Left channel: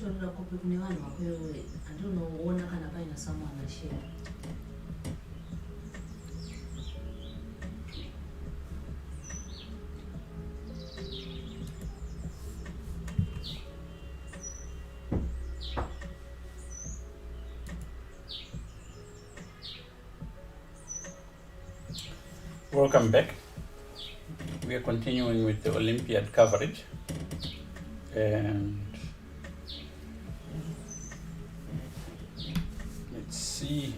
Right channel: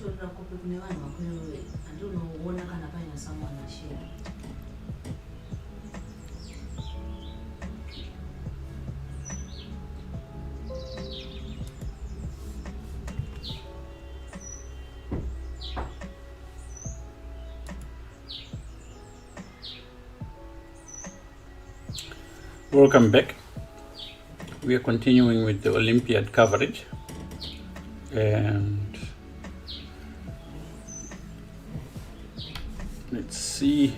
told copy kune vanhu vakwewe andinoona kana paina someone ashare. Welcome back. We are continuing with the Olympiad coverage, and let's see.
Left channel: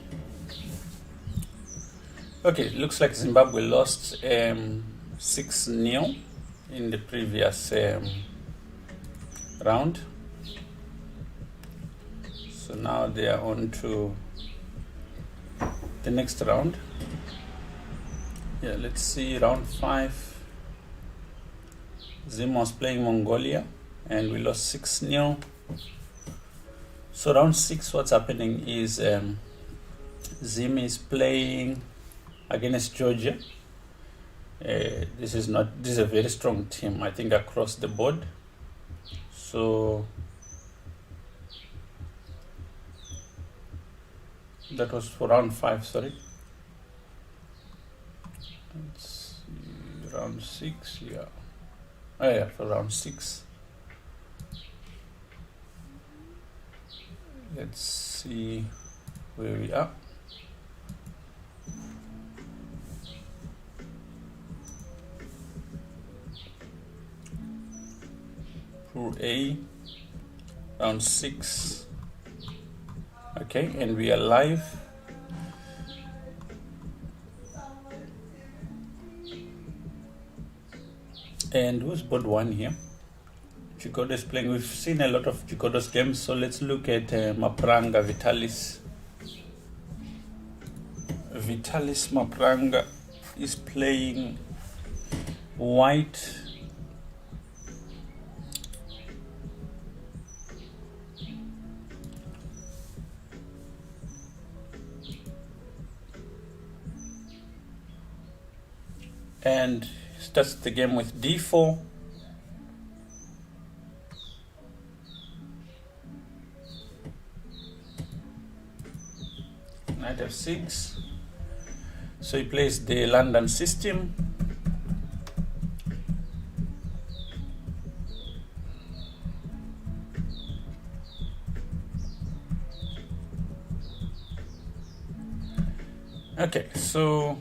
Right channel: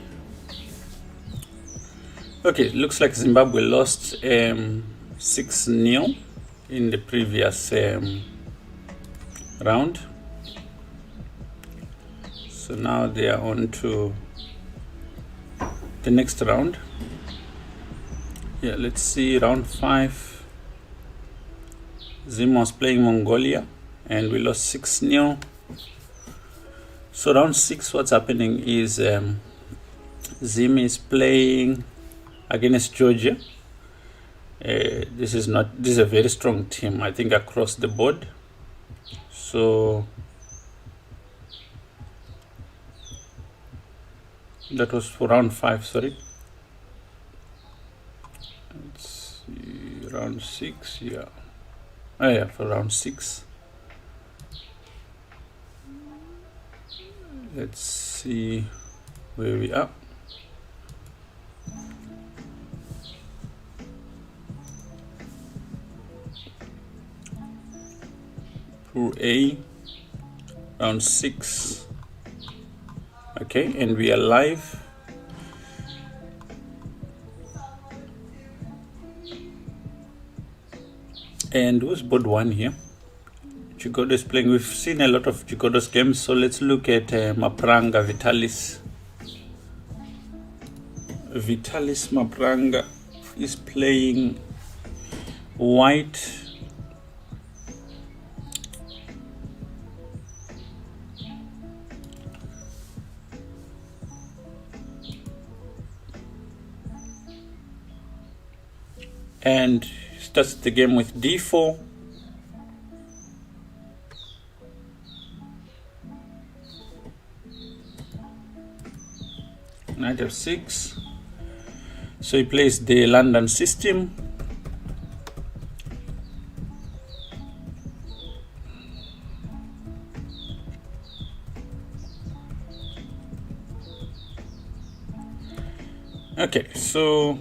Okay, it looks like Zimbabwe lost 6-0 in the previous round. So now they are on to the next round. Yeah, let's see, round 5. Zim was playing Mongolia and we lost 6-0. So round 6, what's happening is Zim is playing against Georgia. This is a very strong team, I think, across the board. So that was for round 5, sorry. Let's see, round 6, yeah. Oh yeah, for round 6. Let's see where we are. Pool A, round 6. Okay, and we are live. And who's board 1 here? Chigodo is playing. We've seen a lot of Chigodo's games, so let's look at Mapranga, Vitalis. Vitalis Mapranga is playing white. And starts the game with d4. Knight f6. So he plays the London system. Okay, so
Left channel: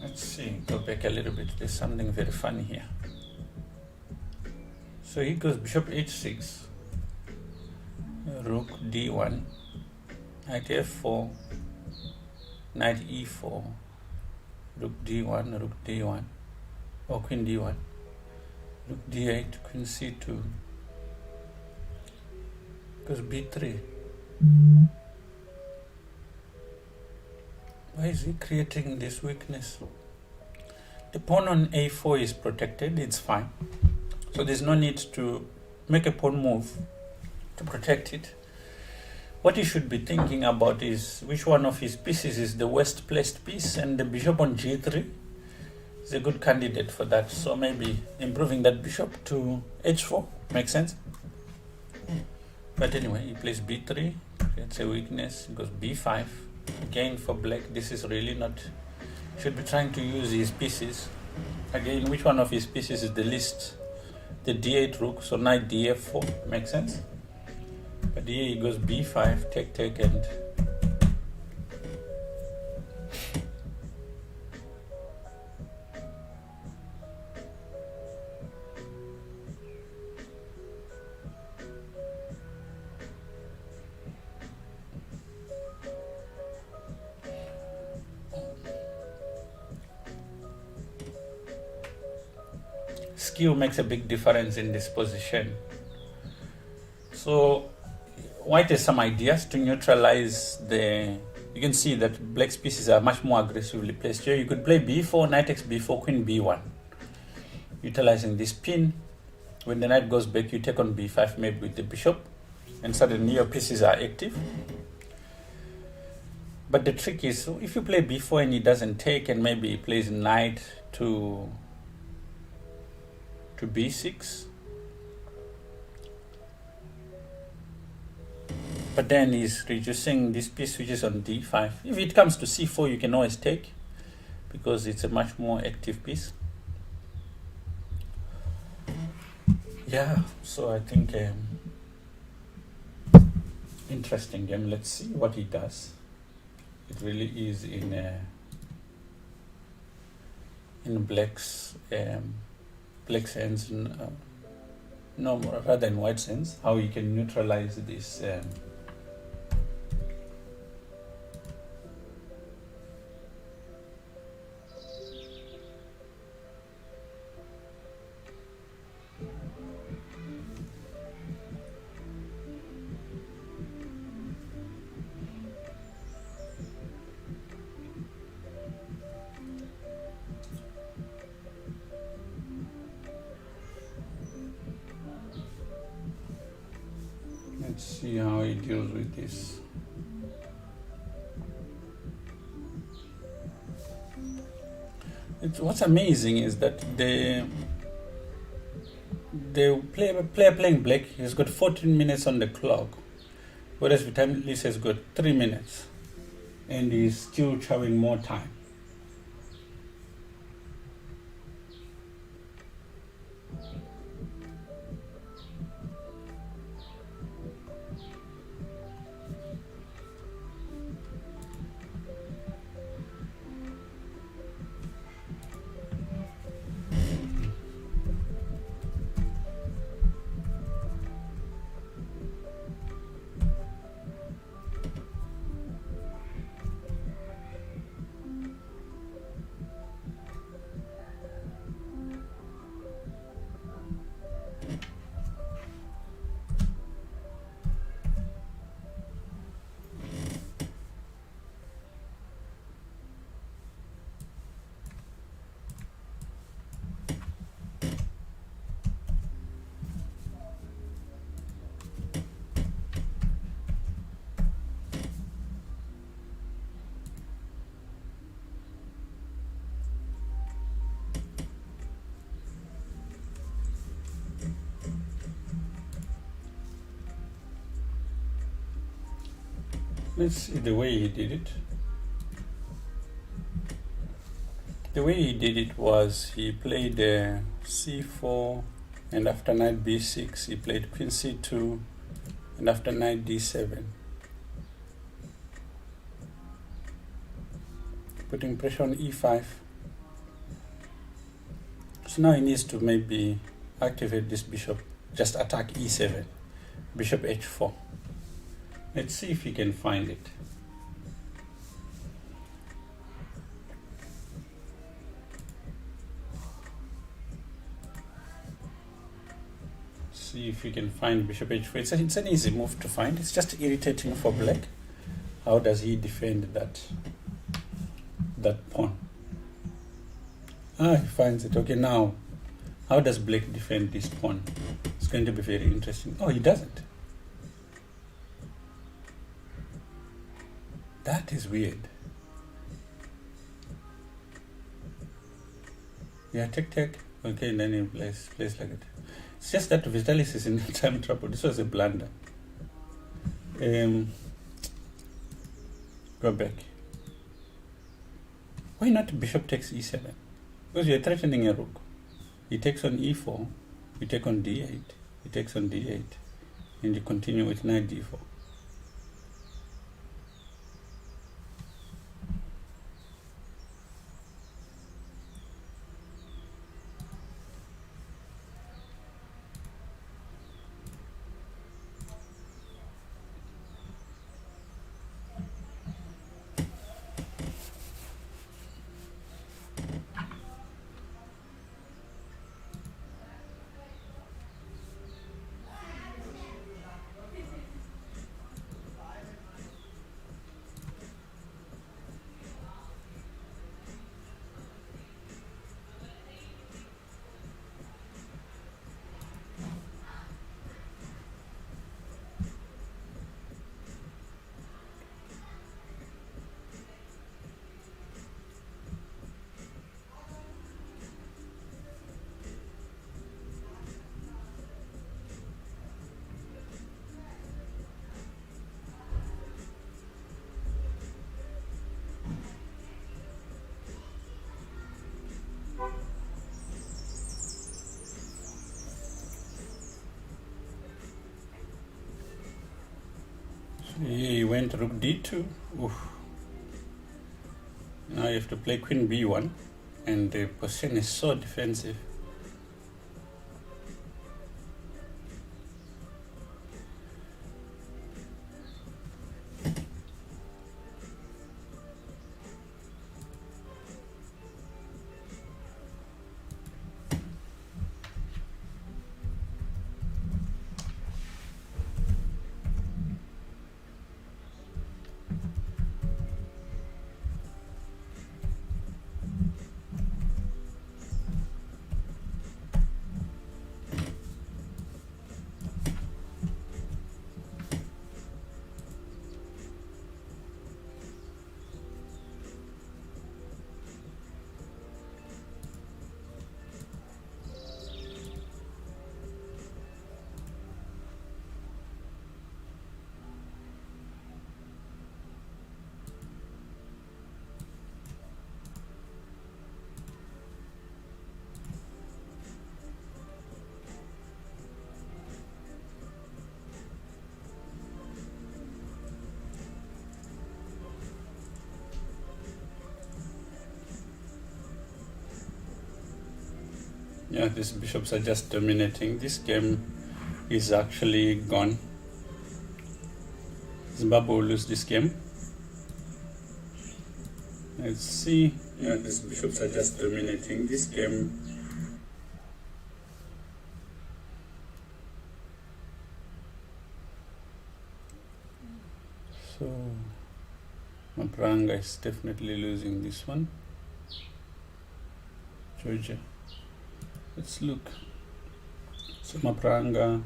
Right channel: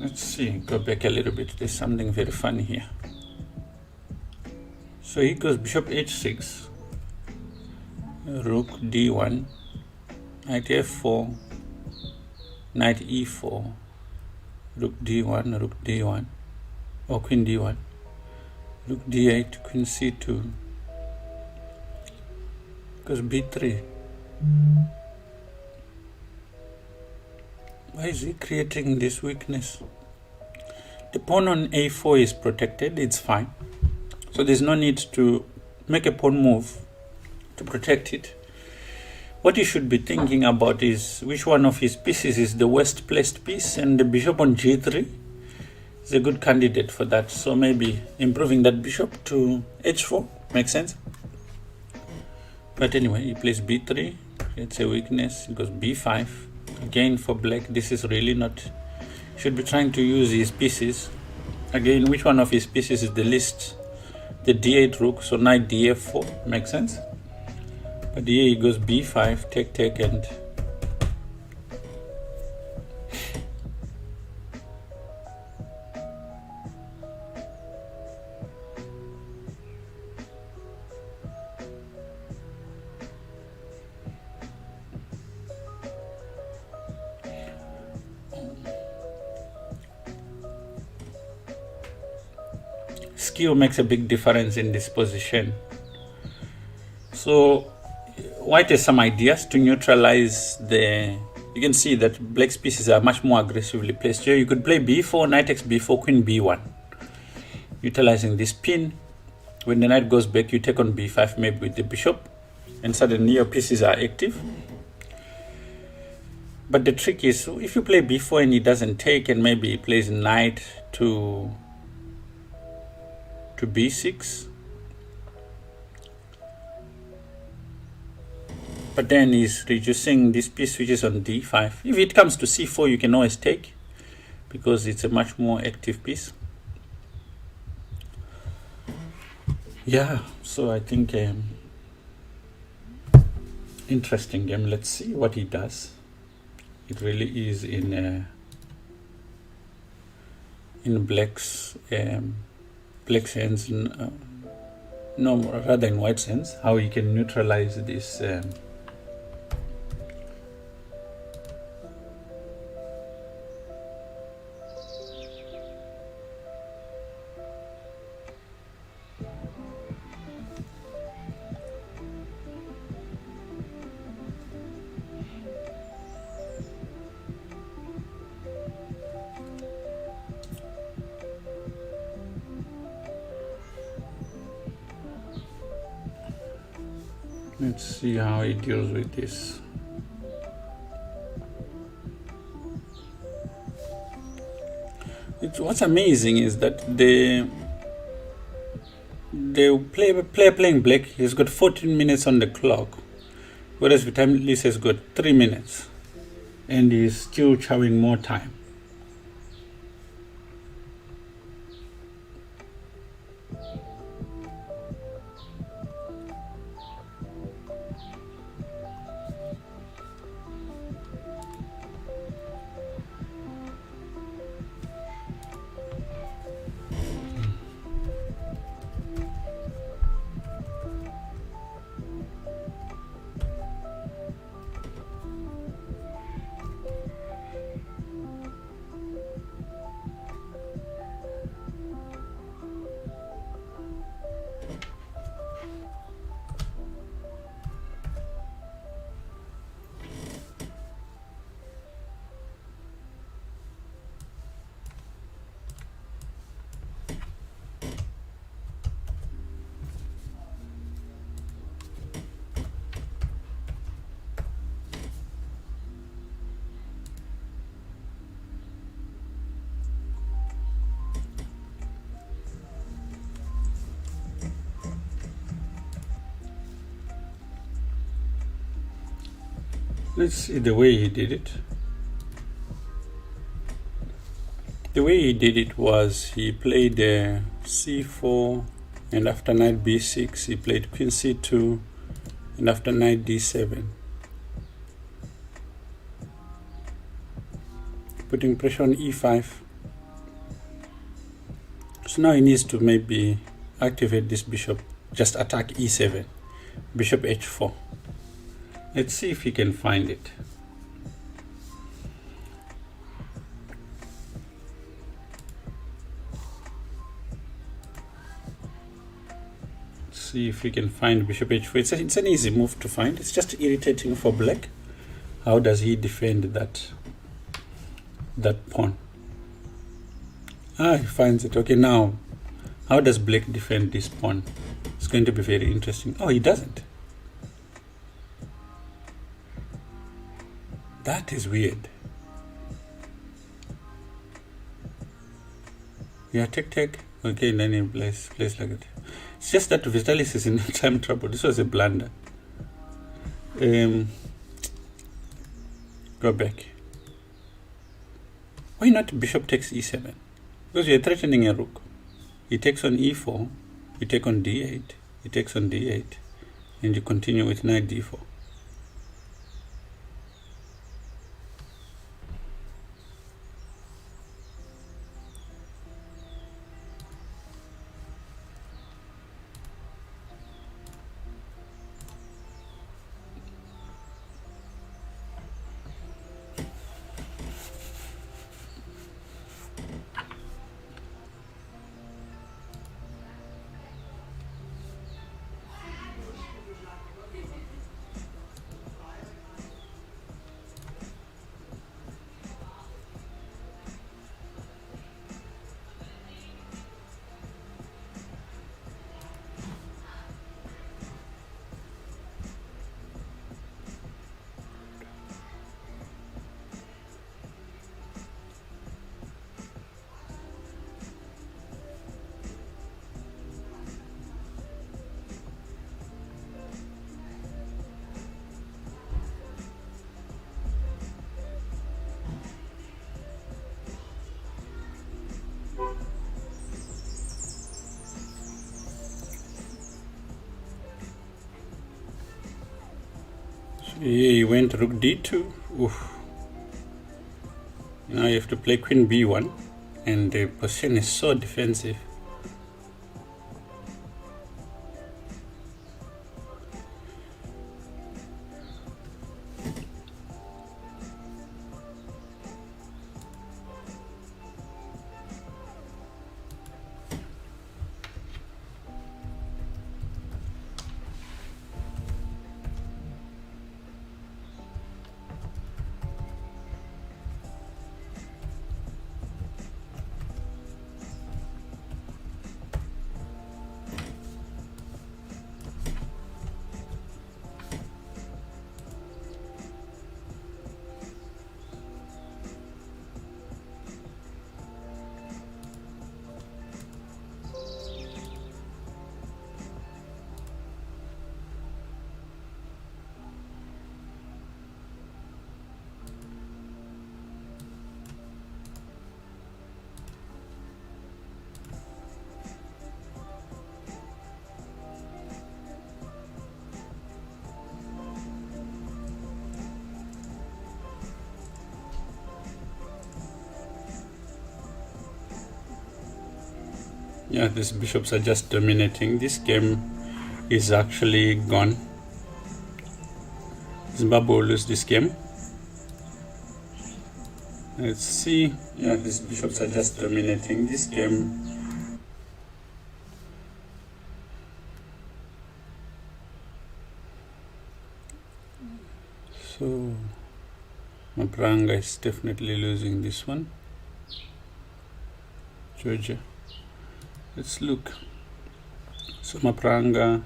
let's see, go back a little bit. There's something very funny here. So he goes bishop h6, rook d1, knight f4, knight e4, rook d1, or queen d1, rook d8, queen c2, goes b3. Why is he creating this weakness? The pawn on a4 is protected, it's fine. So there's no need to make a pawn move to protect it. What you should be thinking about is which one of his pieces is the worst placed piece, and the bishop on g3 is a good candidate for that. So maybe improving that bishop to h4 makes sense. But anyway, he plays b3, it's a weakness, he goes b5. Again, for black, this is really not, should be trying to use his pieces. Again, which one of his pieces is the least? The d8 rook, so knight df4 makes sense. But here he goes b5, take, and skill makes a big difference in this position. So white has some ideas to neutralize the, you can see that black's pieces are much more aggressively placed here. You could play b4, knight takes b4, queen b1, utilizing this pin. When the knight goes back, you take on b5 maybe with the bishop, and suddenly your pieces are active. But the trick is, if you play b4 and he doesn't take, and maybe he plays knight to b6, But then he's reducing this piece which is on d5. If it comes to c4, you can always take, because it's a much more active piece. Yeah, so I think interesting game. Let's see what he does. It really is in black's hands, no, rather in white's hands. How he can neutralize this. Let's see how he deals with this. What's amazing is that the player playing black, he's got 14 minutes on the clock, whereas Vitalis has got 3 minutes, and he's still chowing more time. Let's see the way he did it. The way he did it was he played c4, and after knight b6 he played queen c2, and after knight d7, putting pressure on e5. So now he needs to maybe activate this bishop, just attack e7, bishop h4. Let's see if he can find it. See if we can find bishop h4. It's an easy move to find. It's just irritating for black. How does he defend that pawn? He finds it. Okay, now how does black defend this pawn? It's going to be very interesting. Oh, he doesn't. That is weird. Yeah, take. Okay, and then he plays like it. It's just that Vitalis is in time trouble. This was a blunder. Go back. Why not bishop takes e7? Because you're threatening a rook. He takes on e4, you take on d8, he takes on d8, and you continue with knight d4. He went rook d2. Oof. Now you have to play queen b1, and the position is so defensive. Yeah, these bishops are just dominating. This game is actually gone. Zimbabwe will lose this game. Let's see. Yeah, these bishops are just dominating this game. So Mapranga is definitely losing this one. Georgia. Let's look. So Mapranga.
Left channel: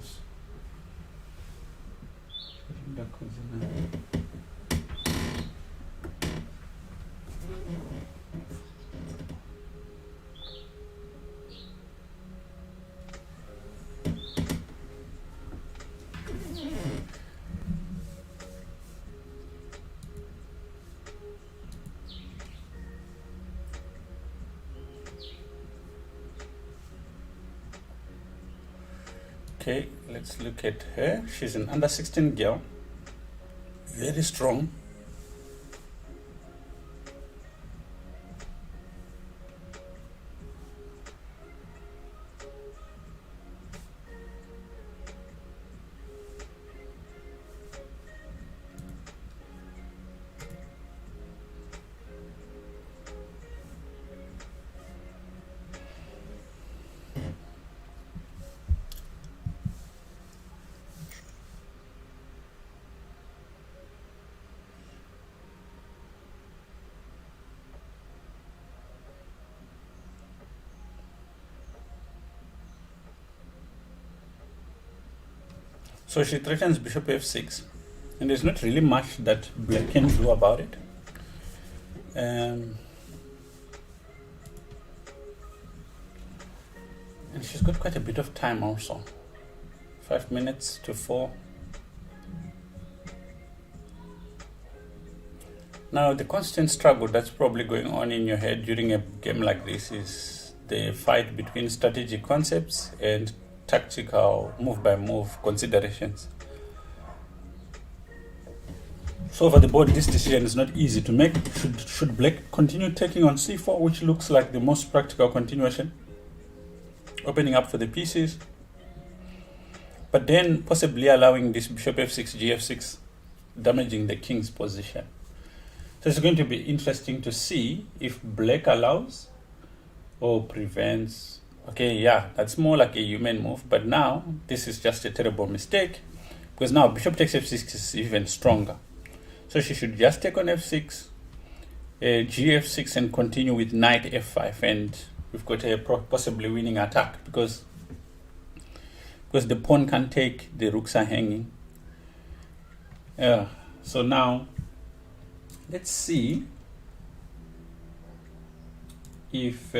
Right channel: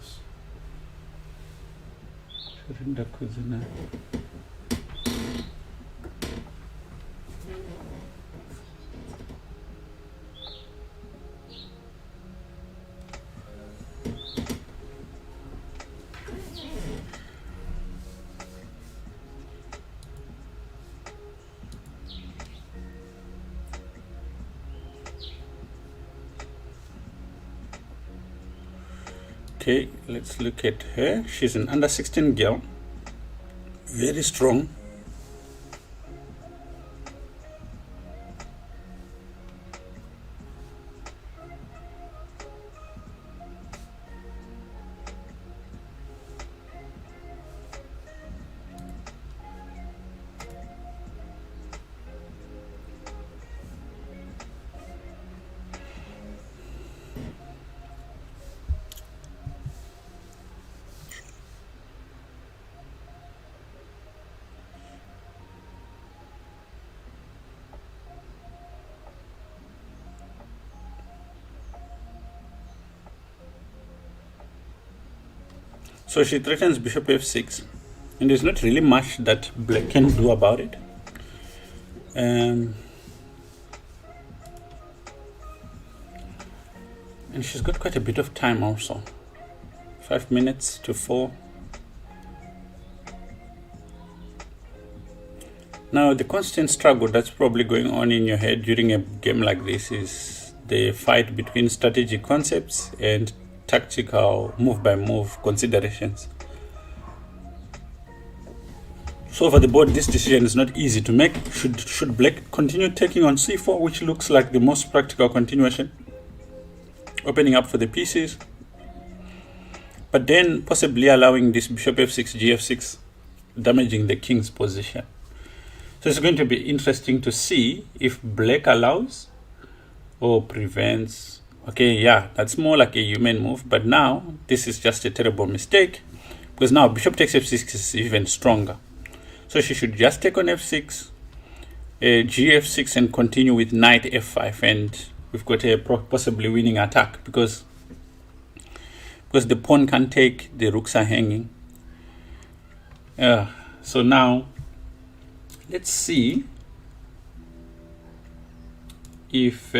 Okay, let's look at her. She's an under 16 girl, very strong. So she threatens bishop f6, and there's not really much that black can do about it. And she's got quite a bit of time also. 5 minutes to 4. Now the constant struggle that's probably going on in your head during a game like this is the fight between strategic concepts and tactical move-by-move considerations. So over the board, this decision is not easy to make. Should black continue taking on c4, which looks like the most practical continuation, opening up for the pieces, but then possibly allowing this bishop f6, gf6, damaging the king's position. So it's going to be interesting to see if black allows or prevents. Okay, yeah, that's more like a human move, but now this is just a terrible mistake because now bishop takes f6 is even stronger. So she should just take on f6, gf6, and continue with knight f5, and we've got a possibly winning attack because the pawn can't take, the rooks are hanging. So now let's see if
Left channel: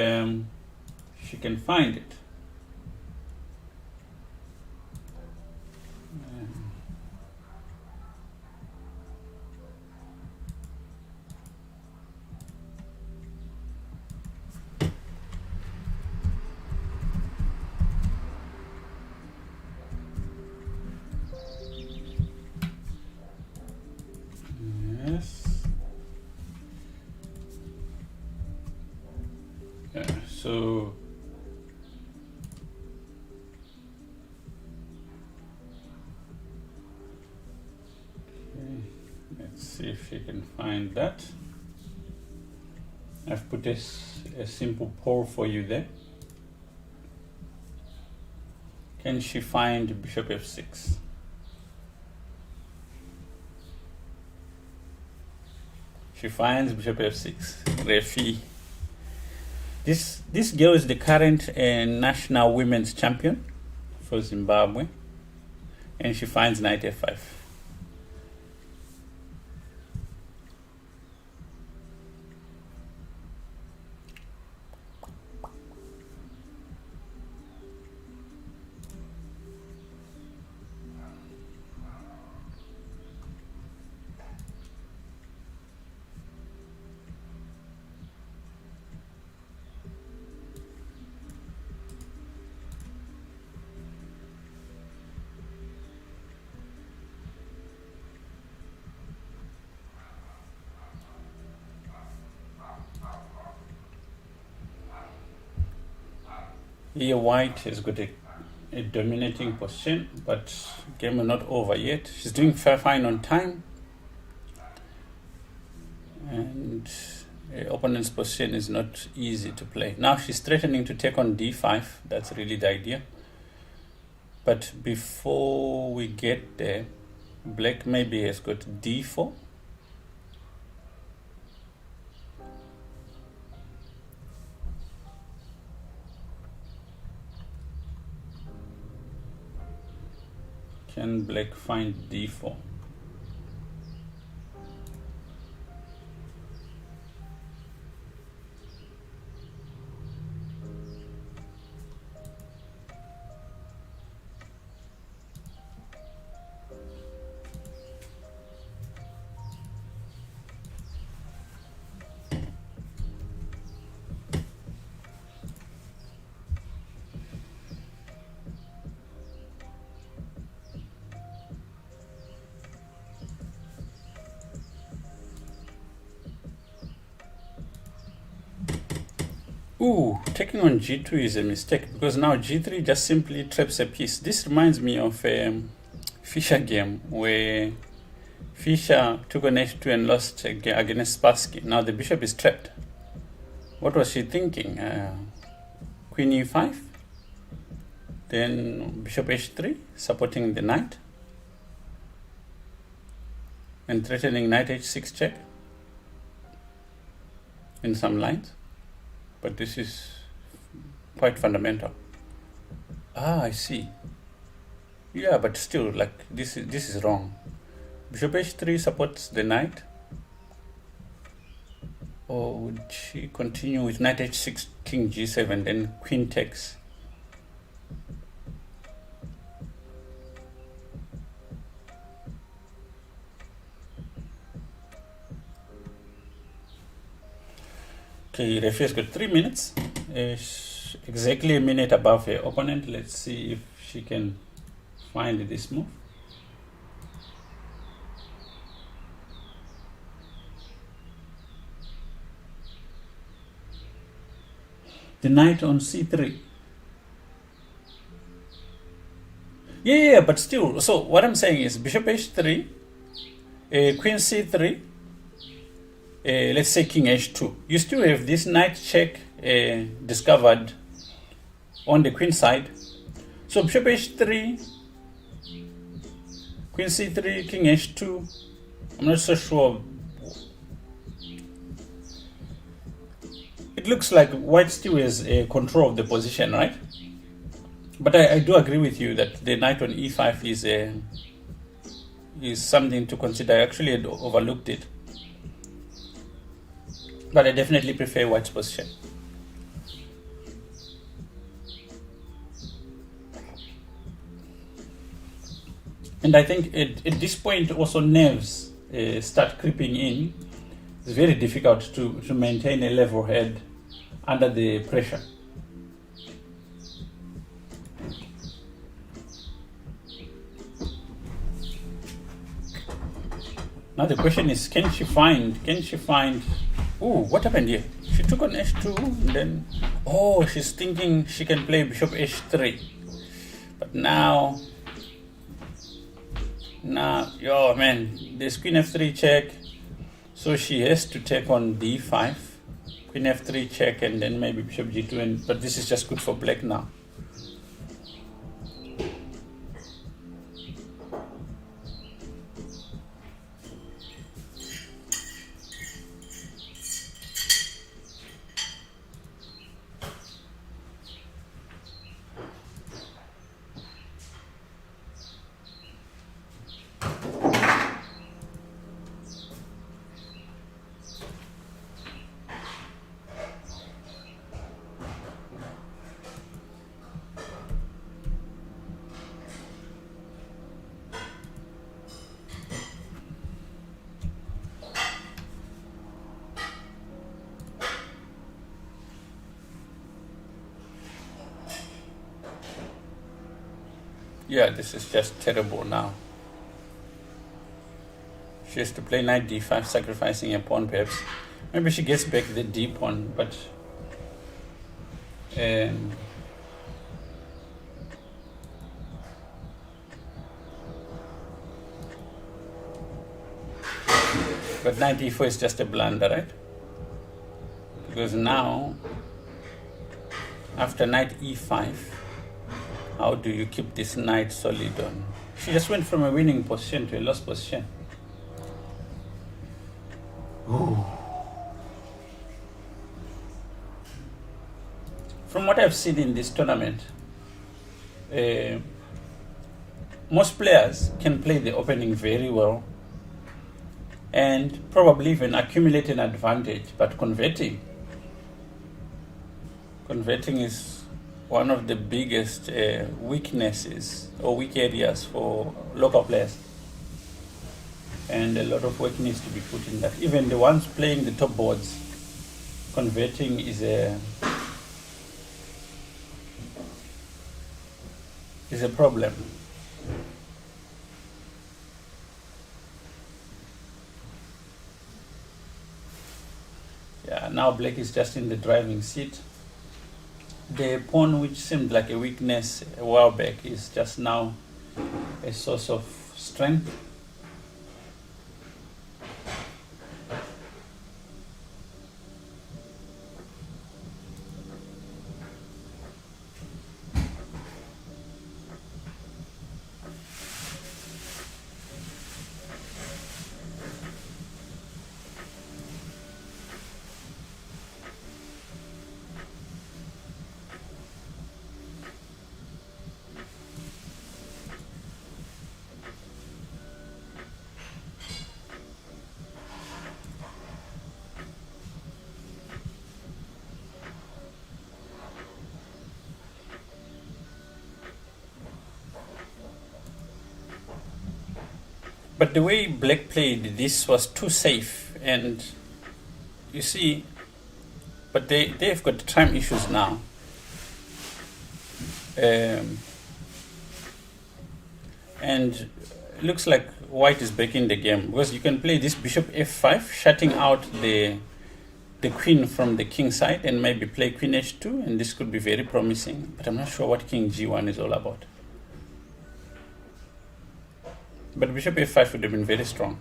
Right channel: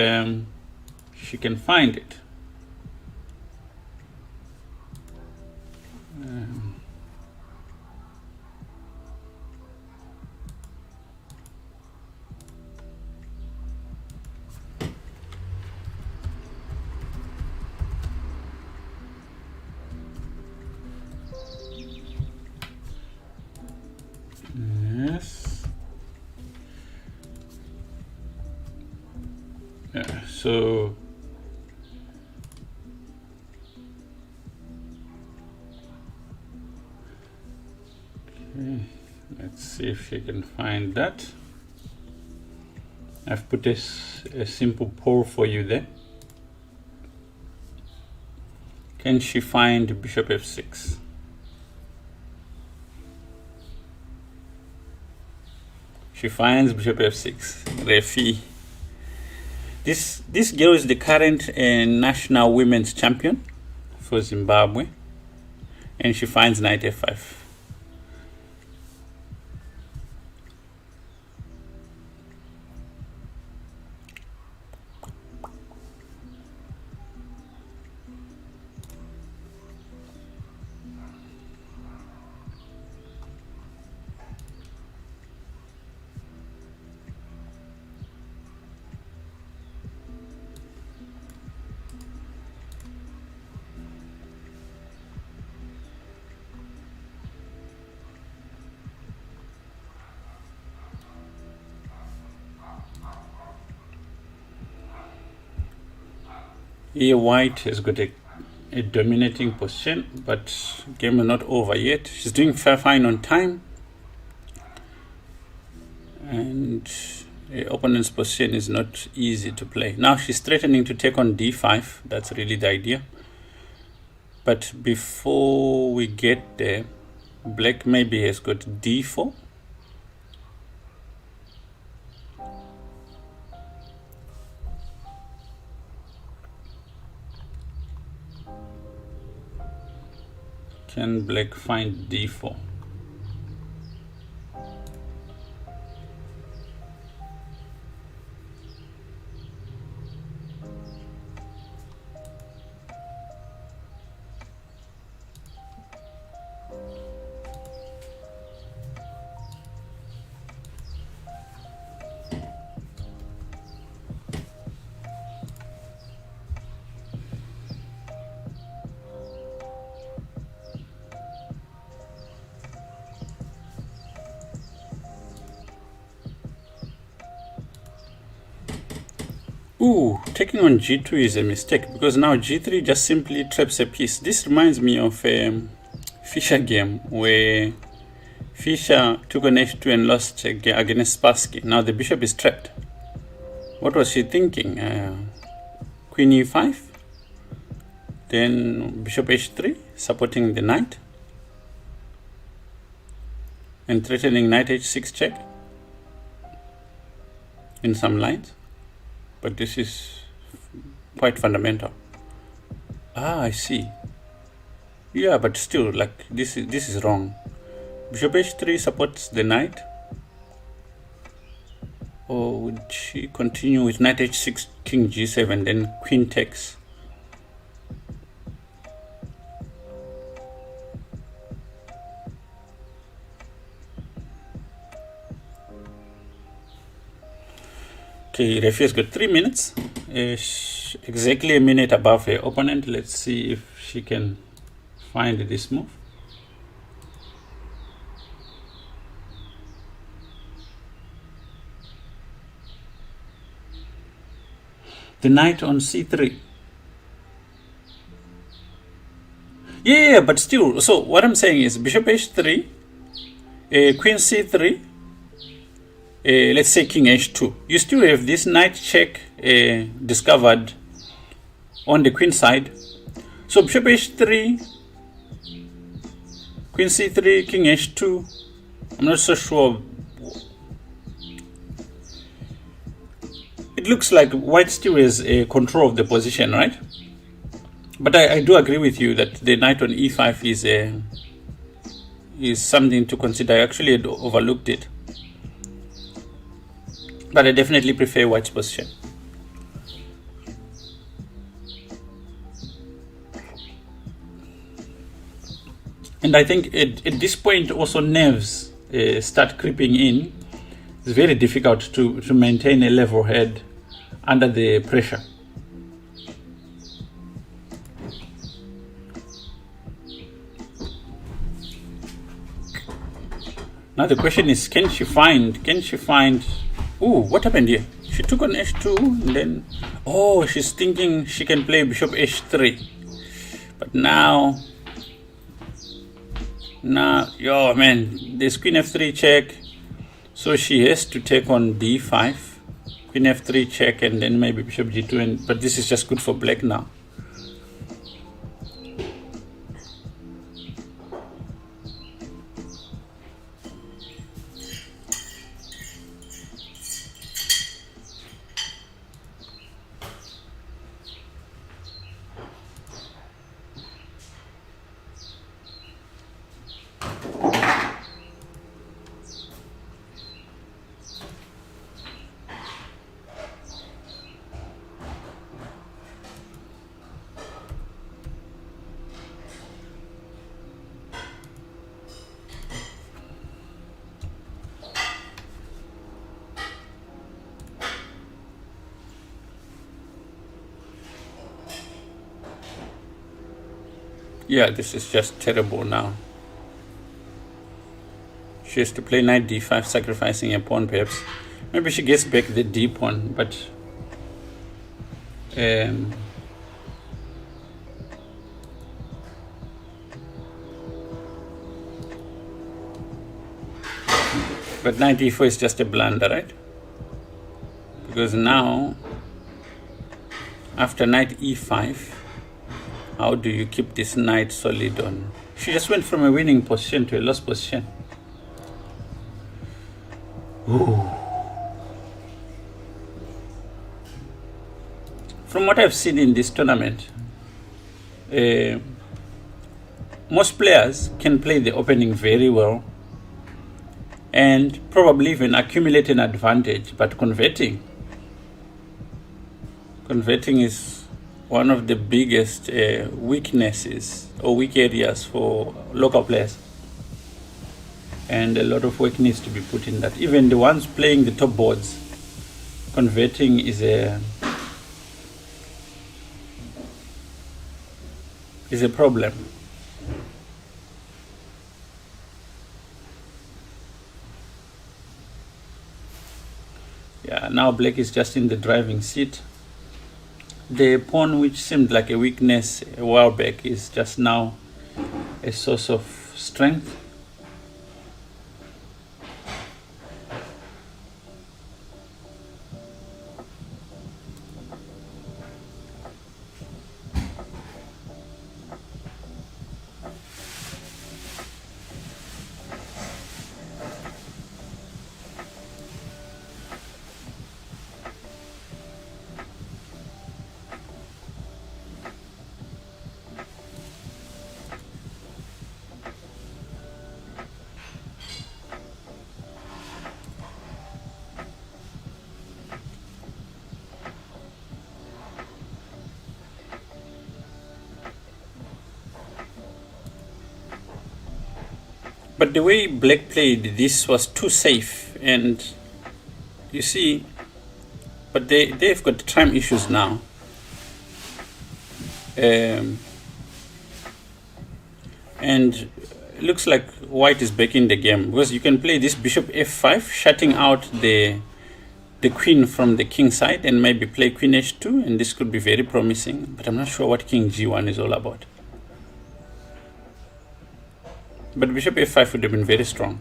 she can find it. So okay, let's see if she can find that. I've put a simple poll for you there. Can she find bishop f6? She finds bishop f6. Refi. This girl is the current national women's champion for Zimbabwe, and she finds knight f5. Here white has got a dominating position, but game is not over yet. She's doing fine on time, and the opponent's position is not easy to play. Now she's threatening to take on d5. That's really the idea. But before we get there, black maybe has got d4. Can black find d4? Ooh, taking on g2 is a mistake, because now g3 just simply traps a piece. This reminds me of a Fischer game where Fischer took on h2 and lost against Spassky. Now the bishop is trapped. What was she thinking? Queen e5, then bishop h3, supporting the knight, and threatening knight h6 check in some lines. But this is quite fundamental. Ah, I see. Yeah, but still, like, this is wrong. Bishop h3 supports the knight. Or would she continue with knight h6, king g7, then queen takes? Okay, referee has got 3 minutes, exactly a minute above her opponent. Let's see if she can find this move. The knight on c3. Yeah, but still, so what I'm saying is bishop h3, queen c3, let's say king h2. You still have this knight check discovered on the queen side. So bishop h3, queen c3, king h2. I'm not so sure. It looks like white still has control of the position, right? But I do agree with you that the knight on e5 is something to consider. I actually had overlooked it. But I definitely prefer white's position. And I think at this point also nerves start creeping in. It's very difficult to maintain a level head under the pressure. Now the question is, can she find, ooh, what happened here? She took on h2, and then, oh, she's thinking she can play bishop h3. But now, yo, man, there's queen f3 check. So she has to take on d5, queen f3 check, and then maybe bishop g2. But this is just good for black now. Yeah, this is just terrible now. She has to play knight d5, sacrificing a pawn perhaps. Maybe she gets back the d pawn, but knight d4 is just a blunder, right? Because now, after knight e5, how do you keep this knight solid on? She just went from a winning position to a lost position. Ooh. From what I've seen in this tournament, most players can play the opening very well and probably even accumulate an advantage, but converting is one of the biggest weaknesses or weak areas for local players. And a lot of work needs to be put in that. Even the ones playing the top boards, converting is a problem. Yeah, now black is just in the driving seat. The pawn which seemed like a weakness a while back is just now a source of strength. But the way black played this was too safe, and you see, but they've got time issues now. And it looks like white is back in the game, because you can play this bishop f5, shutting out the queen from the king side, and maybe play queen h2, and this could be very promising, but I'm not sure what king g1 is all about. But bishop f5 would have been very strong.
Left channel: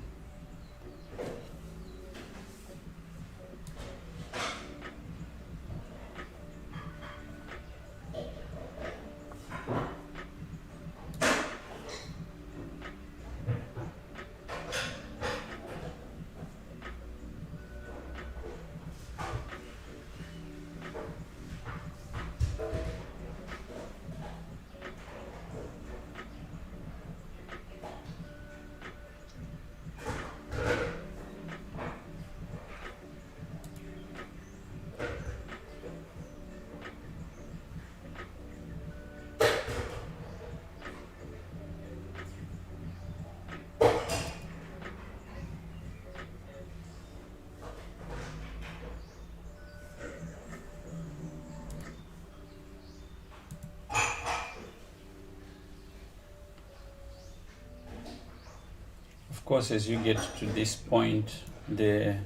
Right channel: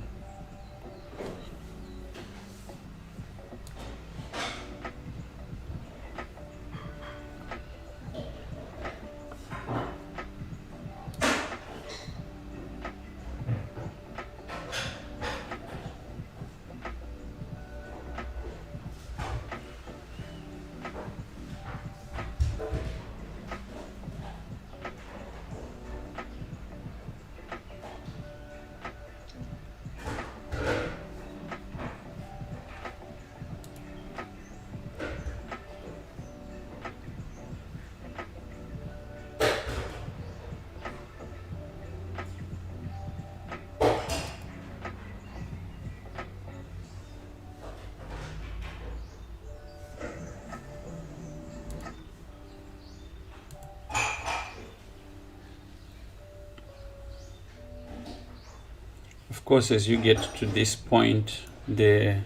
Of course, as you get to this point, the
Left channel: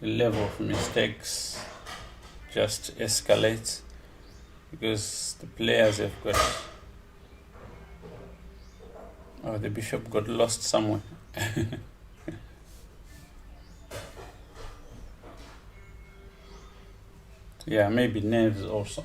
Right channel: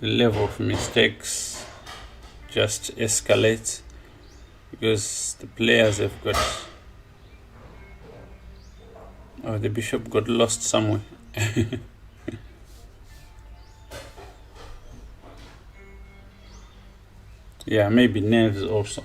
the level of mistakes just escalates because the players have got, oh, the bishop got lost somewhere. Yeah, maybe nerves also.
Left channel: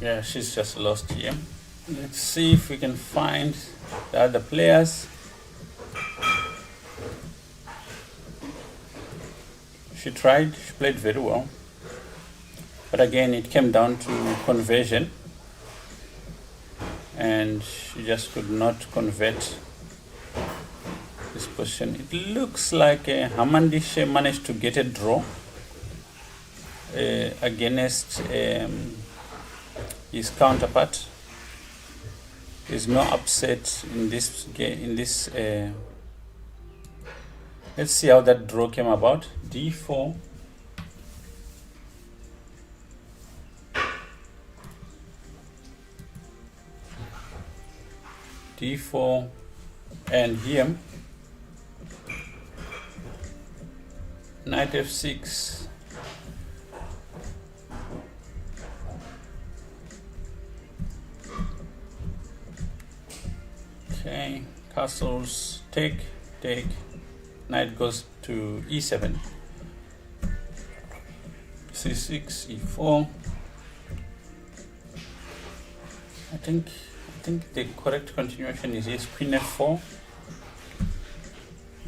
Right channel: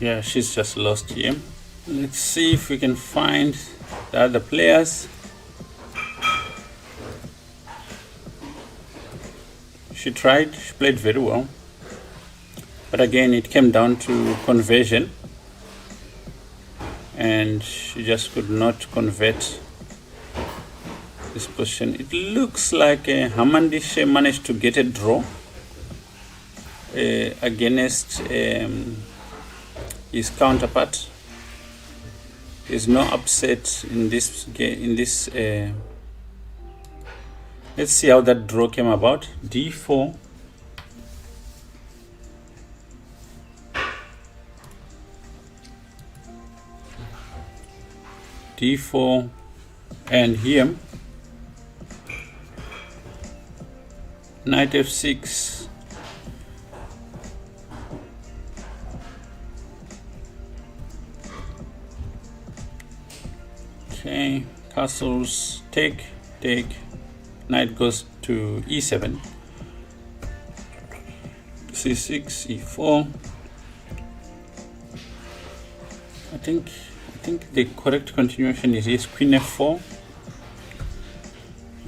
Yeah, she's just lost here. Let's see if we can find the other players. She tried, she played very well. But again, it came down to conversion. And she just could not convert this position. It looks like Hamandishe managed to get a draw against his counterpart. There's no upset in this game. Let's see how that draw came about. D4. D4 and here knight F6. Okay, castles, take, knight goes to E7, C6, E4. I think the correct continuation is yes, Queen F4,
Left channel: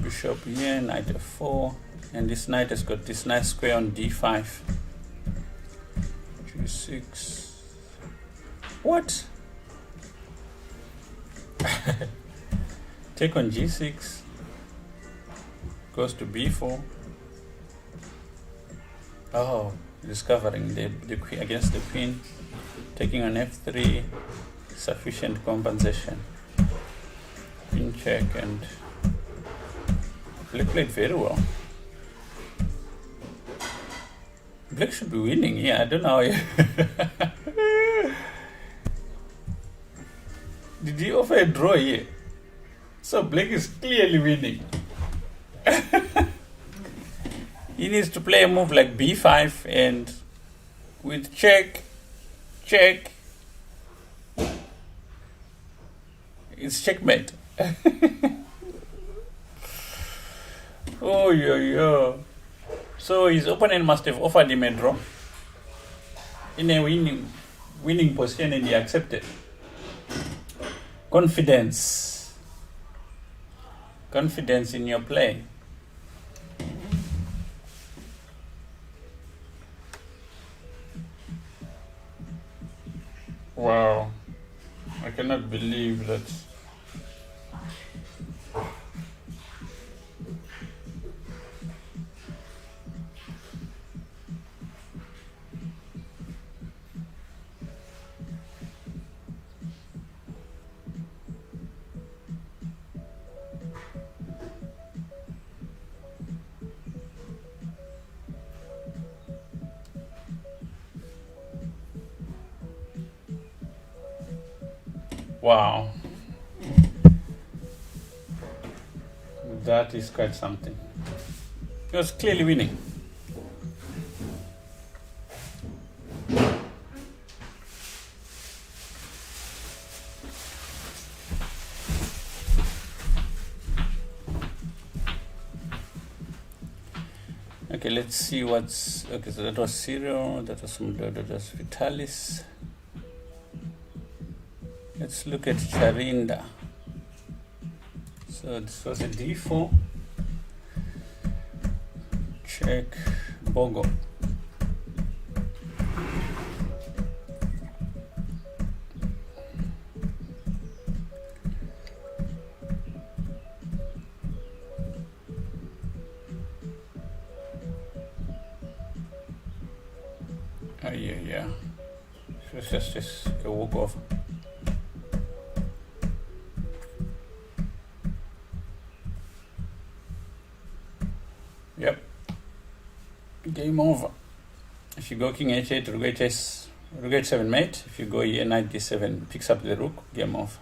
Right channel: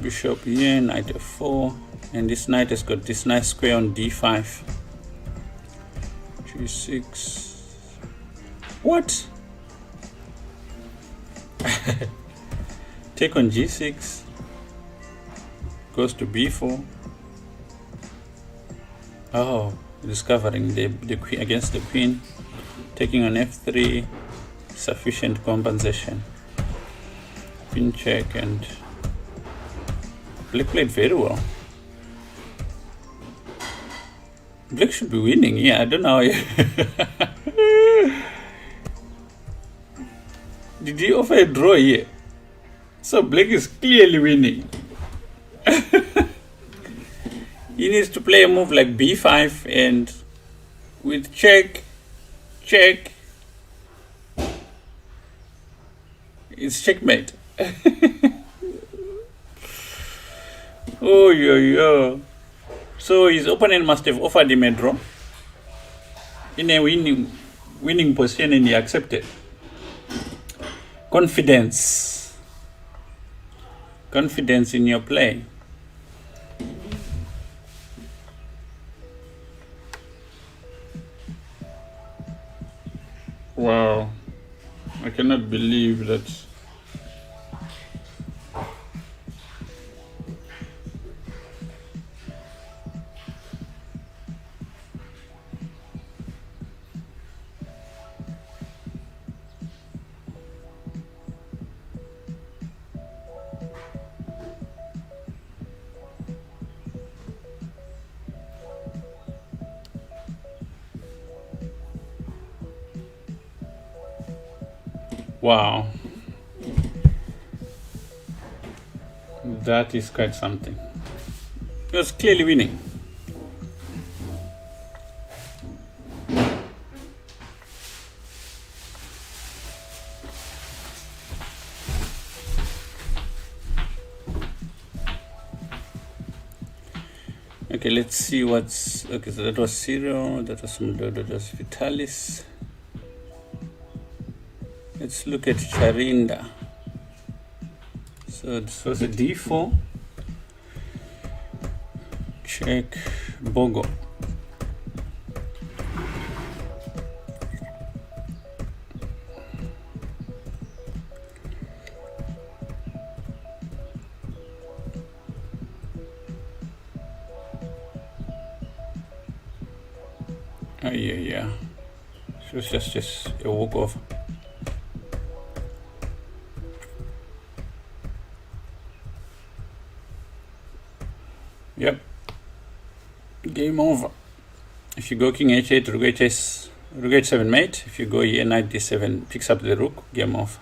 Bishop here, Knight F4, and this knight has got this nice square on D5, G6. What? Take on G6, goes to B4. Oh, discovering the queen against the queen, taking on F3, sufficient compensation. Queen check, and Black played very well. Black should be winning. Yeah, I don't know. Did he offer a draw here? So Black is clearly winning. He needs to play a move like B5, and with check, it's checkmate. Oh, yo. So his opponent must have offered him a draw in a winning position, and he accepted. Confidence in your play. Wow, I cannot believe that. Wow, that is quite something. He was clearly winning. Okay, let's see what's okay. So that was Cyril, that was Mdo, that was Vitalis. Let's look at Charinda. So this was a D4. Check Bogo. Oh yeah. So it's just a walkover. Yep. Game over. If you go King H8, Rook H8, Rook H7 mate. If you go here Knight D7, picks up the Rook. Game over.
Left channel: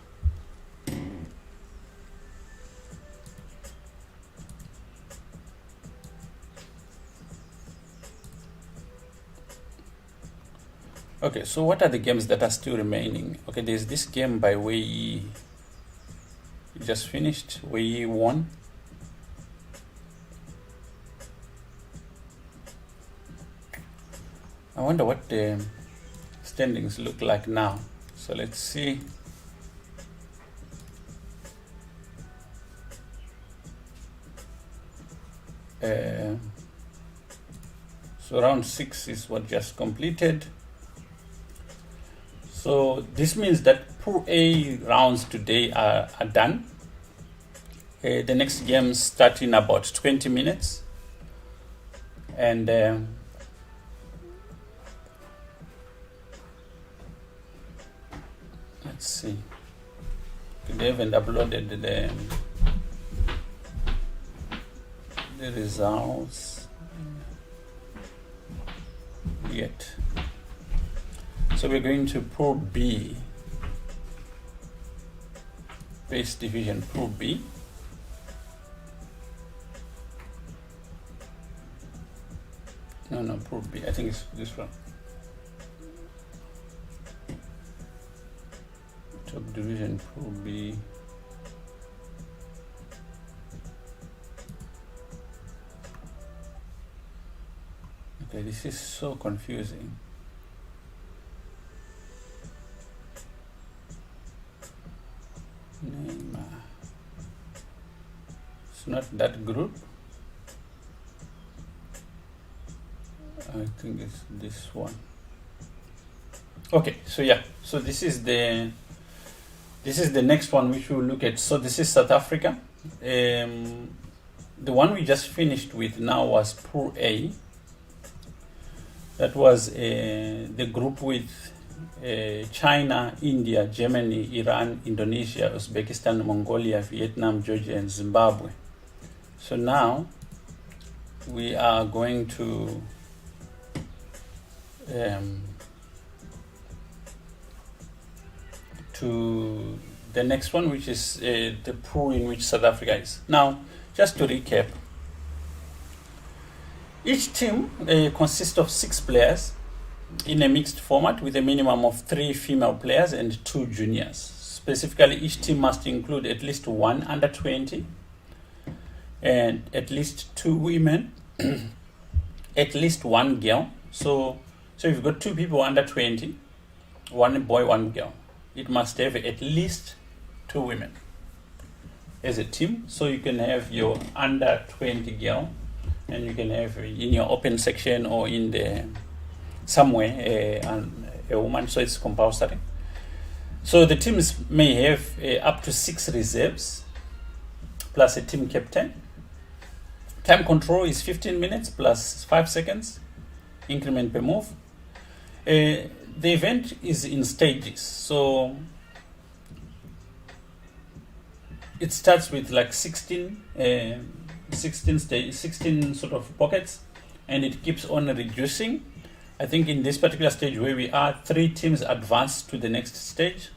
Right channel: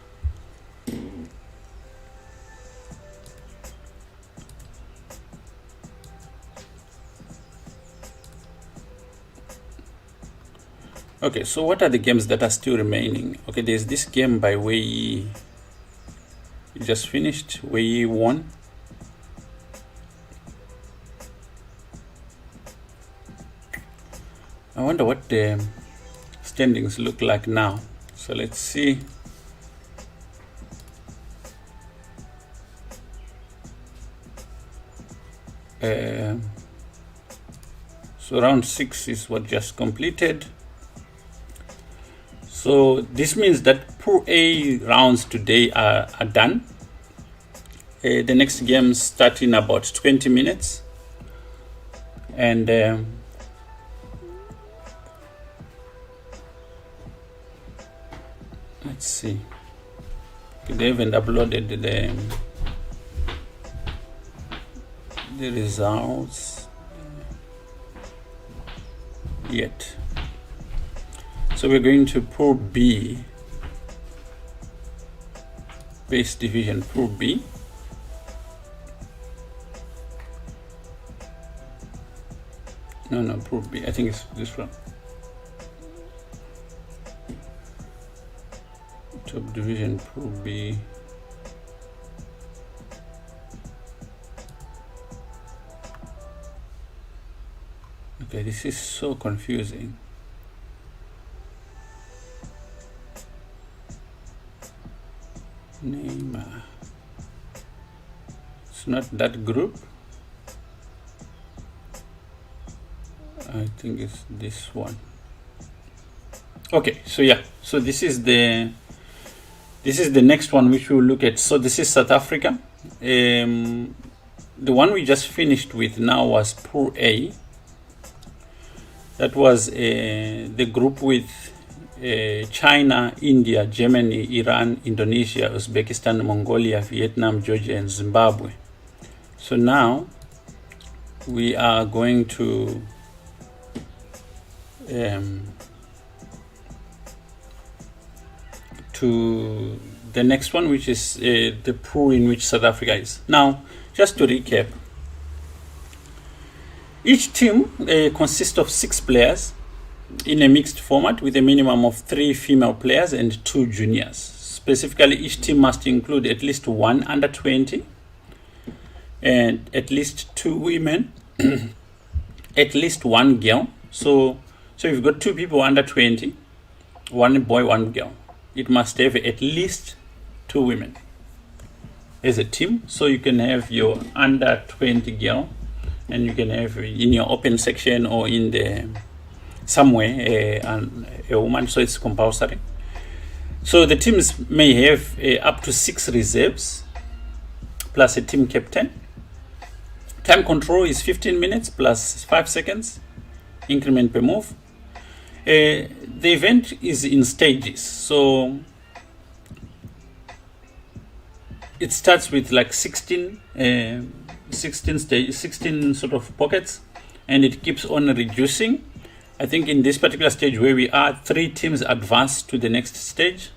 Okay, so what are the games that are still remaining? Okay, there's this game by Wei Yi. You just finished. Wei Yi won. I wonder what the standings look like now. So let's see. So round 6 is what just completed. So this means that Pool A rounds today are done. The next games start in about 20 minutes. And let's see. They haven't uploaded the results yet. So we're going to Pool B, base division Pool B. No, Pool B. I think it's this one. Top division Pool B. Okay, this is so confusing. Neymar. It's not that group. I think it's this one. Okay, so yeah, so this is the next one which we'll look at. So this is South Africa. The one we just finished with now was Pool A. That was the group with China, India, Germany, Iran, Indonesia, Uzbekistan, Mongolia, Vietnam, Georgia, and Zimbabwe. So now we are going to the next one, which is the pool in which South Africa is. Now, just to recap, each team consists of 6 players in a mixed format with a minimum of 3 female players and 2 juniors. Specifically, each team must include at least 1 under 20 and at least 2 women, at least 1 girl. So if you've got 2 people under 20, 1 boy, 1 girl, it must have at least 2 women as a team. So you can have your under 20 girl, and you can have in your open section or in the somewhere a woman. So it's compulsory. So the teams may have up to 6 reserves plus a team captain. Time control is 15 minutes plus 5 seconds increment per move. The event is in stages, so it starts with like 16 sort of pockets, and it keeps on reducing. I think in this particular stage where we are, 3 teams advance to the next stage.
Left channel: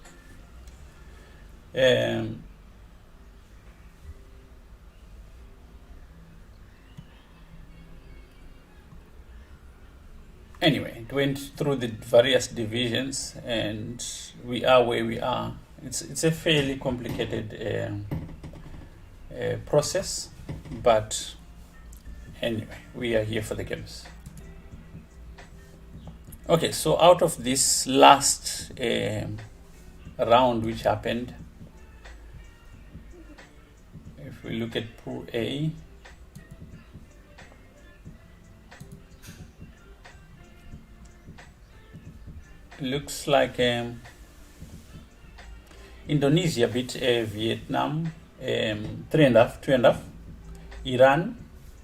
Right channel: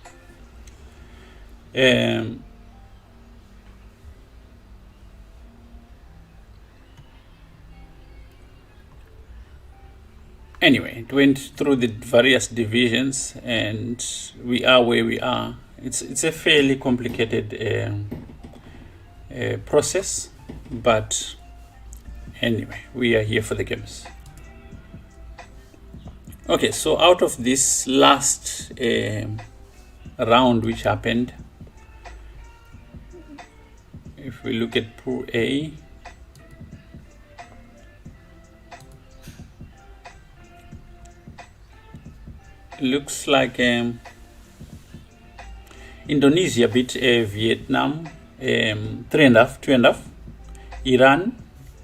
Anyway, it went through the various divisions, and we are where we are. It's a fairly complicated process, but Anyway, we are here for the games. Okay, so out of this last round which happened, if we look at Pool A, it looks like Indonesia beat Vietnam 3.5, 2.5. Iran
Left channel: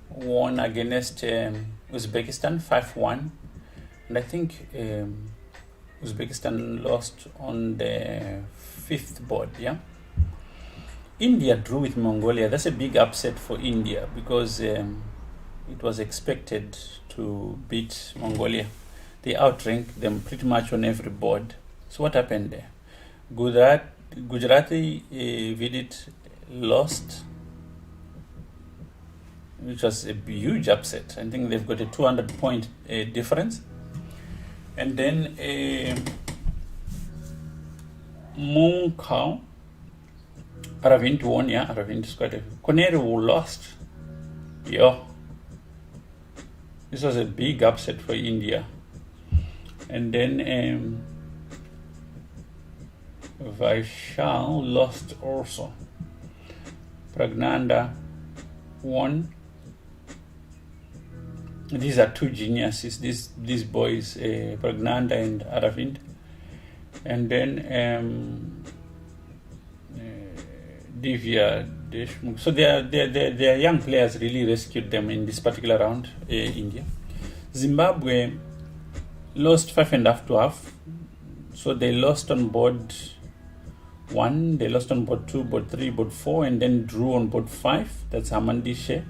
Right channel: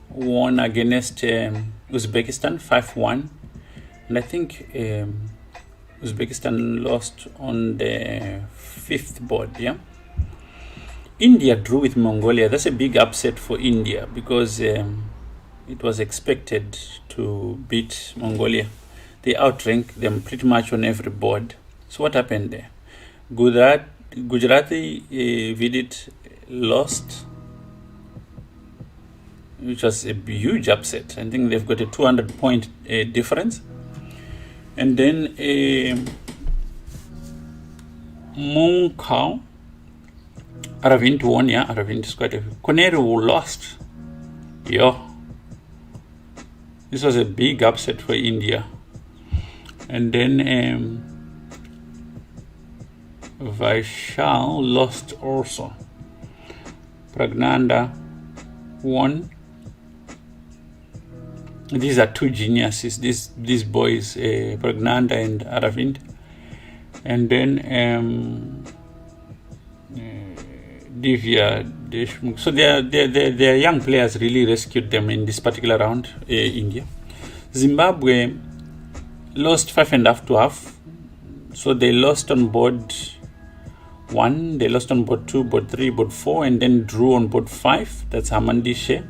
won against Uzbekistan 5-1. And I think Uzbekistan lost on the 5th board, yeah? India drew with Mongolia. That's a big upset for India because it was expected to beat Mongolia. They outranked them pretty much on every board. So what happened there? Gujarati Vidit lost, which was a huge upset. I think they've got a 200-point difference. And then Munkau, Aravind won, yeah, Aravind is quite a... Koneru lost. Yeah. This was a big upset for India. And then Vaishal lost also. Pragnanda won. These are two geniuses, these boys, Pragnanda and Aravind. And then Divya Deshmukh. So their young players really rescued them in this particular round, India. Zimbabwe lost 5.5 to half. So they lost on board 1, they lost on board 2, board 3, board 4, and then drew on board 5. That's Hamandishe.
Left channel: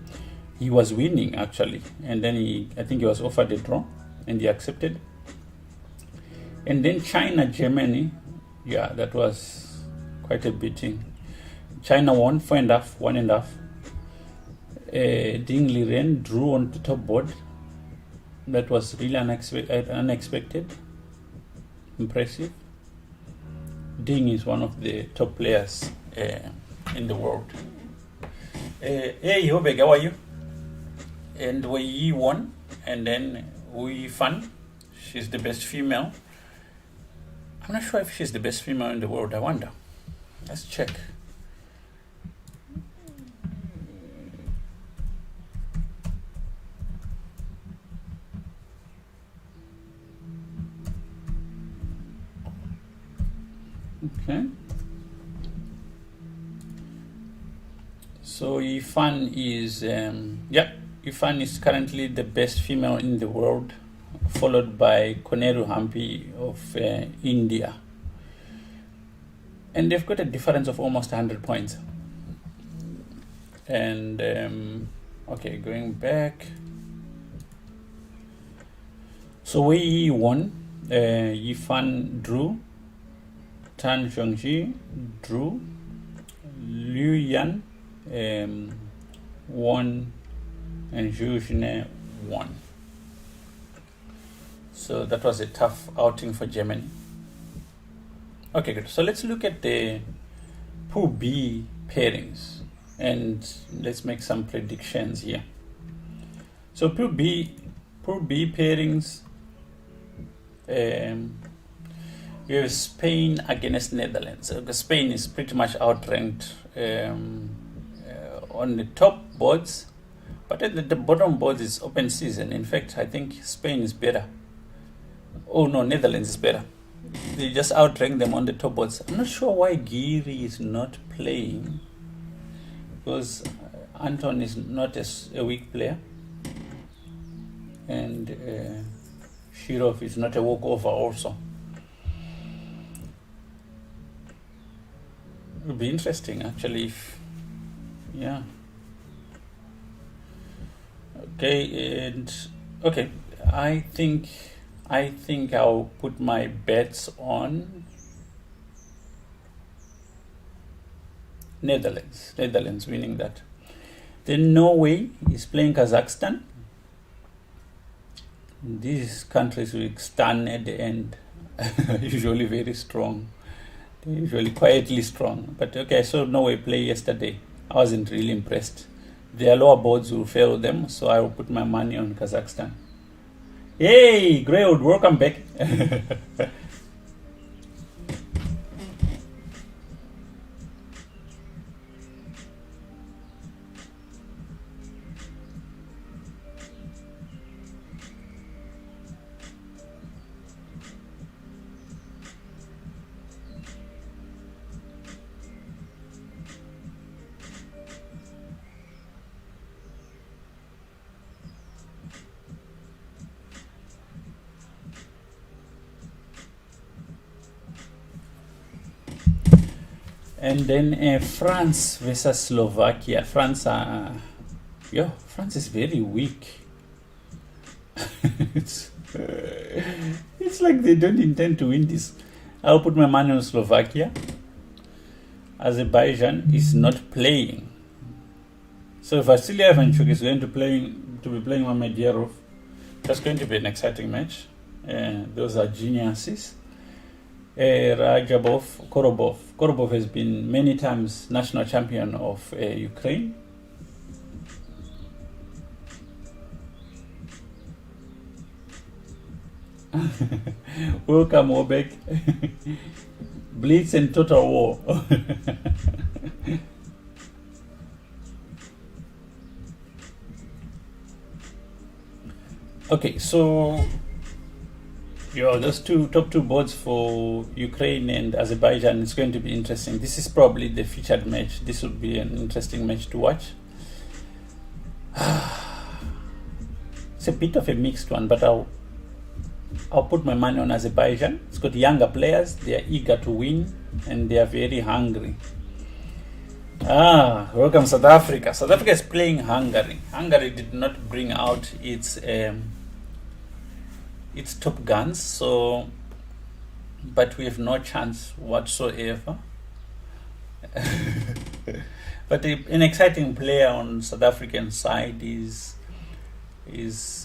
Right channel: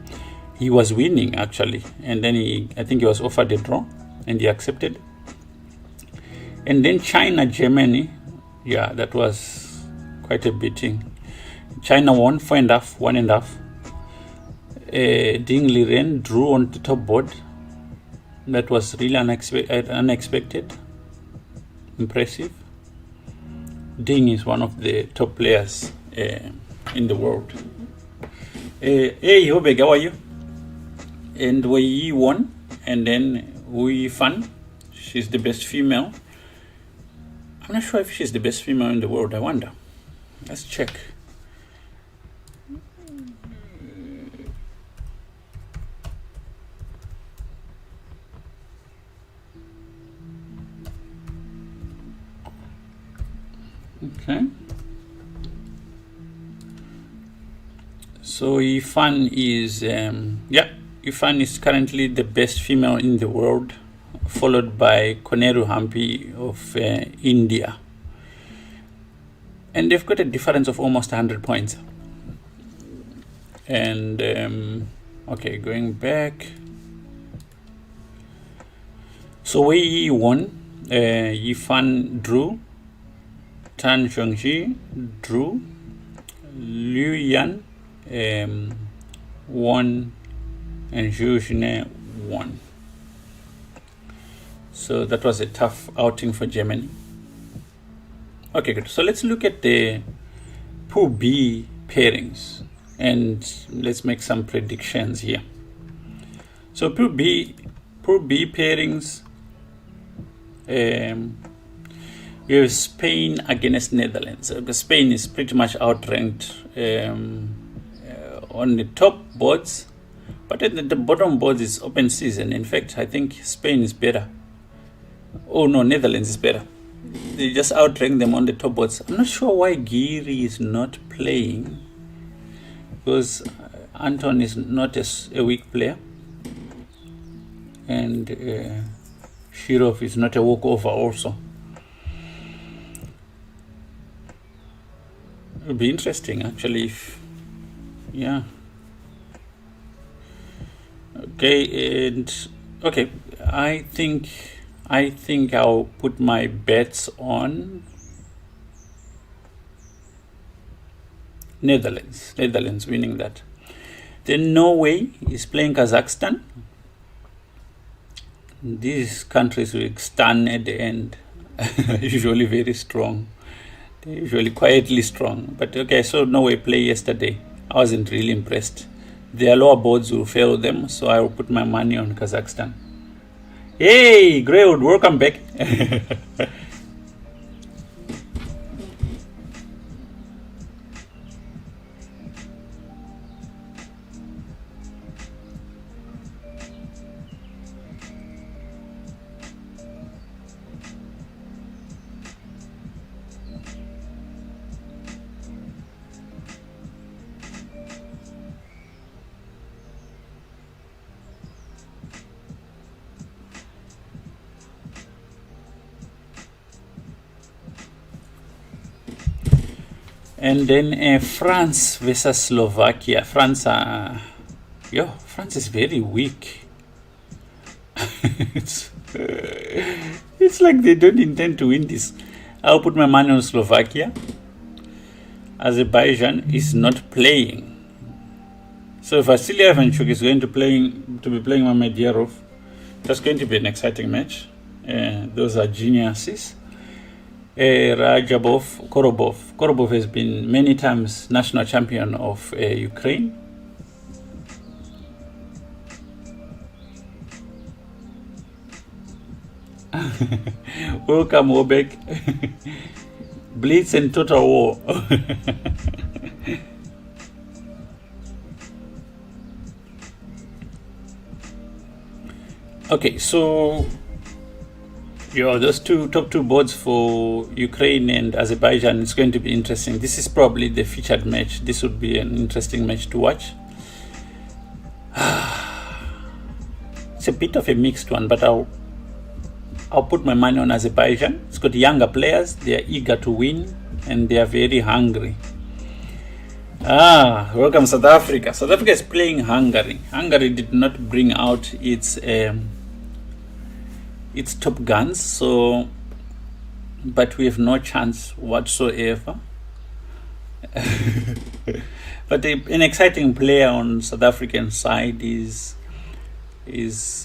He was winning actually, and then I think he was offered a draw, and he accepted. And then China, Germany, yeah, that was quite a beating. China won 4.5, 1.5. Ding Liren drew on the top board. That was really unexpected, impressive. Ding is one of the top players in the world. Hey, Hobeg, how are you? And Wei won, and then Hui Fan, she's the best female. I'm not sure if she's the best female in the world, I wonder. Let's check. Okay. So Ifan is, Ifan is currently the best female in the world, followed by Koneru Hampi of India. And they've got a difference of almost 100 points. And, okay, going back. So Wei Yi won, Yifan drew, Tan Zhongxi drew, Liu Yan won, and Zhu Xine won. So that was a tough outing for Germany. Okay, good. So let's look at the Pool B pairings and let's make some predictions here. So Pool B pairings, we have Spain against Netherlands. Spain is pretty much outranked on the top boards, but at the bottom boards it's open season. In fact, I think Spain is better. Oh no, Netherlands is better. They just outrank them on the top boards. I'm not sure why Giri is not playing, because Anton is not a weak player, and Shirov is not a walkover also. It would be interesting actually if, yeah. Okay, and okay, I think I'll put my bets on Netherlands winning that. Then Norway is playing Kazakhstan. These countries will stand at the end, usually very strong. They're usually quietly strong. But okay, so Norway played yesterday. I wasn't really impressed. their lower boards will fail them, so I will put my money on Kazakhstan. Hey, Greywood, welcome back. And then France versus Slovakia. France is very weak. It's like they don't intend to win this. I'll put my money on Slovakia. Azerbaijan is not playing. So Vasily Ivanchuk is going to be playing Mamedyarov. That's going to be an exciting match. Those are geniuses. Korobov has been many times national champion of Ukraine. Welcome, Wobek. Blitz and total war. Okay, so those top two boards for Ukraine and Azerbaijan, it's going to be interesting. This is probably the featured match. This would be an interesting match to watch. It's a bit of a mixed one, but I'll put my money on Azerbaijan. It's got younger players. They are eager to win and they are very hungry. Welcome South Africa. South Africa is playing Hungary. Hungary did not bring out its top guns, but we have no chance whatsoever. But an exciting player on South African side is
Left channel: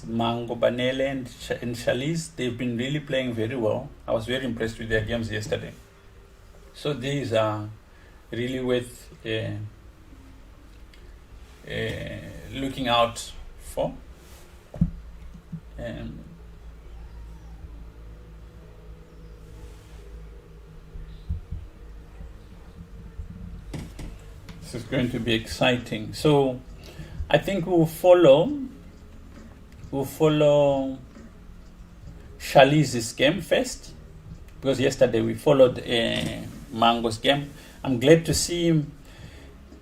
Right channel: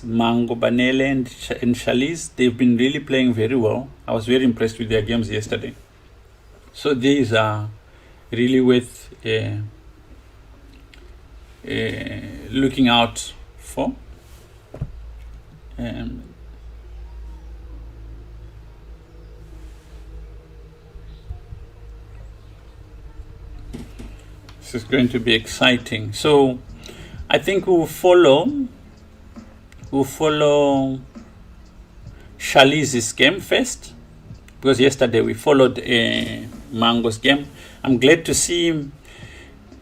Mango Banele and Chalice. They've been really playing very well. I was very impressed with their games yesterday. So these are really worth looking out for. This is going to be exciting. So I think we'll follow Chalice's game first, because yesterday we followed Mango's game. I'm glad to see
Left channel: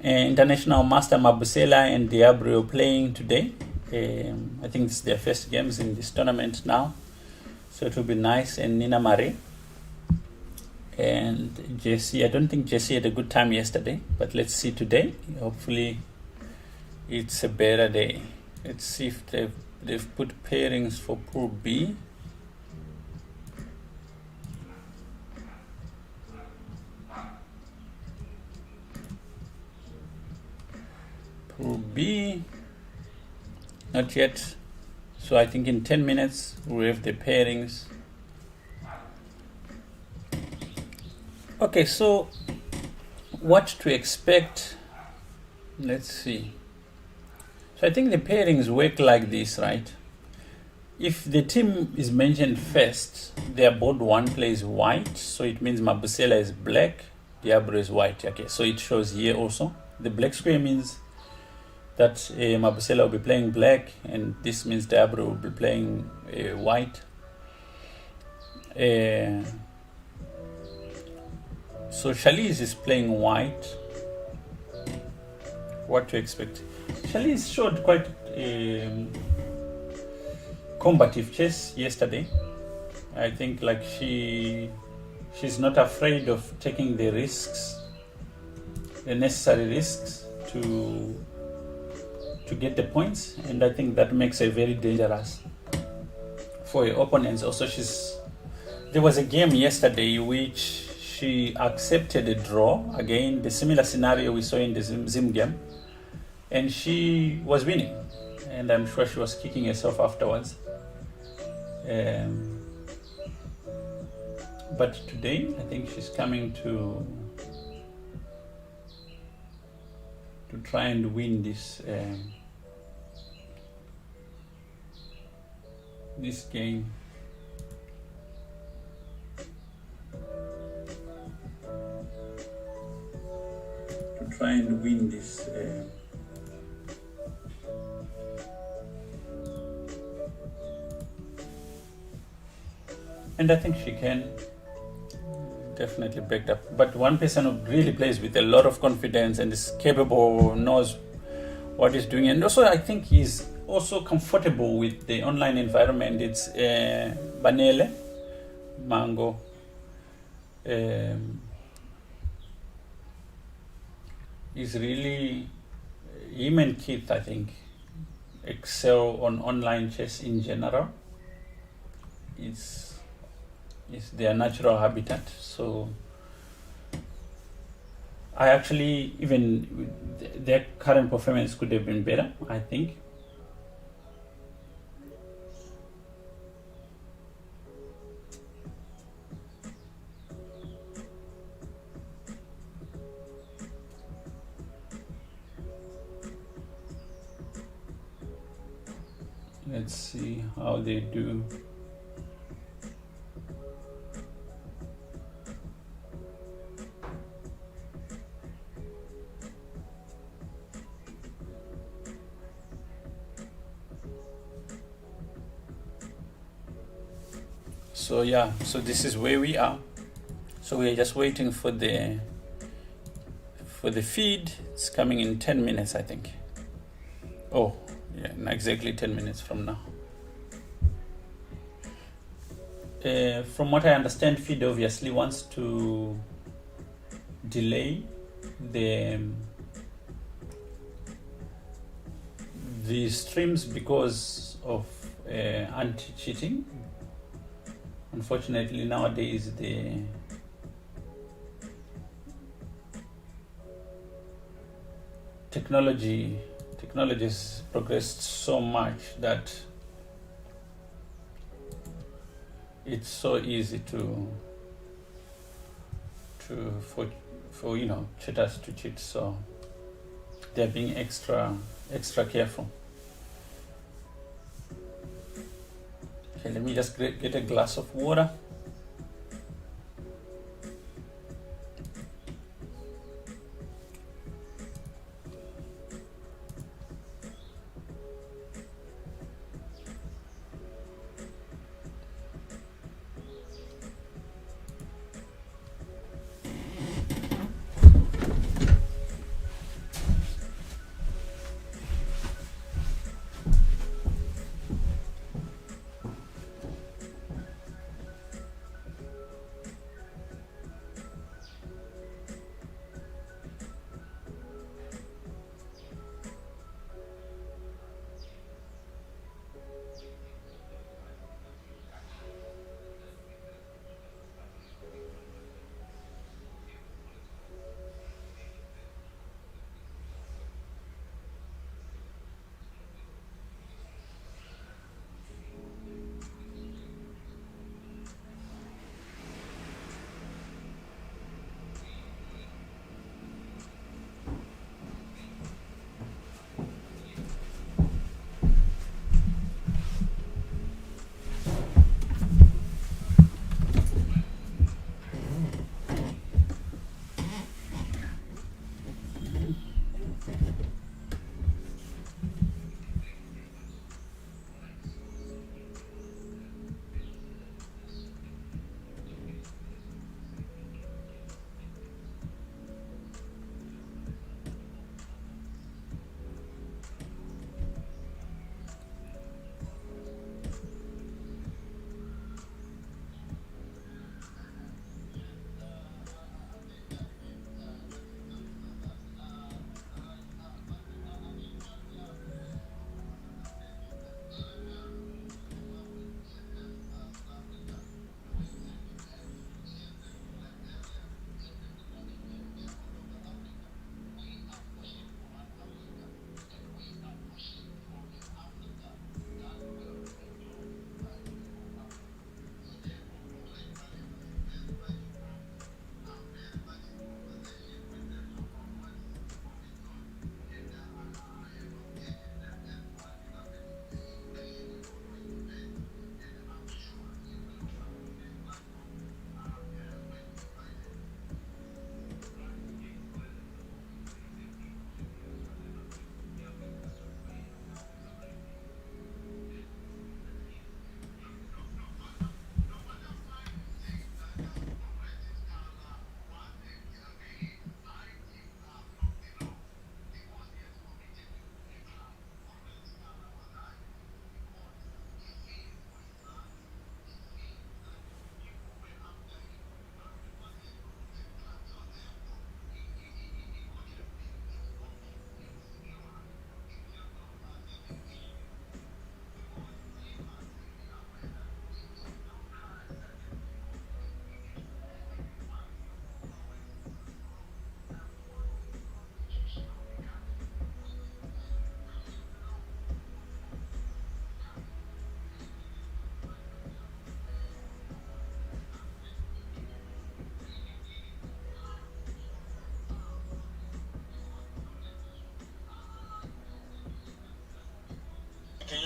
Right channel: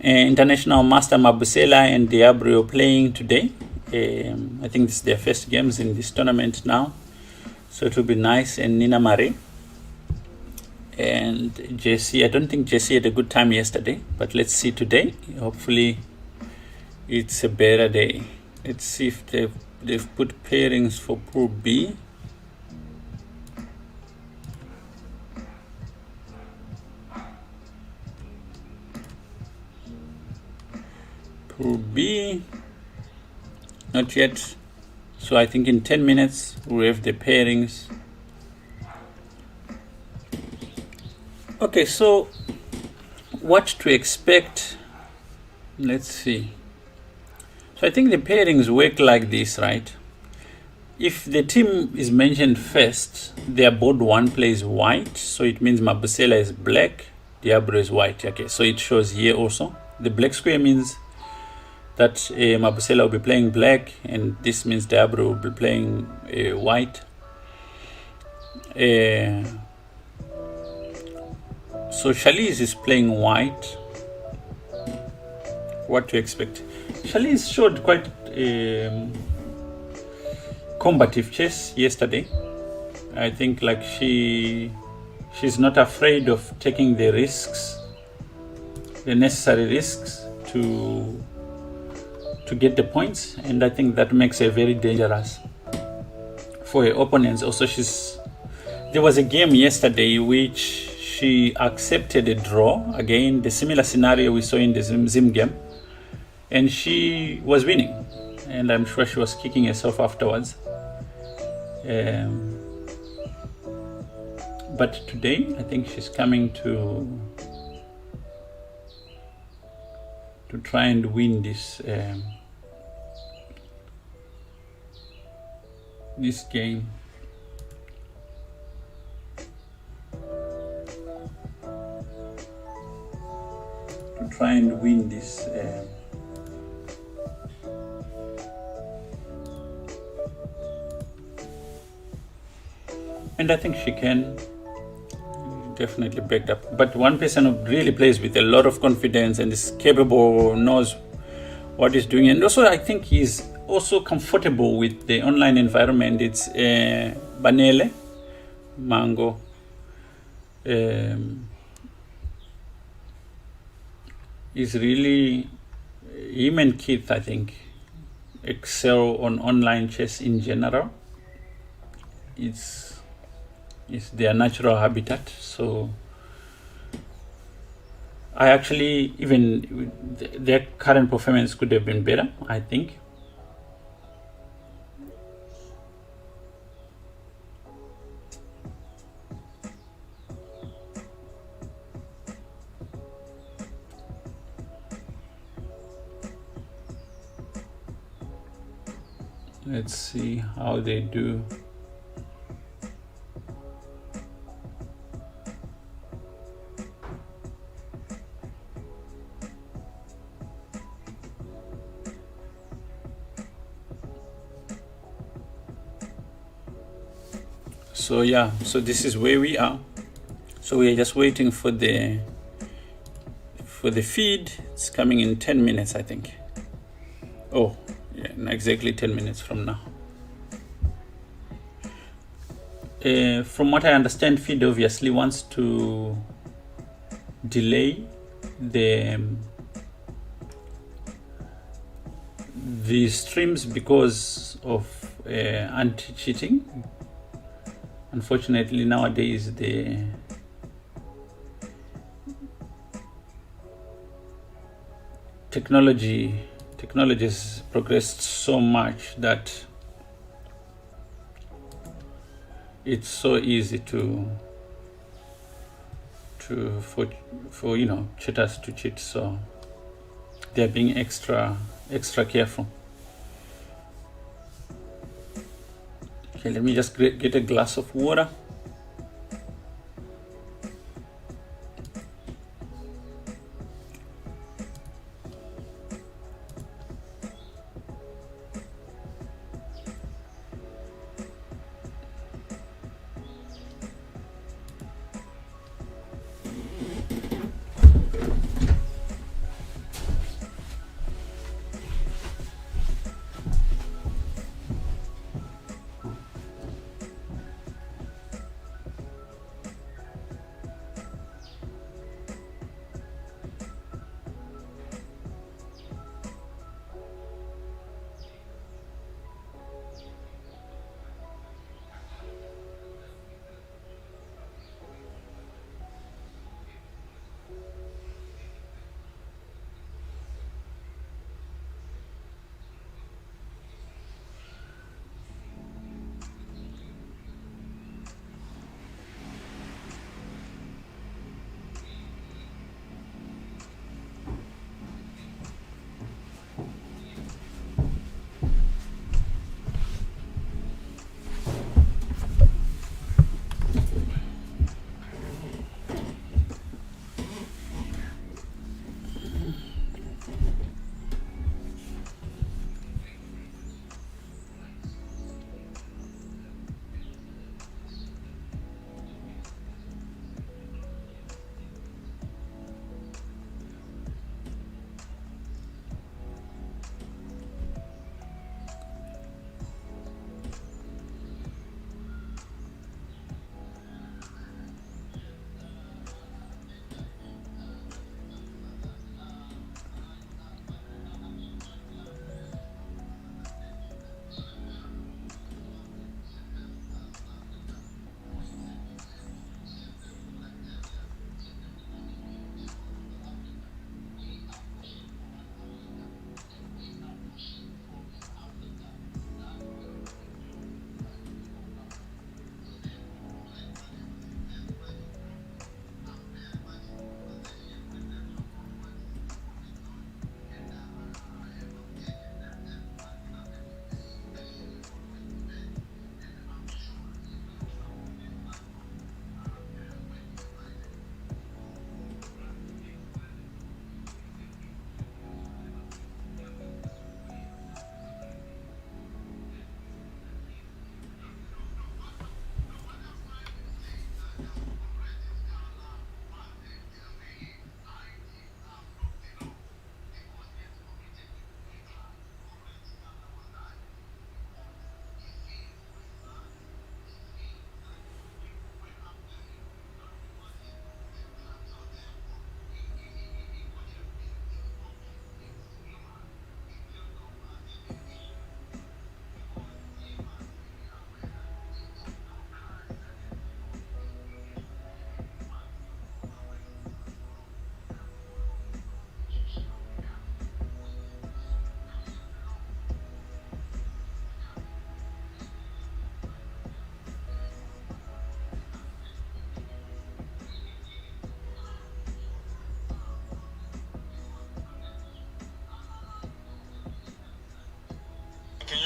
International Master Mabusela and Diabrio playing today. I think this is their first games in this tournament now, so it will be nice. And Nina Marie and Jesse. I don't think Jesse had a good time yesterday, but let's see today. Hopefully it's a better day. Let's see if they've put pairings for Pool B. Pool B, not yet. So I think in 10 minutes we have the pairings. Okay, so what to expect? Let's see. So I think the pairings work like this, right? If the team is mentioned first, their board one plays white, so it means Mabusela is black, Diablo is white. Okay, so it shows here also. The black square means that Mabusela will be playing black, and this means Diablo will be playing white. So Chalice is playing white. What to expect? Chalice showed quite combative chess yesterday. I think like she's not afraid of taking the risks, the necessary risks to get the points, and I think that makes her very dangerous for her opponents. Also, there was a game yesterday which she accepted a draw, again the similar scenario we saw in the Zim game, and she was winning, and I'm sure she was kicking herself afterwards. But today I think she's coming to to try and win this game. To try and win this. And I think she can definitely backed up. But one person who really plays with a lot of confidence and is capable, knows what he's doing, and also I think he's also comfortable with the online environment. It's Banele Mango. Is really, him and Keith, I think, excel on online chess in general. It's their natural habitat. So I actually, even their current performance could have been better, I think. Let's see how they do. So yeah, so this is where we are. So we are just waiting for the feed. It's coming in 10 minutes, I think. Oh, yeah, exactly 10 minutes from now. From what I understand, FIDE obviously wants to delay the streams because of anti-cheating. Unfortunately, nowadays the technology has progressed so much that it's so easy for cheaters to cheat. So they're being extra careful. Okay, let me just get a glass of water.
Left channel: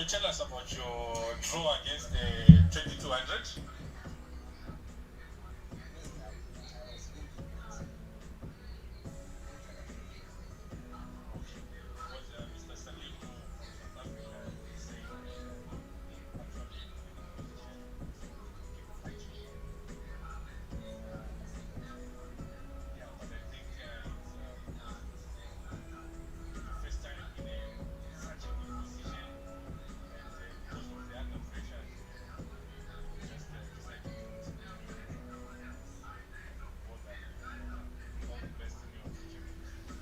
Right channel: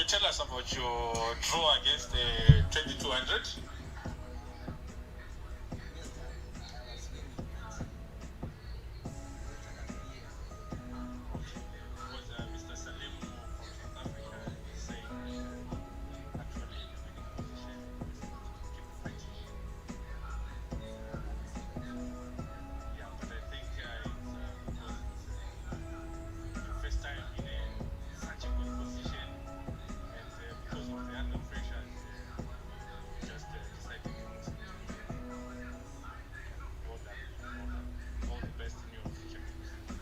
you tell us about your draw against the 2200? Mr. Salim from South Africa is saying actually in a winning position in this yeah, but I think it's because it's your first time in such a good position, and because of the under pressure, you just decided to well done, well done. All the best in your future games.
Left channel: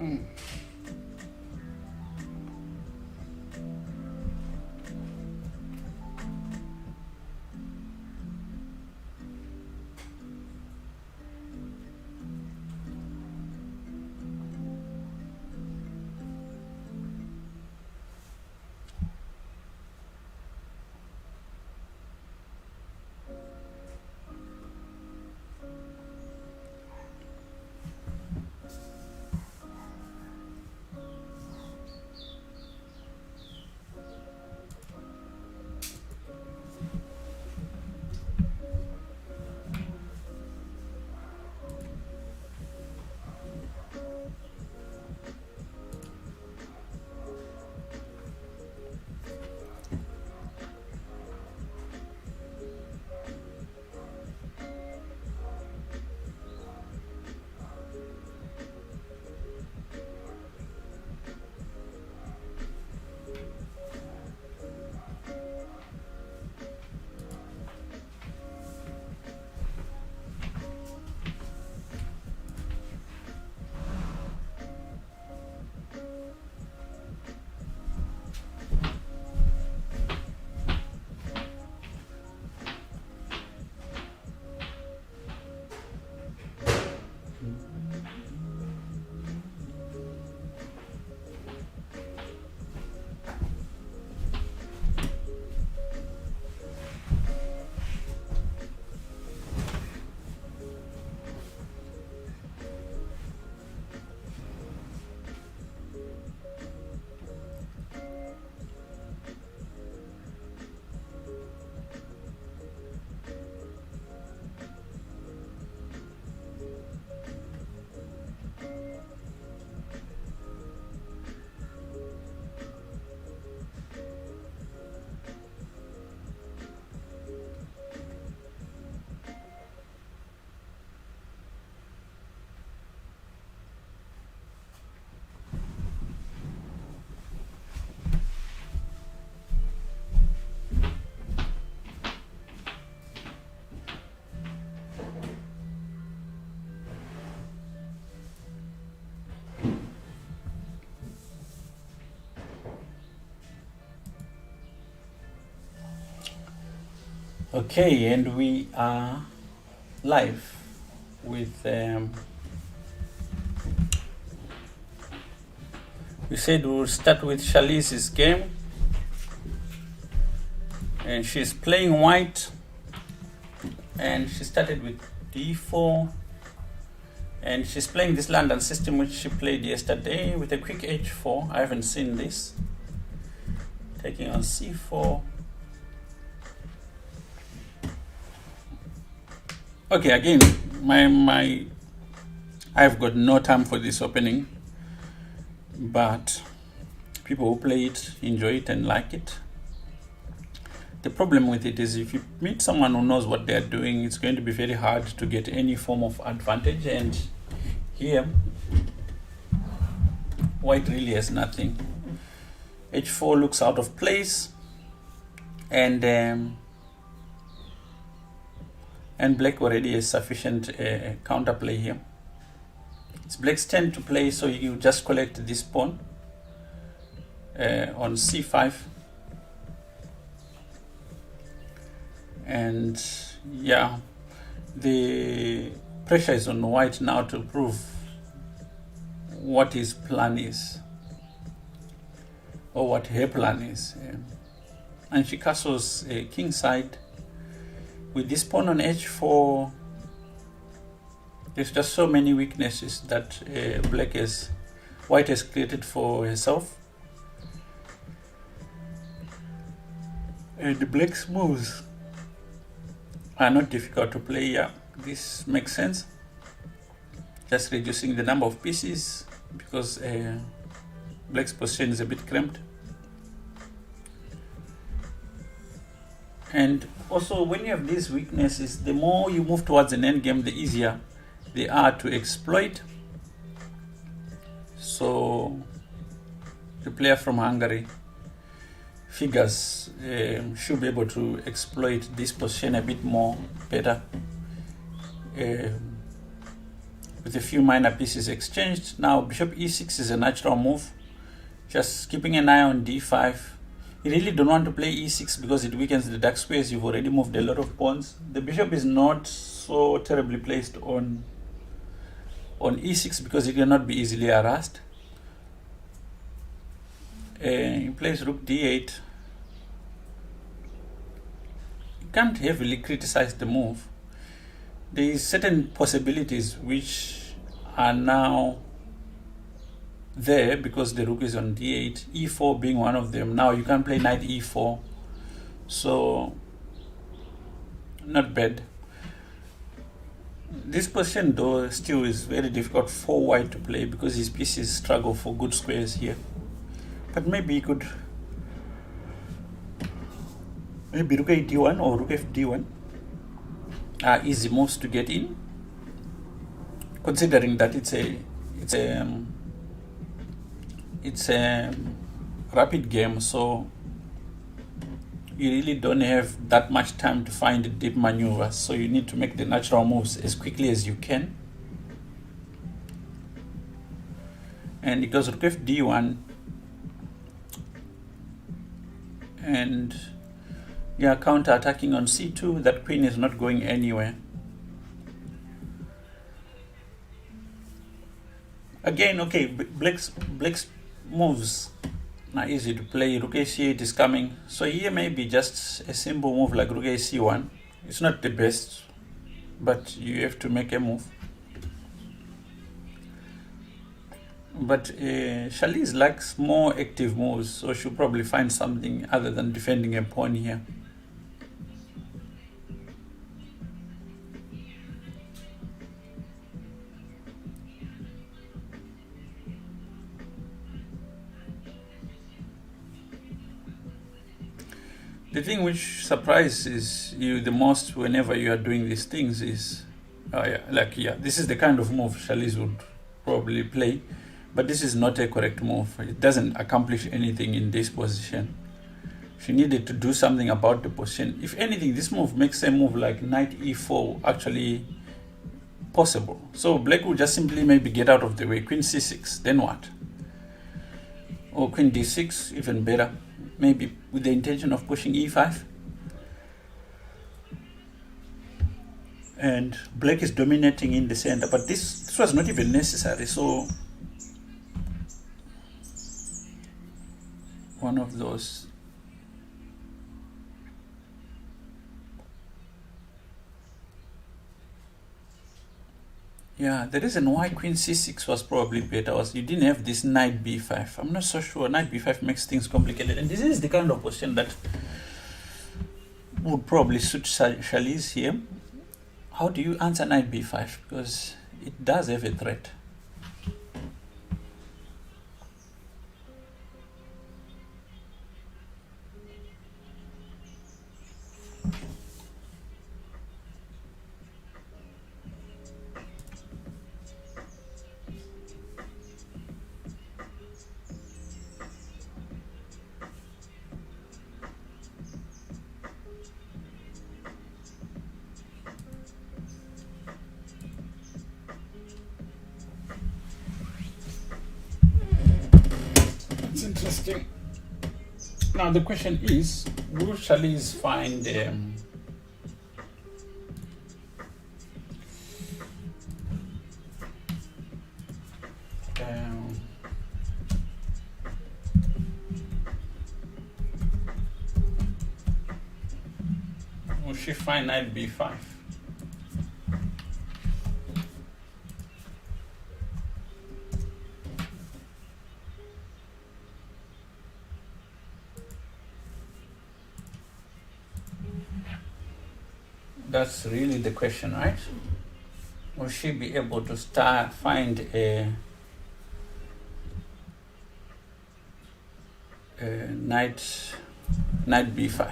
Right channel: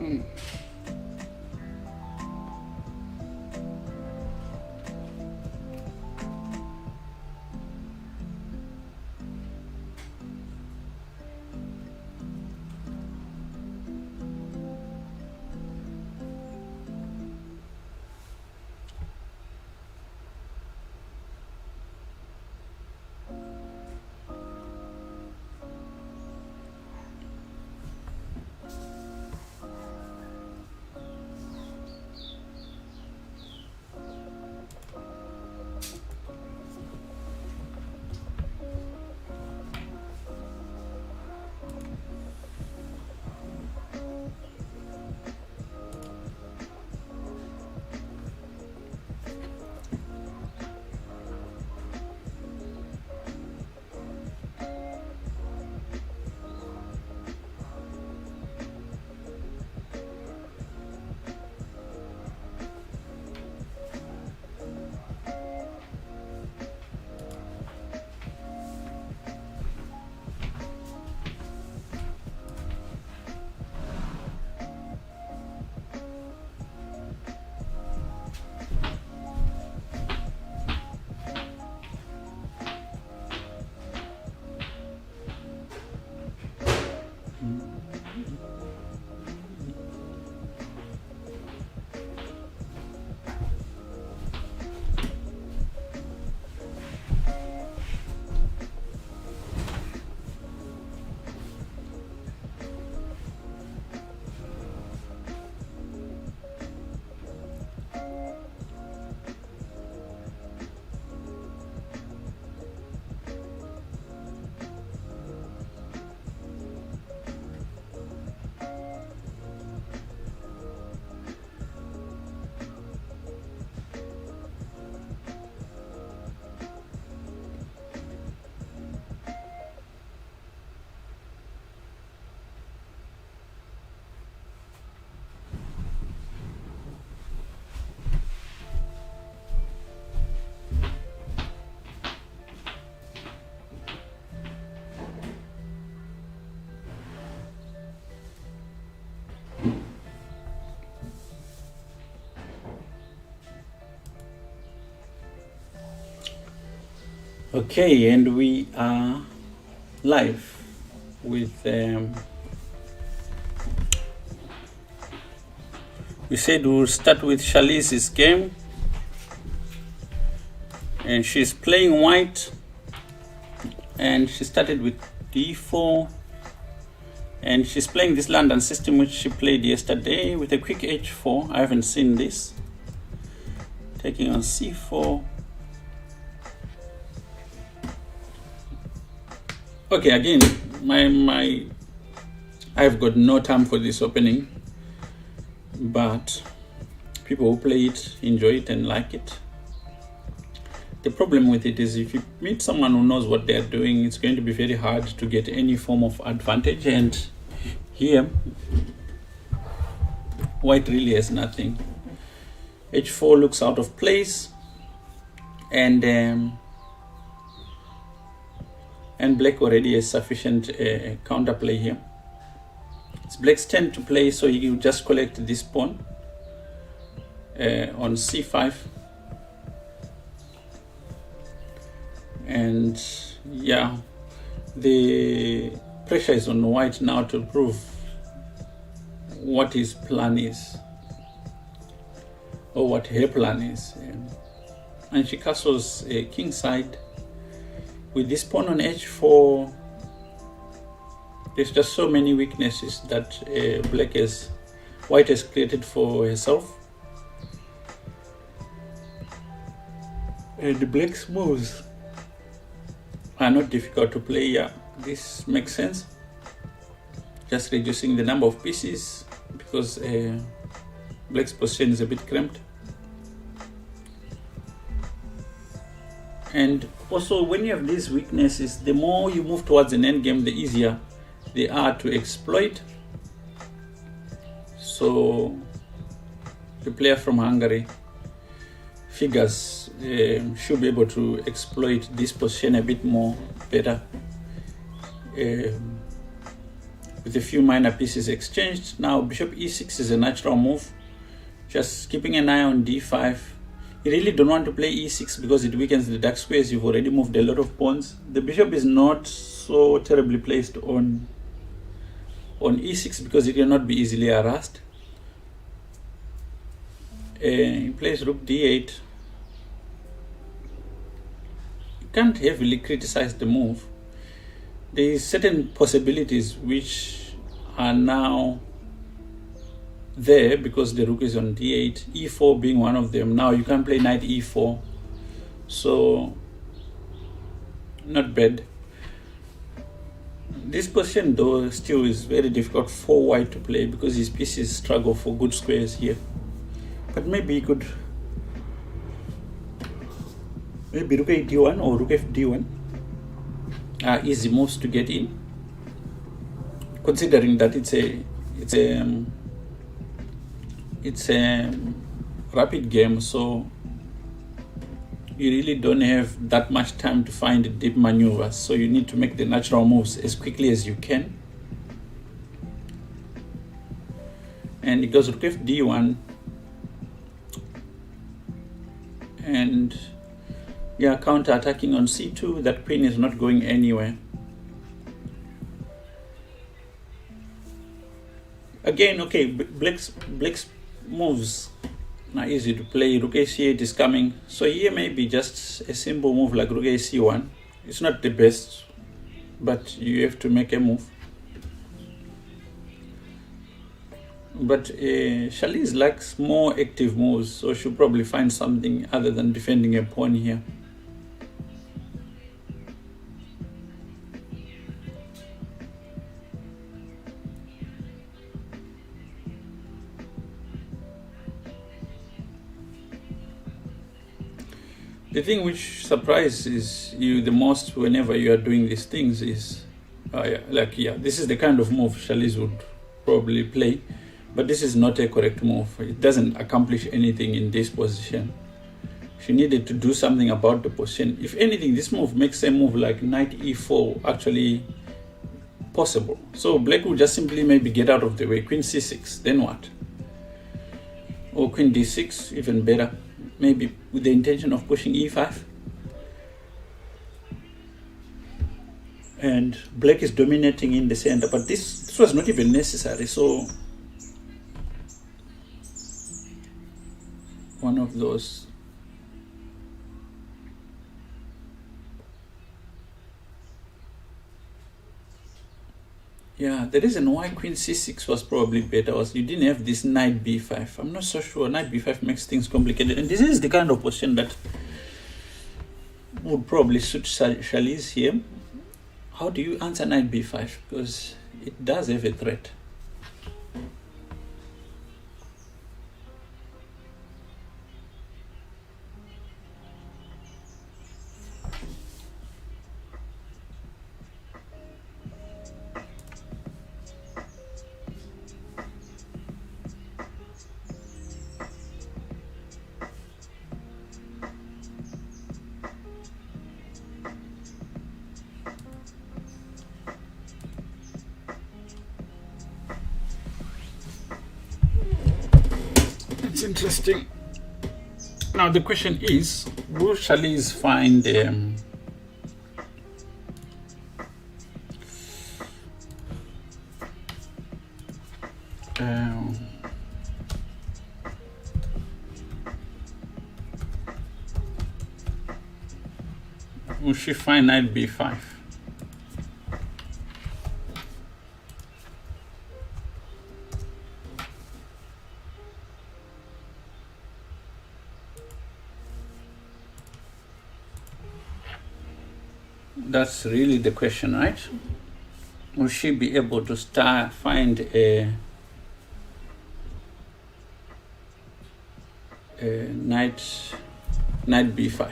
Okay. Okay, and we are live with we said we'll start with Shalice's game, and she's playing white, and she started with d4, and she's playing this London system which she played yesterday with a quick h4. I haven't seen this. Taking on c4. Okay, again, I've got no time for this opening, but people who play it enjoy it and like it. The problem with it is if you meet someone who knows what they're doing, it's going to be very hard to get any form of advantage. And here, white really has nothing. h4 looks out of place, and black already has sufficient counterplay here. It's black's turn to play, so you just collect this pawn on c5. And yeah, the pressure is on white now to prove what his plan is, or what her plan is. And she castles king side. With this pawn on h4, there's just so many weaknesses that white has created for herself. And the black's moves are not difficult to play. Yeah, this makes sense. Just reducing the number of pieces because black's position is a bit cramped. And also, when you have these weaknesses, the more you move towards an endgame, the easier they are to exploit. So the player from Hungary figures should be able to exploit this position a bit more better with a few minor pieces exchanged. Now bishop e6 is a natural move. Just keeping an eye on d5. You really don't want to play e6 because it weakens the dark squares. You've already moved a lot of pawns. The bishop is not so terribly placed on e6 because it cannot be easily harassed. He plays rook d8. You can't heavily criticize the move. There is certain possibilities which are now there because the rook is on d8, e4 being one of them. Now you can play knight e4, so not bad. This position though still is very difficult for white to play because his pieces struggle for good squares here. But maybe he could rook d1 or rook fd1 are easy moves to get in, considering that it's a rapid game, so you really don't have that much time to find deep maneuvers, so you need to make the natural moves as quickly as you can. And it goes rook fd1, and yeah, counter attacking on c2. That queen is not going anywhere. Again, okay, black's moves are easy to play. Rook a8 is coming, so here maybe just a simple move like rook ac1. It's not the best, but you have to make a move. But Shalice likes more active moves, so she'll probably find something other than defending a pawn here. The thing which surprises you the most whenever you are doing these things is, this is the kind of move Shalice would probably play, but this is not a correct move. It doesn't accomplish anything in this position. She needed to do something about the position. If anything, this move makes a move like knight e4 actually possible. So black will just simply maybe get out of the way. Queen c6, then what? Or queen d6, even better. Maybe with the intention of pushing e5. and black is dominating in the center, but this was not even necessary. So one of those. Yeah, the reason why queen c6 was probably better was you didn't have this knight b5. I'm not so sure. Knight b5 makes things complicated, and this is the kind of position that would probably suit Charlize here. How do you answer knight b5? Because it does have a threat. It's interesting. Now the question is, will Charlize find will she find knight b5? That's really the question, right? Will she be able to find a knight b5?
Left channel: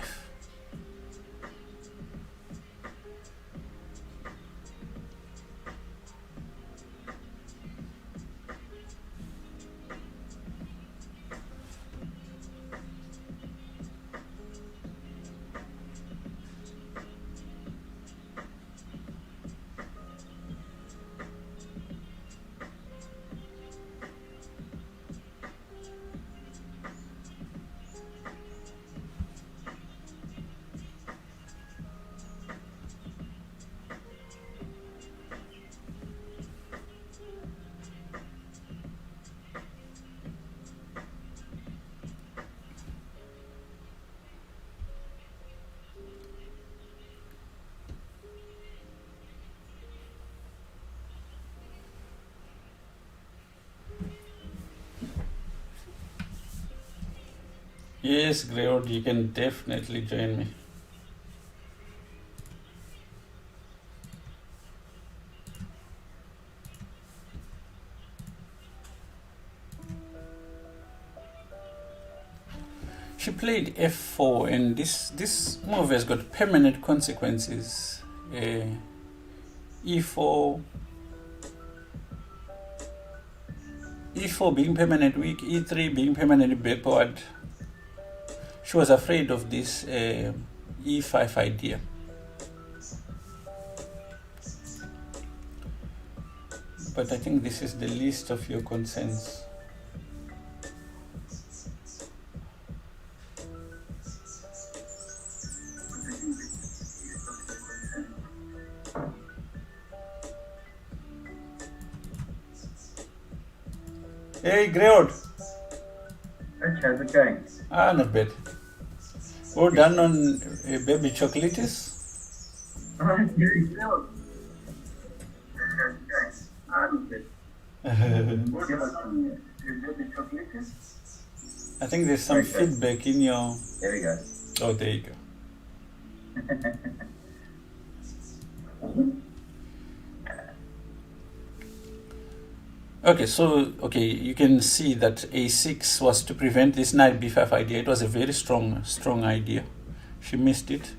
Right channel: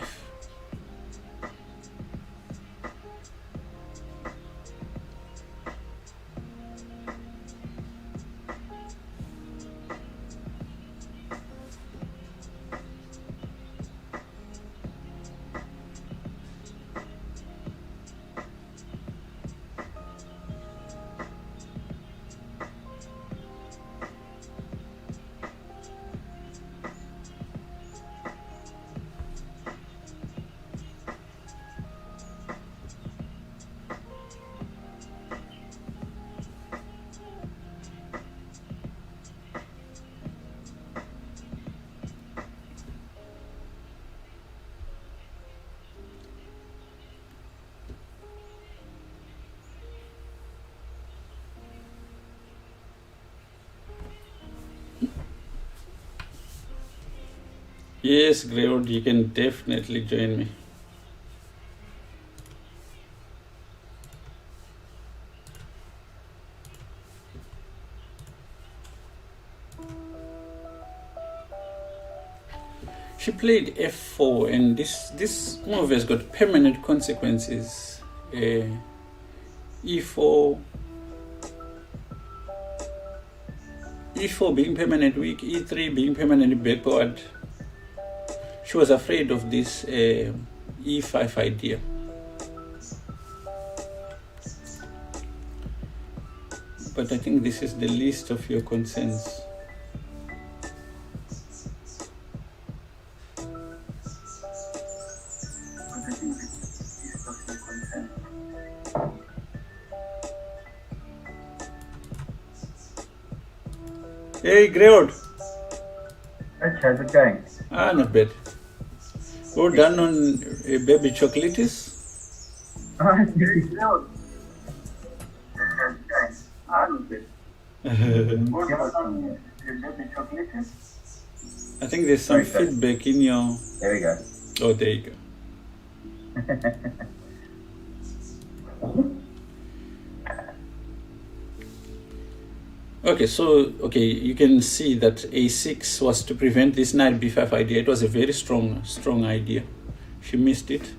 Yes, Greywood, you can definitely join me. She played f4, and this move has got permanent consequences. e4 being permanent weak, e3 being permanently backward. She was afraid of this e5 idea. But I think this is the least of your concerns. Hey, Greywood. Hey, how's it going? Not bad. Well done on baby chocolates. Good. How's it going? Not bad. I think there's some feedback in your... There we go. Oh, there you go. Okay, so you can see that a6 was to prevent this knight b5 idea. It was a very strong idea. She missed it.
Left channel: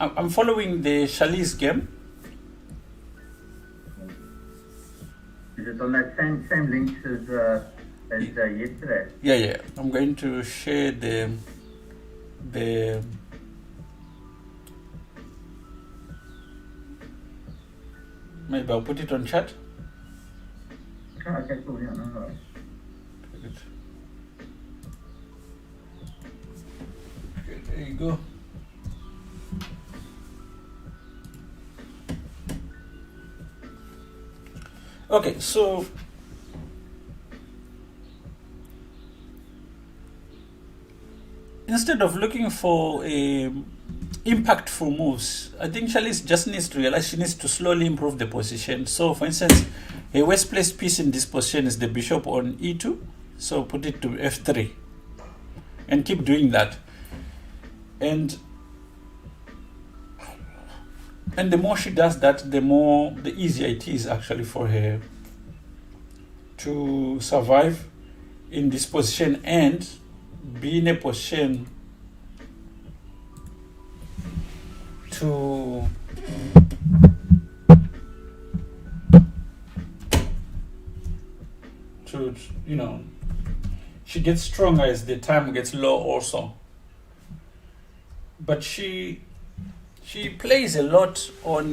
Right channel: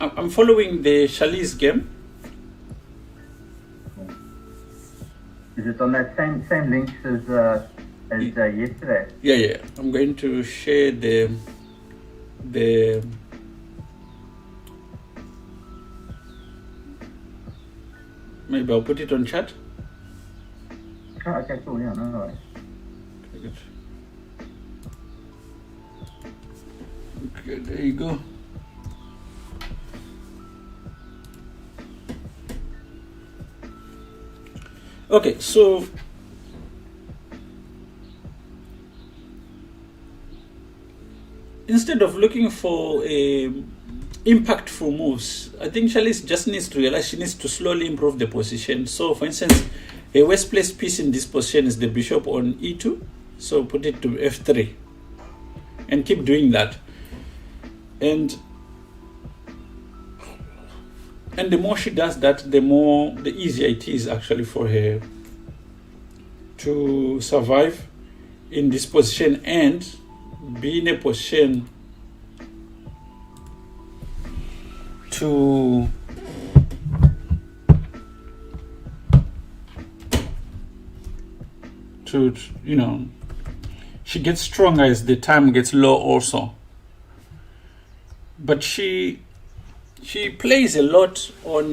I'm following the Charlize game. Is it on that same links as yesterday? Yeah. I'm going to share the maybe I'll put it on chat. Oh, okay, cool. Yeah, no worries. Good. Okay, there you go. Okay, so instead of looking for impactful moves, I think Charlize just needs to realize she needs to slowly improve the position. So, for instance, a worst placed piece in this position is the bishop on e2. So put it to f3 and keep doing that. And the more she does that, the easier it is actually for her to survive in this position and be in a position to she gets stronger as the time gets low also. But she plays a lot on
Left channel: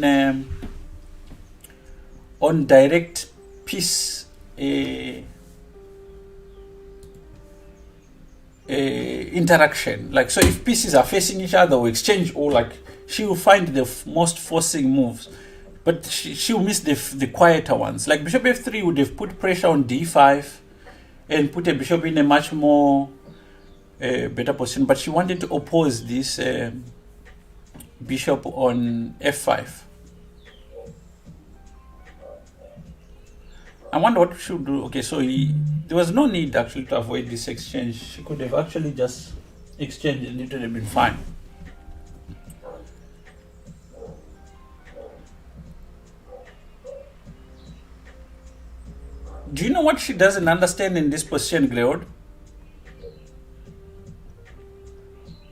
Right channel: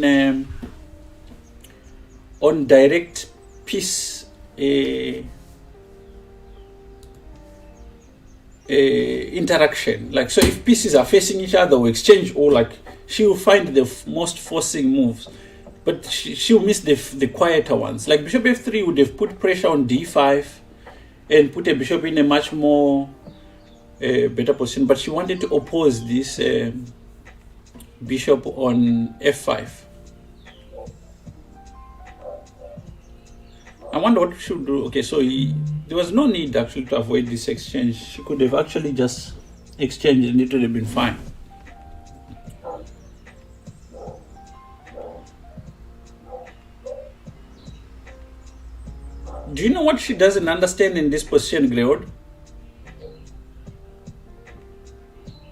direct piece interaction. Like, so if pieces are facing each other or exchange, or like, she will find the most forcing moves, but she'll miss the quieter ones. Like bishop f3 would have put pressure on d5 and put a bishop in a much more better position, but she wanted to oppose this bishop on f5. I wonder what she should do. Okay, so there was no need actually to avoid this exchange. She could have actually just exchanged and it would have been fine. Do you know what she doesn't understand in this position, Greod?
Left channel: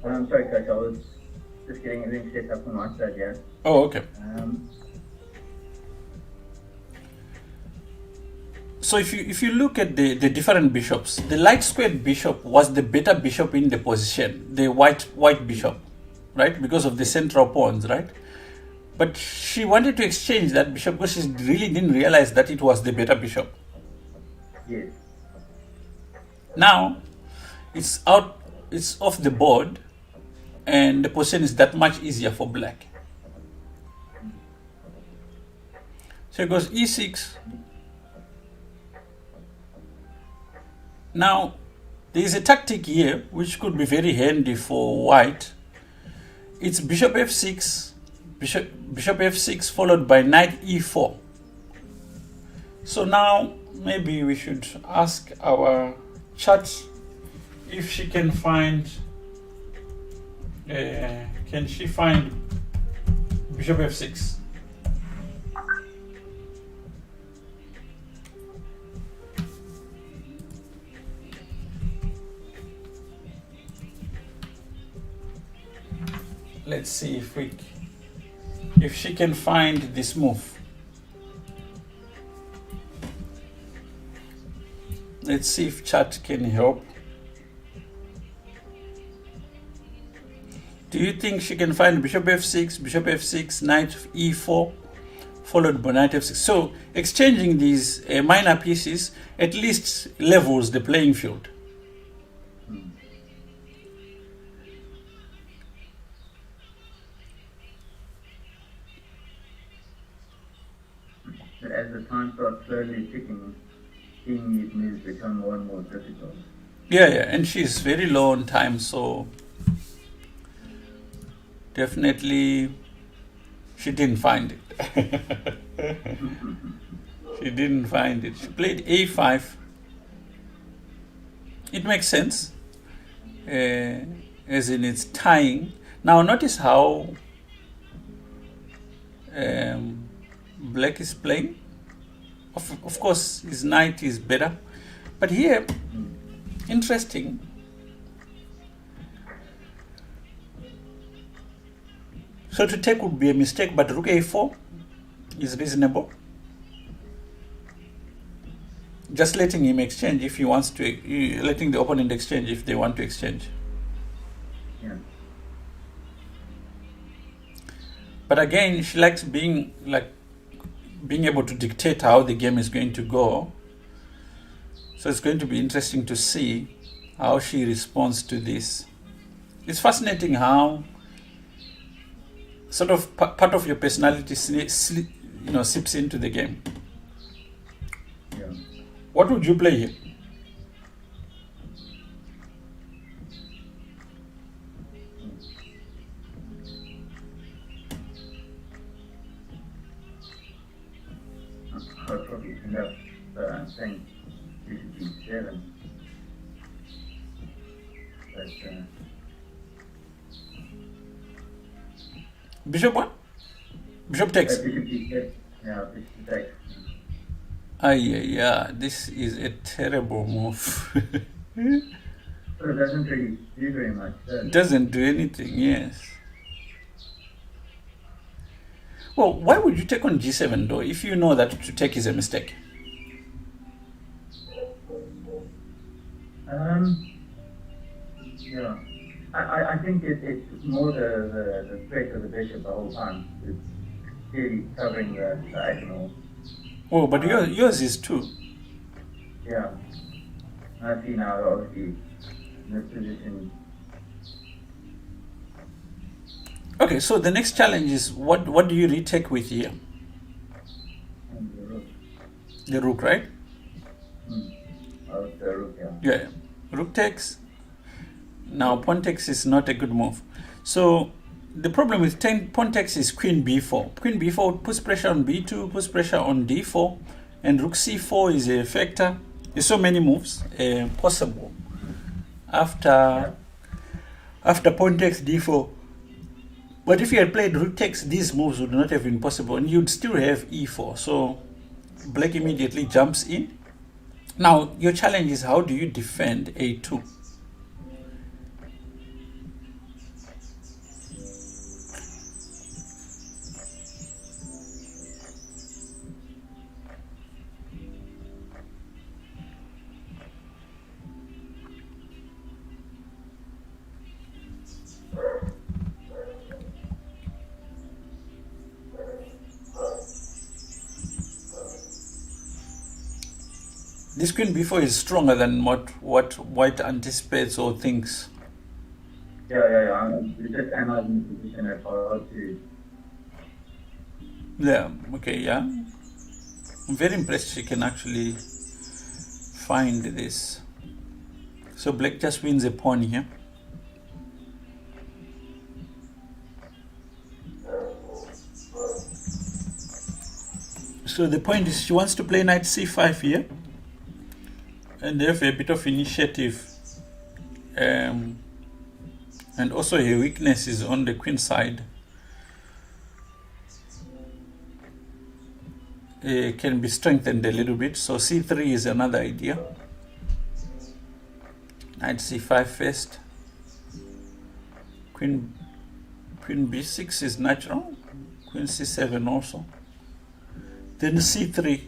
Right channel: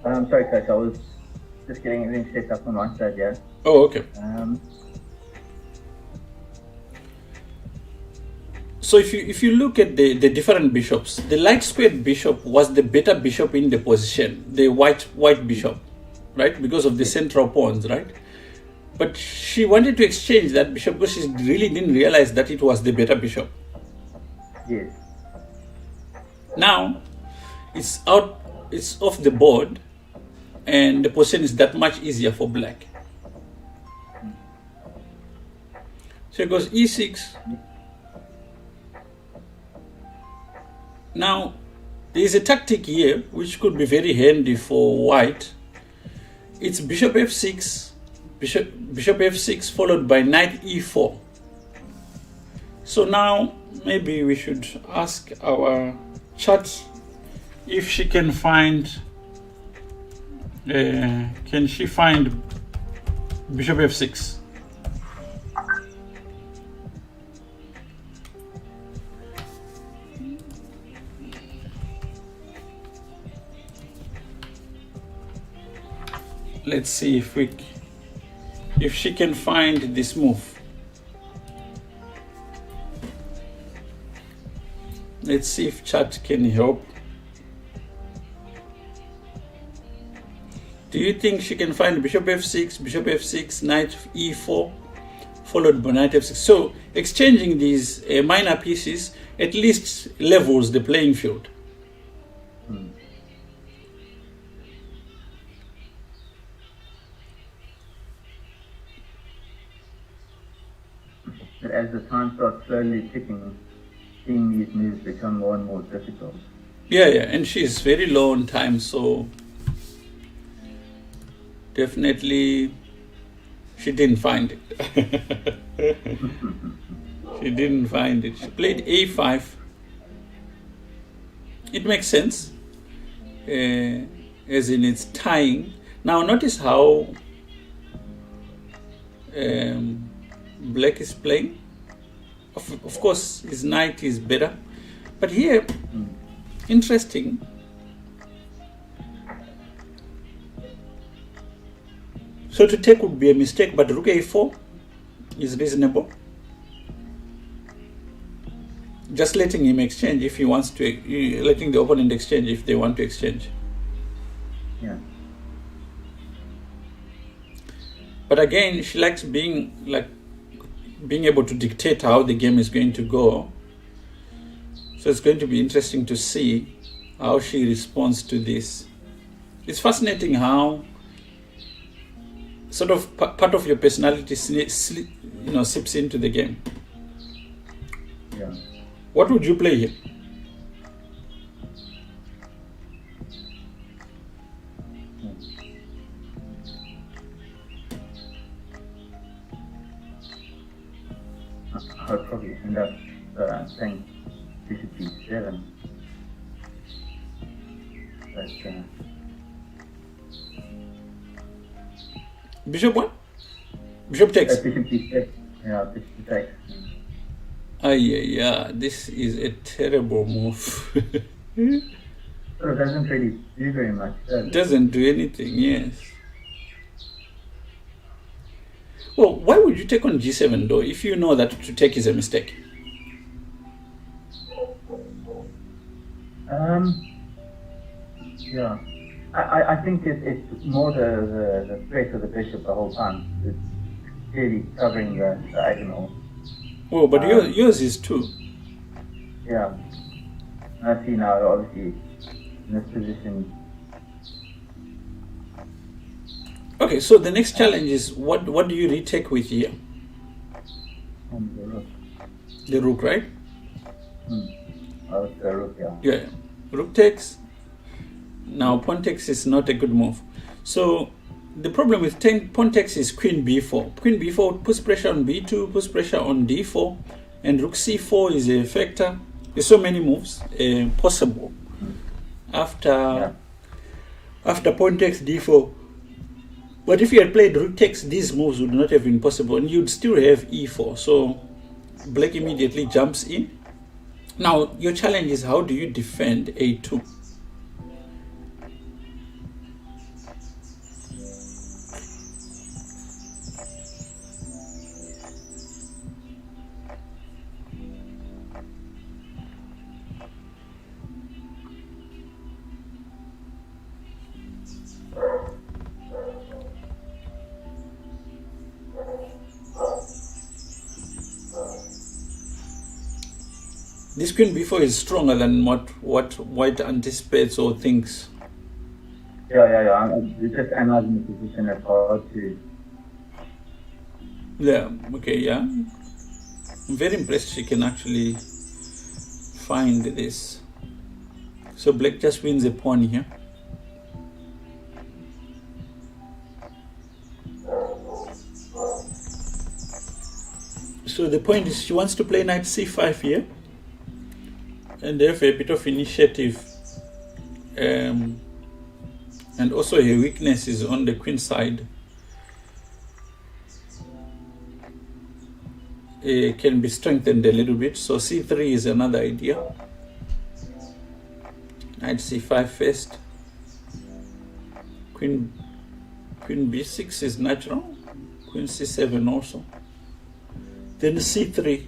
I'm sorry, Coach. I was just getting everything set up on my side, yeah. Oh, okay. So if you look at the different bishops, the light squared bishop was the better bishop in the position, the white bishop, right? Because of the central pawns, right? But she wanted to exchange that bishop because she really didn't realize that it was the better bishop. Yes. Now it's off the board, and the position is that much easier for black. So it goes e6. Now there is a tactic here which could be very handy for white. It's bishop f6, bishop f6 followed by knight e4. So now maybe we should ask our chat if she can find, can she find bishop f6? Let's see if she can find this move. Let's see if chat can help. Do you think she can find bishop f6, knight e4, followed by knight f6? So exchanging these minor pieces at least levels the playing field. But as the time starts slowly ticking, seeing these moves become more and more difficult. Yeah, and she's very low on time, so definitely she didn't find it. She didn't find it. She played a5. It makes sense, as in it's tying. Now notice how black is playing. Of course, his knight is better, but here, interesting. So to take would be a mistake, but rook a4 is reasonable. Just letting him exchange if he wants to, letting the opponent exchange if they want to exchange. Yeah. But again, she likes being able to dictate how the game is going to go. So it's going to be interesting to see how she responds to this. It's fascinating how sort of part of your personality seeps into the game. What would you play here? I'll probably end up saying bishop e7. But, Bishop what? Bishop takes. bishop e7. Yeah, bishop takes. Yeah, this is a terrible move. So it doesn't really do very much, does It it? doesn't do anything, yes. Well, why would you take on g7 though, if you know that to take is a mistake? Yeah. I think it's more the threat of the bishop the whole time. It's clearly covering the diagonal. Well, but yours is too. Yeah. I see now, obviously, in this position. Okay, so the next challenge is what do you retake with here? The rook, right? Oh, the rook, yeah. Yeah, rook takes. Now pawn takes is not a good move. So the problem with pawn takes is queen b4. Queen b4 puts pressure on b2, puts pressure on d4, and rook c4 is a factor. There's so many moves possible after pawn takes d4. But if you had played rook takes, these moves would not have been possible, and you'd still have e4. So black immediately jumps in. Now your challenge is, how do you defend a2? This queen b4 is stronger than what white anticipates or thinks. Yeah. I'm just analyzing the position as hard to. Yeah, okay, yeah. I'm very impressed she can actually find this. So black just wins a pawn here. So the point is she wants to play knight c5 here. And they have a bit of initiative, and also her weakness is on the queen side. It can be strengthened a little bit, so c3 is another idea. Knight c5 first. Queen b6 is natural. Queen c7 also. Then c3,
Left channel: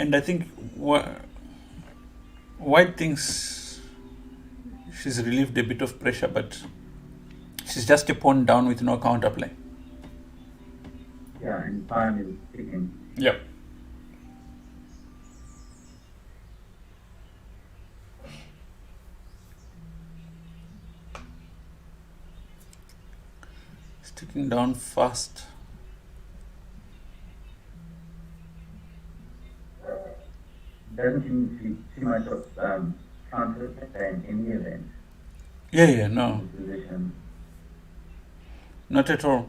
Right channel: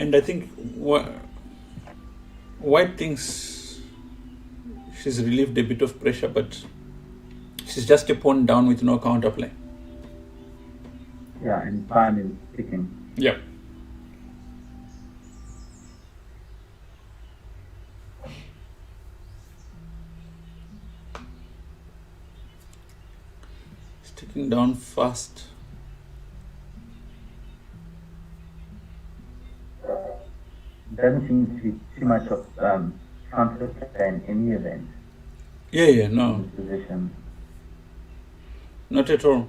and I think white thinks she's relieved a bit of pressure, but she's just a pawn down with no counterplay. Yeah, and time is ticking. Yeah. It's ticking down fast. Doesn't seem to be too much of conflict in any event. Yeah, no. Position. Not at all.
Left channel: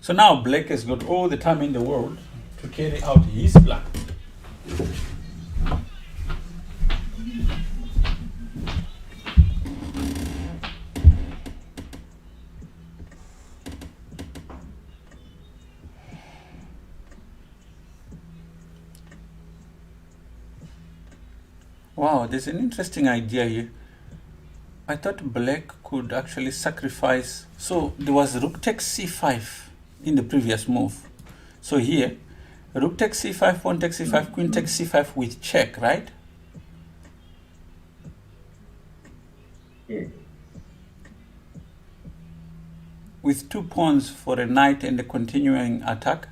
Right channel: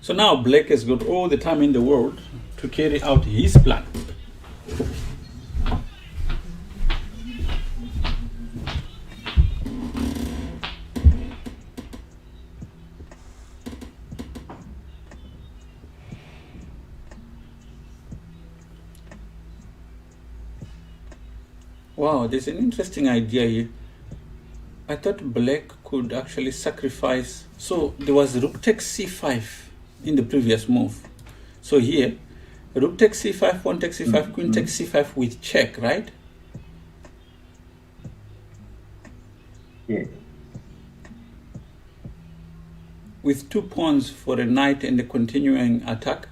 So now black has got all the time in the world to carry out his plan. Wow, there's an interesting idea here. I thought black could actually sacrifice. So there was rook takes c5 in the previous move. So here, rook takes c5, pawn takes c5, queen takes c5 with check, right? Yes. With two pawns for a knight and a continuing attack.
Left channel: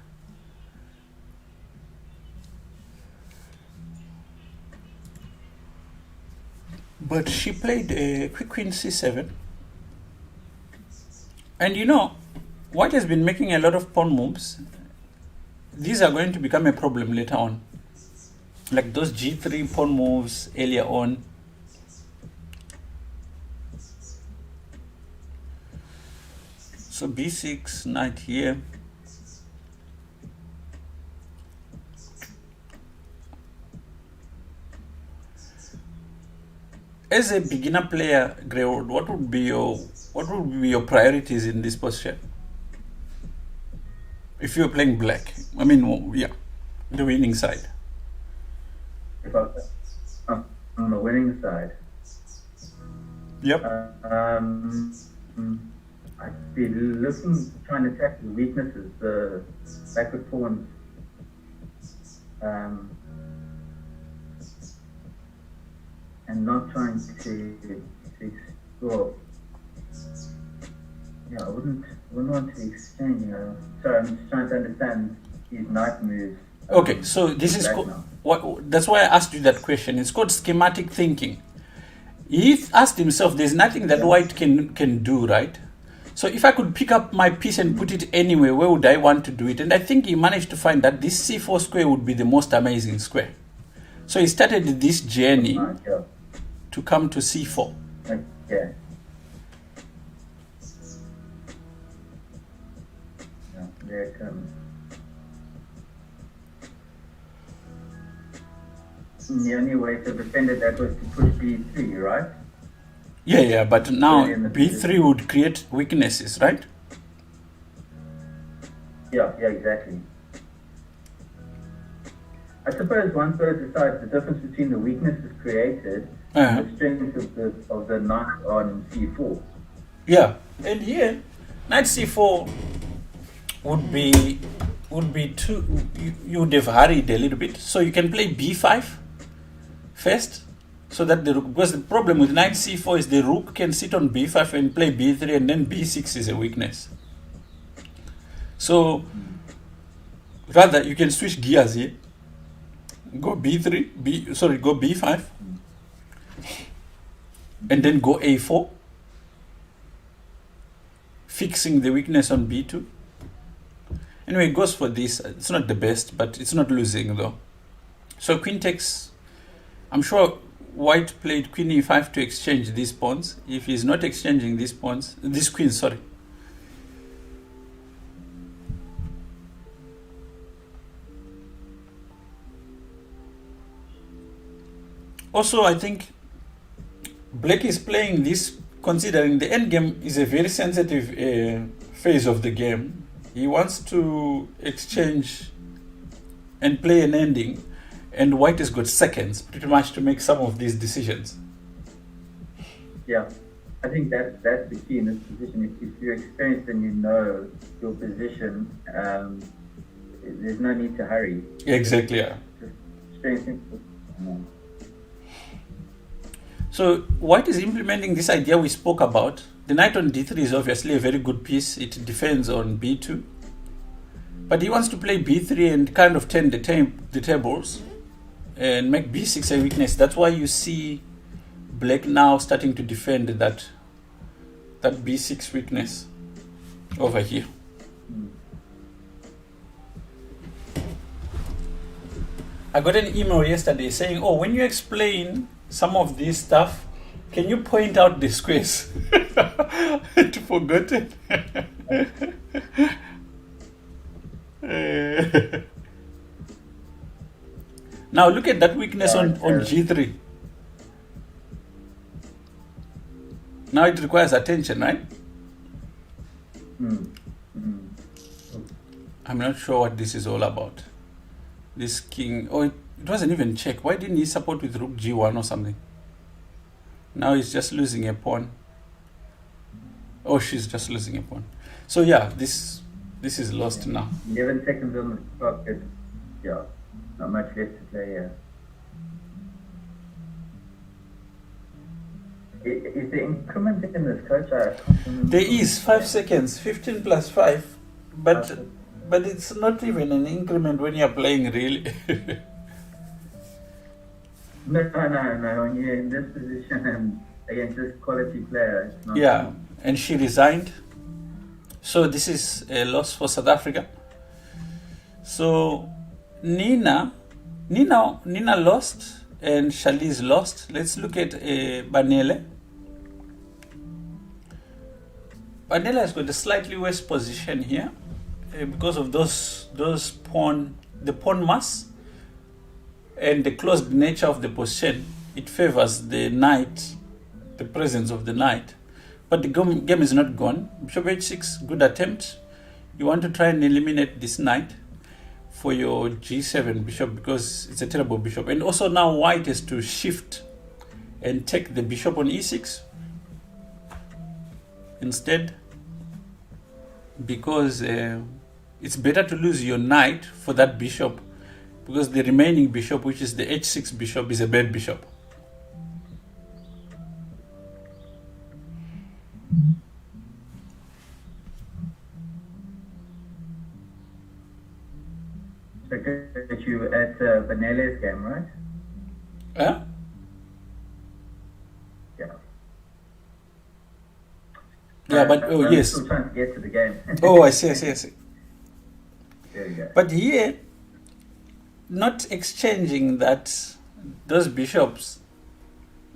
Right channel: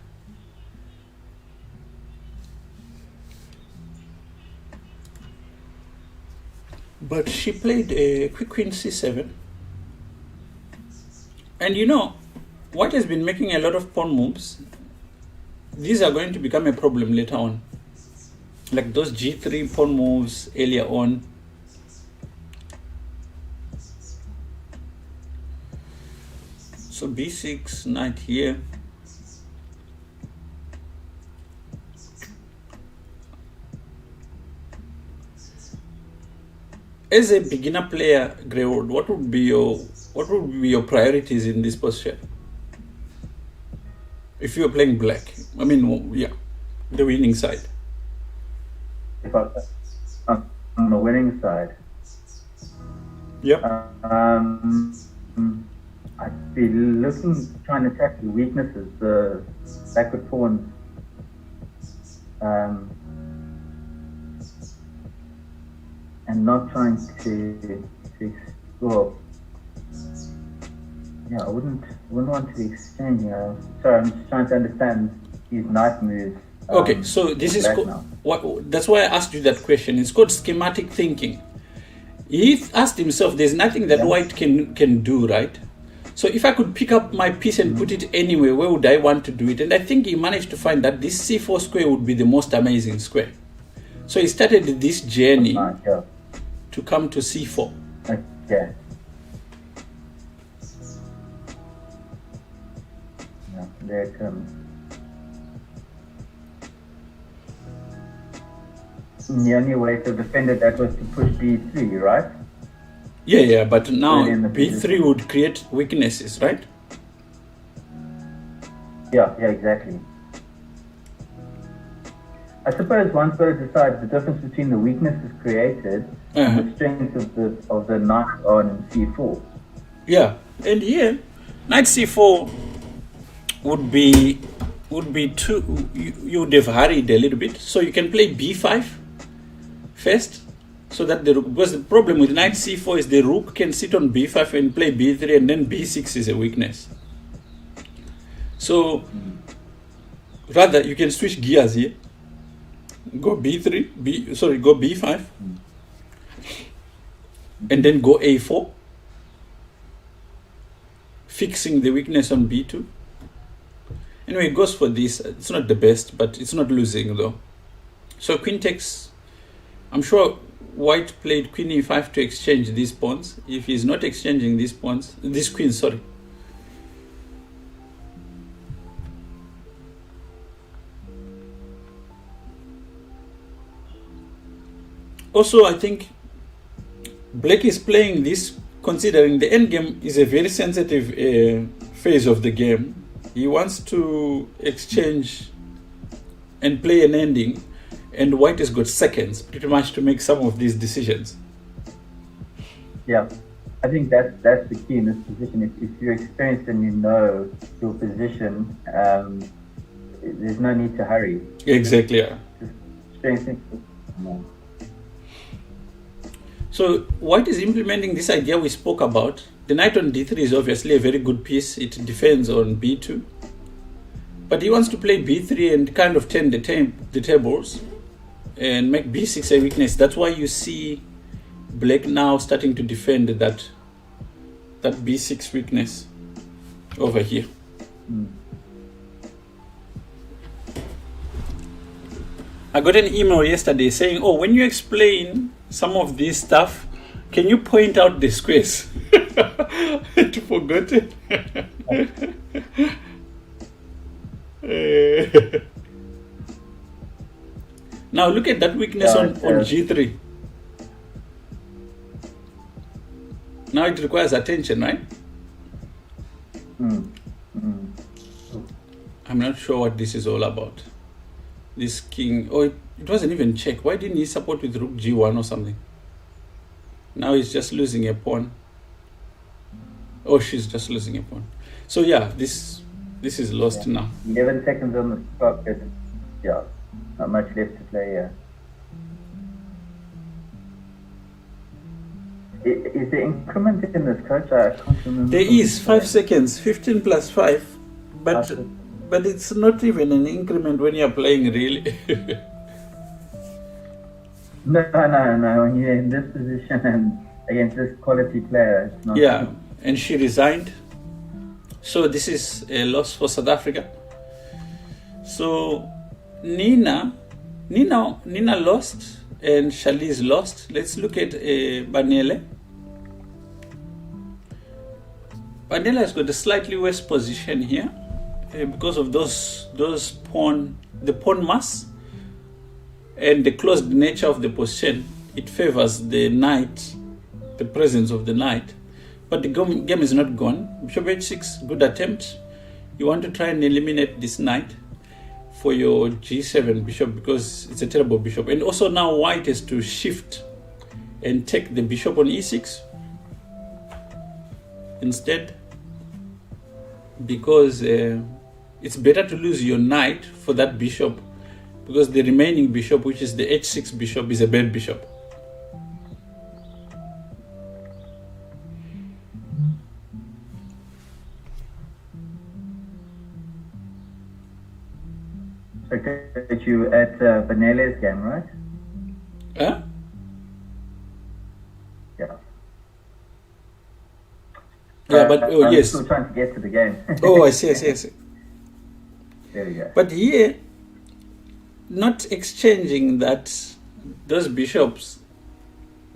But she played a quick queen c7. And you know, White has been making a lot of pawn moves. These are going to become a problem later on. Like those g3 pawn moves earlier on. So b6, knight here. As a beginner player, Greywood, what would be your priorities in this position? If you're playing black, I mean, yeah, the winning side. If I'm on the winning side, Yep. I'd be trying to attack the weaknesses, the backward pawns. And not trying to explore. Yeah, I wouldn't want to exchange. Sorry, I'm just trying to understand these knight moves. Okay, so this is that's why I asked you that question. It's called schematic thinking. He asked himself, there's nothing that white can do, right? So if I could pick up my piece and put it anywhere, where would I want to do it? And I think he managed to find that this c4 square would be the most amazing square. So he started this journey to come to c4. Okay. Yeah, there it comes. The only way to defend it, that was to push b3, right? Yeah, but now b3 would create weaknesses, right? Yeah, exactly. I suppose once those decide the difference between the weaknesses created and the strength of the knight on c4. Yeah, and here knight c4 would be too. You would have hurried a little bit, so you can play b5 first, so that because the problem with knight c4 is the rook can sit on b5 and play b3, and then b6 is a weakness. So rather you can switch gears here. Go b3, go b5, and then go a4, fixing the weakness on b2. Anyway, it goes for this. It's not the best, but it's not losing though. So queen takes. I'm sure white played queen e5 to exchange these pawns. If he's not exchanging these pawns, this queen, sorry. Also, I think black is playing this considering the endgame is a very sensitive phase of the game. He wants to exchange and play an ending, and white has got seconds pretty much to make some of these decisions. Yeah, I think that's the key in this position. If you're experienced and you know your position, there's no need to hurry. Exactly, yeah. Just strengthen. So white is implementing this idea we spoke about. The knight on d3 is obviously a very good piece. It defends on b2. But he wants to play b3 and kind of turn the tables and make b6 a weakness. That's why you see black now starting to defend that b6 weakness over here. I got an email yesterday saying, oh, when you explain some of this stuff, can you point out the squares? I forgot it. Now look at that weakness on g3. Now it requires attention, right? I'm not sure what this is all about. This king, it wasn't even check. Why didn't he support with rook g1 or something? Now he's just losing a pawn. Oh, she's just losing a pawn. So yeah, this is lost now. 11 seconds on the clock. Yeah, not much left to play here. Is there increment in this, coach? I can't remember. There is 5 seconds, 15 plus 5, but it's not even an increment when you're playing really. No. When you're in this position and against this quality player, it's not. Yeah, and she resigned. So this is a loss for South Africa. So Nina lost and Charlize lost. Let's look at Banele. Banele has got a slightly worse position here because of those pawn, the pawn mass and the closed nature of the position. It favors the knight, the presence of the knight. But the game is not gone. Bishop h6, good attempt. You want to try and eliminate this knight for your g7 bishop because it's a terrible bishop. And also now white has to shift and take the bishop on e6 instead, because it's better to lose your knight for that bishop, because the remaining bishop, which is the h6 bishop, is a bad bishop. Okay, that you at Vanelli's game, right? Huh? Yeah. Yeah, but oh yes. I'm still trying to get to the game. Oh, I see. There we go. But here, not exchanging those bishops,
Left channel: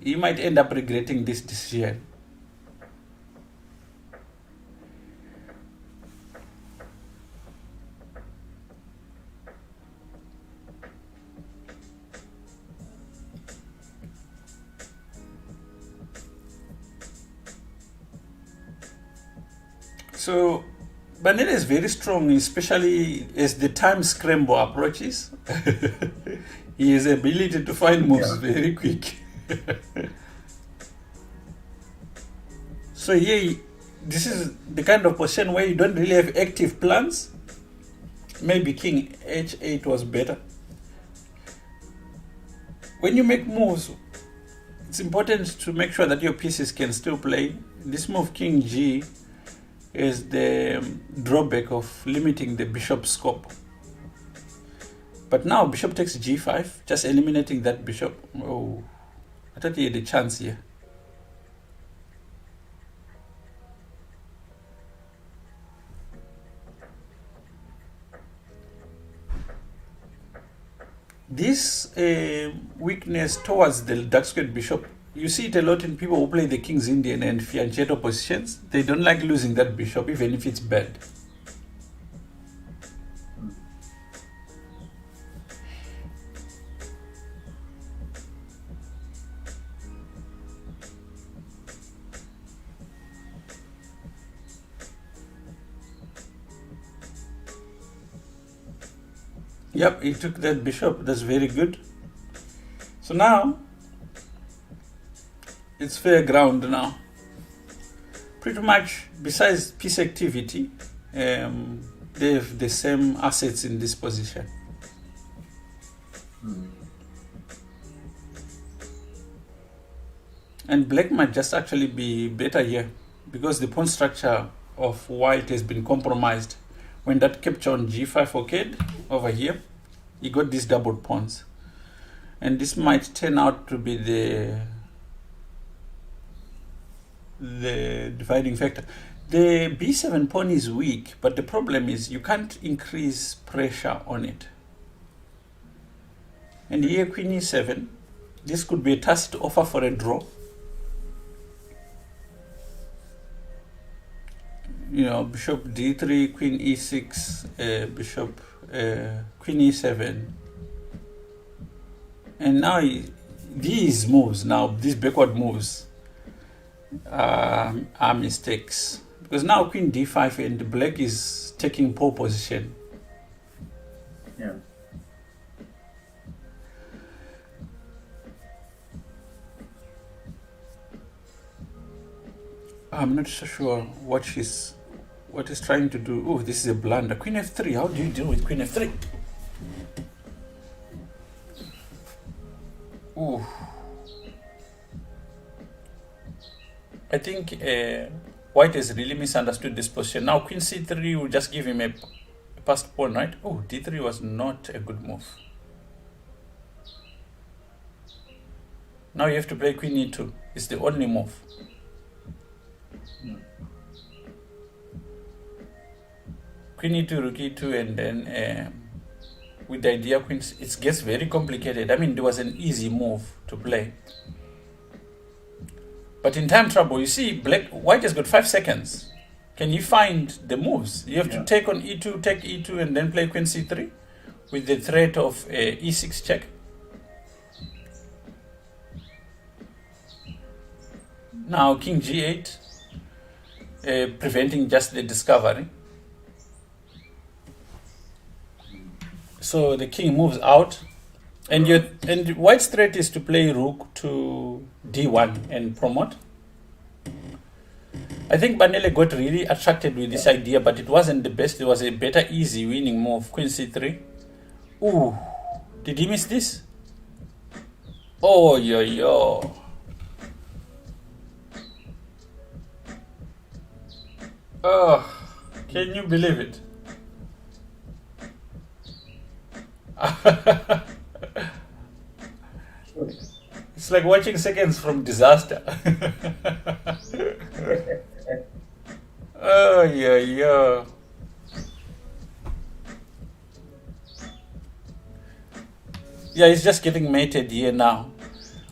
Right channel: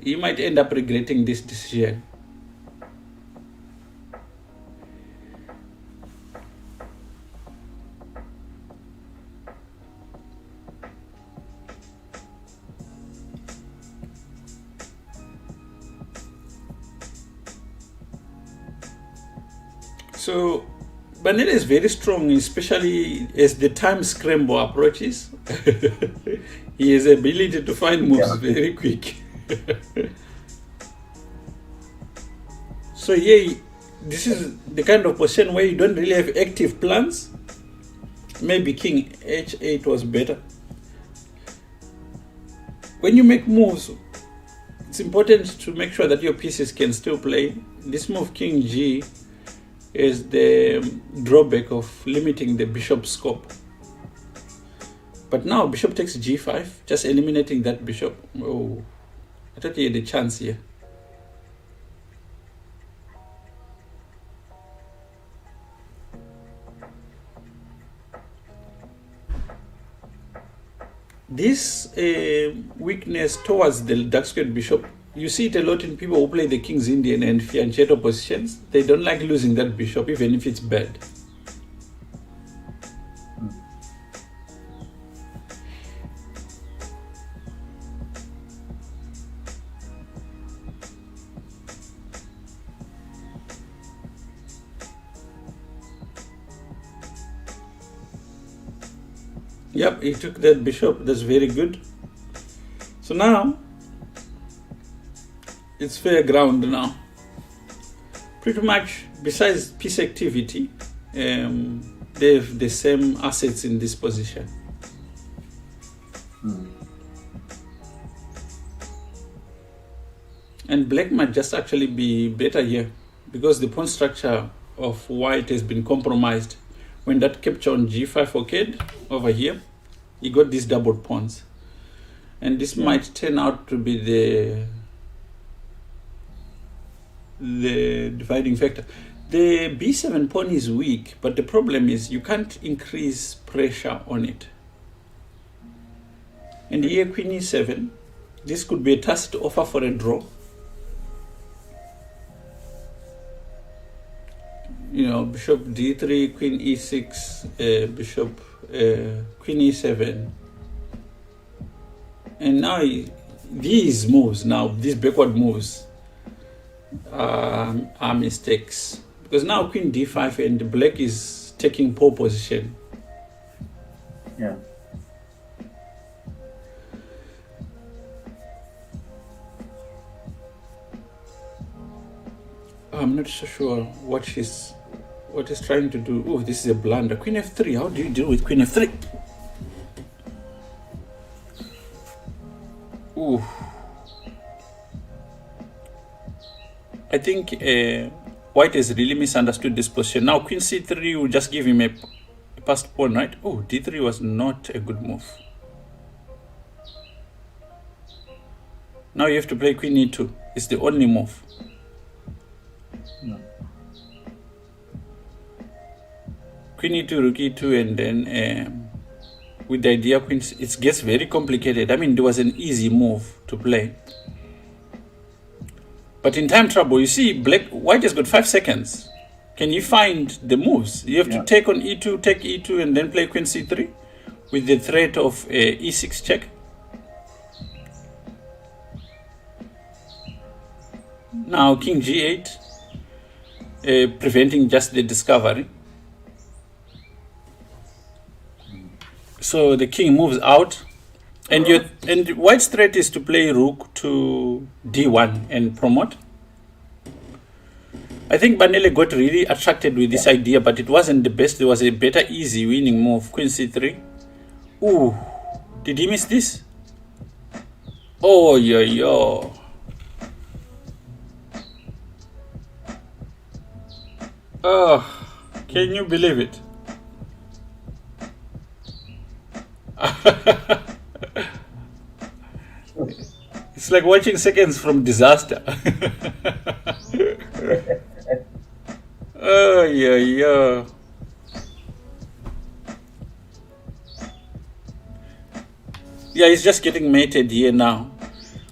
you might end up regretting this decision. So Banele is very strong, especially as the time scramble approaches. He has the ability to find moves very quick. So here, this is the kind of position where you don't really have active plans. Maybe king h8 was better. When you make moves, it's important to make sure that your pieces can still play. This move, king g, is the drawback of limiting the bishop scope. But now bishop takes g5, just eliminating that bishop. Oh, I thought he had a chance here. This weakness towards the dark squared bishop, you see it a lot in people who play the King's Indian and fianchetto positions. They don't like losing that bishop, even if it's bad. Yep, he took that bishop. That's very good. So now, it's fair ground now. Pretty much, besides piece activity, they have the same assets in this position. And black might just actually be better here, because the pawn structure of white has been compromised. When that capture on g5 occurred over here, you got these doubled pawns. And this might turn out to be the dividing factor. The b7 pawn is weak, but the problem is you can't increase pressure on it. And here queen e7, this could be a tacit offer for a draw. You know, bishop d3, queen e6, bishop queen e7. And now these moves, these backward moves are mistakes. Because now queen d5 and black is taking pole position. Yeah. I'm not so sure what he's trying to do. Oh, this is a blunder. Queen f3. How do you deal with queen f3? Ooh. I think white has really misunderstood this position. Now queen c3 will just give him a passed pawn, right? Oh, d3 was not a good move. Now you have to play queen e2. It's the only move. queen e2, rook e2, and then with the idea queen, it gets very complicated. I mean, there was an easy move to play. But in time trouble, you see, white has got 5 seconds. Can you find the moves? You have to take on e2, take e2, and then play queen c3 with the threat of e6 check. Now king g8, preventing just the discovery. So the king moves out, and white's threat is to play rook to d1 and promote. I think Banele got really attracted with this idea, but it wasn't the best. There was a better, easy winning move, queen c3. Ooh, did he miss this? Oh, yo. Oh, can you believe it? It's like watching seconds from disaster. Oh, yeah. Yeah, he's just getting mated here now.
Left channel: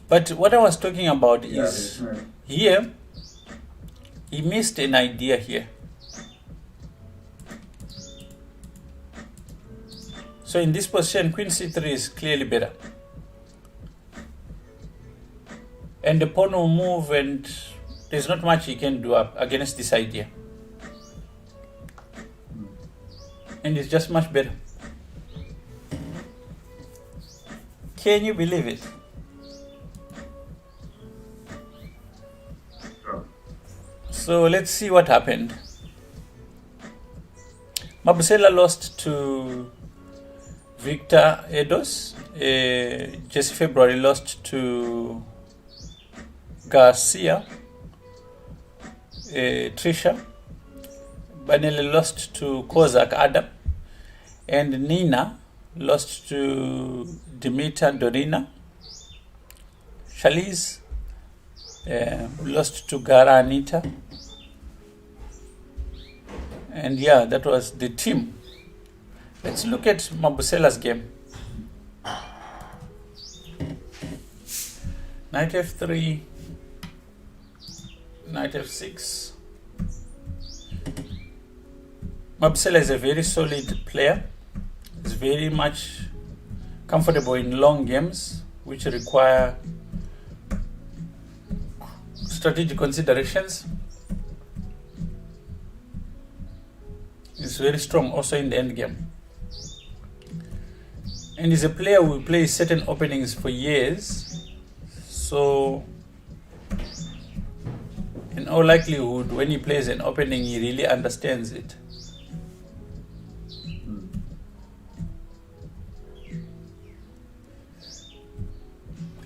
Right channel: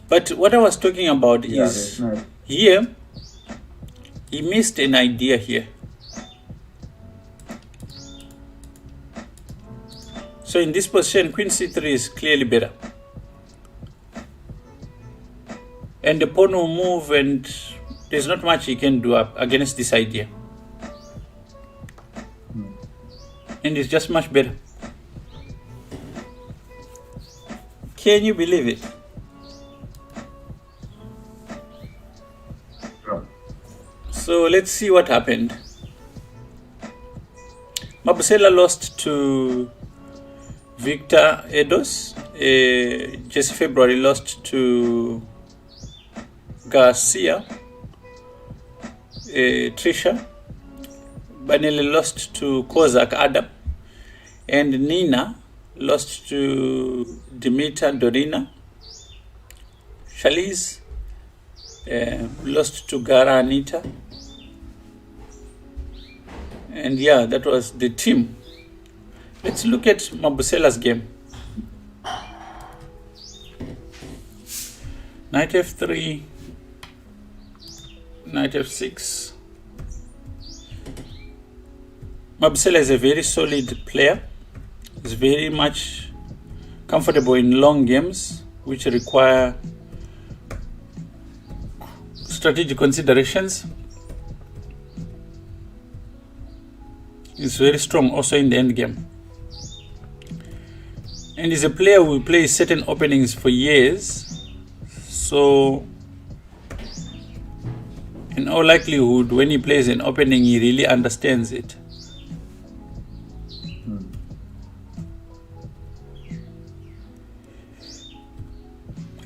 But what I was talking about is here, he missed an idea here. So in this position, queen c3 is clearly better. And the pawn will move, and there's not much he can do up against this idea. And it's just much better. Can you believe it? So let's see what happened. Mabusela lost to Victor Edos. Jesse February lost to Garcia. Trisha. Banele lost to Kozak Adam. And Nina lost to Dimitar Dorina. Shaliz lost to Gara Anita. And yeah, that was the team. Let's look at Mabusela's game. Knight f3, knight f6. Mabusela is a very solid player. He's very much comfortable in long games, which require strategic considerations. He's very strong also in the end game. And he's a player who plays certain openings for years. So, in all likelihood, when he plays an opening, he really understands it.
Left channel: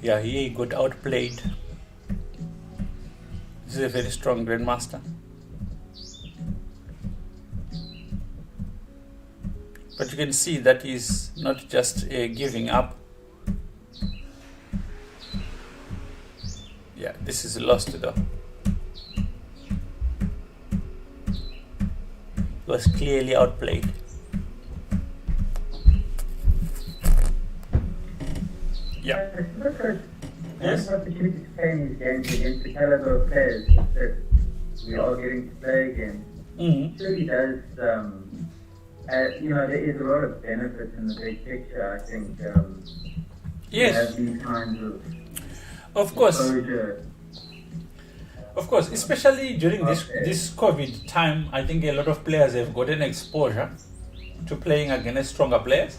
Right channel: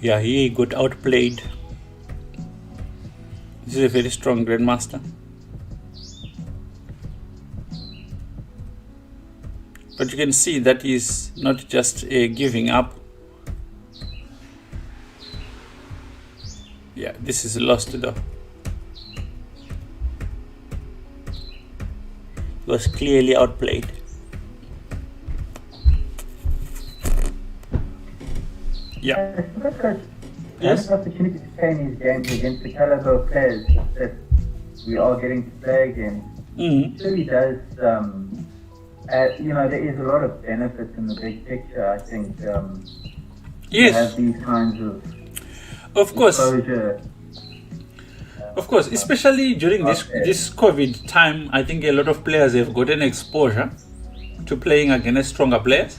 Yeah, he got outplayed. This is a very strong grandmaster. But you can see that is not just giving up. Yeah, this is lost though. It was clearly outplayed. Yeah. Yes. Opportunity to play these games against the caliber of players that we are getting to play against. It really does. There is a lot of benefits in the big picture. I think. Yes. Have these kinds of course. exposure. Of course, especially during this COVID time, I think a lot of players have gotten exposure to playing against stronger players.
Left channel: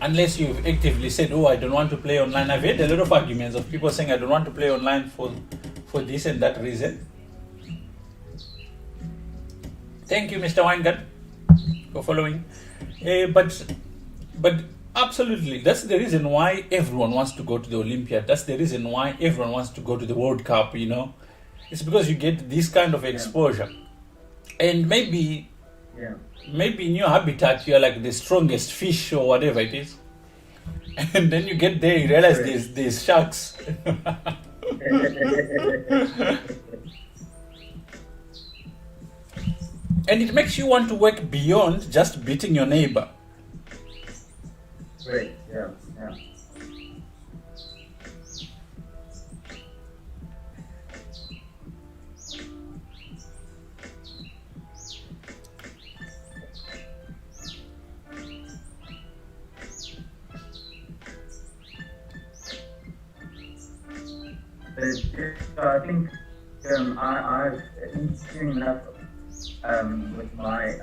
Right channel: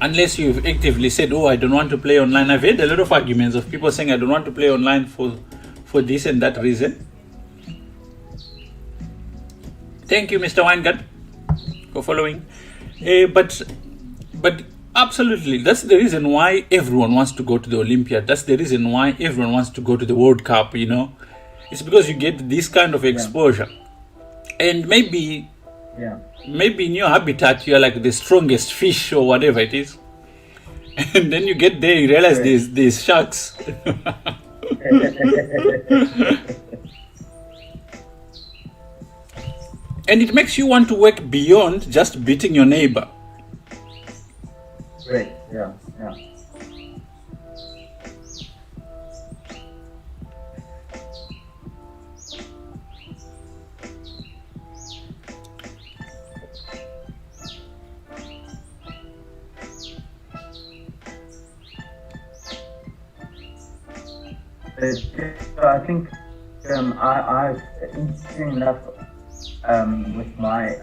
Unless you've actively said, oh, I don't want to play online. I've heard a lot of arguments of people saying I don't want to play online for this and that reason. Thank you, Mr. Weingart, for following. But absolutely, that's the reason why everyone wants to go to the Olympiad. That's the reason why everyone wants to go to the World Cup, It's because you get this kind of exposure. And maybe in your habitat, you're like the strongest fish or whatever it is. And then you get there, you realize there's sharks. And it makes you want to work beyond just beating your neighbor. Great. Yeah. Yeah. I think I've interesting enough with my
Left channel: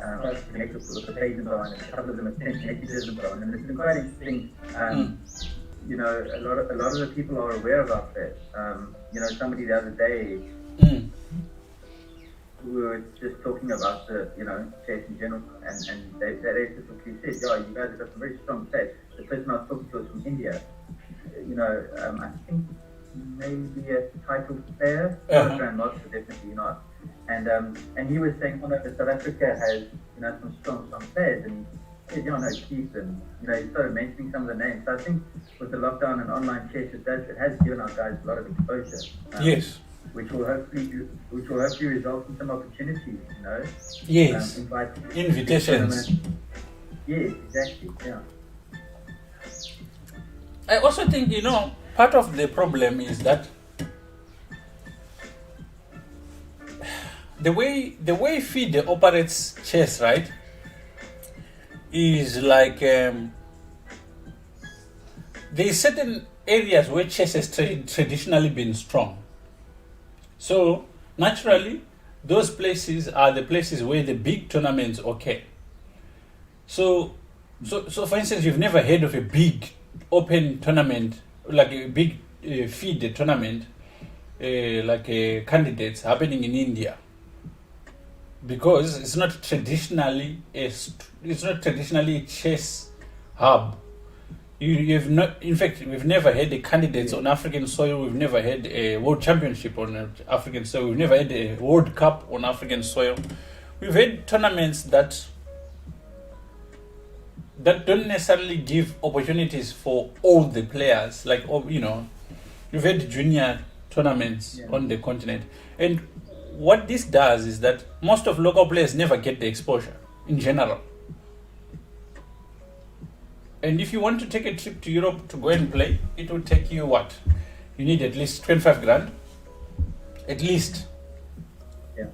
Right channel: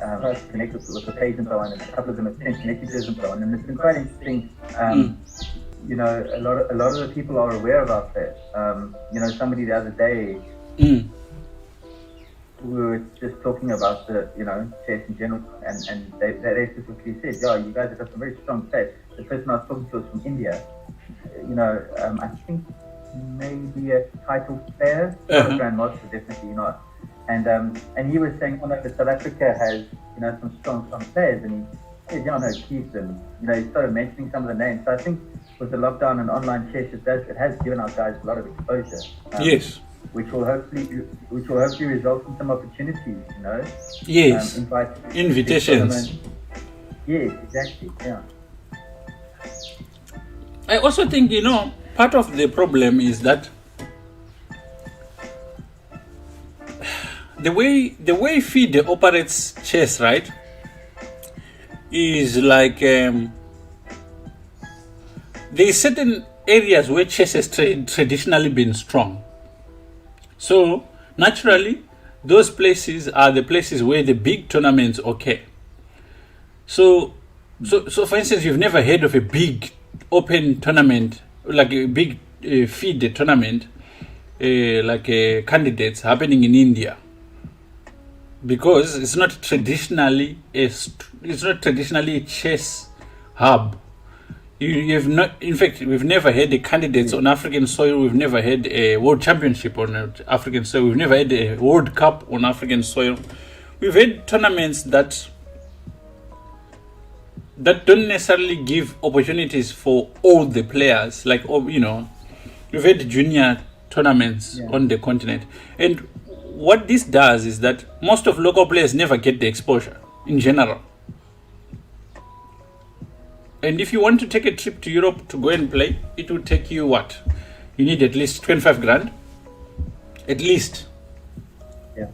connected with the page and so on, and a couple of them attend connected and so on, and it's been quite interesting. You know, a lot of the people are aware about that. You know, somebody the other day, we were just talking about the, you know, chess in general, and they specifically said, yeah, you guys have got some very strong chess. The person I was talking to was from India. You know, I think maybe a title player, grandmaster, definitely not. And he was saying, oh no, South Africa has, you know, some strong players, and he said, yeah, no, keep them. You know, he started mentioning some of the names. So I think with the lockdown and online chess, it has given our guys a lot of exposure. Yes. Which will hopefully result in some opportunities, you know. Yes. Invitations. Yes, exactly. Yeah. I also think, you know, part of the problem is that the way FIDE operates chess, right, is like there's certain areas where chess has traditionally been strong. So naturally, those places are the places where the big tournaments occur. So for instance, you've never heard of a big open tournament, like a big FIDE tournament, like candidates happening in India, because it's not traditionally a chess hub. You have not, in fact, we've never had the candidates on African soil. We've never had a world championship on African soil. We've never had a World Cup on African soil. We've had tournaments that don't necessarily give opportunities for all the players. Like, you know, we've had junior tournaments on the continent. And what this does is that most of local players never get the exposure in general. And if you want to take a trip to Europe to go and play, it will take you what? You need at least 25 grand. At least. Yeah.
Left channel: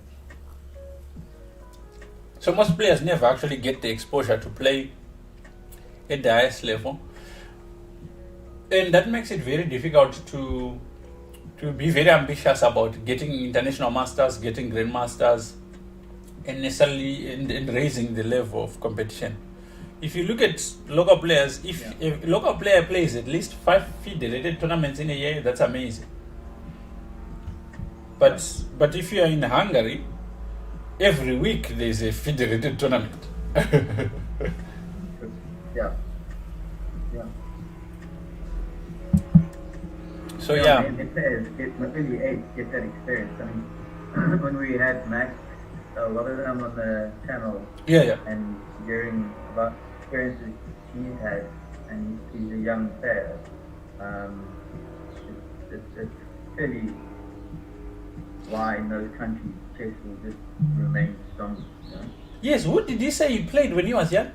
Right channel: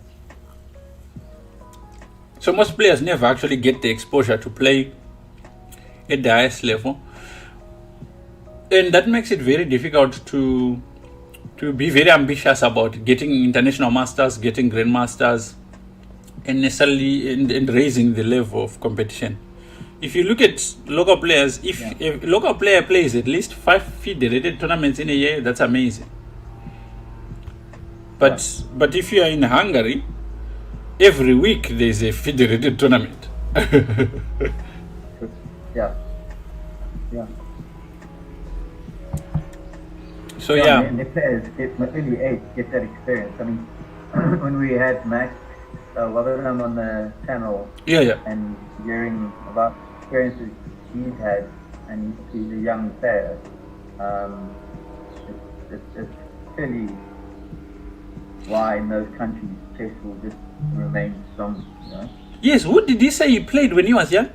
So most players never actually get the exposure to play at the highest level. And that makes it very difficult to be very ambitious about getting international masters, getting grandmasters, and necessarily and raising the level of competition. If you look at local players, if a local player plays at least 5 FIDE-rated tournaments in a year, that's amazing. But if you are in Hungary, every week there's a FIDE-rated tournament. Yeah. So And the players get that experience. I mean, when we had Max Waddingham on the channel, and hearing about experiences he's had, and he's a young player, it's clearly why in those countries chess will just remain strong, you know? Yes, who did he say he played when he was young?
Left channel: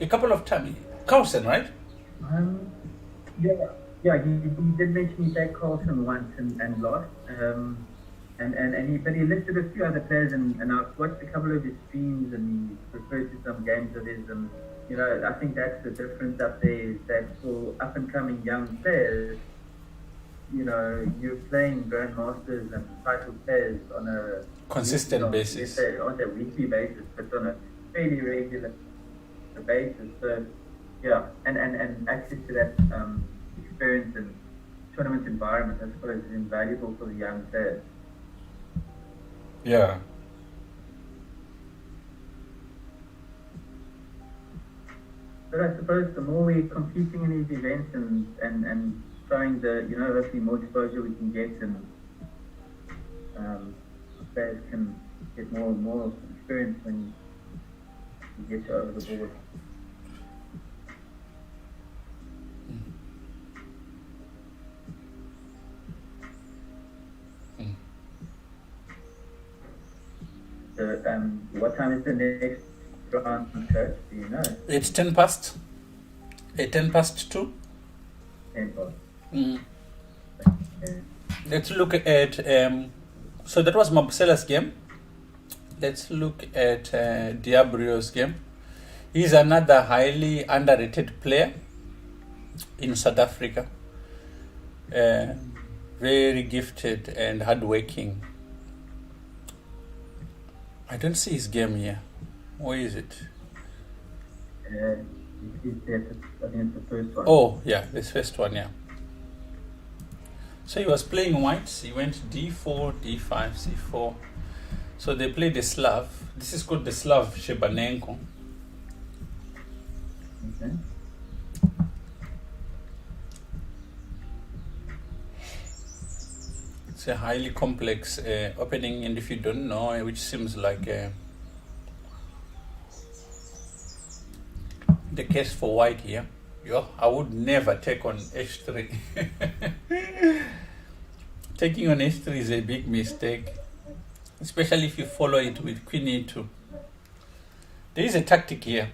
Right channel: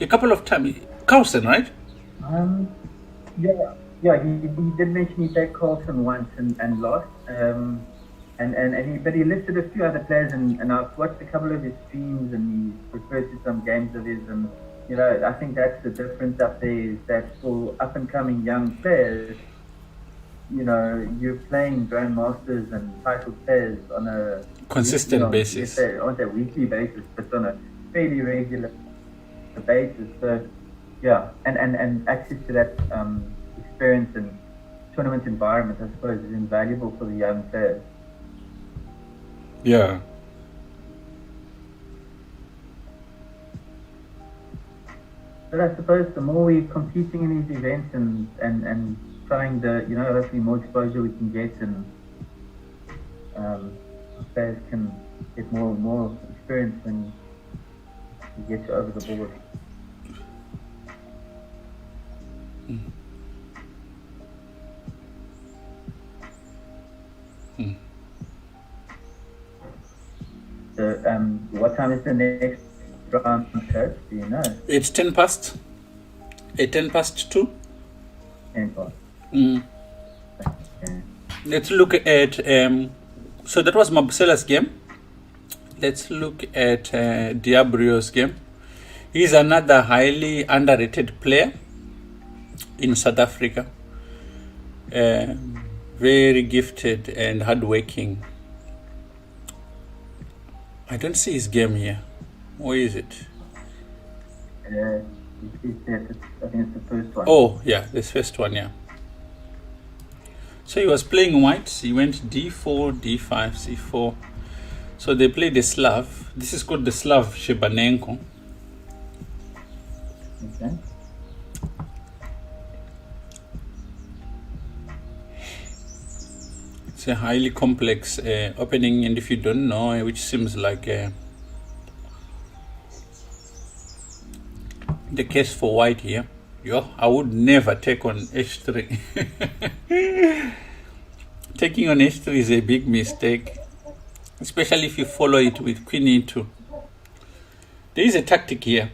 A couple of times. Carlsen, right? Yeah, he did mention he played Carlsen once and lost. But he listed a few other players, and I've watched a couple of his streams, and he refers to some games of his, and you know, I think that's the difference up there, is that for up and coming young players, you know, you're playing grandmasters and title players on a consistent basis, on a weekly basis, but on a fairly regular basis. So yeah, and access to that experience and tournament environment, I suppose, is invaluable for the young players. Yeah. But I suppose the more we're competing in these events and trying to, you know, hopefully more exposure we can get, and players can get more experience when you get over the board. So, what time is the next round, coach? Do you know? It's 10 past. 10 past 2. 10 o'clock. Mm. Okay. Let's look at, so that was Mabusela's game. Let's look at Diabrio's game. He's another highly underrated player in South Africa. Very gifted and hardworking. I don't see his game here. Where is it? I think it's the first one. Oh, yeah, this first one, yeah. So he was playing white. He went d4, d5, c4. So they played the Slav. This is called the Slav Shebanenko. Okay. It's a highly complex opening, and if you don't know, which seems like the case for white here, I would never take on h3. Taking on h3 is a big mistake, especially if you follow it with queen e2. There is a tactic here.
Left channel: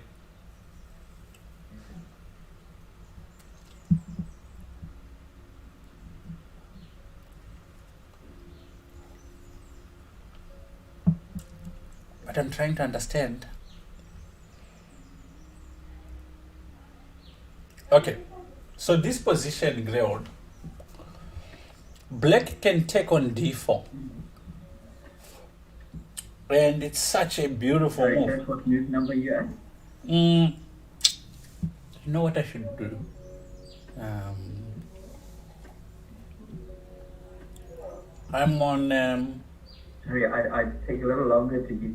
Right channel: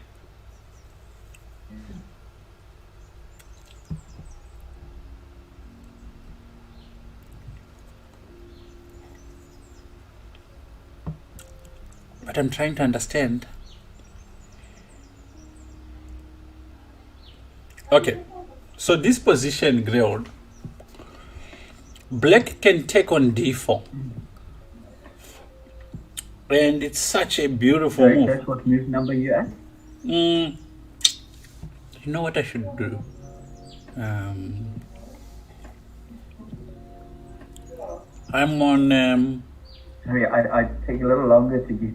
But I'm trying to understand. Okay, so this position grilled. Black can take on d4. And it's such a beautiful Sorry, move. that's what move number you at? You know what I should do? I'm on... Sorry, I take a little longer to get.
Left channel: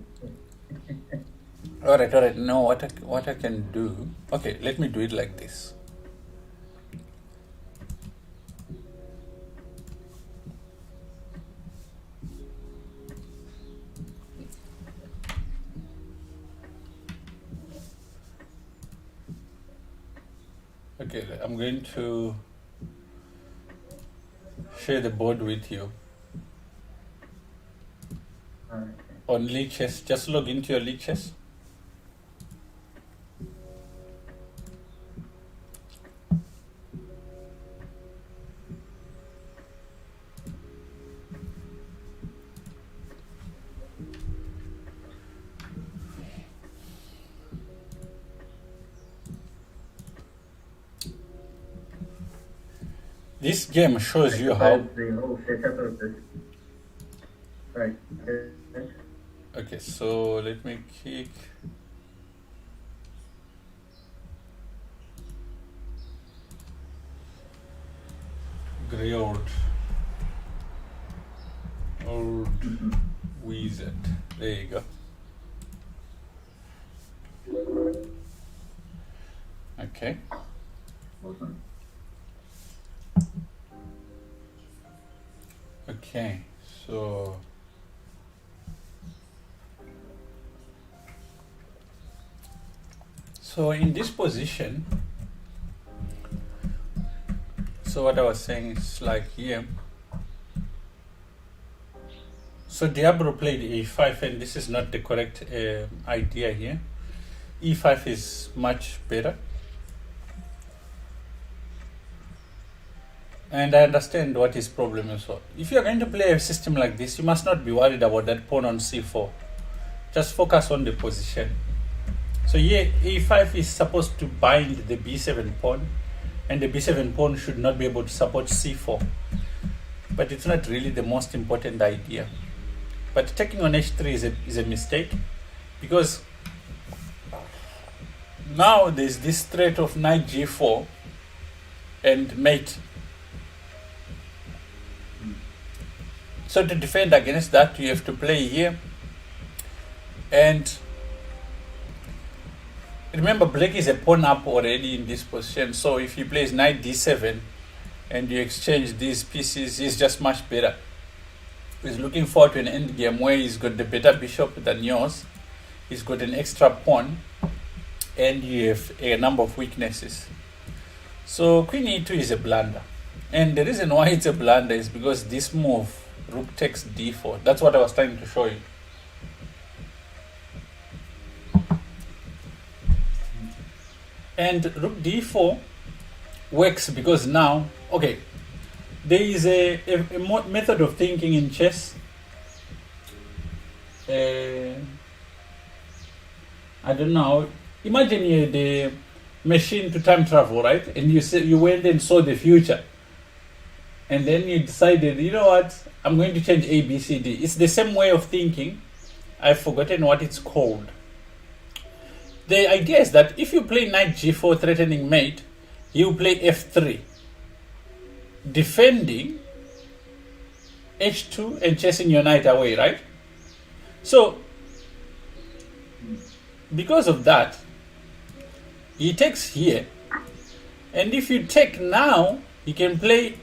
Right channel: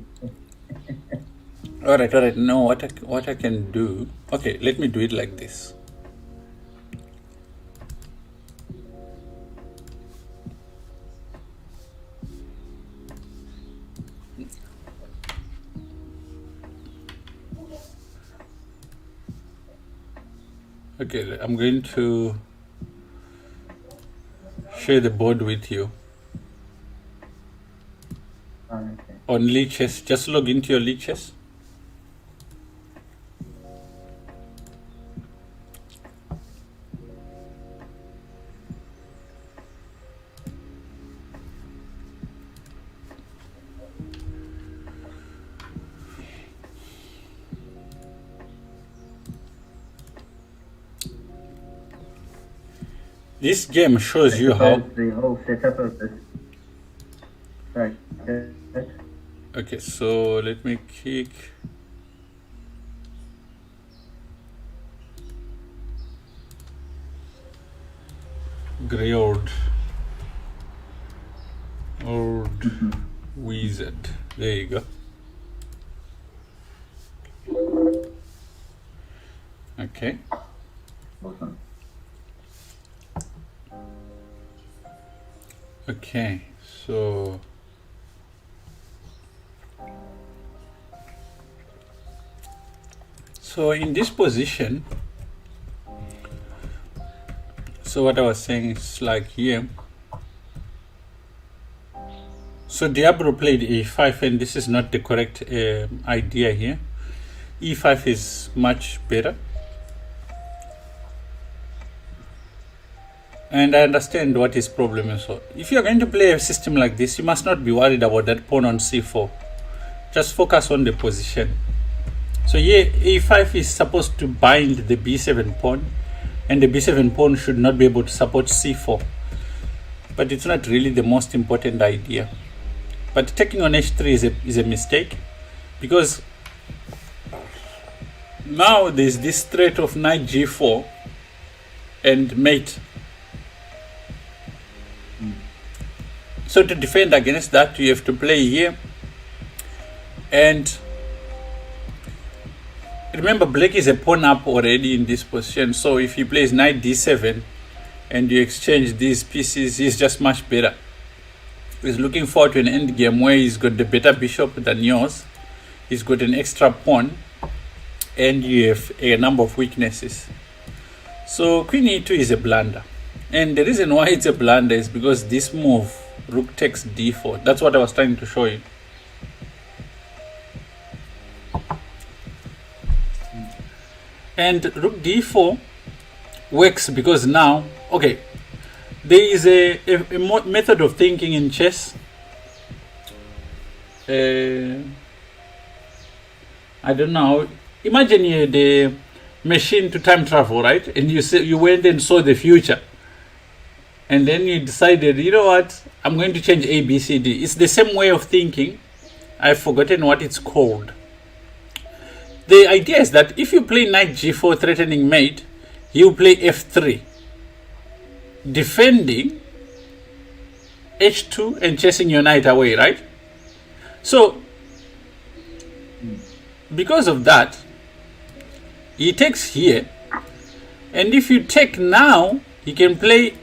all right. No, what I can do... Okay, let me do it like this. Okay, I'm going to share the board with you. Okay. On Lichess, just log into your Lichess. This game shows you how... The whole setup of this. Sorry. Okay, so let me kick. Grilled. Old wizard. There you go. Okay. Awesome. Okay, so in this position, so what I was saying is like here. So Diablo played e5, and this is not the correct idea here. e5 is much better. And I understand what his problem is. So if you're going to play a system like this, you must not be worried about that pawn on c4. Just focus on the position. So here, a5 is supposed to bind the b7 pawn, and the b7 pawn should not be able to support c4. But it's not really the most important idea. But taking on h3 is a mistake, because now there's this threat of knight g4 and mate. So to defend against that, you have to play here. And remember, black is a pawn up already in this position. So if he plays knight d7 and you exchange these pieces, he's just much better. He's looking forward to an endgame where he's got the better bishop than yours. He's got an extra pawn, and you have a number of weaknesses. So queen e2 is a blunder. And the reason why it's a blunder is because this move, rook takes d4. That's what I was trying to show you. And rook d4 works because now, okay, there is a method of thinking in chess. I don't know. Imagine you had a machine to time travel, right? And you went and saw the future. And then you decided, you know what? I'm going to change A, B, C, D. It's the same way of thinking. I've forgotten what it's called. The idea is that if you play knight g4 threatening mate, you play f3, defending h2 and chasing your knight away, right? So, because of that, he takes here, and if you take now, you can play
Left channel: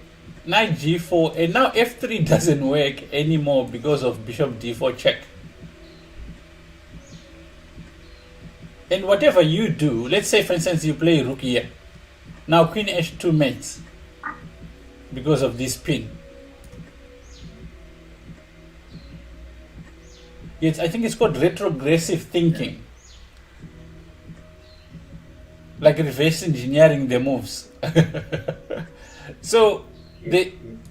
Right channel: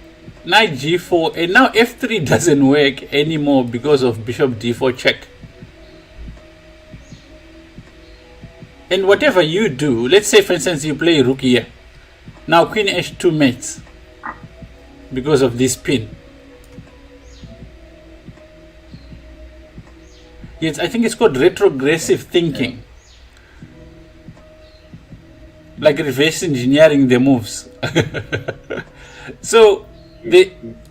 knight g4, and now f3 doesn't work anymore because of bishop d4 check. And whatever you do, let's say for instance you play rook here, now queen h2 mates because of this pin. Yes, I think it's called retrogressive thinking, like reverse engineering the moves. So taking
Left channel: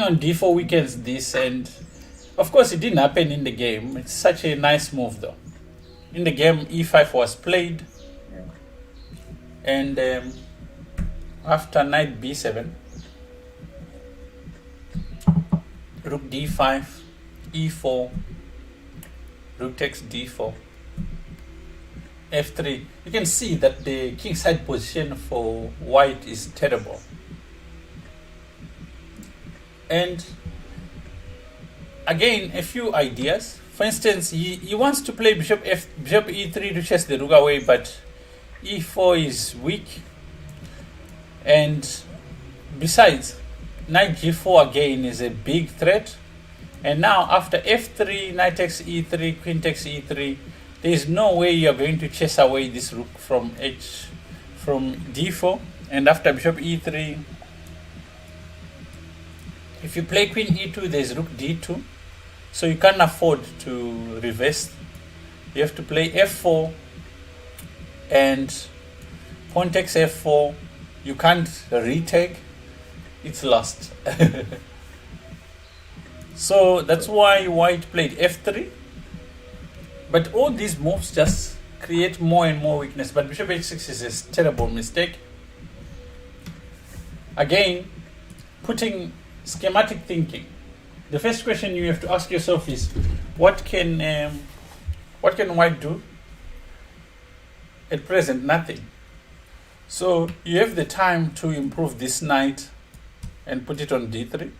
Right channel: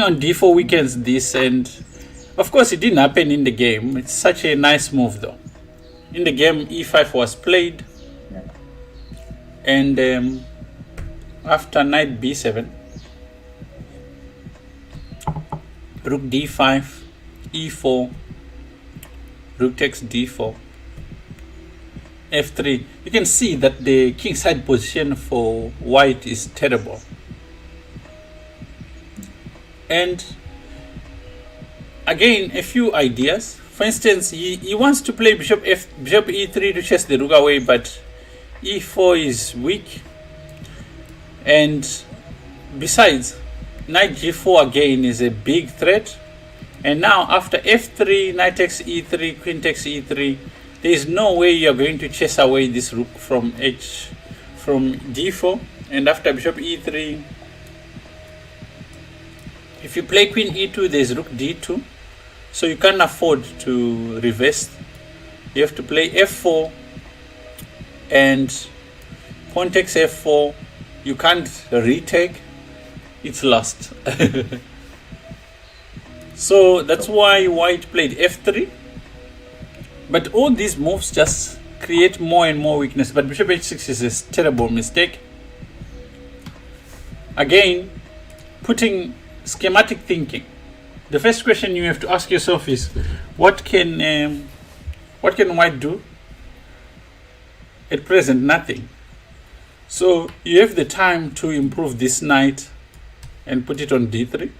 on d4 weakens this, and of course it didn't happen in the game. It's such a nice move though. In the game, e5 was played, and after knight b7, rook d5, e4, rook takes d4, f3. You can see that the kingside position for white is terrible. And again, a few ideas. For instance, he wants to play bishop e3 to chase the rook away, but e4 is weak. And besides, knight g4 again is a big threat. And now after f3, knight takes e3, queen takes e3, there is no way you are going to chase away this rook from d4. And after bishop e3, if you play queen e2, there is rook d2. So you can't afford to reverse. You have to play f4 and pawn takes f4. You can't retake. It's lost. So that's why white played f3. But all these moves just create more and more weakness. But bishop h6 is a terrible mistake. Again, putting schematic thinking. The first question you have to ask yourself is, what can white do? At present, nothing. So you have the time to improve this knight and put it on d3.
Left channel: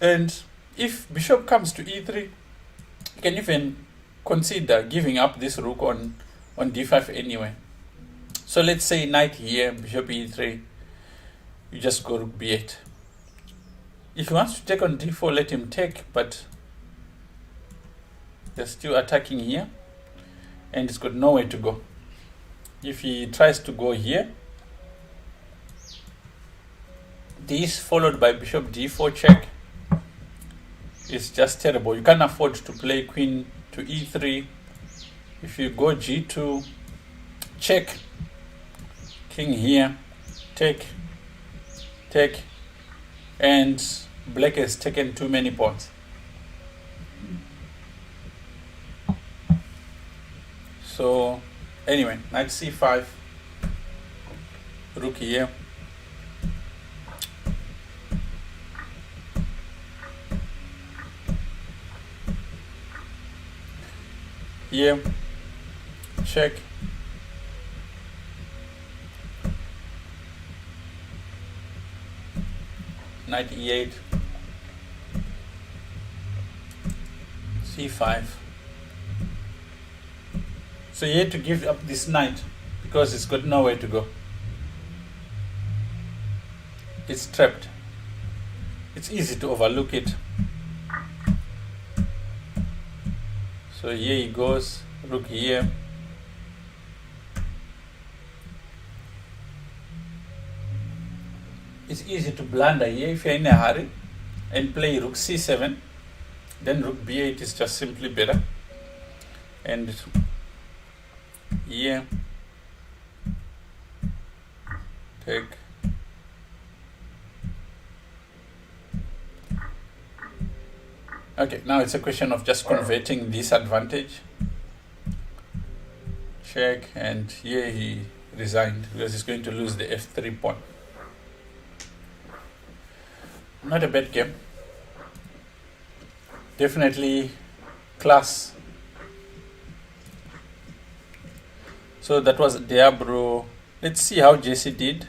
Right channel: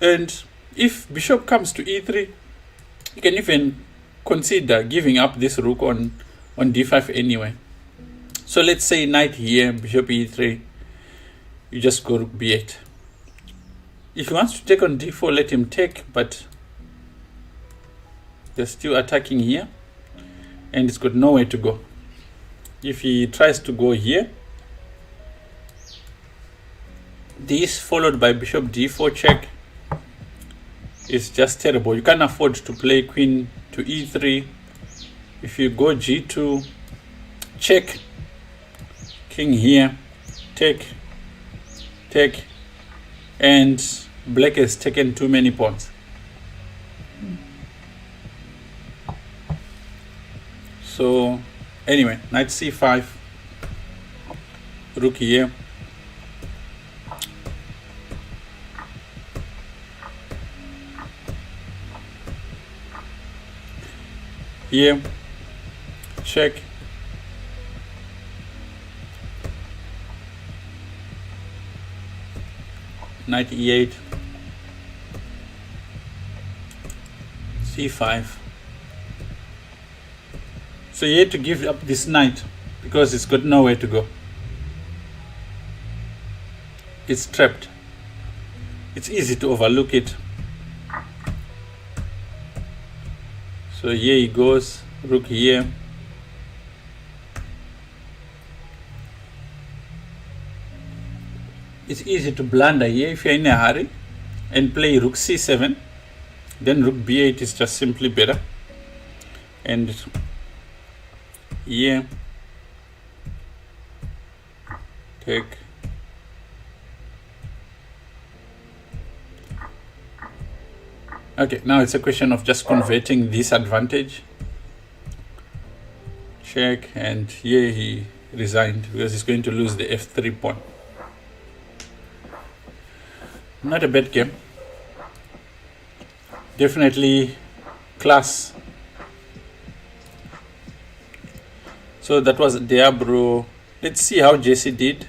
And if bishop comes to e3, you can even consider giving up this rook on d5 anyway. So let's say knight here, bishop e3. You just go rook b8. If he wants to take on d4, let him take, but they're still attacking here, and it's got nowhere to go. If he tries to go here, this followed by bishop d4 check is just terrible. You can't afford to play queen to e3. If you go g2, check, king here, take, and black has taken too many pawns. So anyway, knight c5, rook here, here, check, knight e8, c5. So you had to give up this knight because it's got nowhere to go. It's trapped. It's easy to overlook it. So here he goes, rook here. It's easy to blunder here if you're in a hurry and play rook c7. Then rook b8 is just simply better. and here take okay. Now it's a question of just converting this advantage. Check, and here he resigned because he's going to lose the f3 pawn. Not a bad game. Definitely class. So that was Diablo. Let's see how Jesse did.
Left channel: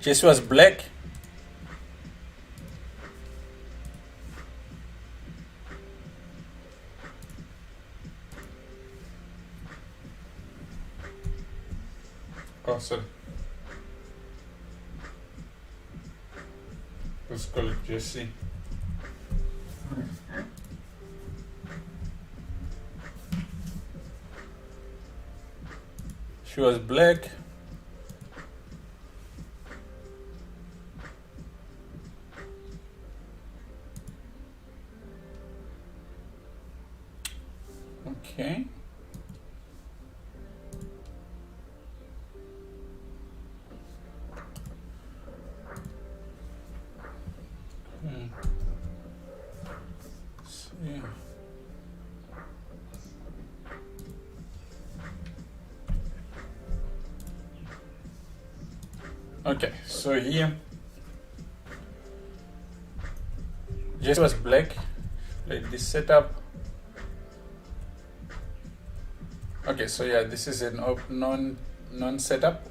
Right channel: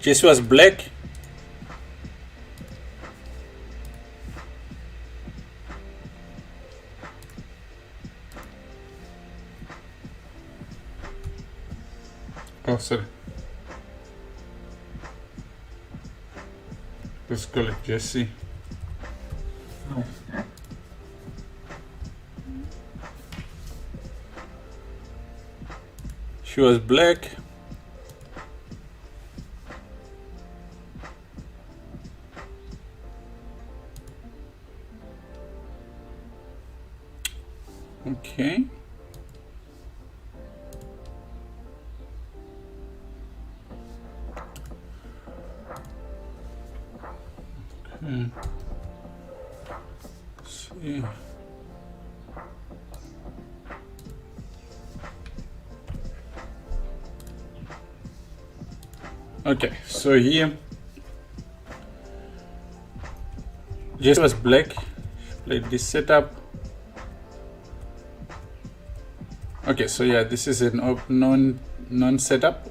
Jesse was black. Oh, sorry. Let's call it Jesse. She was black. Okay. See. Okay, so here Jesse was black. Played this setup. Okay, so yeah, this is an non setup.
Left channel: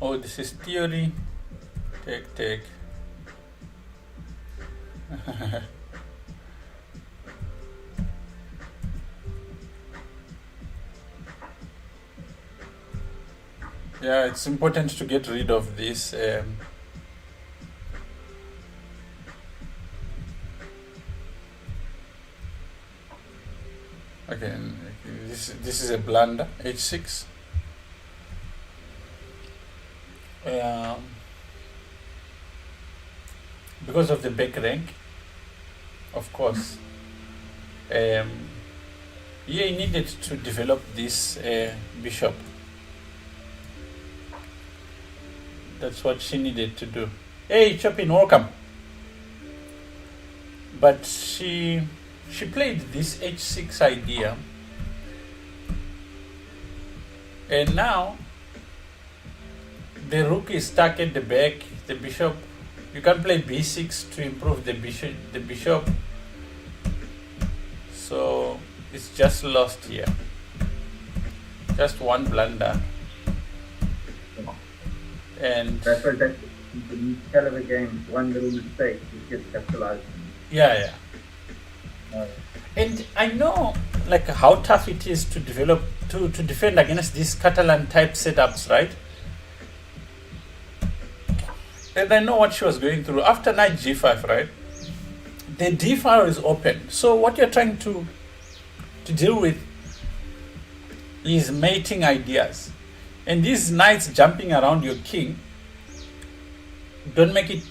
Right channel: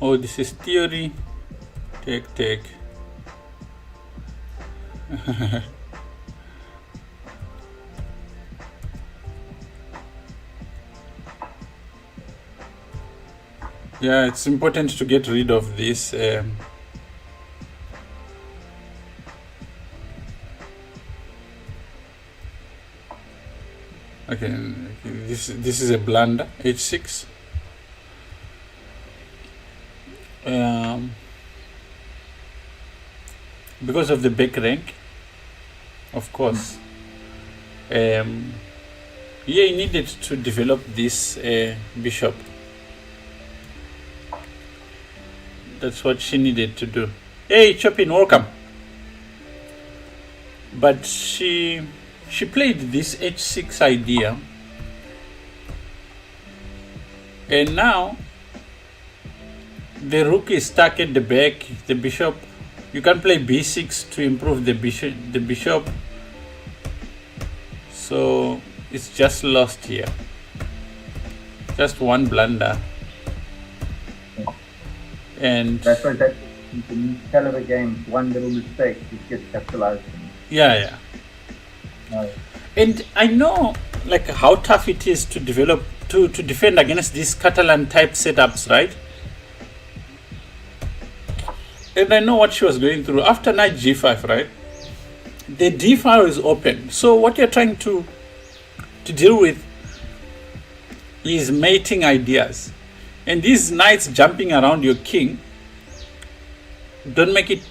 Oh, this is theory. Take. Yeah, it's important to get rid of this. Okay, this is a blunder. H6. Because of the back rank, of course. Yeah, he needed to develop this bishop. That's what she needed to do. Hey, Chopin, welcome. But she played this h6 idea, and now the rook is stuck at the back. The bishop, you can play b6 to improve the bishop. So it's just lost here. Just one blunder. And that's the hell of a game. One little mistake just gets capitalized. Yeah. And I know like how tough it is to develop to defend against these Catalan type setups, right? And I know what she was going through after knight g5, right? The d file is open. So what you're trying to deal with is mating ideas. And these knights jumping around your king don't make it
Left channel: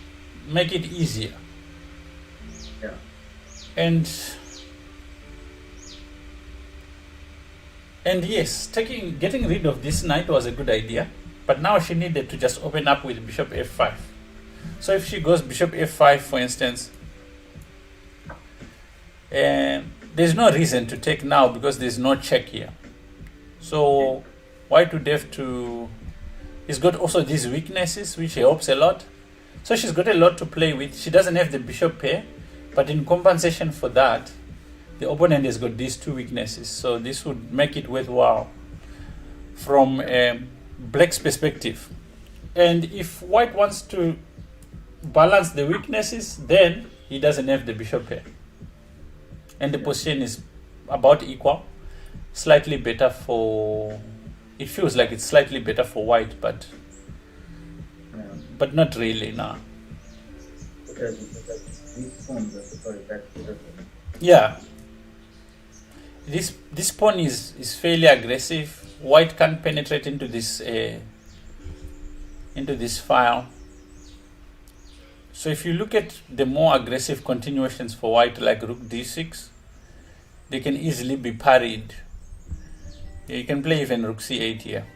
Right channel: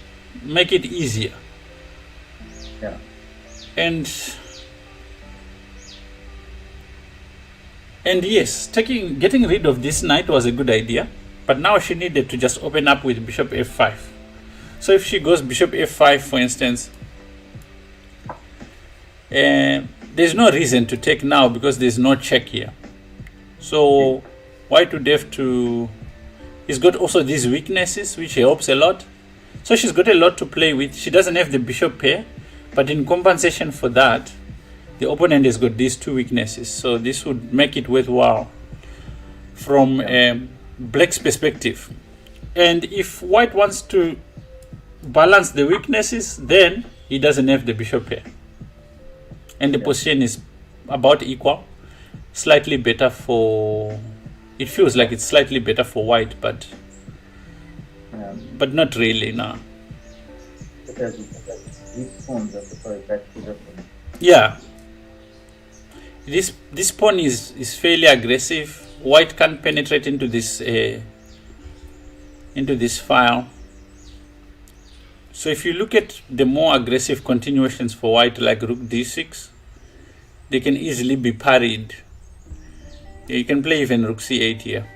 easier. Yeah. And yes, getting rid of this knight was a good idea, but now she needed to just open up with bishop f5. So if she goes bishop f5, for instance, there's no reason to take now because there's no check here. So white would have to. He's got also these weaknesses, which helps a lot. So she's got a lot to play with. She doesn't have the bishop pair, but in compensation for that, the opponent has got these two weaknesses. So this would make it worthwhile from black's perspective. And if white wants to balance the weaknesses, then he doesn't have the bishop pair. And the position is about equal. Slightly better for... It feels like it's slightly better for white, but not really, no. Because these pawns, I suppose that's the difference. Yeah. This pawn is fairly aggressive. White can't penetrate into this file. So if you look at the more aggressive continuations for white, like rook d6, they can easily be parried. You can play even rook c8 here.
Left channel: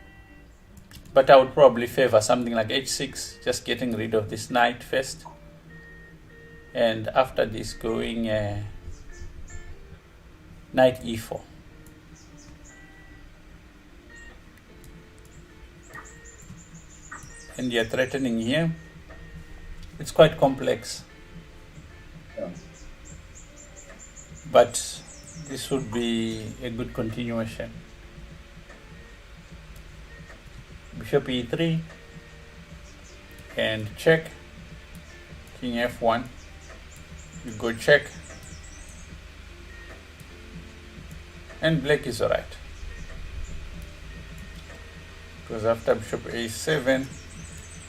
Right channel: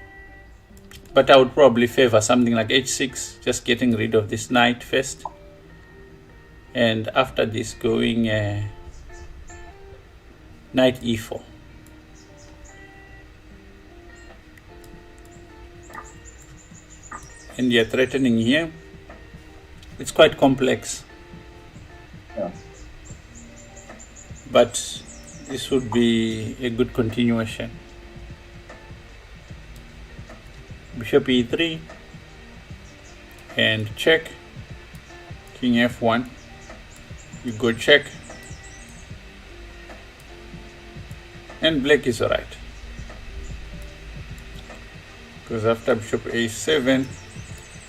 But I would probably favor something like h6, just getting rid of this knight first. And after this, going knight e4. And you're threatening here. It's quite complex. Yeah. But this would be a good continuation. Bishop e3 and check. King f1. You go check. And black is alright. Because after bishop a7, you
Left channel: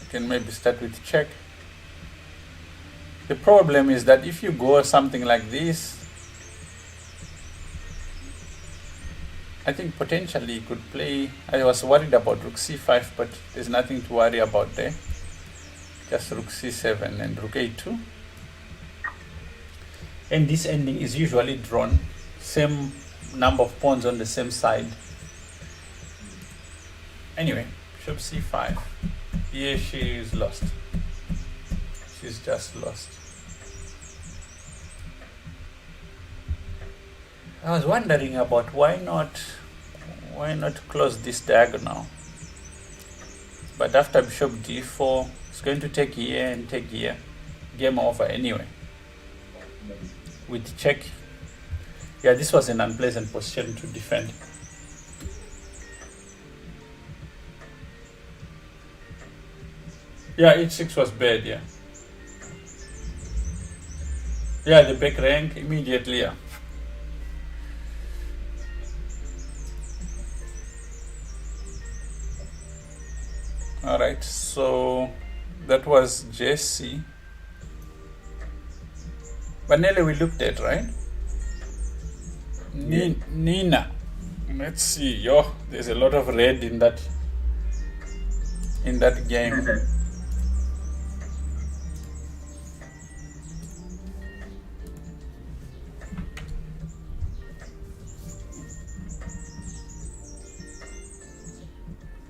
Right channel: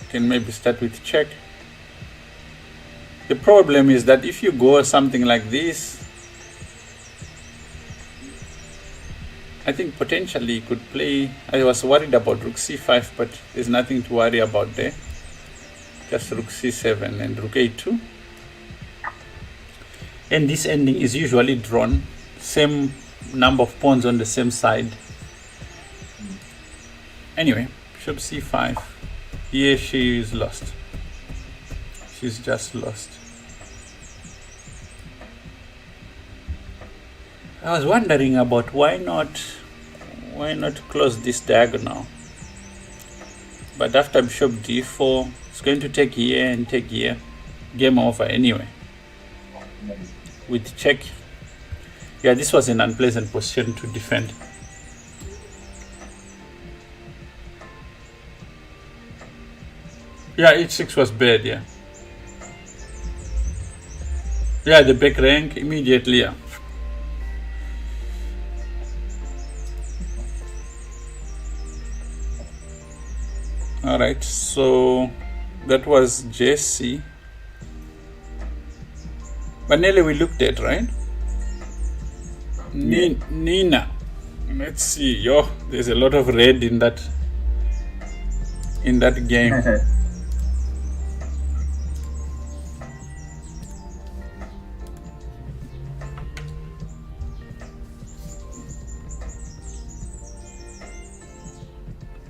can maybe start with check. The problem is that if you go something like this, I think potentially you could play. I was worried about rook c5, but there's nothing to worry about there. Just rook c7 and rook a2. And this ending is usually drawn, same number of pawns on the same side. Anyway, bishop c5. Here she is lost. She's just lost. I was wondering about why not close this diagonal. But after bishop d4, it's going to take here and take here. Game over anyway. With check. Yeah, this was an unpleasant position to defend. Yeah, h6 was bad, yeah. Yeah, the back rank immediately, yeah. Alright, so that was Jesse. Vanilla we looked at, right? Nina. Let's see. Yo, there's a lot of red in that game.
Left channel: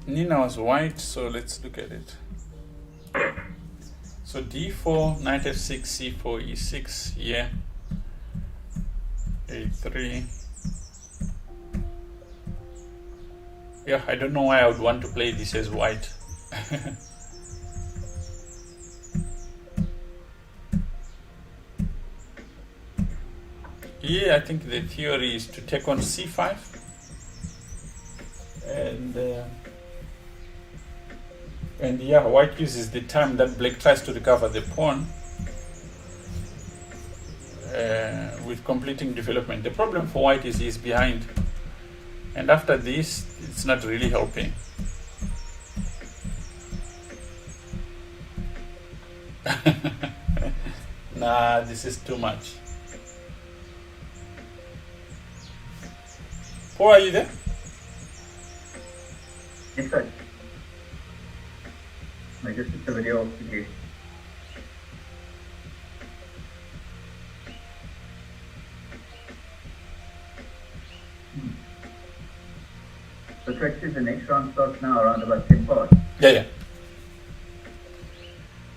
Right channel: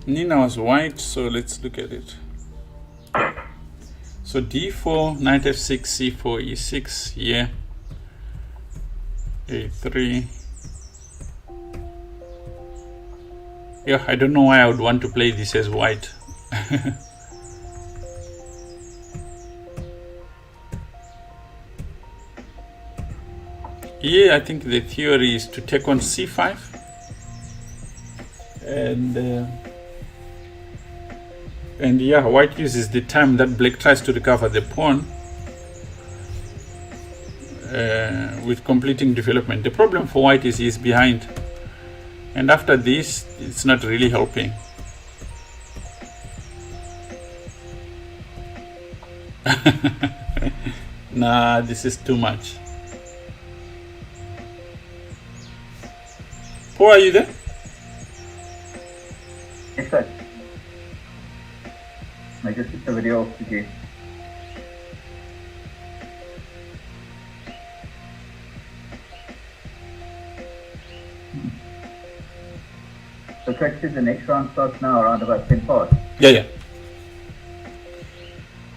Nina was white, so let's look at it. So d4, knight f6, c4, e6, yeah. a3. Yeah, I don't know why I would want to play this as white. Yeah, I think the theory is to take on c5 and yeah, white uses the time that black tries to recover the pawn with completing development. The problem for white is he's behind, and after this it's not really helping. Nah, this is too much. Paul, are you there? Exactly. I just took the video off again. So practice the next round starts now around about 10 past. Yeah.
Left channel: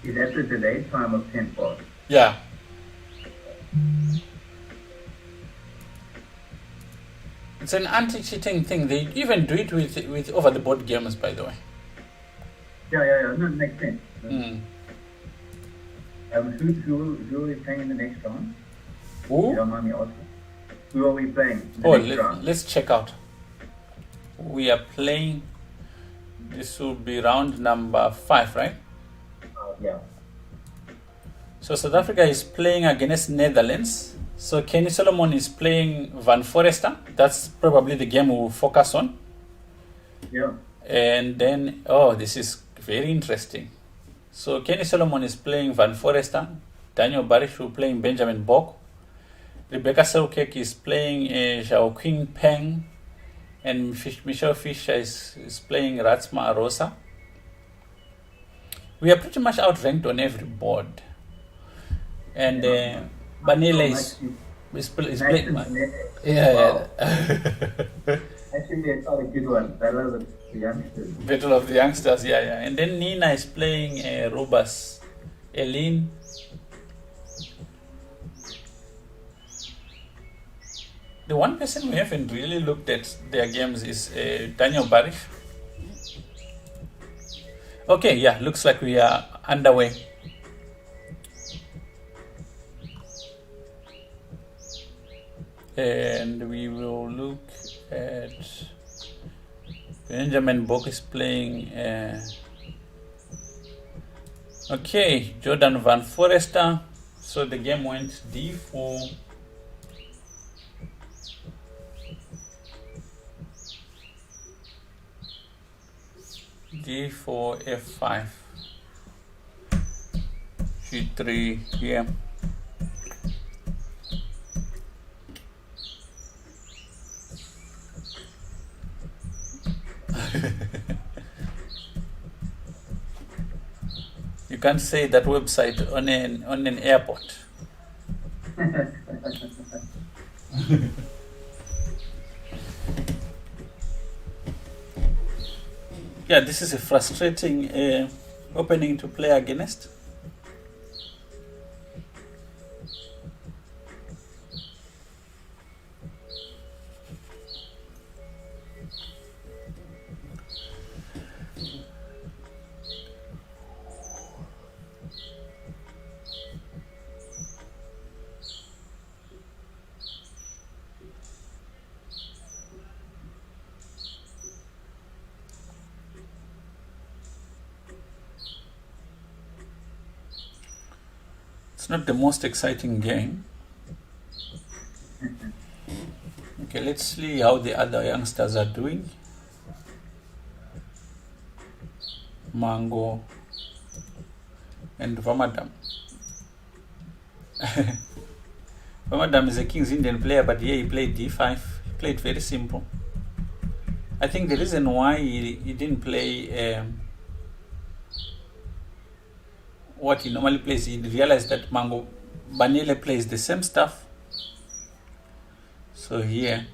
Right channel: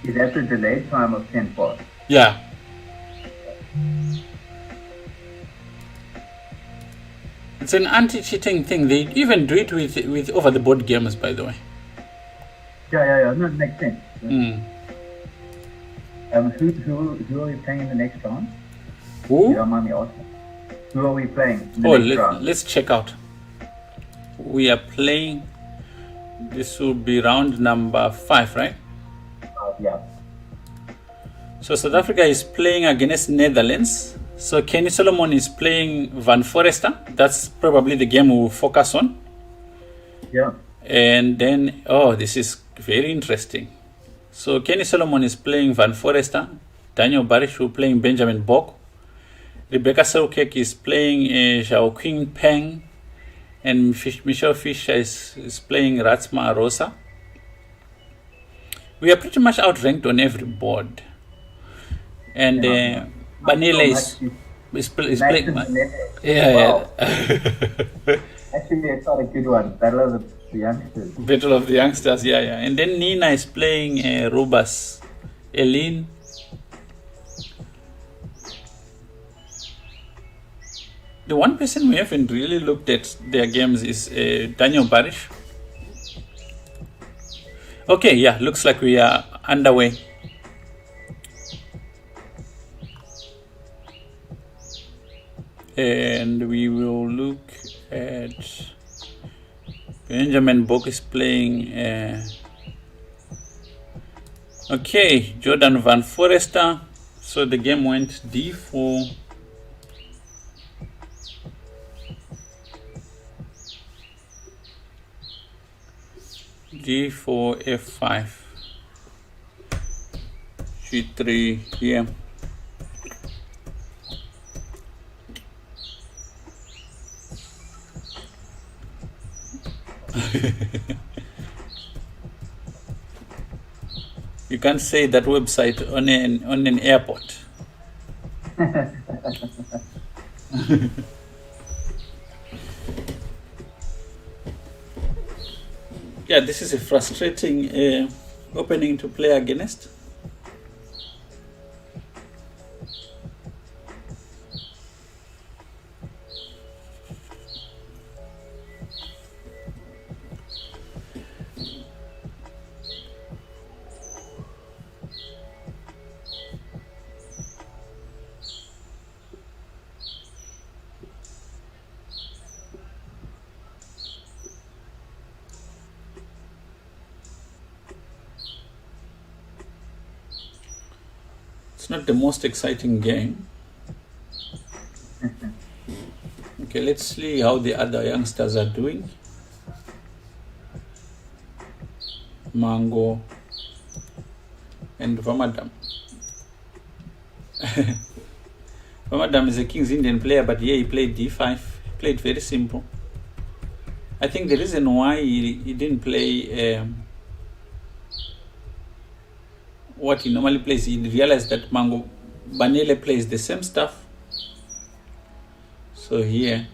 Is that the delay time of 10 past? Yeah. It's an anti-cheating thing. They even do it with over-the-board games, by the way. Yeah. No, it makes sense. Mm. Who are we playing in the next round? Who? You don't mind me asking. Who are we playing? Oh, let's check out. We are playing. This will be round number 5, right? Yeah. So South Africa is playing against Netherlands. So Kenny Solomon is playing Van Forester. That's probably the game we'll focus on. Yeah. And then, oh, this is very interesting. So Kenny Solomon is playing Van Forester. Daniel Barish will playing Benjamin Bok. Rebecca Selkirk is playing Zhao Qing Peng. And Michelle Fisher is playing Ratsma Rosa. We are pretty much outranked on every board. And Yeah. Banele Nice to is nice playing. to meet. Yeah, Wow. yeah. Actually, it's not a good one. I love the youngsters. Battle of the Youngsters, yeah, yeah. And then Nina is playing Rubas. Eileen. The one person we haven't really looked at their games is Daniel Barish. Okay, yeah, looks like we are underway. And we will look at Benjamin Book is playing. Okay, Jordan Van Forester. So the game went d4. G4, F5, G3 here. You can't say that website on an airport. Yeah, this is a frustrating opening to play against. It's not the most exciting game. Okay, let's see how the other youngsters are doing. Mango and Vamadam. Vamadam is a King's Indian player, but here he played d5. He played very simple. I think the reason why he didn't play what he normally plays, he realized that Mango Banele plays the same stuff. So here,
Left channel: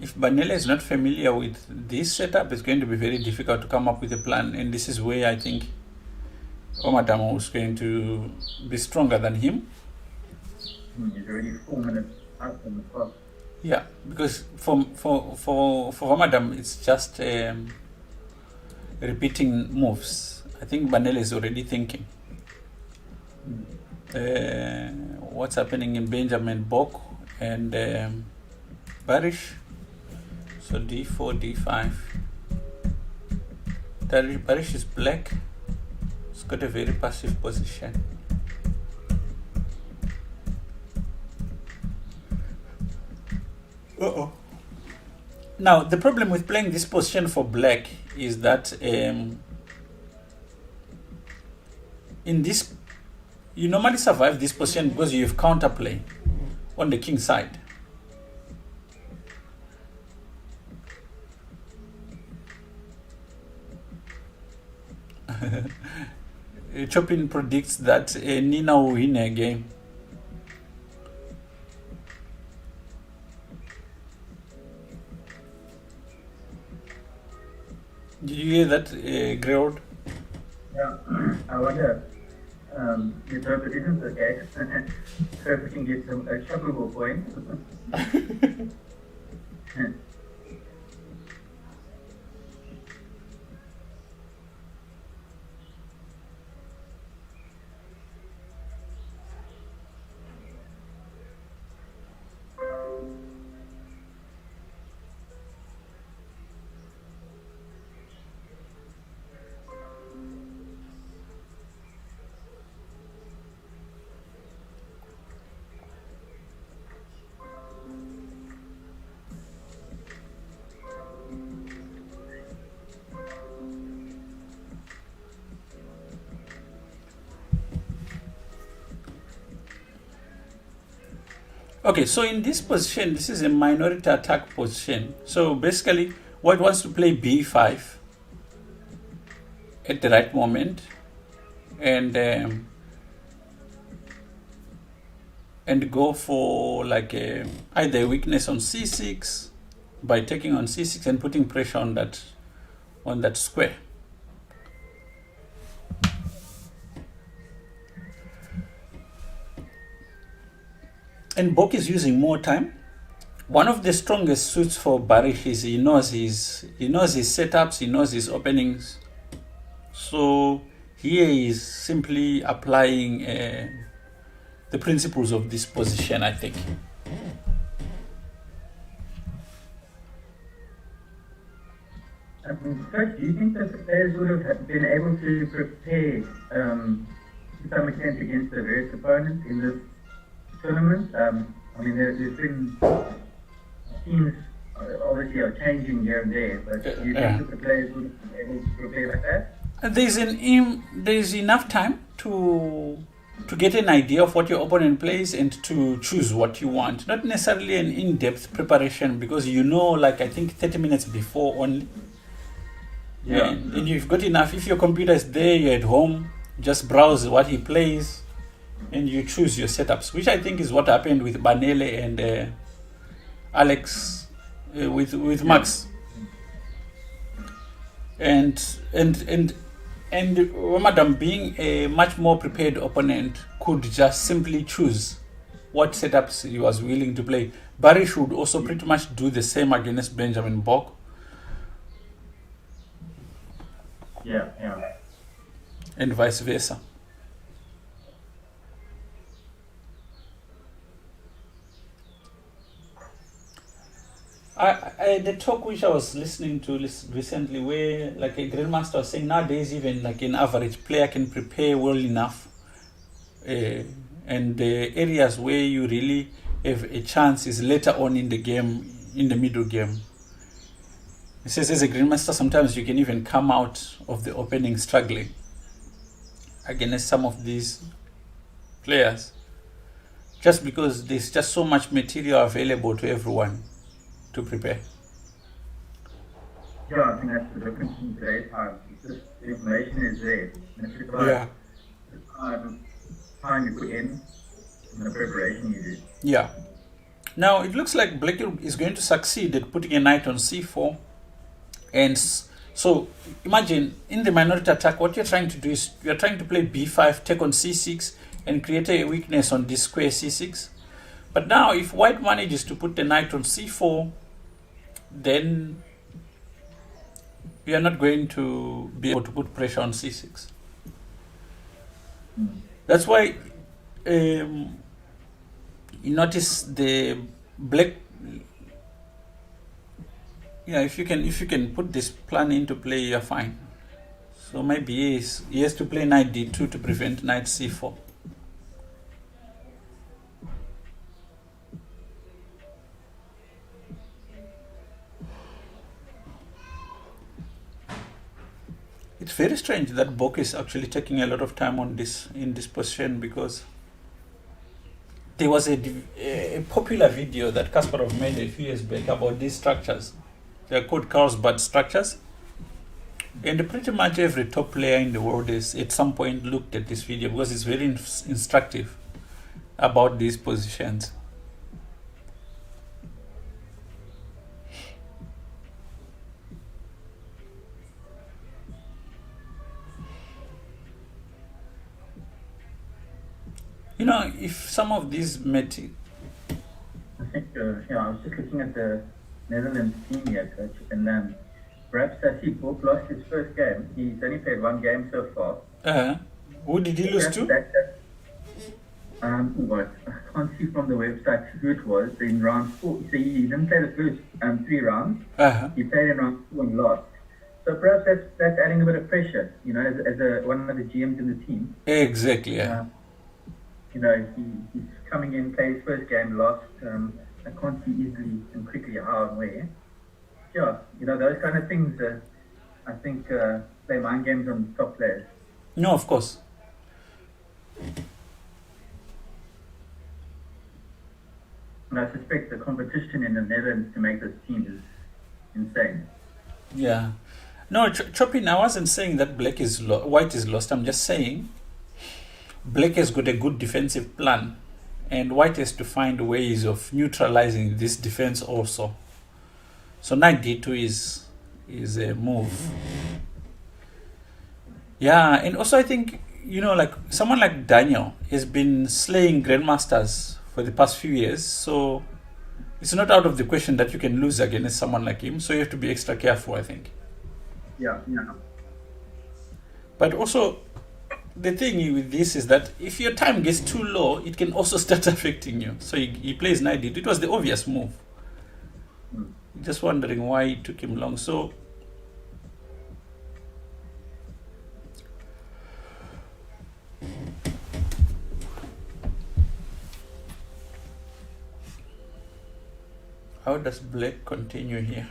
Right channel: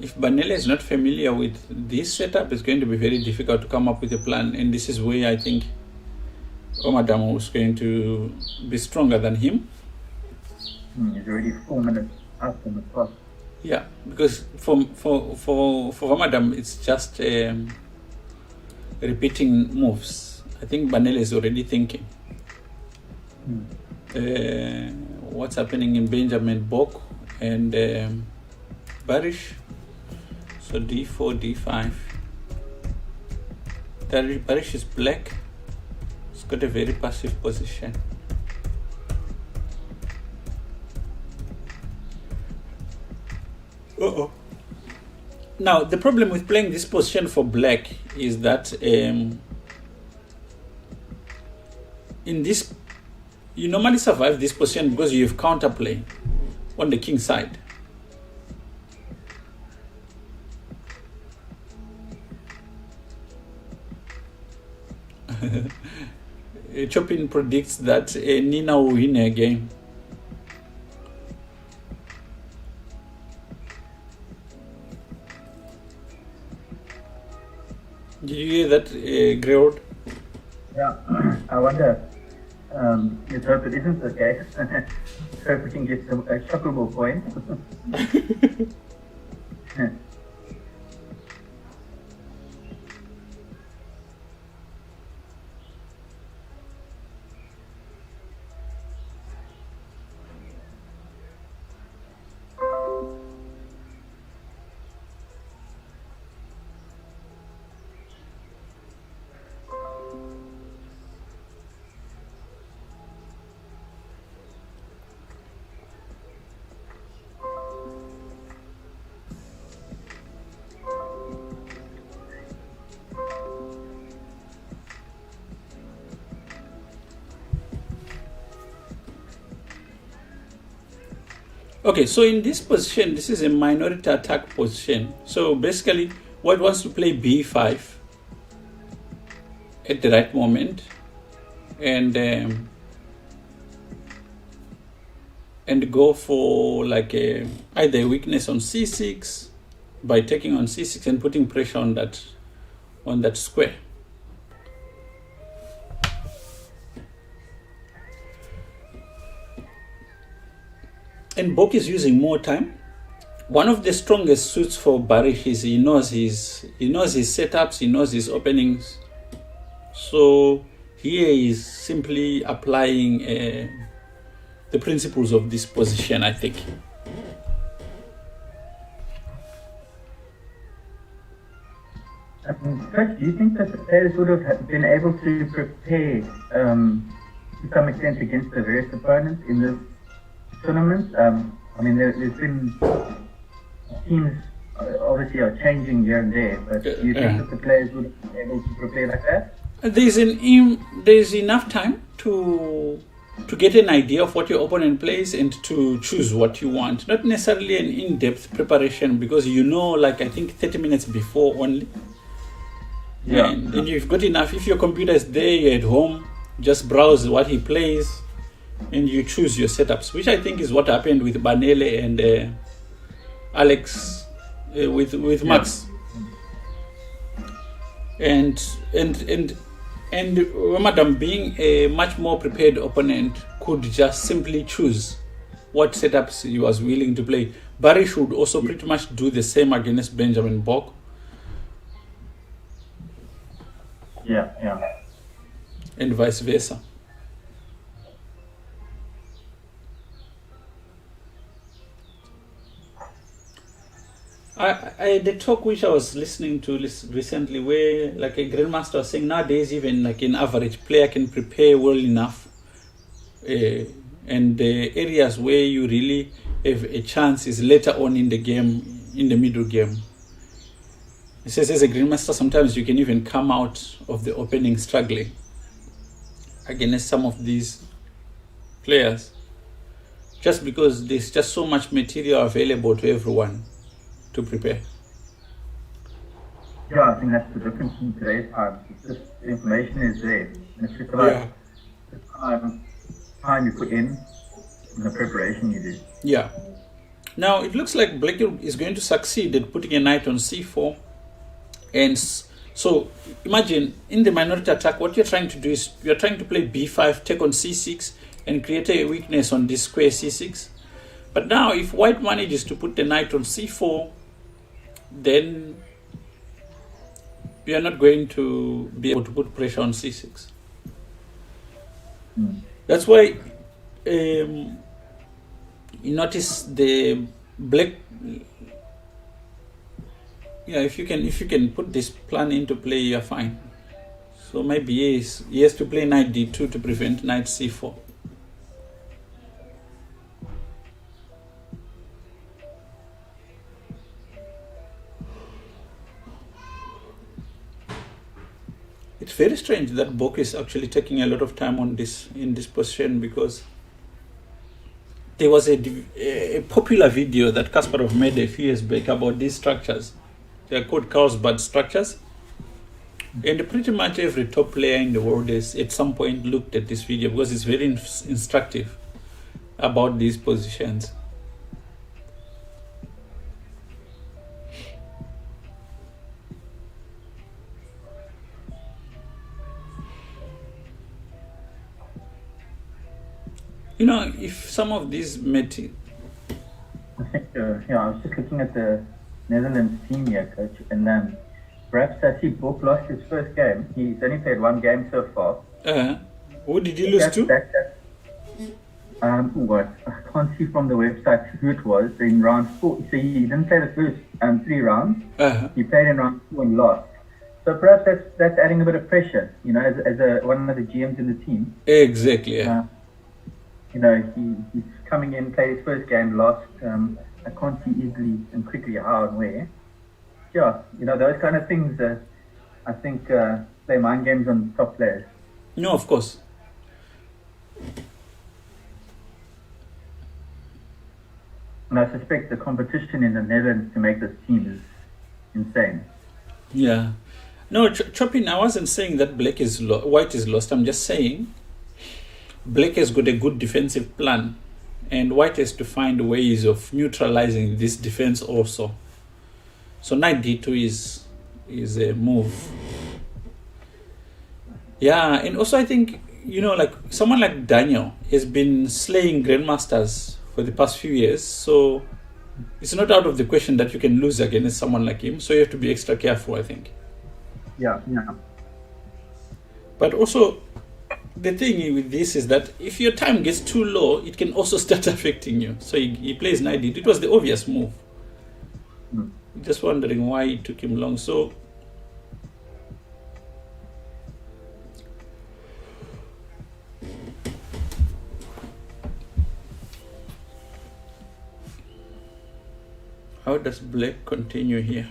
if Banele is not familiar with this setup, it's going to be very difficult to come up with a plan. And this is where I think Omadamo is going to be stronger than him. He's already 4 minutes out in the clock. Yeah, because for Omadam, it's just repeating moves. I think Banele is already thinking. What's happening in Benjamin Bok and Barish? So d4, d5. Barish is black. It's got a very passive position. Uh-oh. Now, the problem with playing this position for black is that in this, you normally survive this position because you have counterplay on the king side. Chopin predicts that Nina will win a game. Did you hear that, Greod? Yeah, I wonder. Let's hope it isn't the case. Hope we can get some shockable points. Okay, so in this position, this is a minority attack position. So basically, white wants to play b5 at the right moment, and and go for like either a weakness on c6 by taking on c6 and putting pressure on that square. And Bok is using more time. One of the strongest suits for Barish is he knows his setups, he knows his openings. So here is simply applying the principles of this position, I think. First, do you think that the players would have been able to prepare to some extent against the various opponents in this tournament? I mean, there's been teams obviously are changing here and there, but do you think that the players would have been able to prepare like that? There's enough time to get an idea of what your opponent plays and to choose what you want. Not necessarily an in-depth preparation, because like I think 30 minutes before only. Yeah. And you've got enough. If your computer is there, you're at home, just browse what he plays and you choose your setups, which I think is what happened with Banele and Alex with Max. And Madam, being a much more prepared opponent, could just simply choose what setups he was willing to play. Barry should also pretty much do the same against Benjamin Bok. Yeah. And vice versa. The talk which I was listening to recently, where like a grandmaster was saying nowadays even like an average player can prepare well enough, and the areas where you really have a chance is later on in the game, in the middle game. He says as a grandmaster sometimes you can even come out of the opening struggling against some of these players, just because there's just so much material available to everyone to prepare. Yeah, I think that's the difference in today's time. It's just the information is there. And if it's about the time you put in and the preparation you do. Yeah. Now it looks like Black is going to succeed at putting a knight on c4. And so imagine in the minority attack, what you're trying to do is you're trying to play b5, take on c6, and create a weakness on this square c6. But now if white manages to put the knight on c4, then we are not going to be able to put pressure on c6. That's why you notice the black. Yeah, if you can put this plan into play, you're fine. So maybe he has to play knight d2 to prevent knight c4. It's very strange that Bok is actually taking a lot of time on this in this position, because there was a popular video that Kasparov made a few years back about these structures. They're called Carlsbad structures. And pretty much every top player in the world has at some point looked at this video, because it's very instructive about these positions. If some of these I think, I was just looking at the Netherlands team here, coach, and perhaps I see Bok lost his first game. He's only played one game so far. Who did he lose to? What? I can't see from the website who it was in round 4. So he didn't play the first 3 rounds. He played in round 4 and lost. So perhaps that's adding a bit of pressure, as one of the GMs in the team. Exactly, yeah. He's coming in, played his first game, lost. I can't see easily and quickly how and where. Yeah, those kind of things, I think, play mind games on top players. No, of course. And I suspect the competition in the Netherlands to make this team is insane. Yeah. No, Chopin, I wasn't saying that white is lost. I'm just saying Black has got a good defensive plan. and white has to find ways of neutralizing this defense also. So knight d2 is a move. Yeah, and also I think, you know, like someone like Daniel has been slaying grandmasters for the past few years, so it's not out of the question that you can lose against someone like him. So you have to be extra careful, I think. Yeah. But also, the thing with this is that if your time gets too low, it can also start affecting you. So he plays knight d2. It was the obvious move. Just wondering why it took him long. So how does black continue here?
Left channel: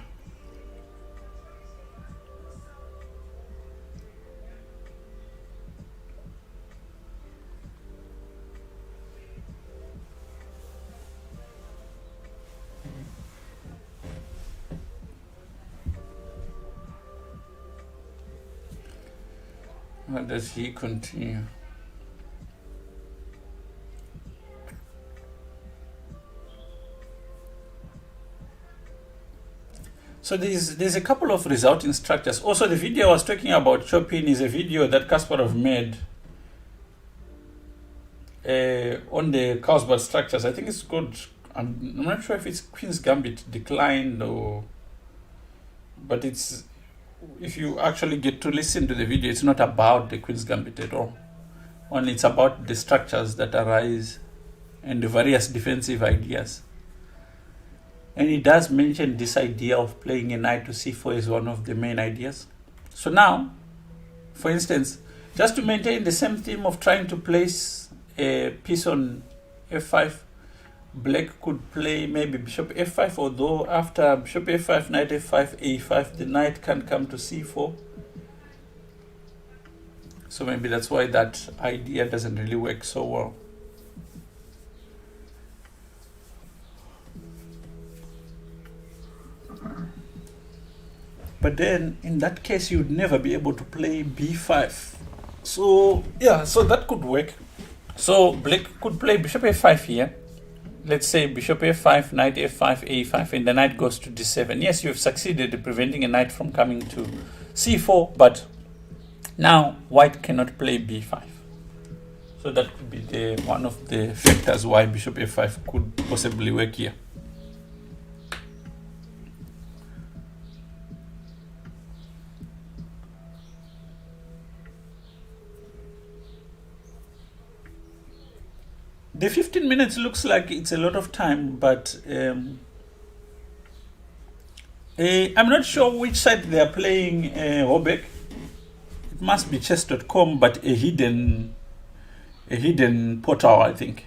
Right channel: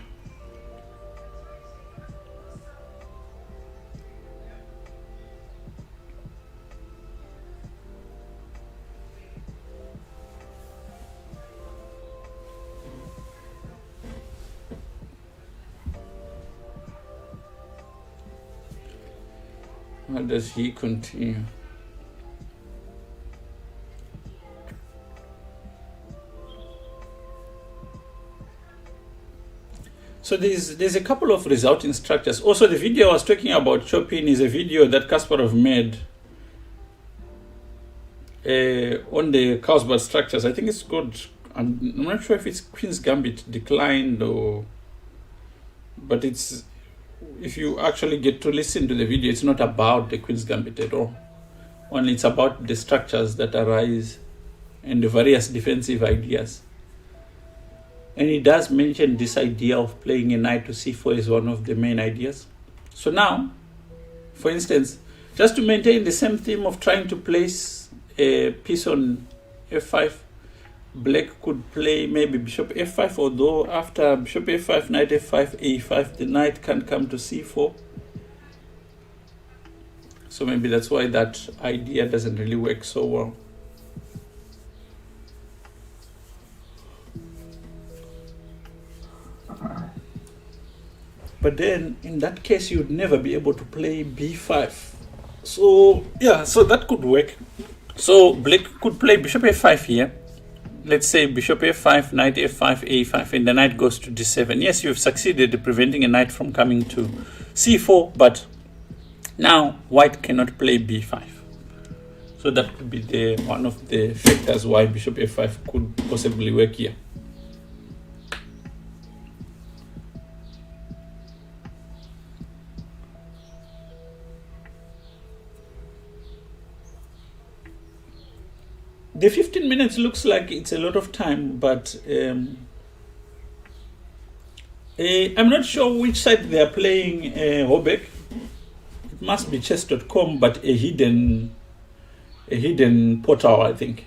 How does he continue? So there's a couple of resulting structures. Also, the video I was talking about chopping is a video that Kasparov made on the Carlsbad structures. I think it's good. I'm not sure if it's Queen's Gambit declined but it's, if you actually get to listen to the video, it's not about the Queen's Gambit at all. Only it's about the structures that arise and the various defensive ideas. And he does mention this idea of playing a knight to c4 is one of the main ideas. So now, for instance, just to maintain the same theme of trying to place a piece on f5, black could play maybe bishop f5, although after bishop f5, knight f5, a5, the knight can come to c4. So maybe that's why that idea doesn't really work so well. But then in that case, you'd never be able to play b5. So yeah, so that could work. So black could play bishop f5 here. Let's say bishop f5, knight f5, a5, and the knight goes to d7. Yes, you've succeeded in preventing a knight from coming to c4, but now white cannot play b5. So that could be one of the factors why bishop f5 could possibly work here. The 15 minutes looks like it's a lot of time, but I'm not sure which side they are playing Robeck. It must be chess.com, but a hidden portal, I think.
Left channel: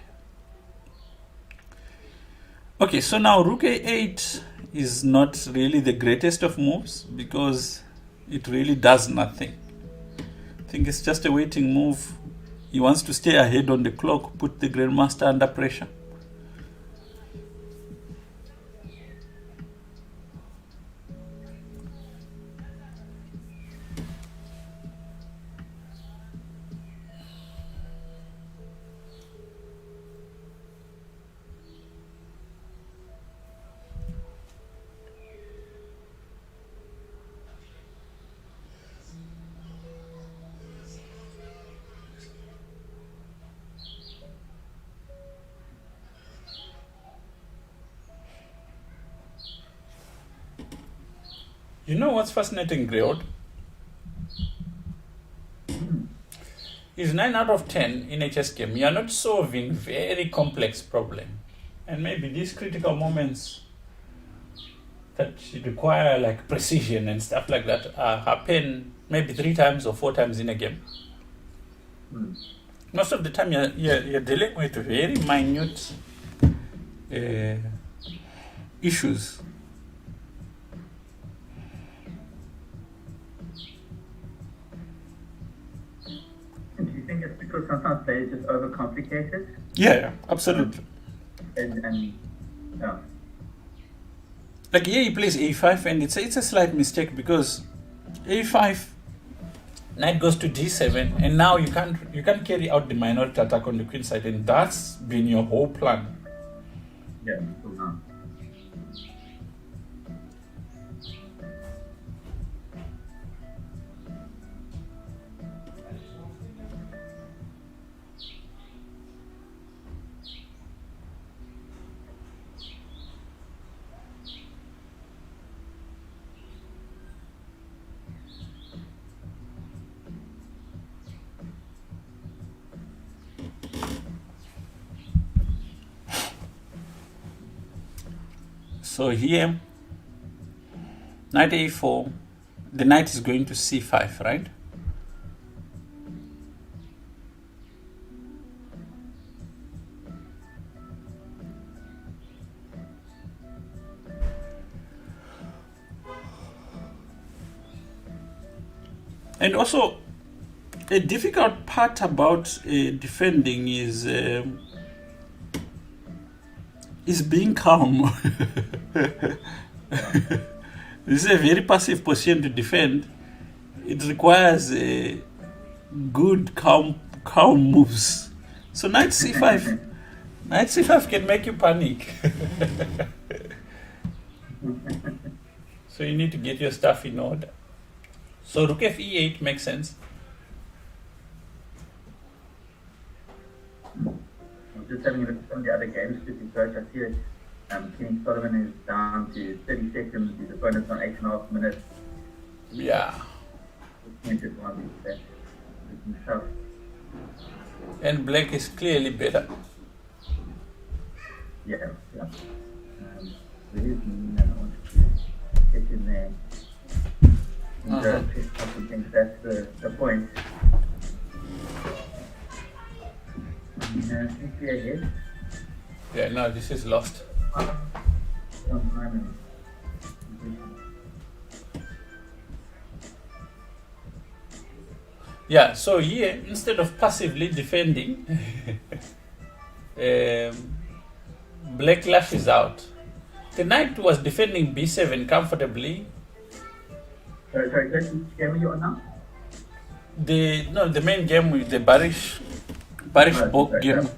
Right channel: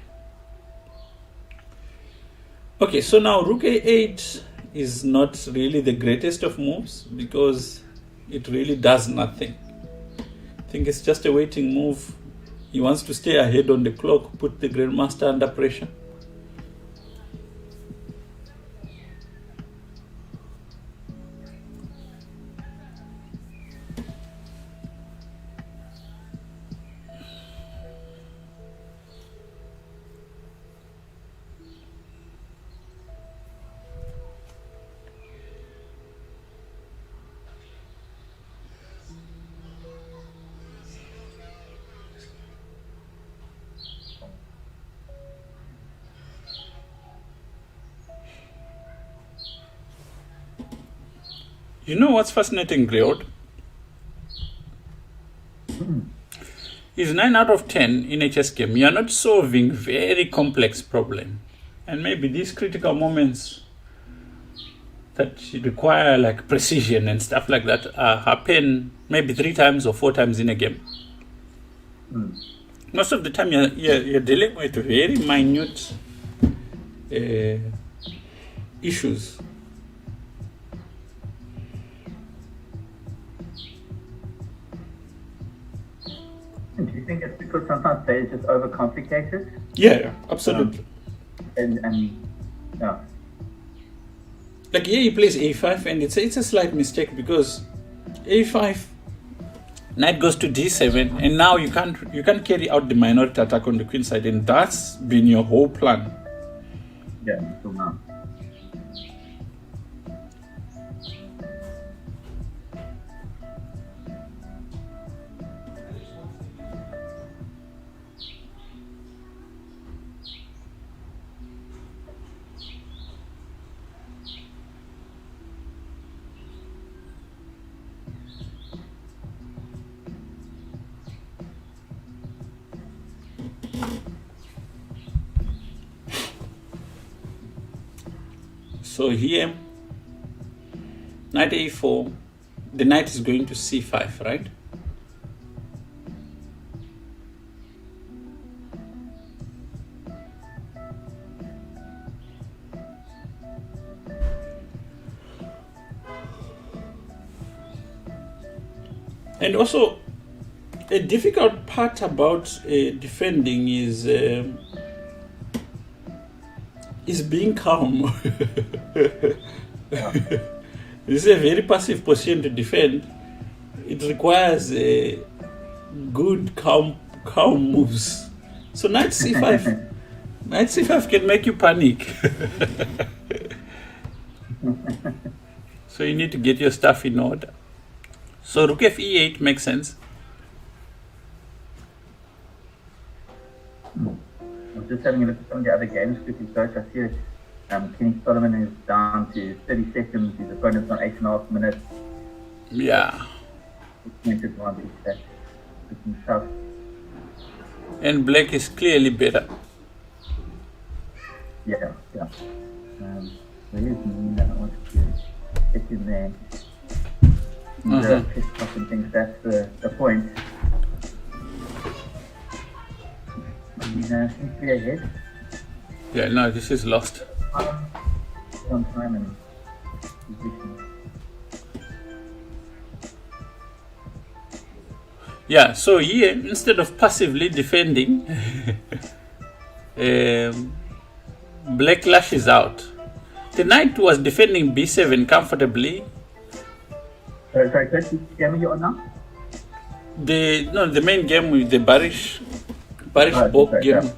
Okay, so now rook a8 is not really the greatest of moves because it really does nothing. I think it's just a waiting move. He wants to stay ahead on the clock, put the grandmaster under pressure. You know what's fascinating, Griot? Is 9 out of 10 in a chess game. You are not solving very complex problem. And maybe these critical moments that require like precision and stuff like that happen maybe 3 times or 4 times in a game. Most of the time you're dealing with very minute issues. Do you think it's because sometimes they just overcomplicate it? Yeah, absolutely. And yeah. Like here he plays a5 and it's a slight mistake because a5 Knight goes to d7, and now you can't carry out the minority attack on the queen side, and that's been your whole plan. Yeah, so now. So here, knight a4, the knight is going to c5, right? And also, a difficult part about defending is being calm. This is a very passive position to defend. It requires good calm moves. So knight c5, knight c5 can make you panic. So you need to get your stuff in order. So rook f e8 makes sense. I'm just having a look at some of the other games quickly, Coach. I see that King Solomon is down to 30 seconds. His opponent's on 8.5 minutes. Yeah. Pointed one. That's looking tough. And black is clearly better. Yeah. So here's me. I want to get in there. I think that's the point. Yeah, no, this is lost. Yeah, so here, instead of passively defending, black lashes out. The knight was defending b7 comfortably. Sorry, which game are you on now? The main game with the Barish Bok game.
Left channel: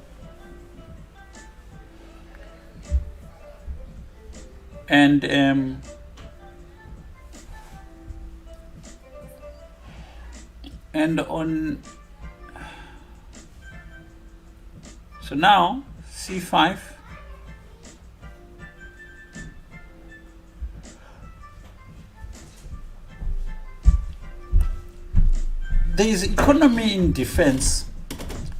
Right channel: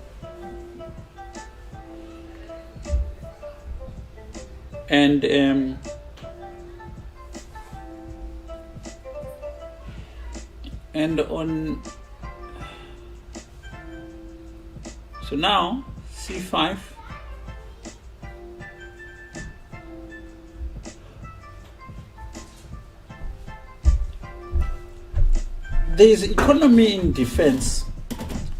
And on, so now c5. There is economy in defense,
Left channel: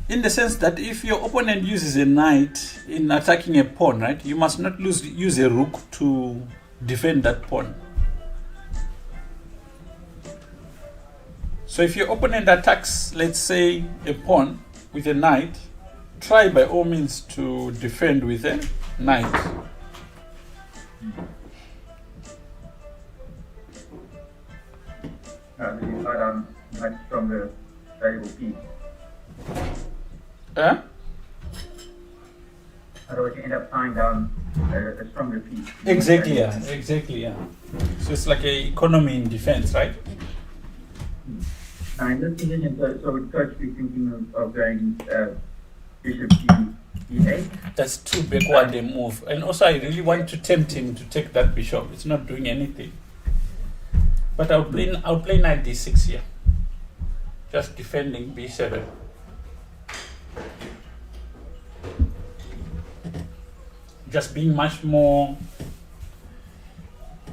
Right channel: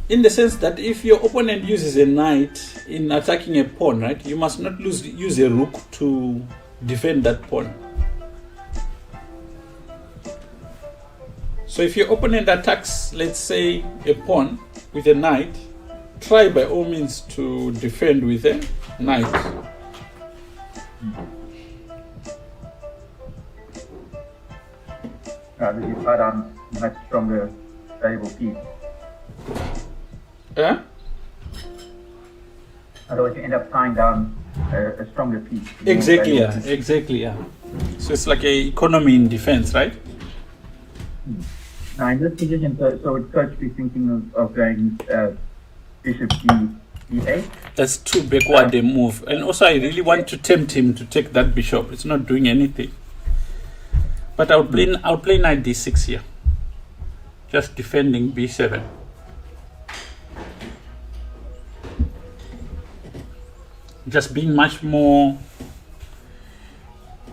in the sense that if your opponent uses a knight in attacking a pawn, right, you must not use a rook to defend that pawn. So if your opponent attacks, let's say, a pawn with a knight, try by all means to defend with a knight. This is quite a much stronger, valuable piece. Yeah? Otherwise, you end up tying down a stronger piece. Exactly, yeah. Exactly, yeah. So it's like a economy in defense, right? Now, in this position, so would Coach be thinking of going bishop e8? That's too backward a move. And also, I really want to tempt him to take that bishop. It's not doing anything. But I'll play knight d6 here. Just defending b7. Just being much more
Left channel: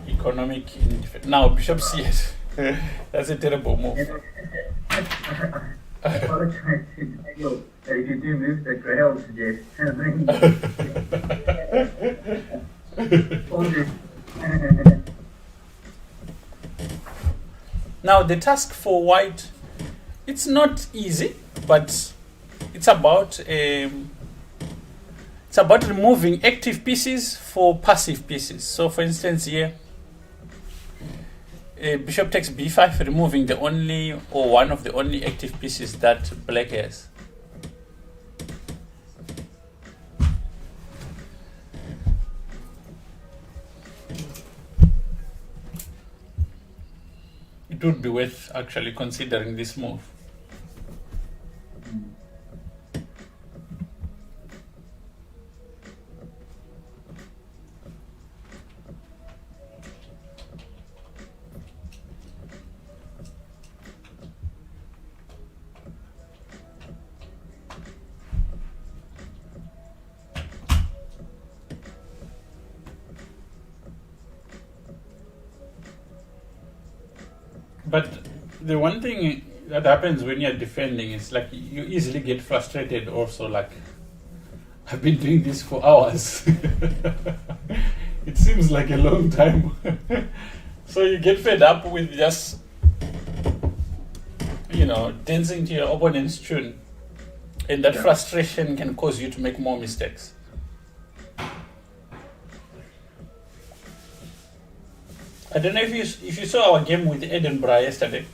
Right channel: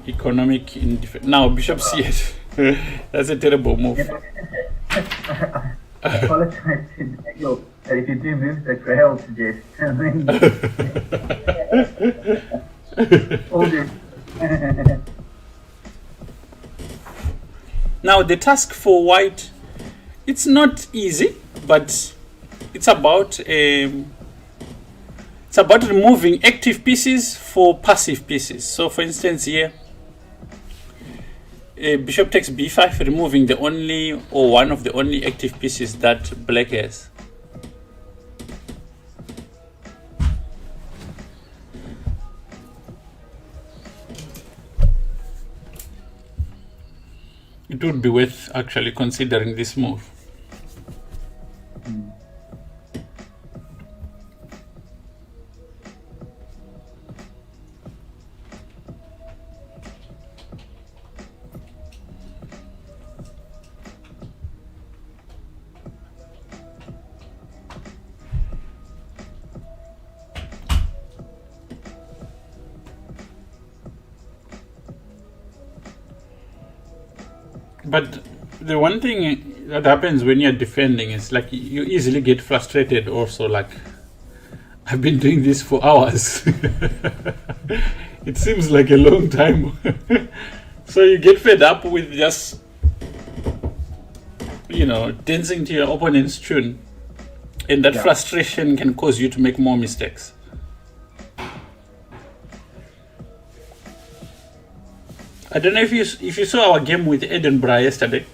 economic in defense. Now, bishop c8. That's a terrible move. I apologize to Daniel that if you do moves that Rahel suggests. All good. Now, the task for white, it's not easy, but it's about removing active pieces for passive pieces. So, for instance, here, bishop takes b5, removing the only or one of the only active pieces that black has. it would be worth actually considering this move. But the one thing that happens when you're defending is like you easily get frustrated also, like I've been doing this for hours. It seems like a long time. So you get fed up with just, dancing to your opponent's tune. And that frustration can cause you to make more mistakes. I don't know if you saw our game with Edinburgh yesterday.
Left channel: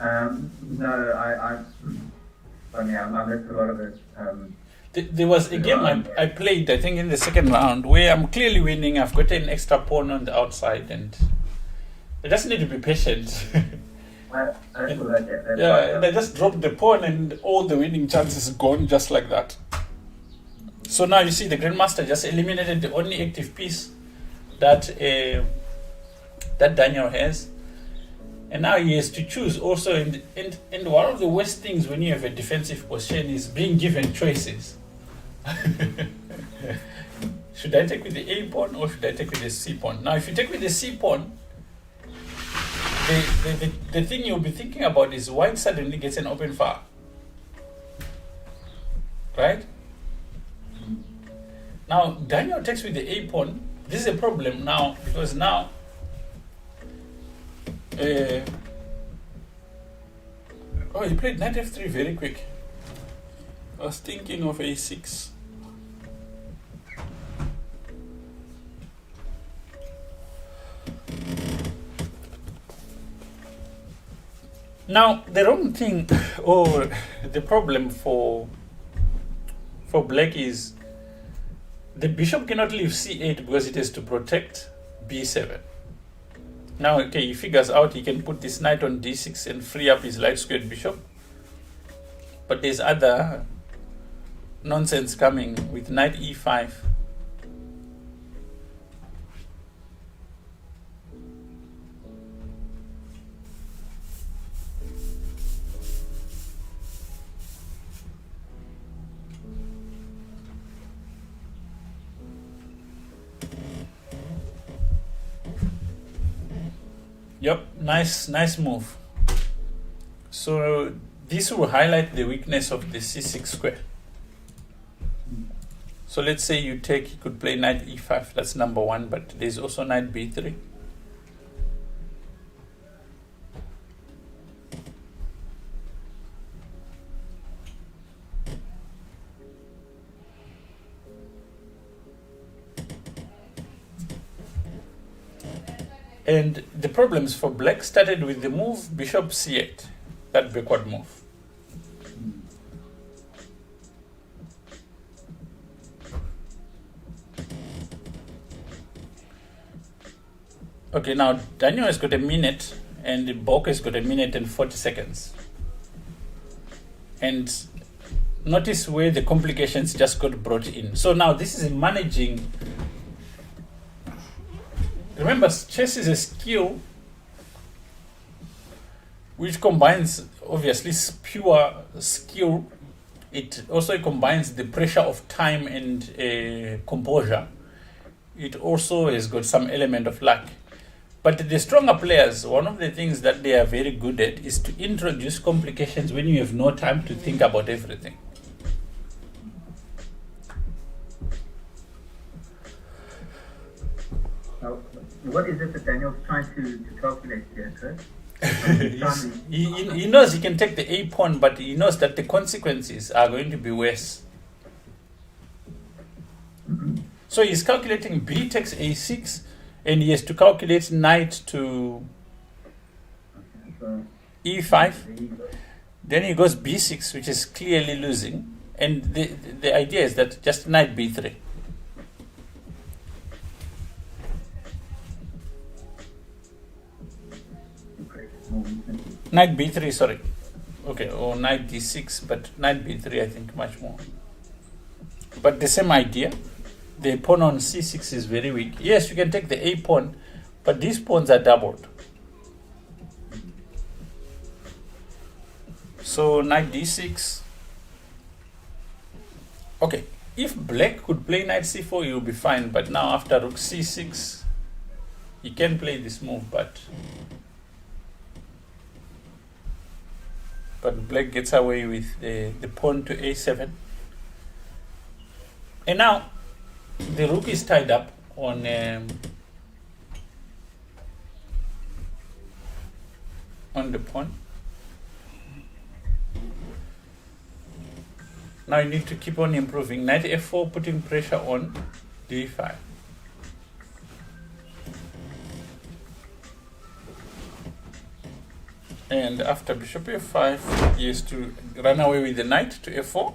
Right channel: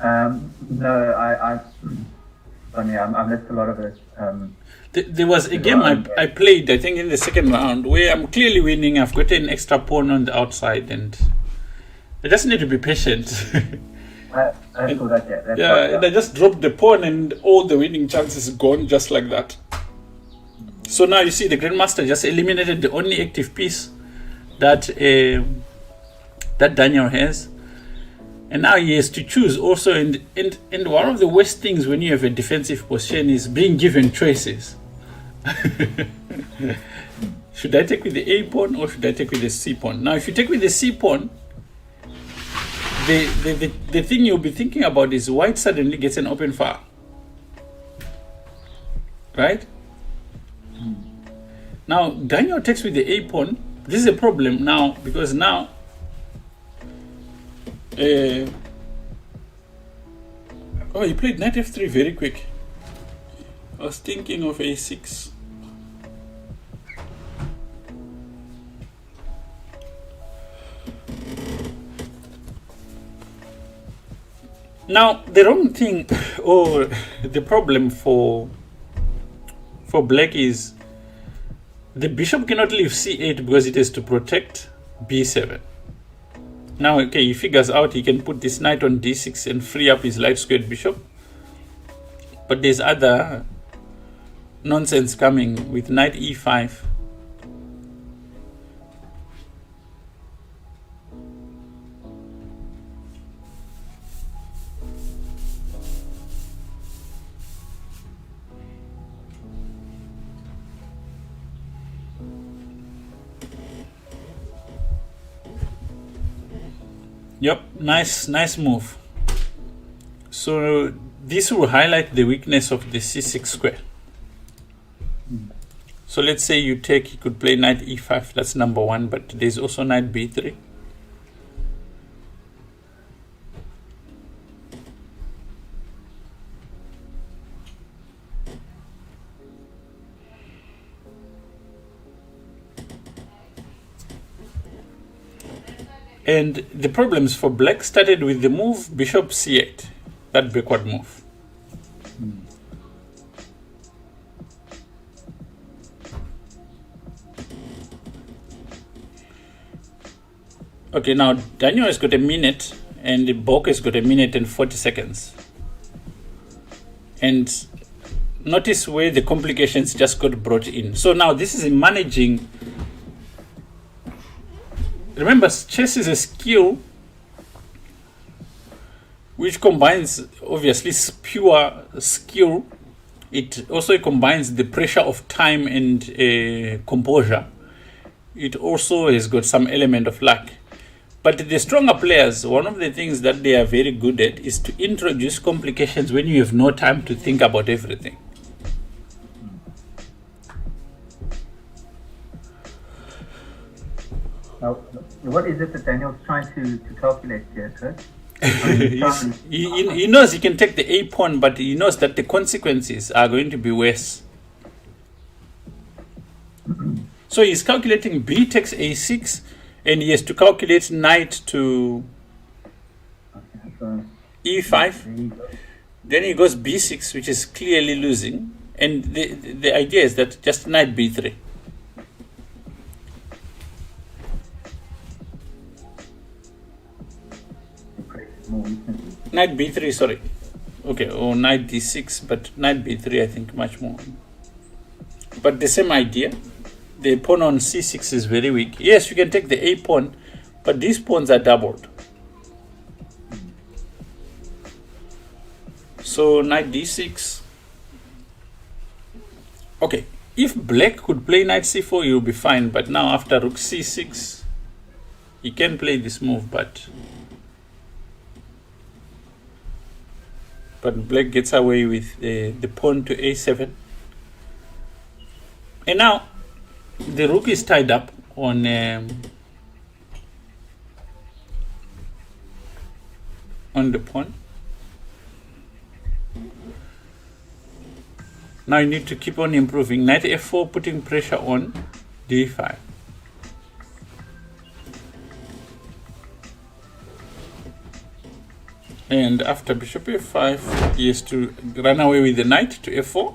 No, I missed a lot of it. There was a game I played, I think in the second round, where I'm clearly winning. I've got an extra pawn on the outside, and I just need to be patient. I saw that, and I just dropped the pawn, and all the winning chances gone just like that. So now you see the Grandmaster just eliminated the only active piece that Daniel has, and now he has to choose also. And one of the worst things when you have a defensive position is being given choices. Should I take with the A pawn or should I take with the C pawn? Now, if you take with the C pawn, the thing you'll be thinking about is white suddenly gets an open file, right? Now, Daniel takes with the A pawn. This is a problem now, because now he played knight f3 very quick. I was thinking of a6. Now the wrong thing, or the problem for black is the bishop cannot leave c8 because it has to protect b7. Now, okay, he figures out he can put this knight on d6 and free up his light squared bishop. But there's other nonsense coming with knight e5. Yep, nice move. So this will highlight the weakness of the c6 square. So let's say you could play knight e5, that's number one, but there's also knight b3. And the problems for black started with the move bishop c8, that backward move. Okay, now Daniel has got a minute and Bok has got a minute and 40 seconds. And notice where the complications just got brought in. So now this is managing. Remember, chess is a skill which combines, obviously, pure skill. It also combines the pressure of time and composure. It also has got some element of luck. But the stronger players, one of the things that they are very good at is to introduce complications when you have no time to think about everything. What is it that Daniel's trying to calculate here, Chris? He knows he can take the A pawn, but he knows that the consequences are going to be worse. So he's calculating B takes A6, and he has to calculate knight to E5. Then he goes B6, which is clearly losing. And the idea is that just knight B3. recently. Knight b3, sorry. Okay, or knight d6, but knight b3 I think much more. But the same idea. The pawn on c6 is very weak. Yes, you can take the a pawn, but these pawns are doubled. So knight d6. Okay, if black could play knight c4, you'll be fine. But now after rook c6, he can play this move, but black gets away with the pawn to a7. And now the rook is tied up on the pawn. Now you need to keep on improving. Knight f4, putting pressure on d5. And after bishop f5, he has to run away with the knight to f4.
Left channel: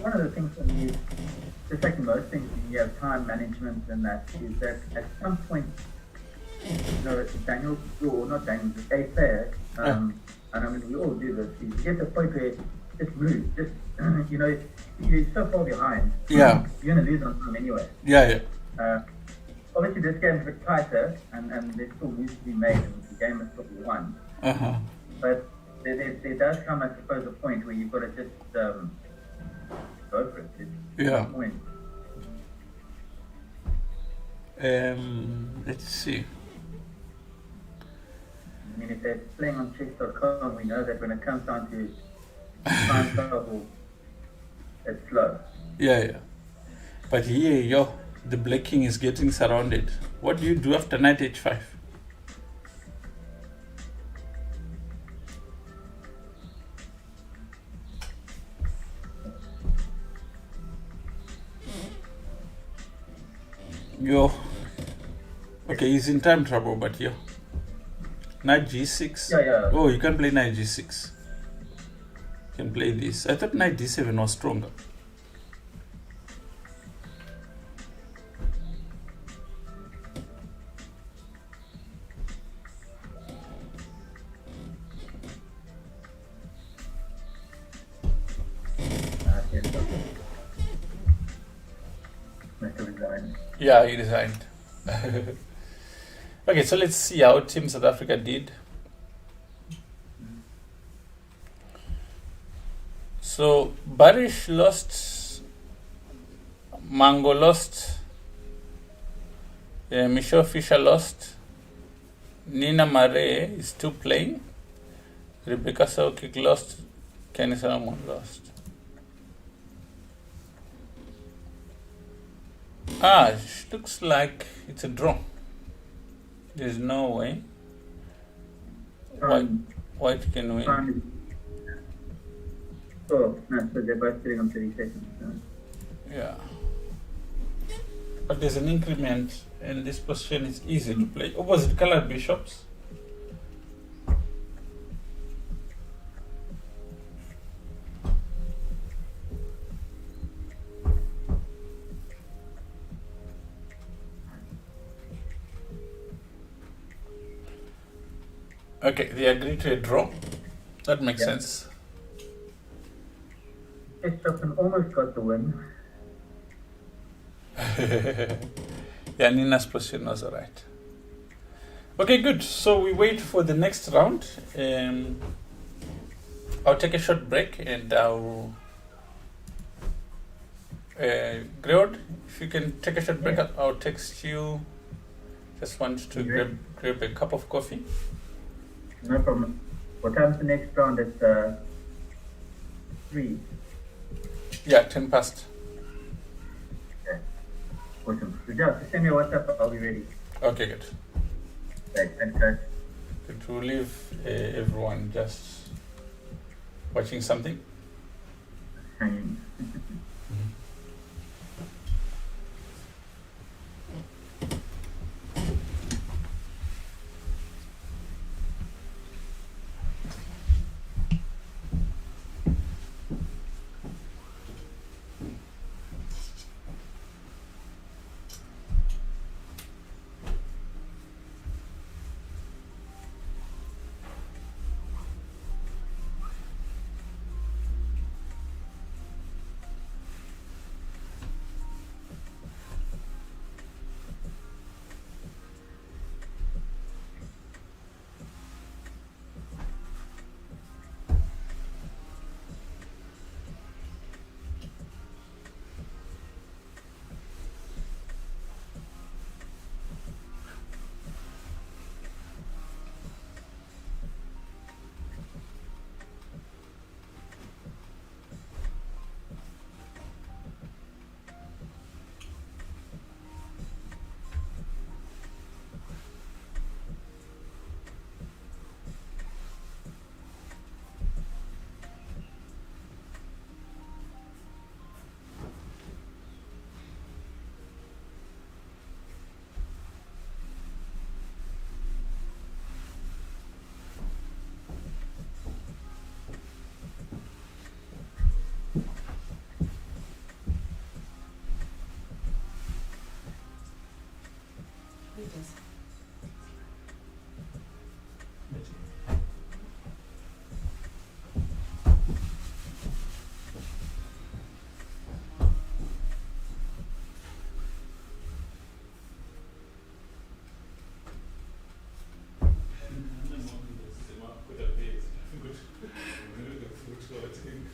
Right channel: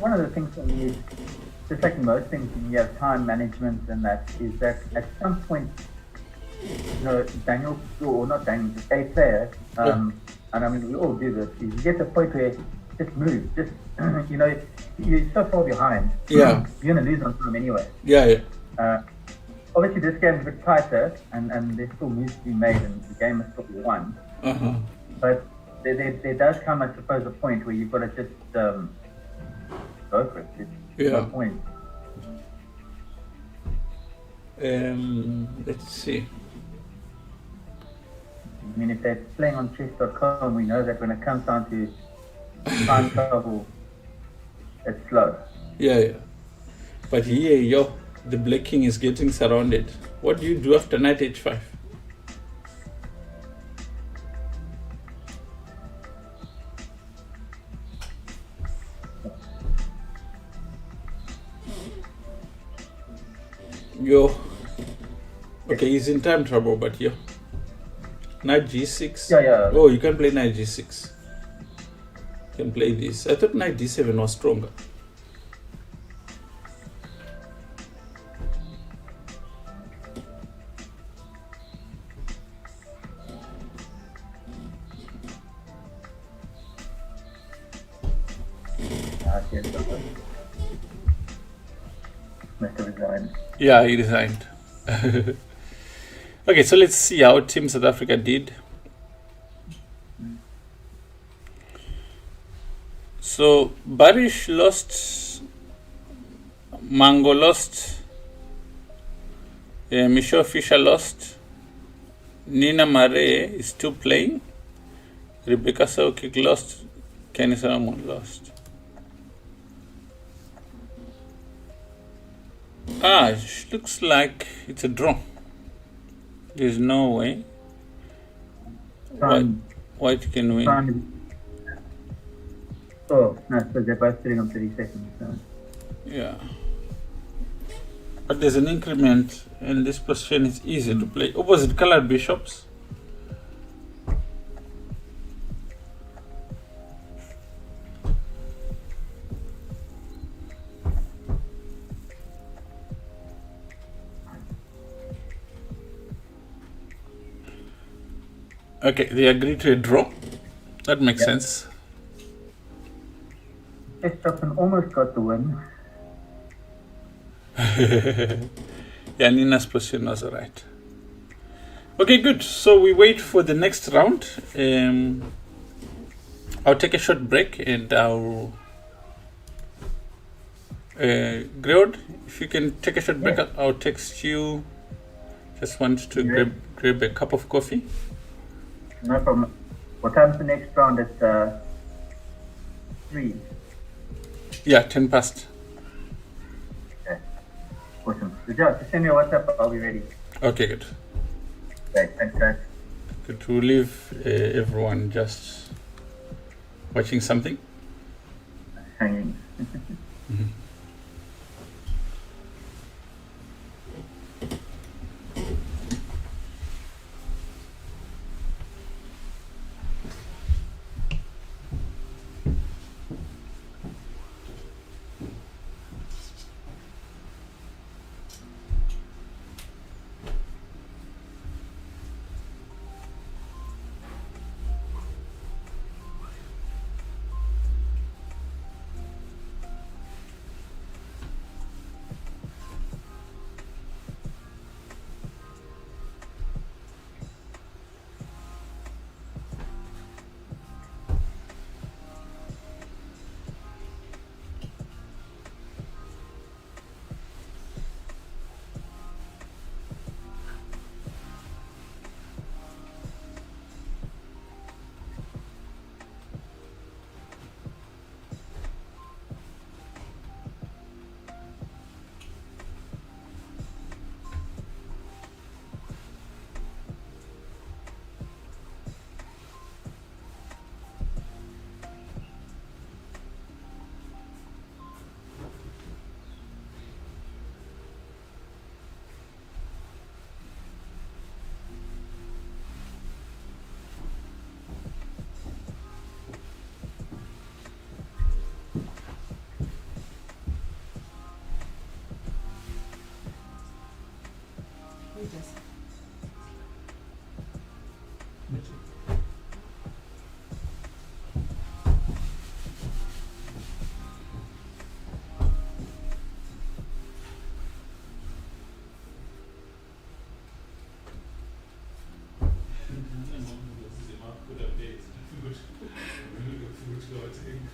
One of the things when you, just like most things, when you have time management and that, is that at some point, you know, Daniel, or not Daniel, the state player, and I mean, we all do this, you get to the point where just move, just, you know, you're so far behind. Yeah. You're going to lose on time anyway. Yeah. Obviously, this game is a bit tighter, and there's still moves to be made, and the game is still won. But there does come, I suppose, a point where you've got to just go for it. It's no point. Let's see. I mean, if they're playing on chess.com, we know that when it comes down to time travel, it's slow. Yeah. But here, the black king is getting surrounded. What do you do after knight h5? Okay, he's in time trouble, but knight g6. Yeah. Oh, you can play knight g6. You can play this. I thought knight d7 was stronger. Must have resigned. Yeah, he resigned. Okay, so let's see how Team South Africa did. So Barish lost, Mango lost, Michelle Fisher lost, Nina Mare is still playing, Rebecca Saukik lost, Kenny Solomon lost. It looks like it's a draw. There's no way white can win. Oh, no, so they're both sitting on 30 seconds. So. Yeah. But there's an increment, and this position is easy to play. Opposite colored bishops. Okay, they agree to a draw. That makes sense. Johnson almost got the win. Yeah, Nina's position was right. Okay, good. So we wait for the next round. I'll take a short break and I'll... Greod, if you can take a short break, I'll text you. Just want to grab a cup of coffee. No problem. What time's the next round? It's 3. Yeah, 10 past. Okay. Awesome. Good job. Send me a WhatsApp. I'll be ready. Okay, good. Okay, thanks, guys. Good to leave everyone just watching something. Hanging. Veterans.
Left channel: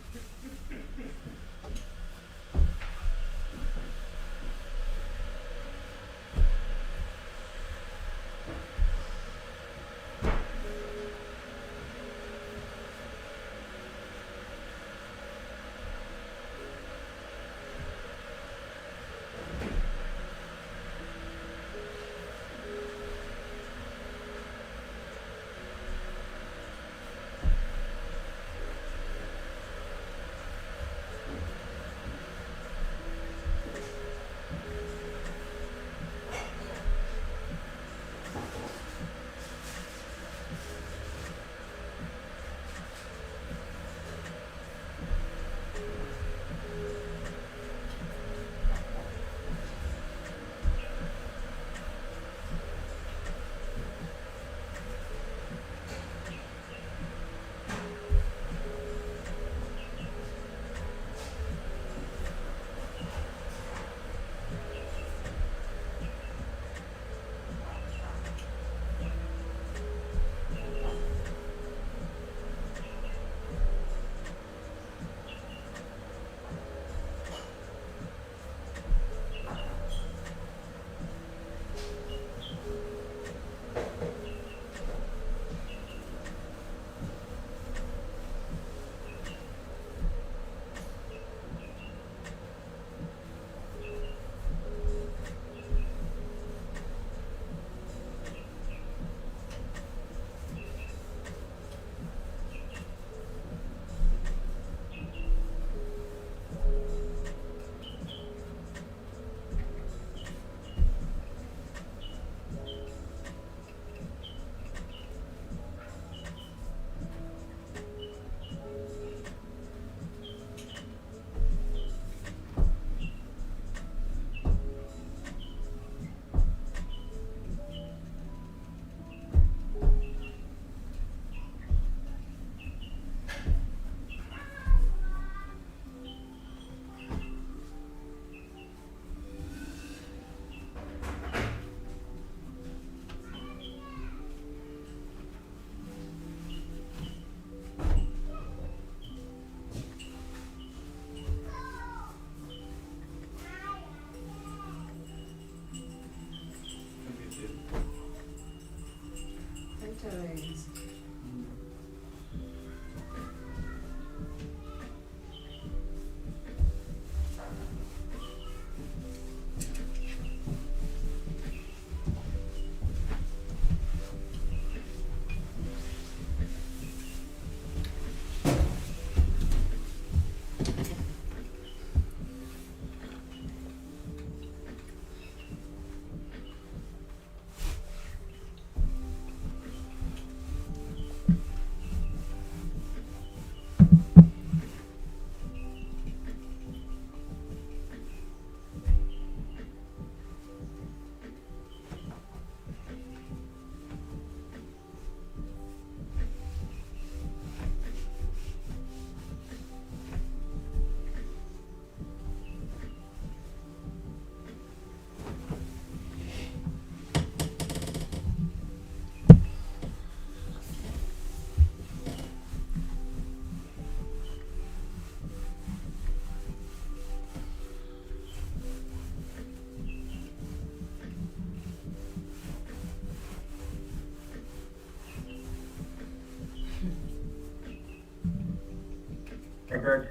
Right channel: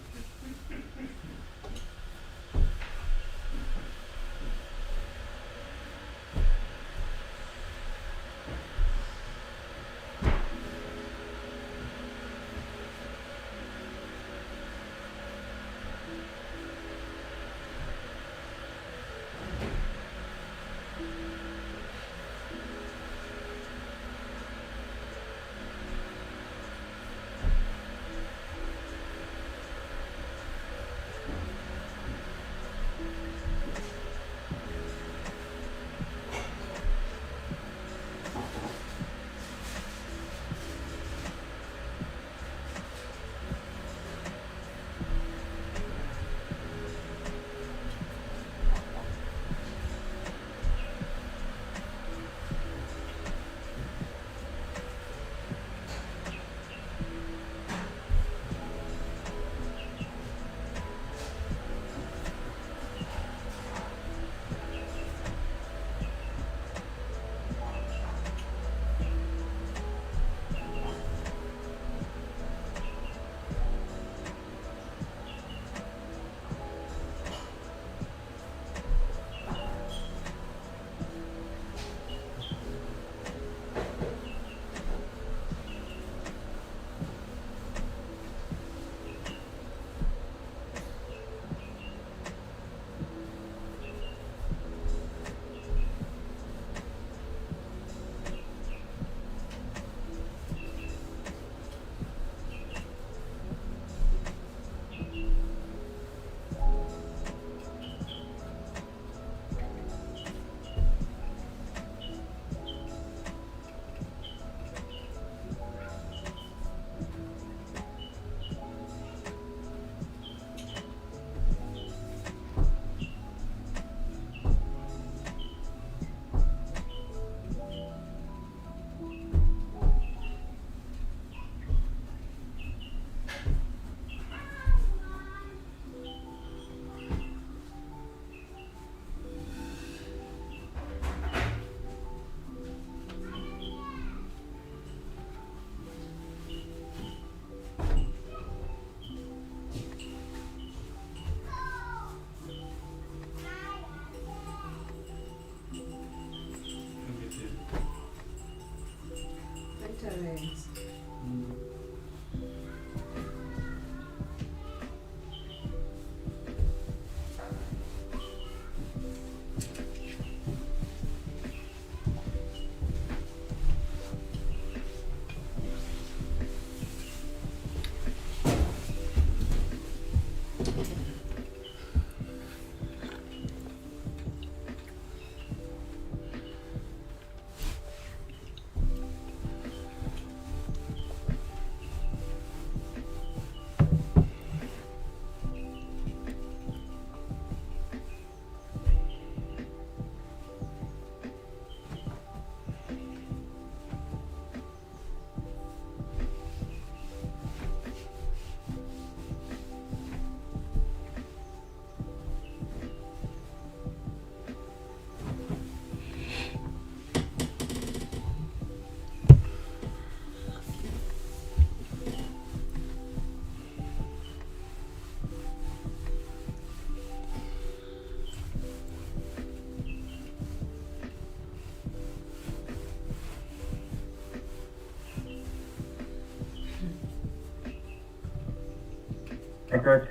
Hey, Chris.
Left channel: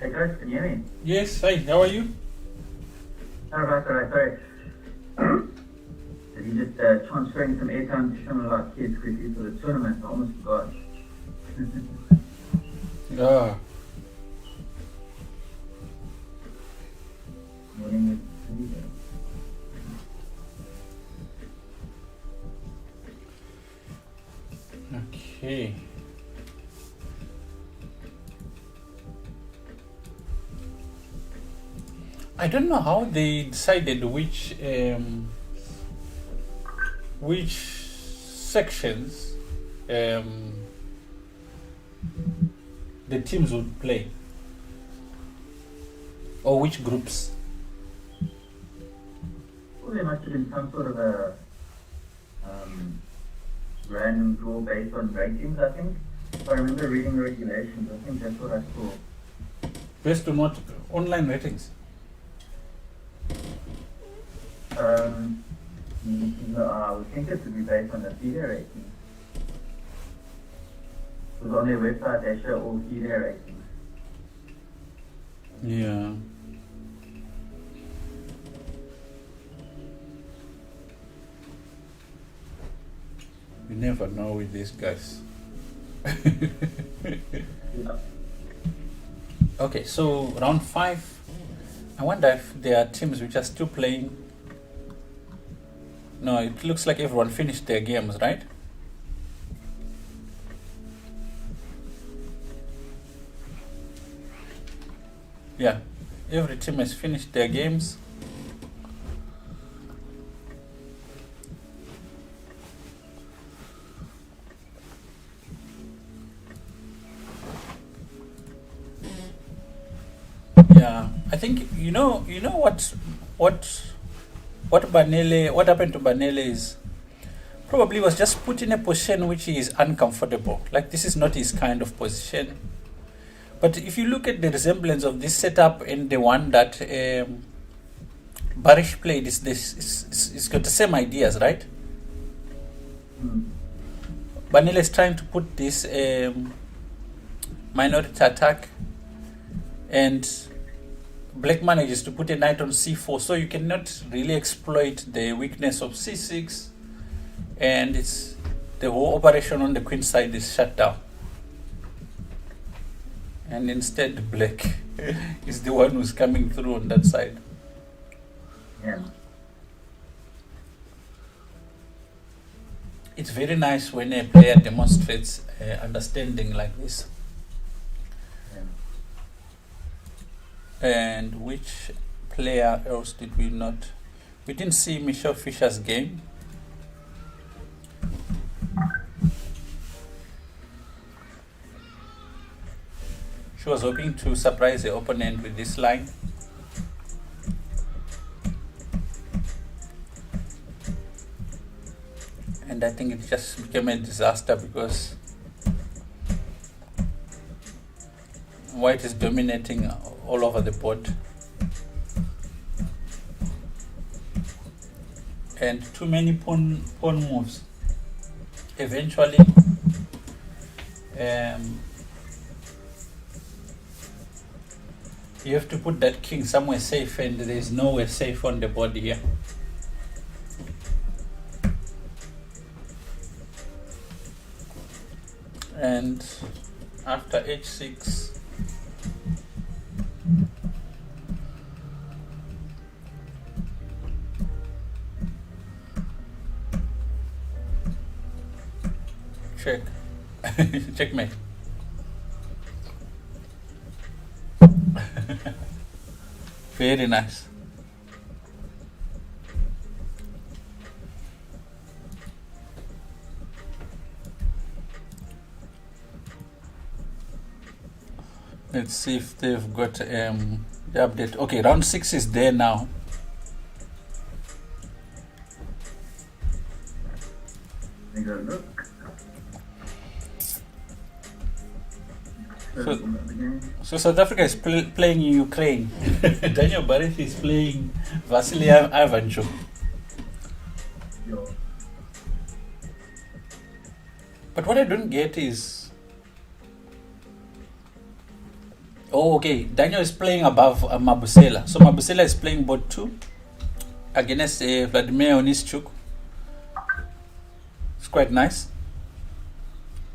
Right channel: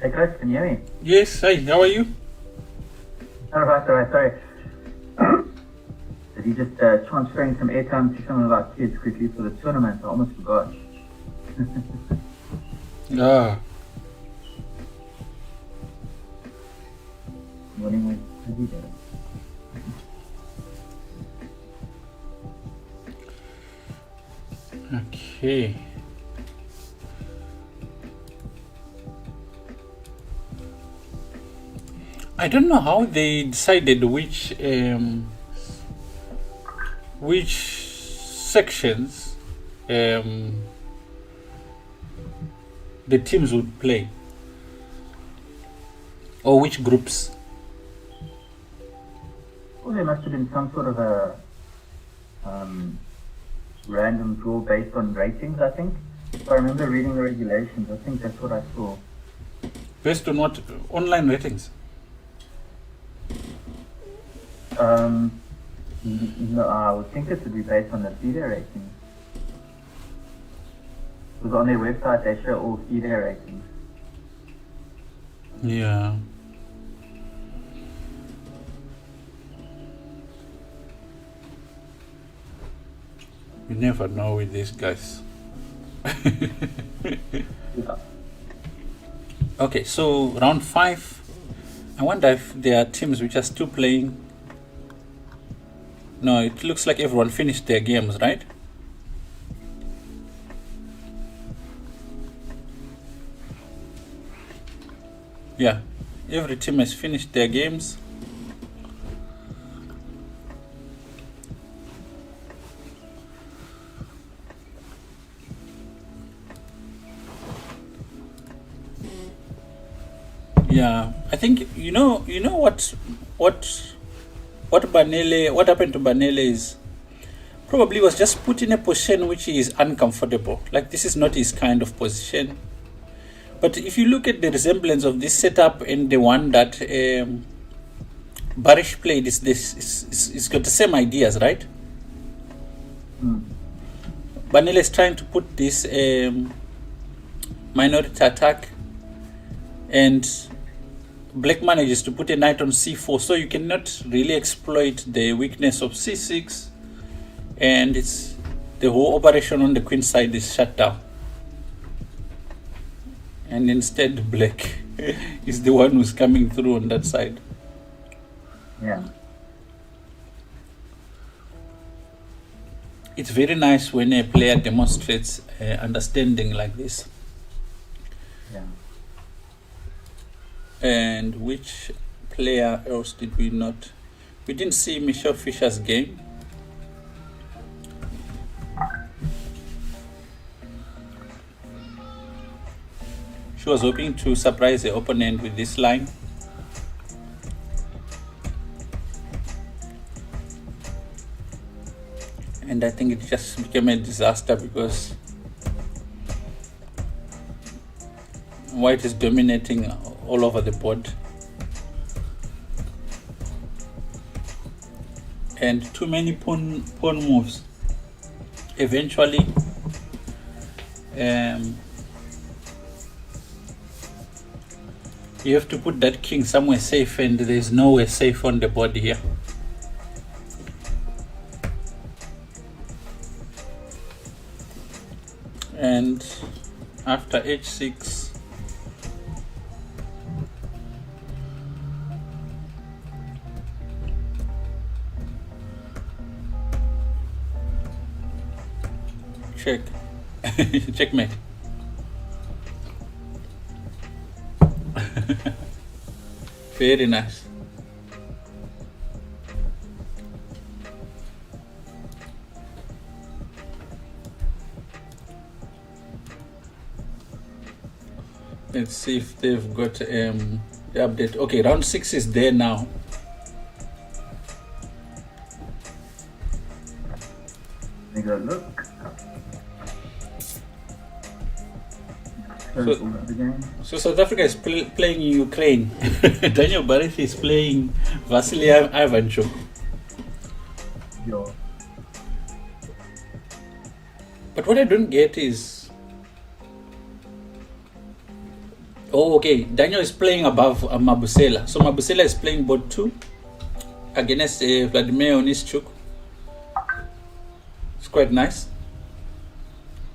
Hey, Chris, can you hear me? Yes, hi, how are you? Alright, sorry. Did you just transferring some airtime to some of our kids quickly for the tournament? I almost forgot. Ah, okay. I don't know how they decided which sections the teams would play, or which groups. Well, there must have been some sort of a random draw based on ratings, I think. If I remember reading the regulations, I think that's what I saw. Based on what? Online ratings? No, I would think it would be based on the FIDE ratings. Because on their website they show all FIDE ratings. Yeah. You never know with these guys. Yeah. Okay, so round 5. I wonder if there are teams which are still playing. No, it looks like everyone finished their games, right? Yeah, every team has finished their games. Yeah, I think you know what Banele, what happened to Banele is probably was just put in a position which is uncomfortable. Like this is not his kind of position. But if you look at the resemblance of this setup and the one that Barish played, it's got the same ideas, right? Banele is trying to put this minority attack, and Black manages to put a knight on c4, so you cannot really exploit the weakness of c6, and it's the whole operation on the queen side is shut down. And instead Black is the one who's coming through on that side. Yeah. It's very nice when a player demonstrates understanding like this. Yeah. And which player else did we not? We didn't see Michelle Fisher's game. She was hoping to surprise the opponent with this line. And I think it just became a disaster because White is dominating all over the board. And too many pawn moves. Eventually, you have to put that king somewhere safe, and there's nowhere safe on the board here. And after h6, check. Checkmate. Very nice. Let's see if they've got the update. Okay, round 6 is there now. Take a look. So South Africa is playing Ukraine. Daniel Barish is playing Vasily Ivanchuk. Yeah. But what I don't get is, oh, okay, Daniel is playing above Mabusela. So Mabusela is playing board 2 against Vladimir Onischuk. It's quite nice.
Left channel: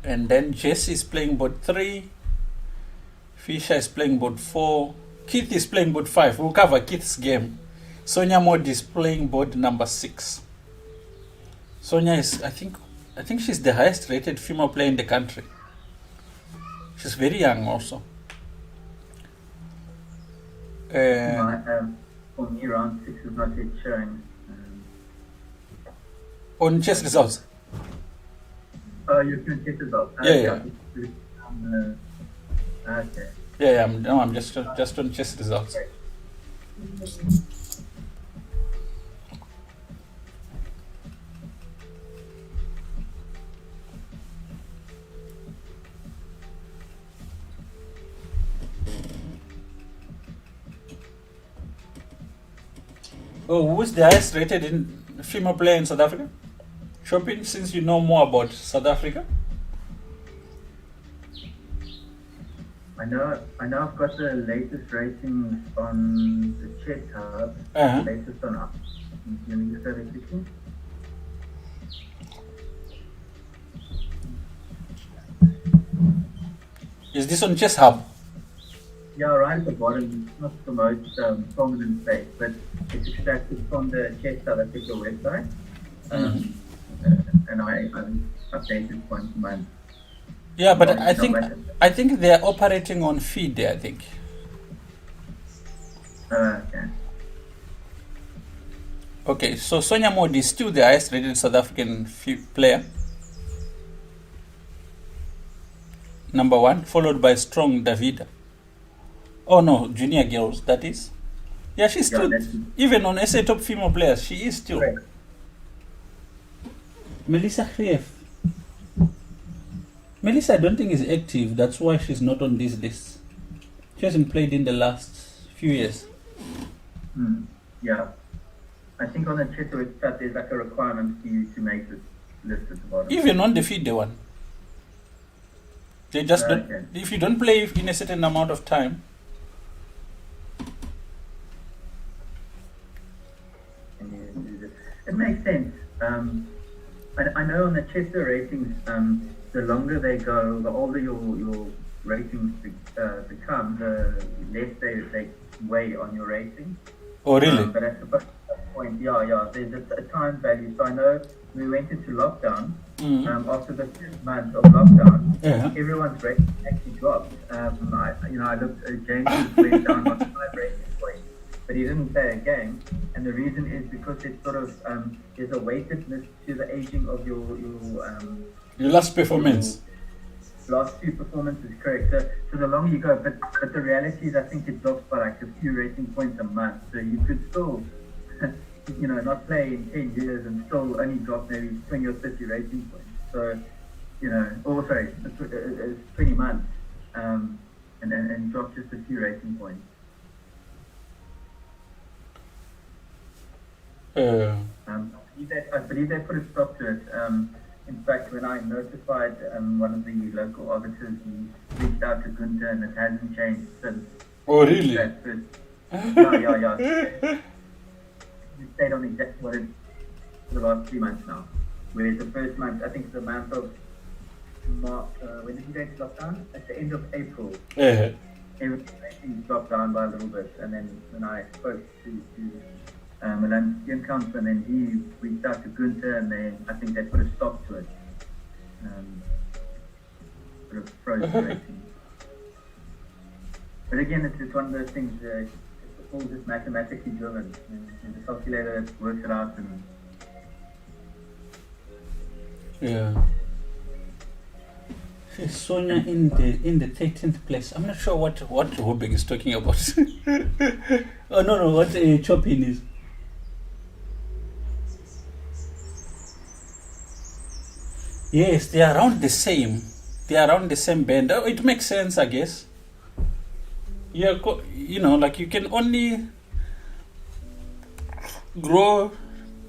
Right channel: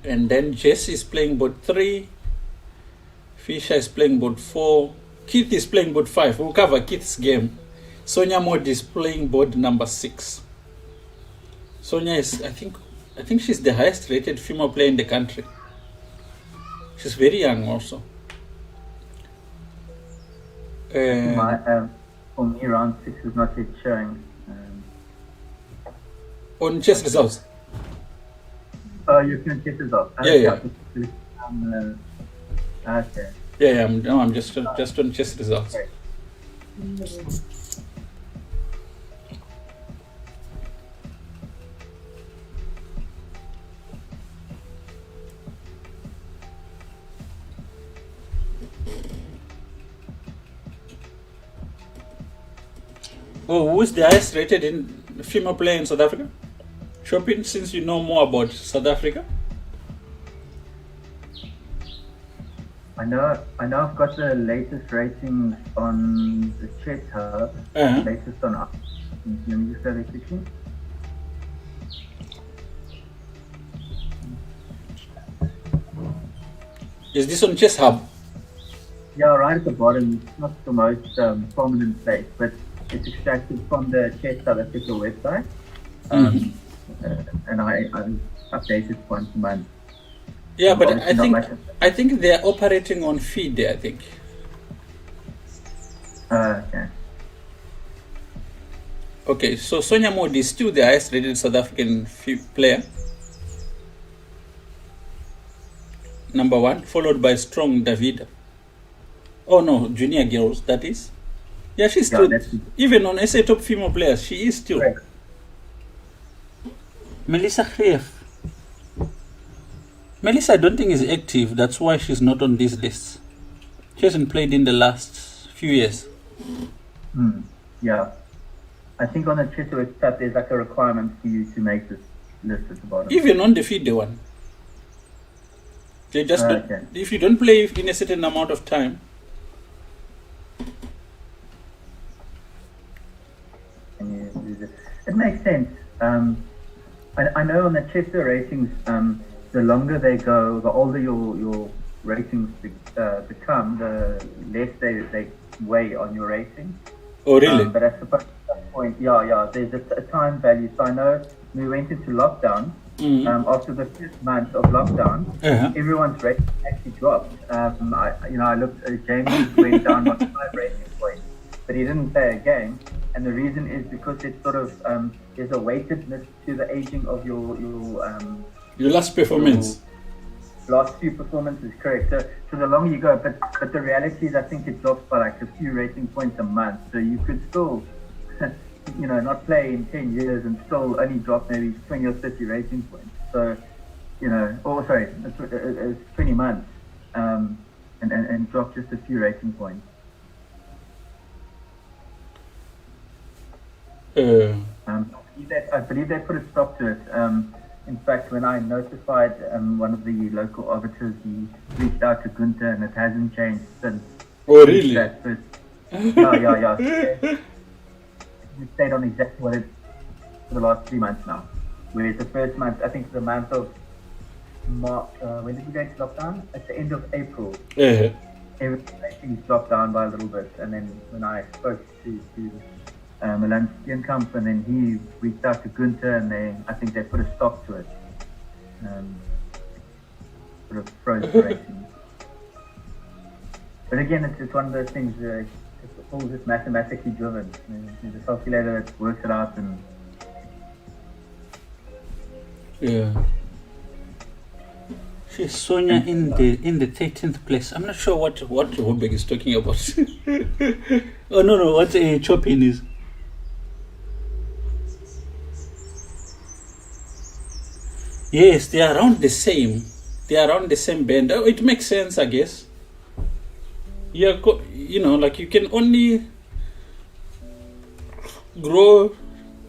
And then Jesse is playing board 3. Fisher is playing board 4. Keith is playing board 5. We'll cover Keith's game. Sonia Mod is playing board number 6. Sonia is, I think she's the highest rated female player in the country. She's very young also. For me, round 6 is not yet showing. On chess results. You can check results. Yeah. Okay. Yeah, I'm just on chess results. Oh, who is the highest rated in female player in South Africa? Shopping, since you know more about South Africa. I know I've got the latest ratings on the Chess Hub. Uh-huh. Latest on up. Let me just go there quickly. Is this on Chess Hub? Yeah, right at the bottom. It's not the most prominent place, but it's extracted from the Chess South Africa website. And I'm updated once a month. Yeah, but I think they are operating on FIDE, I think. Okay. Okay, so Sonia Modi is still the highest rated South African player. Number 1, followed by Strong Davida. Oh no, junior girls, that is. Yeah, she's still, even on SA Top Female Players, she is still. Right. Melissa Greef. Melissa, I don't think is active. That's why she's not on this list. She hasn't played in the last few years. Yeah. I think on the Chess website there's like a requirement for you to make this list at the bottom. Even on the FIDE one. They just don't, Okay. if you don't play in a certain amount of time. It makes sense. I know on the Chester ratings, the longer they go, the older your ratings become, the less they weigh on your rating. Oh, really? But I suppose at that point, yeah, there's a time value. So I know we went into lockdown. After the first month of lockdown, everyone's rating actually dropped. I looked at James went down by 5 rating points, but he didn't play a game. And the reason is because it's sort of there's a weightedness to the aging of your last performance. Last few performances, correct. So the longer you go, but the reality is I think it drops by like a few rating points a month. So you could still, not play in 10 years and still only drop maybe 20 or 30 rating points. So, it's 20 months and drop just a few rating points. I believe they put a stop to it. In fact, when I notified one of the local arbiters, he reached out to Gunther and it hasn't changed since. Oh, really? Yeah. He stayed on exactly what it is for the last 3 months now. Whereas the first month, I think the month of March, when did you guys stop down? At the end of April. Everything dropped down by a little bit. And then when I spoke to Milan Steenkamp, and then he reached out to Gunther, and I think they put a stop to it. Sort of froze the rating. But again, it's just one of those things. It's all just mathematically driven. There's a calculator that works it out, and She's Sonia in the 13th place. I'm not sure what Hobek is talking about. Oh no, what a chopping is. Yes, they are around the same. They are around the same band. Oh, it makes sense, I guess. Yeah, like you can only grow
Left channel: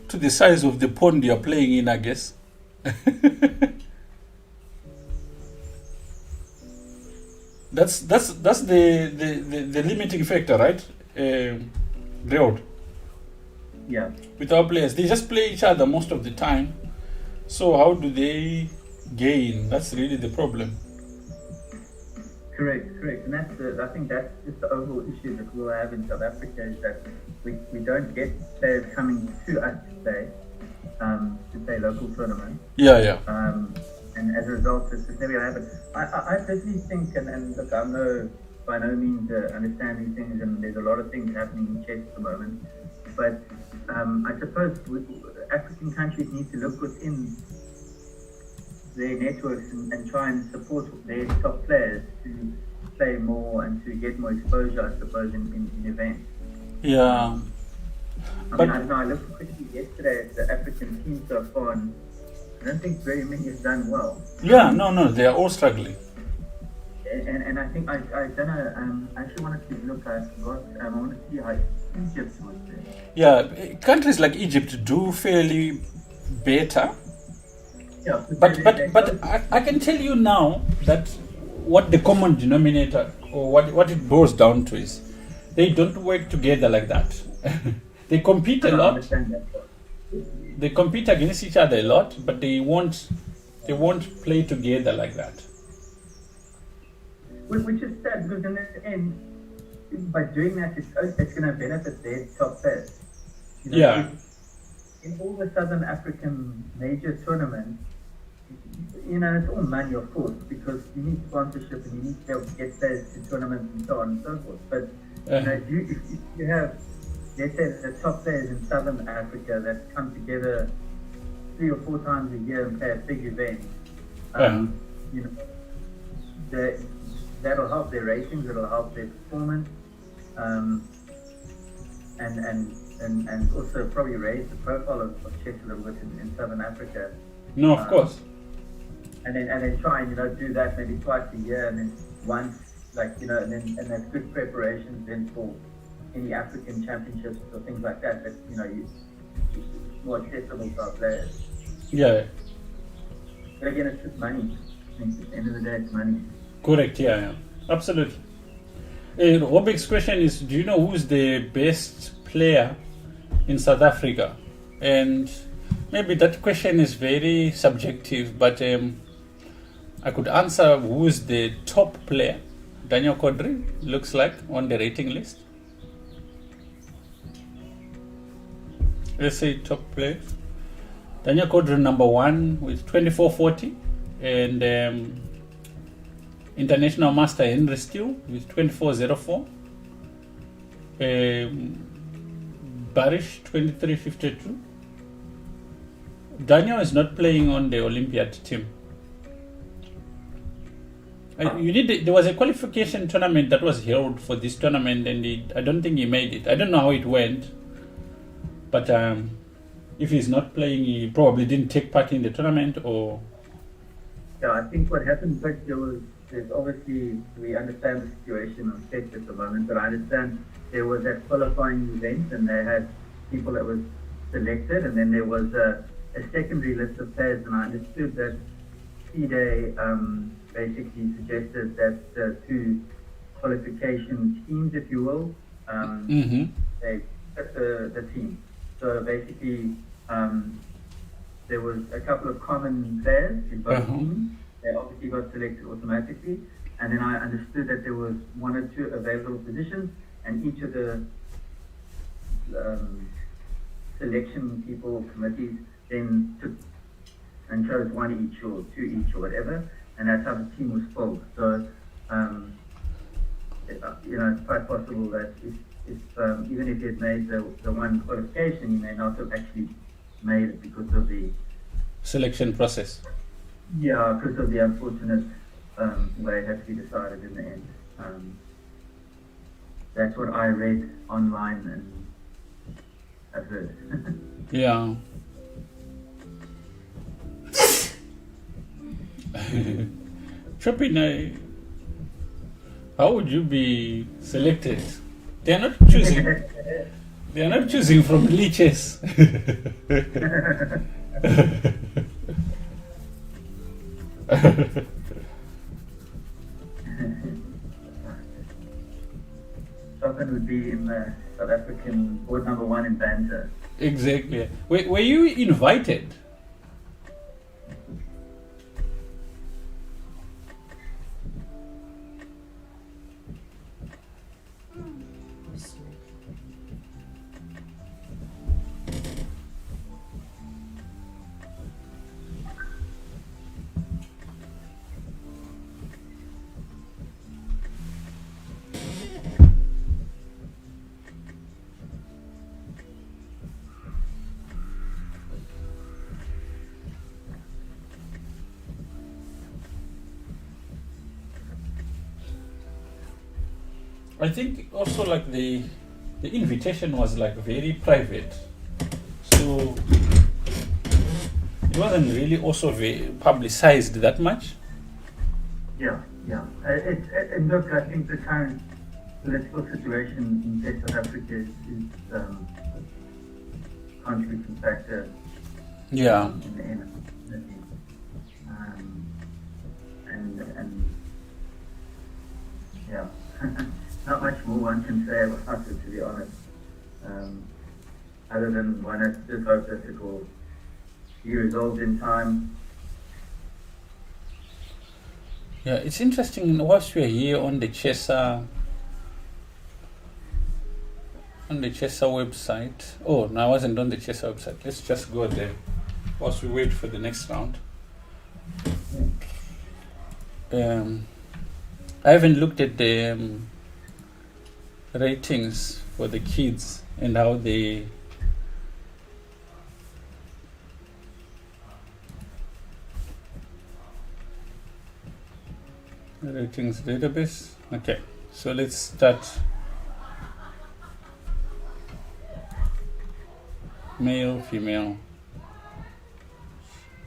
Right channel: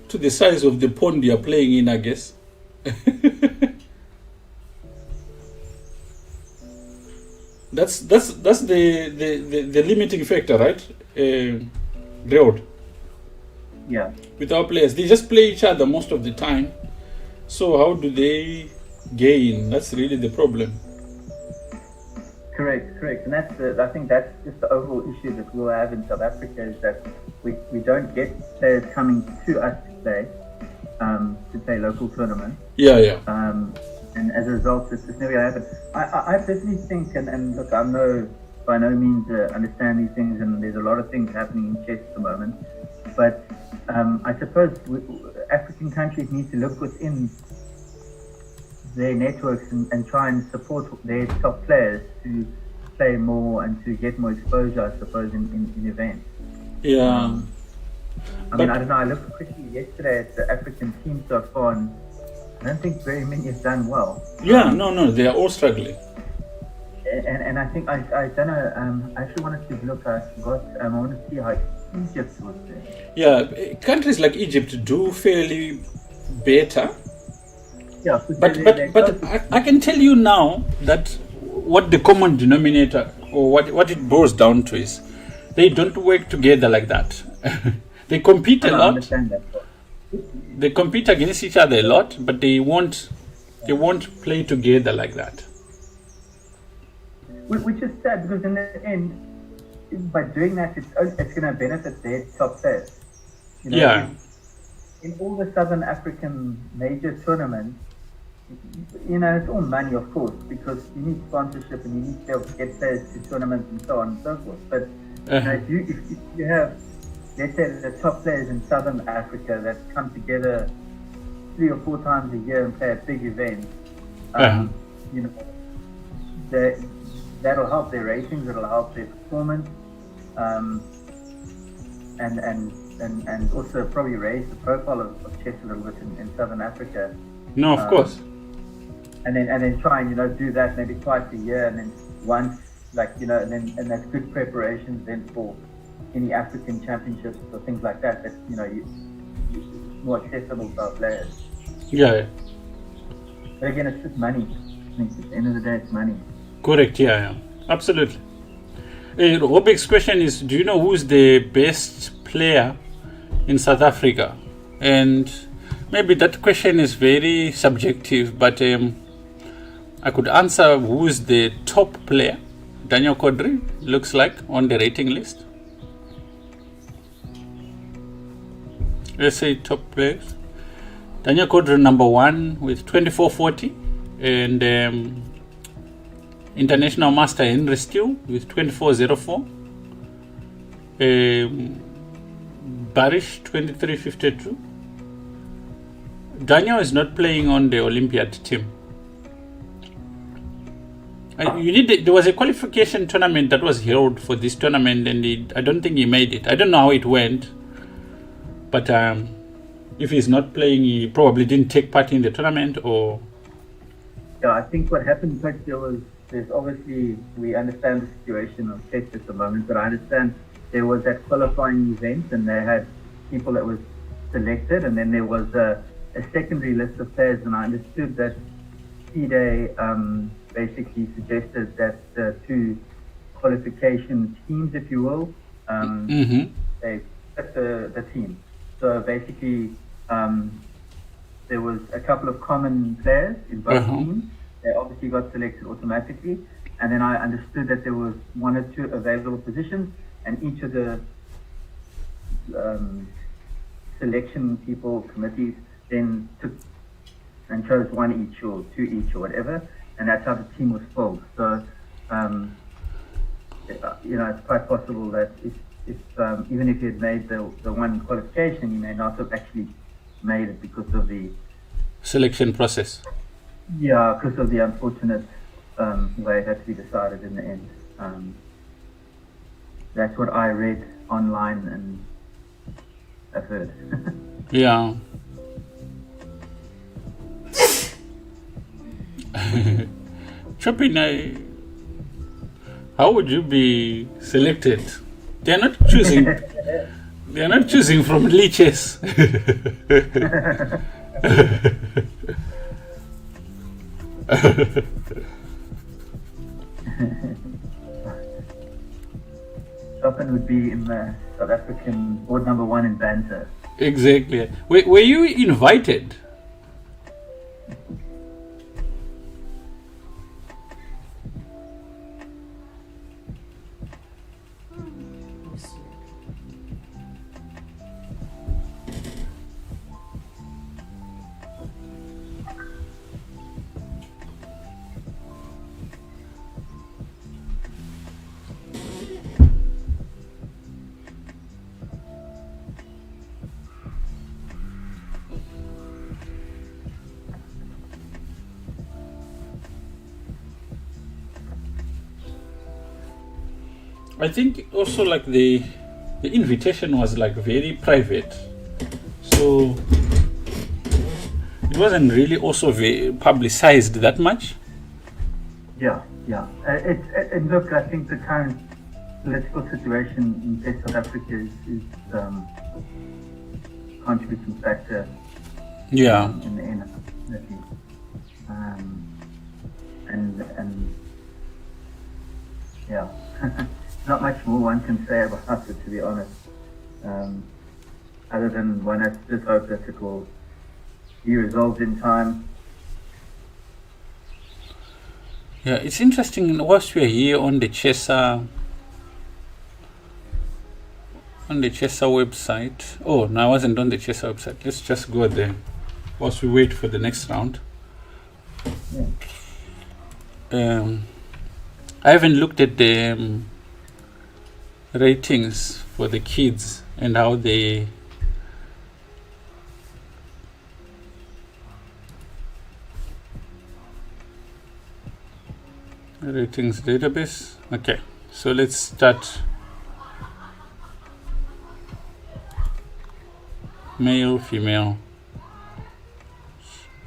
to the size of the pond you are playing in, I guess. That's the limiting factor, right? Road. Yeah. With our players, they just play each other most of the time. So how do they gain? That's really the problem. Correct. And I think that's just the overall issue that we'll have in South Africa is that we don't get players coming to us to play local tournaments. Yeah. And as a result, it's just never going to happen. I personally think, and look, I'm by no means understand these things, and there's a lot of things happening in chess at the moment. But I suppose African countries need to look within their networks and try and support their top players to play more and to get more exposure, I suppose, in events. Yeah. I don't know, I looked quickly yesterday at the African team so far, and I don't think very many have done well. Yeah, no, they are all struggling. And I think I don't know. I actually wanted to look. I want to see Egypt was there. Yeah, countries like Egypt do fairly better. Yeah, But I can tell you now that what the common denominator or what it boils down to is they don't work together like that. They compete a I lot. understand that. They compete against each other a lot, but they won't play together like that. Which is sad because in the end, by doing that, it's going to benefit their top players. You know, Yeah. In all the Southern African major tournaments, you know, it's all money, of course, because you need sponsorship and you need to be able to get players to tournaments and so on and so forth. But if you have, let's say, the top players in Southern Africa that come together 3 or 4 times a year and play a big event, you know, that'll help their ratings, it'll help their performance, and also probably raise the profile of chess a little bit in Southern Africa. No, of course. And then try and, you know, do that maybe twice a year, and then once, like, you know, and there's good preparations then for any African championships or things like that, you know, you more accessible to our players. Yeah. But again, it's just money. I mean, at the end of the day, it's money. Correct, yeah. Absolutely. Robik's question is, do you know who's the best player in South Africa? And maybe that question is very subjective, but I could answer who's the top player. Daniel Kodri looks like on the rating list. Let's say top players. Daniel Kodri number 1 with 2440, and International Master Henry Steele with 2404. Barish 2352. Daniel is not playing on the Olympiad team. There was a qualification tournament that was held for this tournament, and I don't think he made it. I don't know how it went, but if he's not playing, he probably didn't take part in the tournament, or. Yeah, I think what happened back there's obviously, we understand the situation of chess at the moment, but I understand there was that qualifying event, and they had people that was selected, and then there was a secondary list of players, and I understood that FIDE basically suggested that the 2 qualification teams, if you will, they picked the team. So basically, there was a couple of common players in both teams. They obviously got selected automatically, and then I understood that there was 1 or 2 available positions, and each of the selection people, committees, then took and chose 1 each or 2 each or whatever, and that's how the team was filled. So, you know, it's quite possible that if even if he had made the 1 qualification, he may not have actually made it because of the selection process. Yeah, because of the unfortunate way it had to be decided in the end. That's what I read online and I've heard. Yeah. Chopin, how would you be selected? They are not choosing. They are not choosing from leeches. Chopin would be in the South African board number 1 in banter. Exactly. Were you invited? I think also like the invitation was like very private, so it wasn't really also very publicized that much. Yeah. Look, I think the current political situation in South Africa is contributing factor Yeah. in the end. And yeah, not much more one can say about it, to be honest. Other than one has to just hope that it will be resolved in time. Yeah, it's interesting. Whilst we're here on the Chesa website. Oh, no, I wasn't on the Chesa website. Let's just go there whilst we wait for the next round. I haven't looked at the ratings for the kids and how they ratings database. Okay, so let's start. Male, female.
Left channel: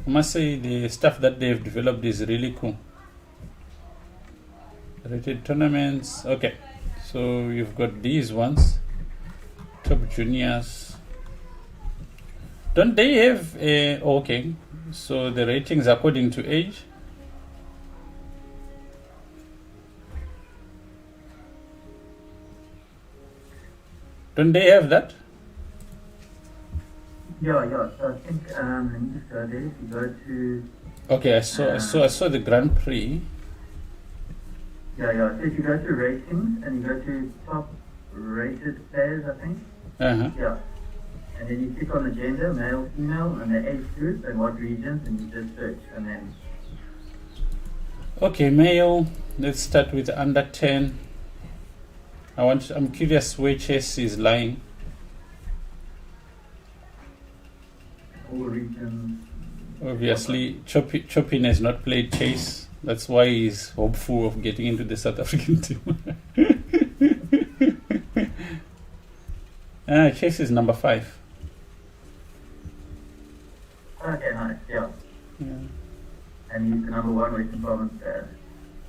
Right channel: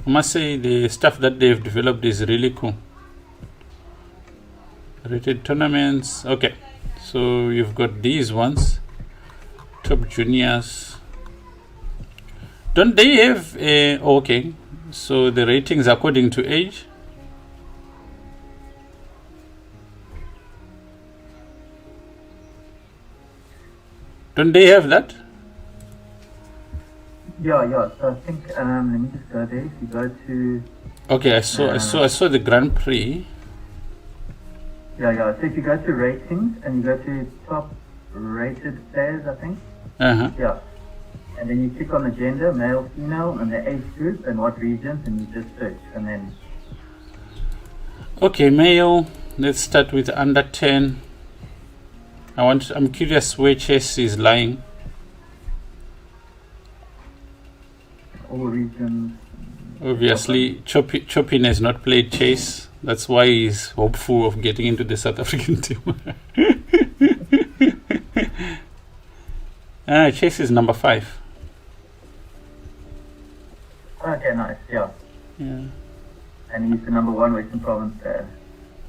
I must say the stuff that they've developed is really cool. Rated tournaments. Okay, so you've got these ones. Top juniors. Don't they have okay, so the ratings according to age? Don't they have that? Yeah. So I think let me just go there. If you go to Okay, I saw the Grand Prix. yeah. So if you go to ratings and you go to top rated players, I think. Yeah. And then you click on the gender, male, female, and the age group and what regions, and you just search, and then. Okay, male. Let's start with under 10. I'm curious where chess is lying. All regions. Obviously, Chopin has not played chess. That's why he's hopeful of getting into the South African team. Chess is number 5. Okay, nice. Yeah. And he's the number 1 Western Province there.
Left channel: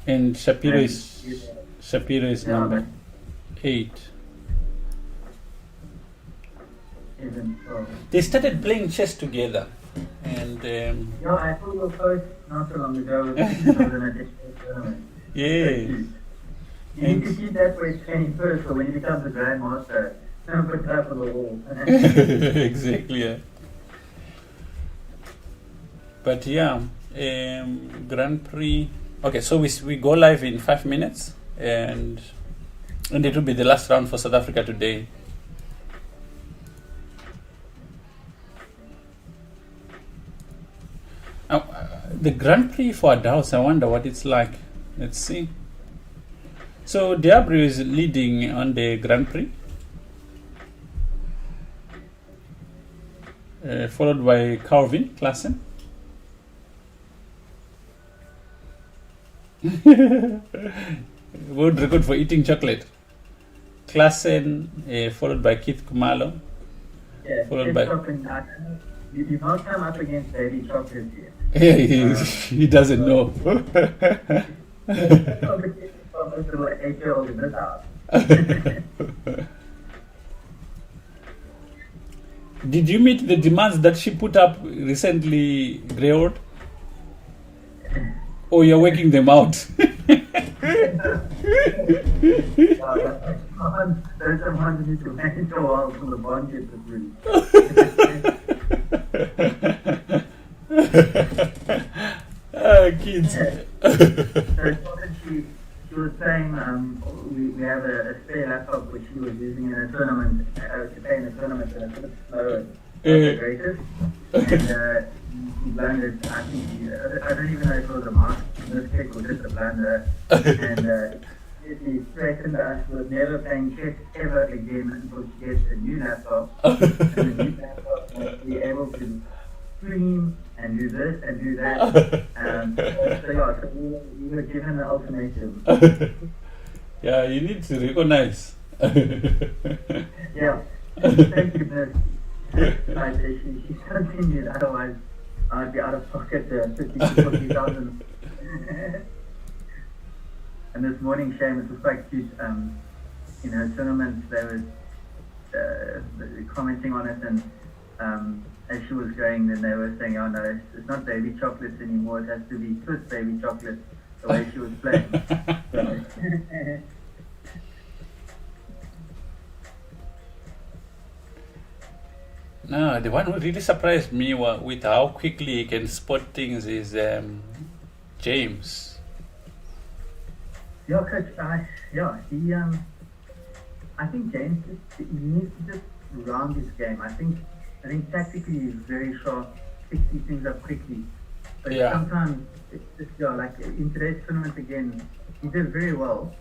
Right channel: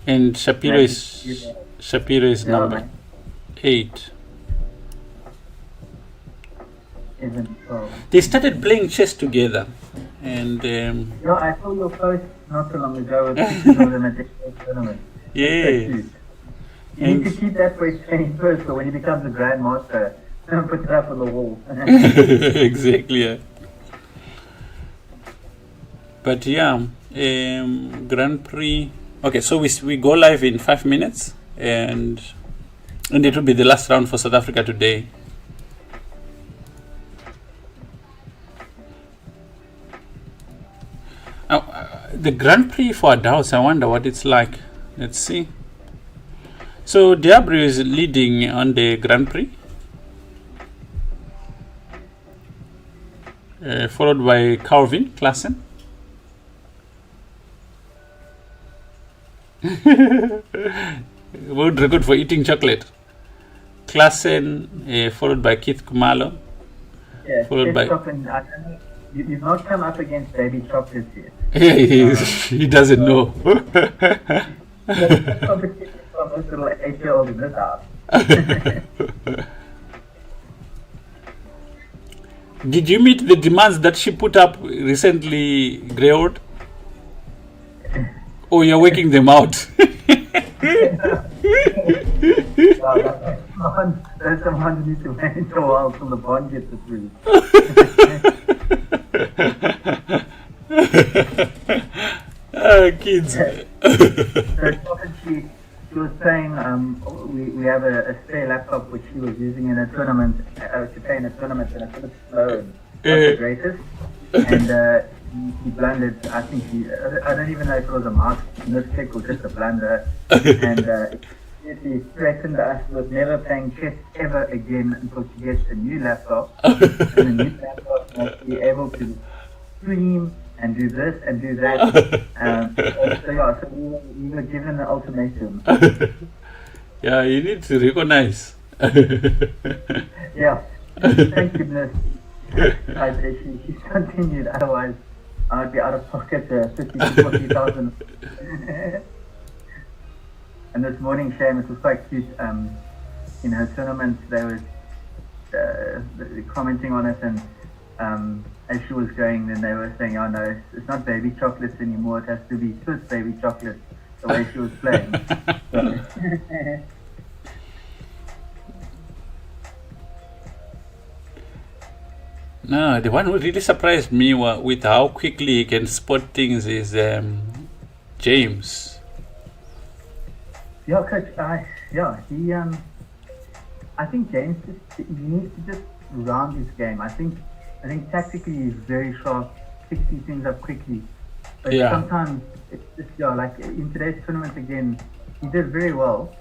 And Shapiro is number 8. They started playing chess together, and yeah, I saw your post not so long ago. Yeah. You need to keep that for his training first, so when he becomes a grandmaster, don't put that on the wall. Exactly. Yeah. But yeah, Grand Prix. Okay, so we go live in 5 minutes, and it will be the last round for South Africa today. The Grand Prix for adults, I wonder what it's like. Let's see. So Diablo is leading on the Grand Prix, followed by Calvin Klassen. World record for eating chocolate. Klassen, followed by Keith Kumalo. Yeah, followed by. You did not come up against Baby Chocolate yet. Yeah, he doesn't know. Did you meet the demands that she put up recently, Greyhound? Or you're working them out? That's the one you need to manage a while from the budget to really. Kids. So she was saying we have a spare laptop which she was using in a tournament. She played in a tournament and it's a bit slow and not the greatest. And he blundered. I think I don't even know if it was a mark in this case or just a blunder. And he threatened us with never playing chess ever again until she gets a new laptop. And the new laptop must be able to stream and do this and do that. So we were given an ultimatum. Yeah, you need to recognize. Yeah, thank you, miss. She continued, otherwise I'd be out of pocket 50,000 to 40,000. And this morning, Seamus was quite cute. in her tournament, they were commenting on it, and as she was going, then they were saying, "Oh no, it's not baby chocolates anymore. It has to be Swiss baby chocolate." The way she was playing. No, the one who really surprised me with how quickly he can spot things is James. Yeah, coach. He. I think James he needs to just round his game. I think tactically he's very sharp, picks these things up quickly. But sometimes it's just like in today's tournament again, he did very well,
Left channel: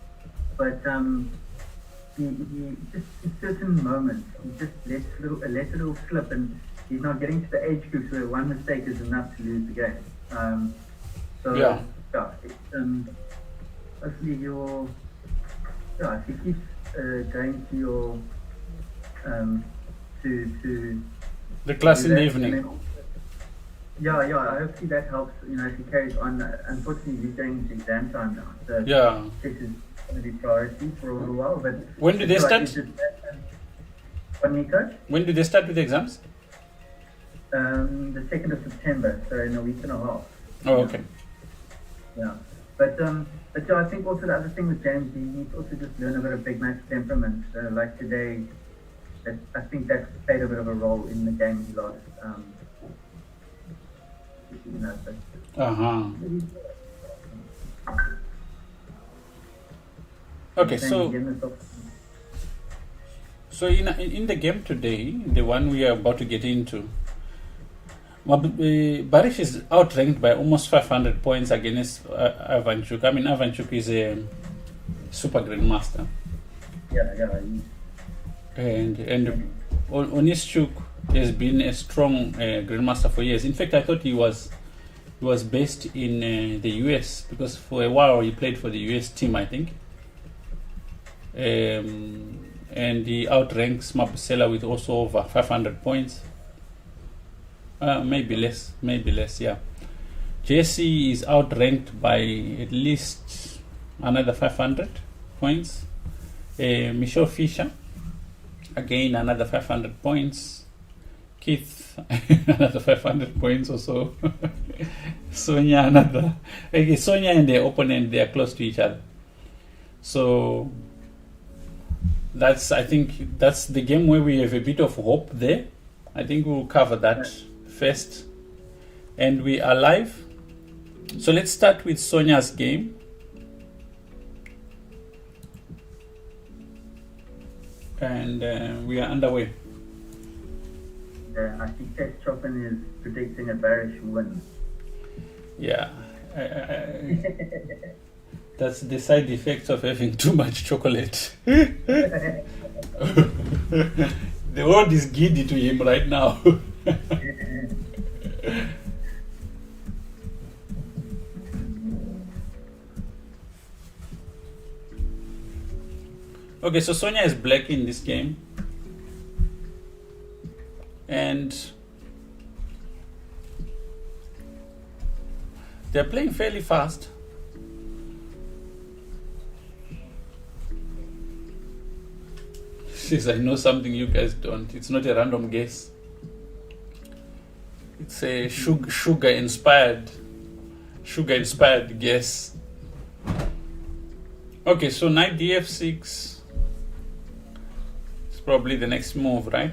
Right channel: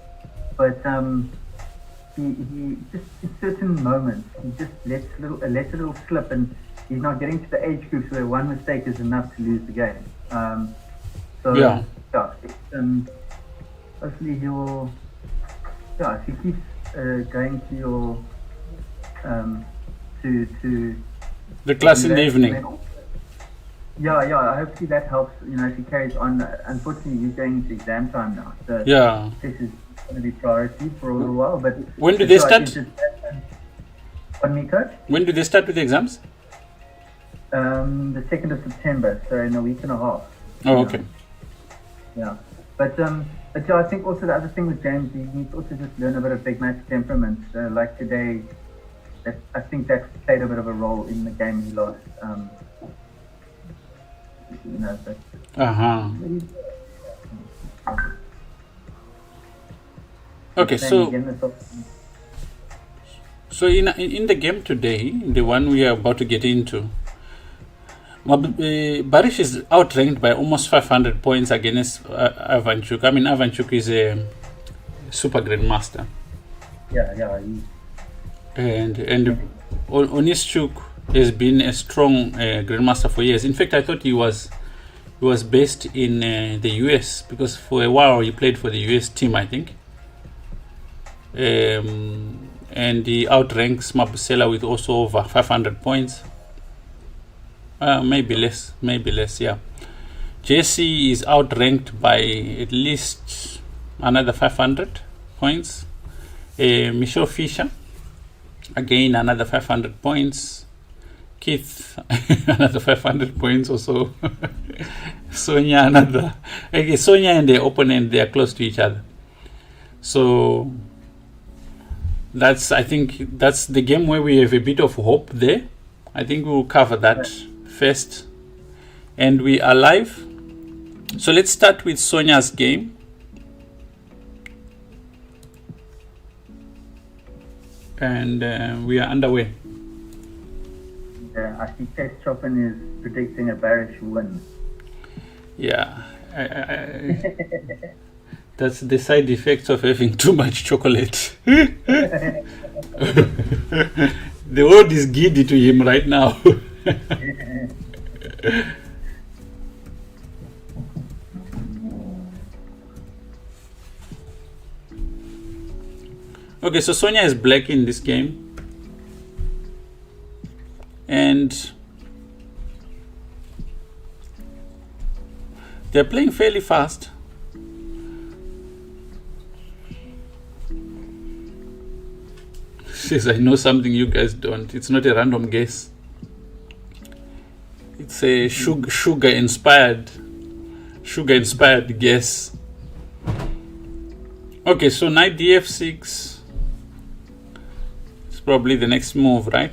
but he just in certain moments he just lets a little slip, and he's not getting to the age groups where one mistake is enough to lose the game. Hopefully he'll if he keeps going to your to the class in the evening. Hopefully that helps. If he carries on. Unfortunately, he's going to exam time now, so this is going to be priority for a little while. But when do they start? Pardon me, coach? When do they start with the exams? The 2nd of September, so in a week and a half. Oh, okay. Yeah, but I think also the other thing with James, he needs to also just learn a bit of big match temperament. Like today, I think that played a bit of a role in the game he lost. Okay, so in the game today, the one we are about to get into, Barish is outranked by almost 500 points against Ivanchuk. I mean, Ivanchuk is a super grandmaster. And Onischuk has been a strong grandmaster for years. In fact, I thought he was based in the US, because for a while he played for the US team, I think. And he outranks Mabusela with also over 500 points. Maybe less, yeah. Jesse is outranked by at least another 500 points. Michelle Fisher, again another 500 points. Keith, another 500 points or so. Sonia, another. Okay, Sonia and the opponent, they are close to each other. So I think that's the game where we have a bit of hope there. I think we will cover that first. And we are live. So let's start with Sonia's game. And we are underway. I see Tess Chopin is predicting a Barish win. Yeah. That's the side effects of having too much chocolate. The world is giddy to him right now. Okay, so Sonia is black in this game. And they're playing fairly fast. Says, I know something you guys don't. It's not a random guess. It's a sugar inspired guess. Okay, so knight df6 is probably the next move, right?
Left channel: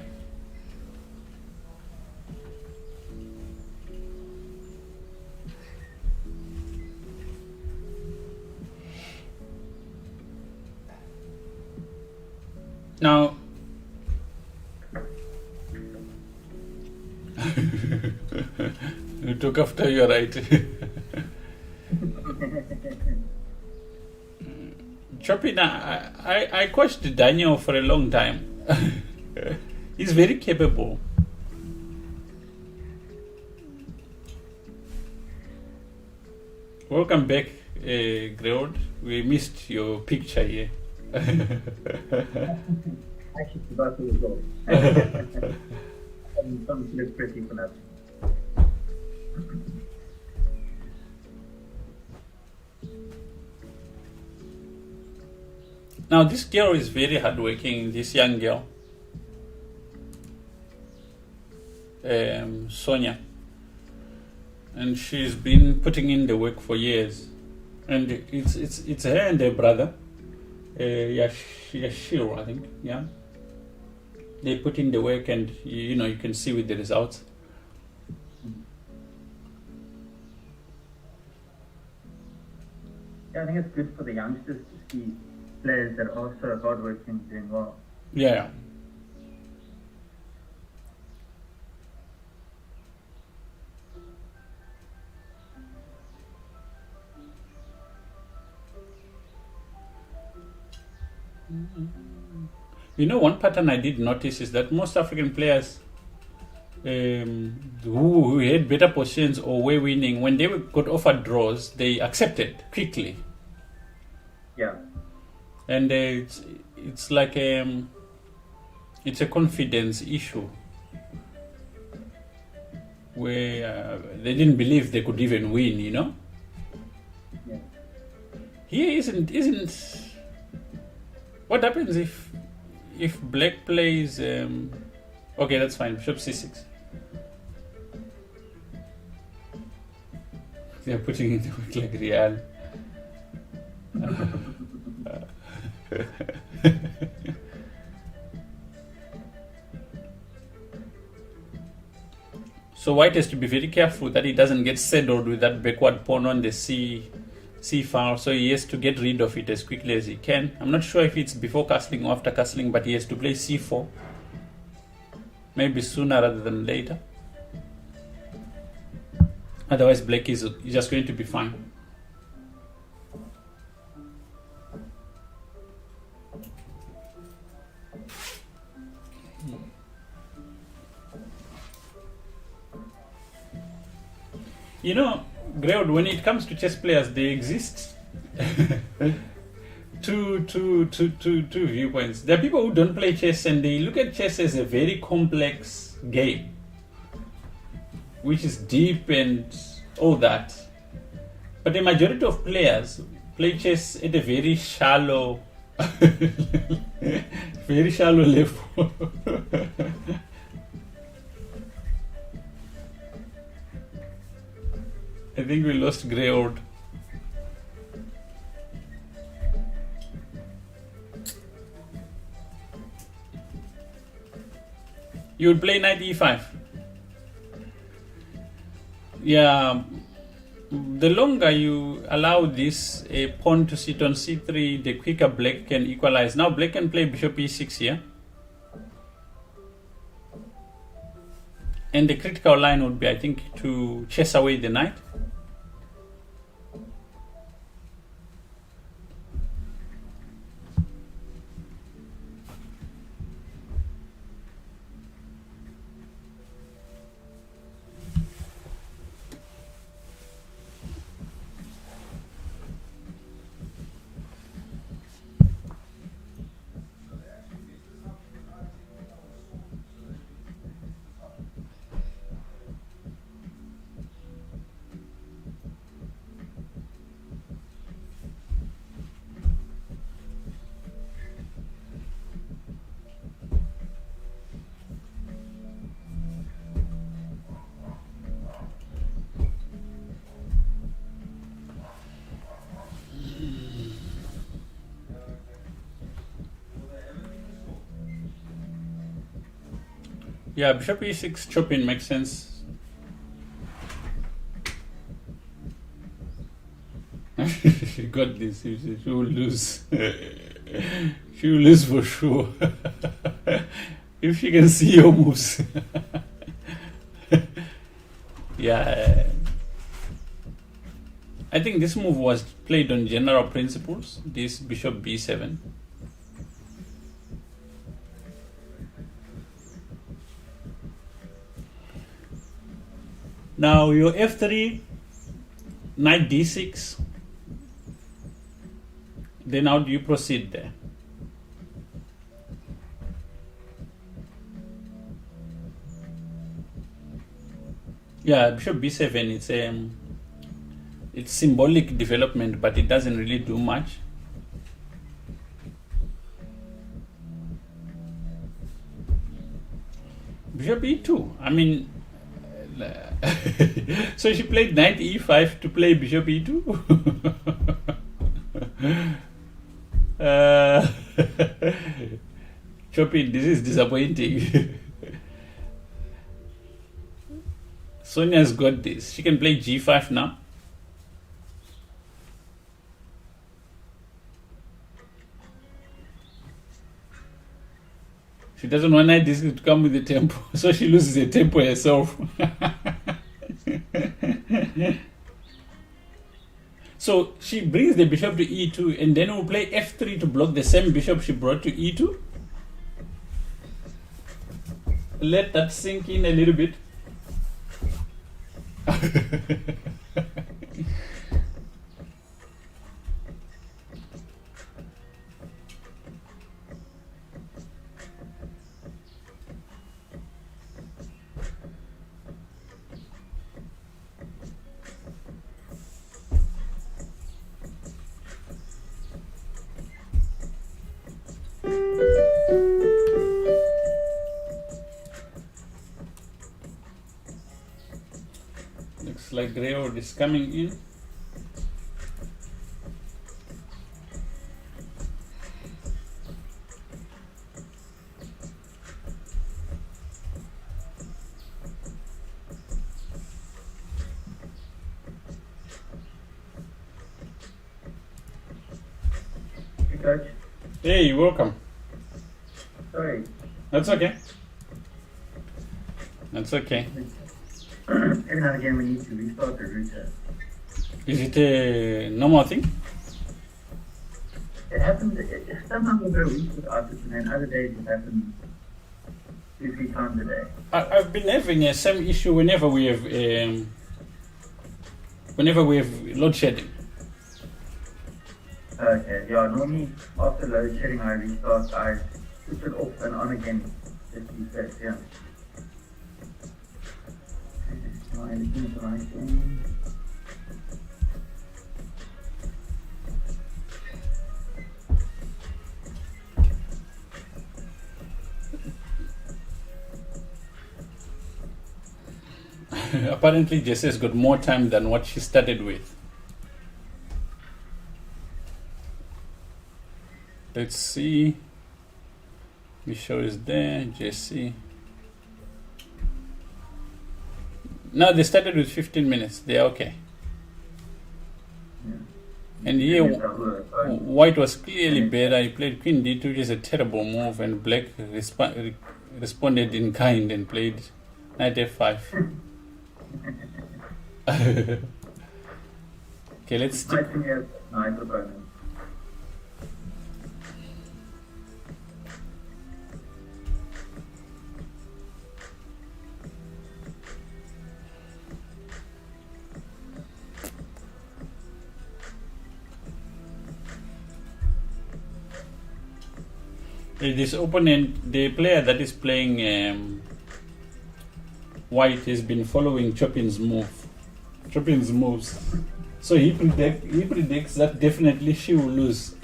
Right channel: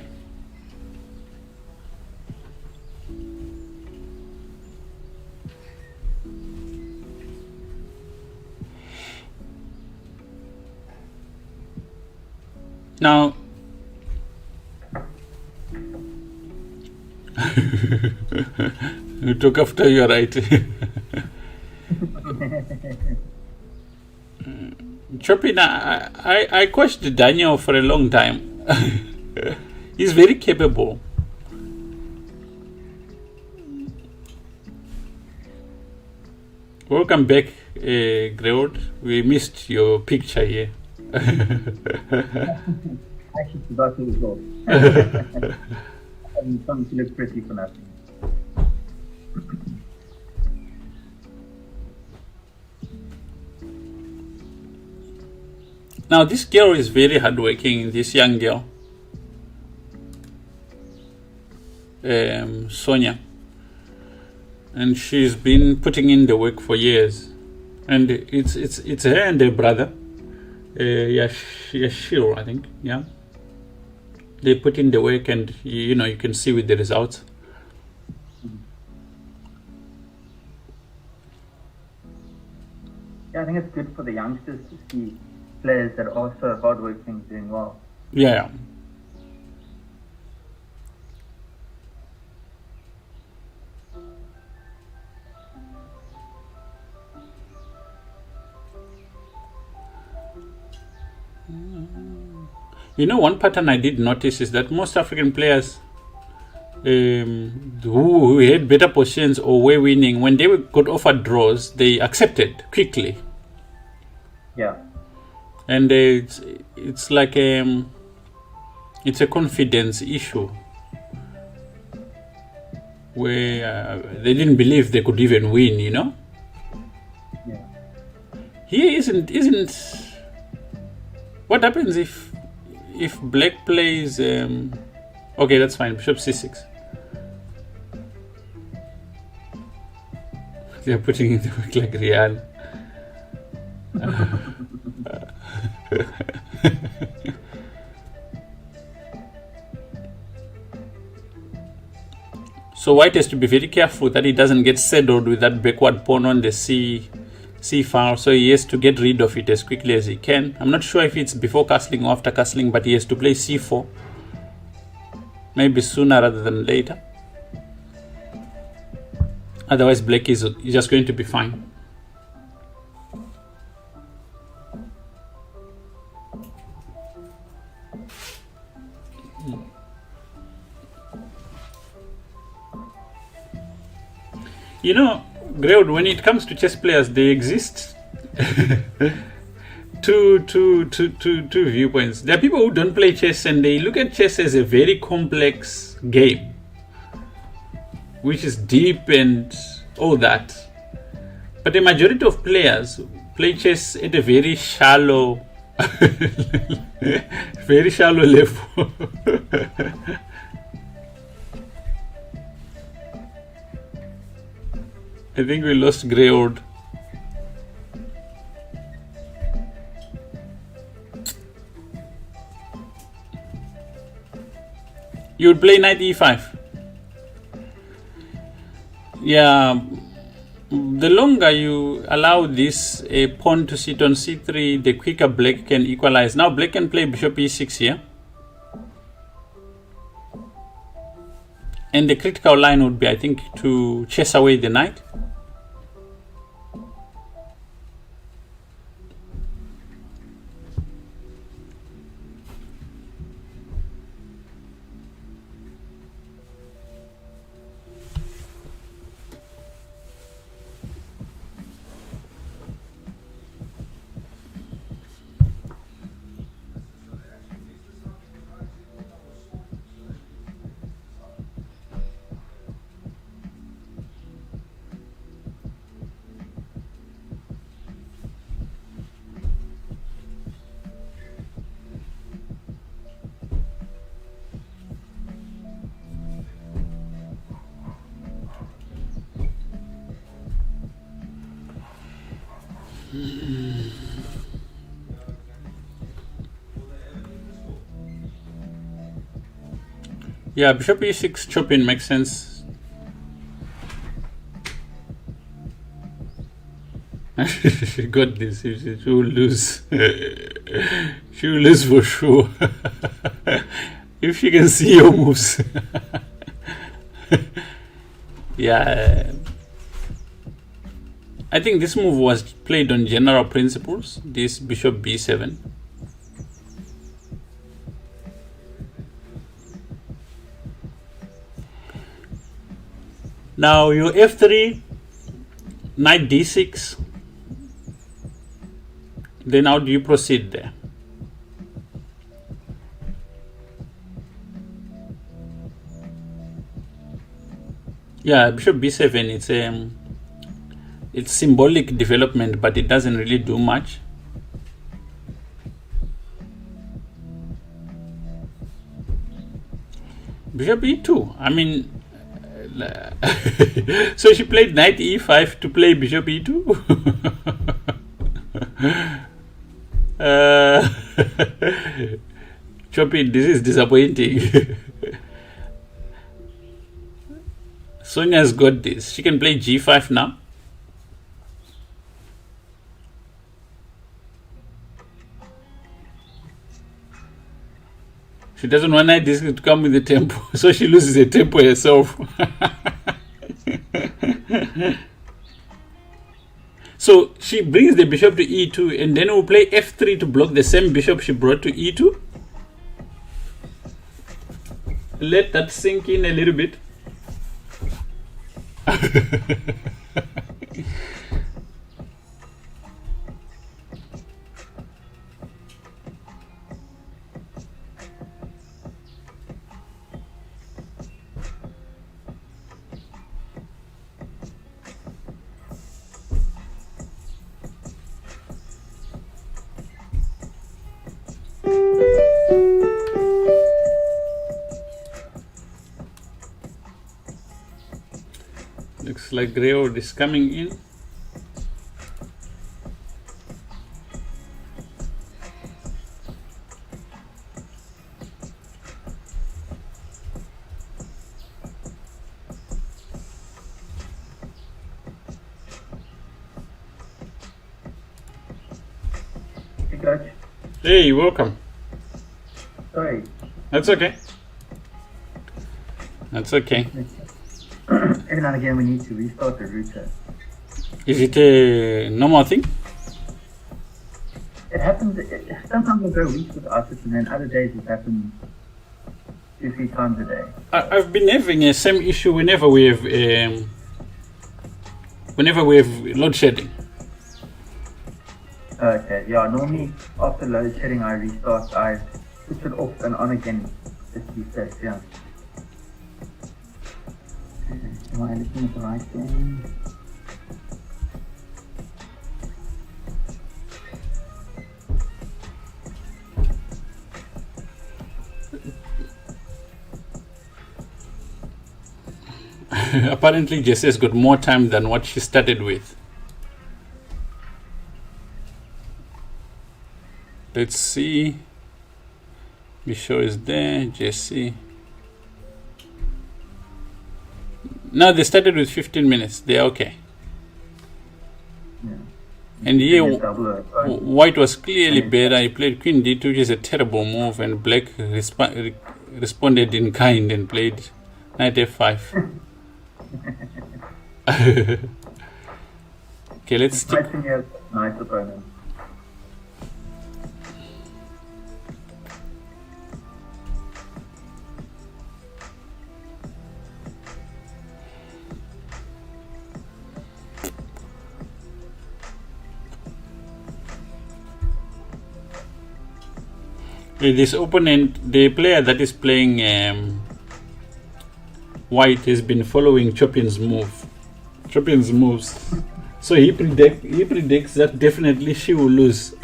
Now, you took after you, right? Chopin, I coached Daniel for a long time. He's very capable. Welcome back, Greod. We missed your picture here. I actually forgot to as well. Something to look pretty for nothing. Now this girl is very hardworking, this young girl, Sonia, and she's been putting in the work for years, and it's her and her brother, Yashiro, I think, yeah. They put in the work, and you know, you can see with the results. Yeah, I think it's good for the youngsters to see players that are also hardworking doing well. Yeah. You know, one pattern I did notice is that most African players who had better positions or were winning, when they got offered draws, they accepted quickly. Yeah. And it's like it's a confidence issue where they didn't believe they could even win, you know. Yeah. Here isn't what happens if black plays okay, that's fine, bishop c6. They're putting in the work like Real. So white has to be very careful that he doesn't get saddled with that backward pawn on the c file, so he has to get rid of it as quickly as he can. I'm not sure if it's before castling or after castling, but he has to play c4, maybe sooner rather than later. Otherwise black is just going to be fine. You know, Greg, when it comes to chess players, they exist two viewpoints. There are people who don't play chess and they look at chess as a very complex game, which is deep and all that. But the majority of players play chess at a very shallow, very shallow level. I think we lost Greywood. You would play knight e5. Yeah, the longer you allow this pawn to sit on c3, the quicker black can equalize. Now black can play bishop e6 here. And the critical line would be, I think, to chase away the knight. Yeah, bishop e6 chopping makes sense. She got this. She will lose. She will lose for sure. If she can see your moves. Yeah. I think this move was played on general principles. This bishop b7. Now your f3, knight d6. Then how do you proceed there? Yeah, bishop b7. It's symbolic development, but it doesn't really do much. Bishop e2. I mean, so she played knight e5 to play bishop e2. Choppy, this is disappointing. Sonia's got this. She can play g5 now. She doesn't want knight this to come with the tempo, so she loses the tempo herself. So she brings the bishop to e2, and then we'll play f3 to block the same bishop she brought to e2. Let that sink in a little bit. Looks like Greyhound is coming in. Hey, Coach. Hey, welcome. Sorry. That's okay. That's okay. Every now and again we need to restart the router. Is it a normal thing? It happens, sometimes we'll go weeks without it, and then other days it happens 2-3 times a day. I've been having the same issue whenever we have load shedding. Okay, yeah, normally after load shedding I restart, I switch it off and on again, just to be safe, yeah. Am I looking at the right thing? Apparently Jesse's got more time than what she started with. Let's see. Bishop is there, Jesse. No, they started with 15 minutes. They're okay. Yeah. And here, Yes, I will, sorry. white was clearly better. He played queen d2, which is a terrible move, and black responded in kind and played knight f5. Okay, let's stick. Fighting as nice opponent. This opponent, the player that is playing white, has been following Chopin's moves. So he predicts that definitely she will lose.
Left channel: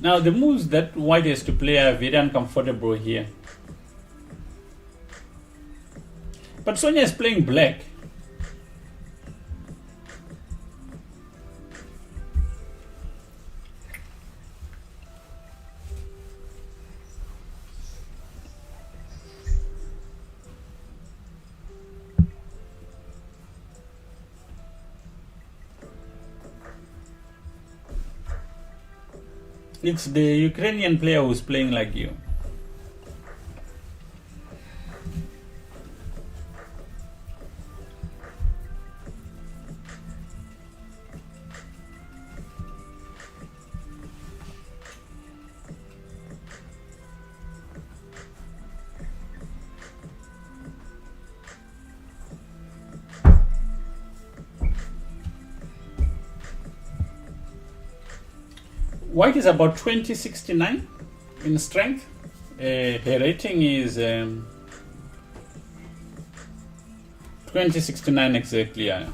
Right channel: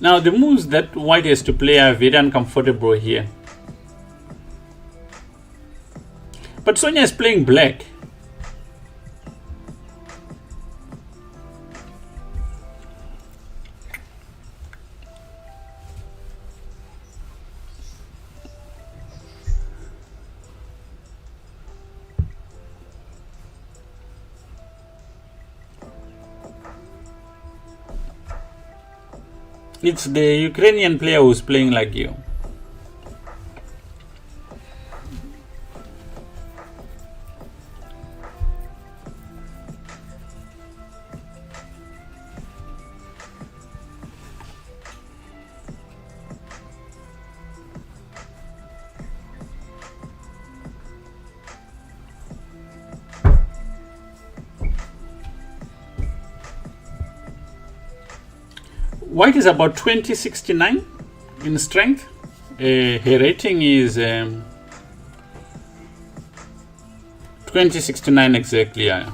Now the moves that white has to play are very uncomfortable here. But Sonia is playing black. It's the Ukrainian player who's playing like you. White is about 2069 in strength. Her rating is 2069 exactly. Yeah.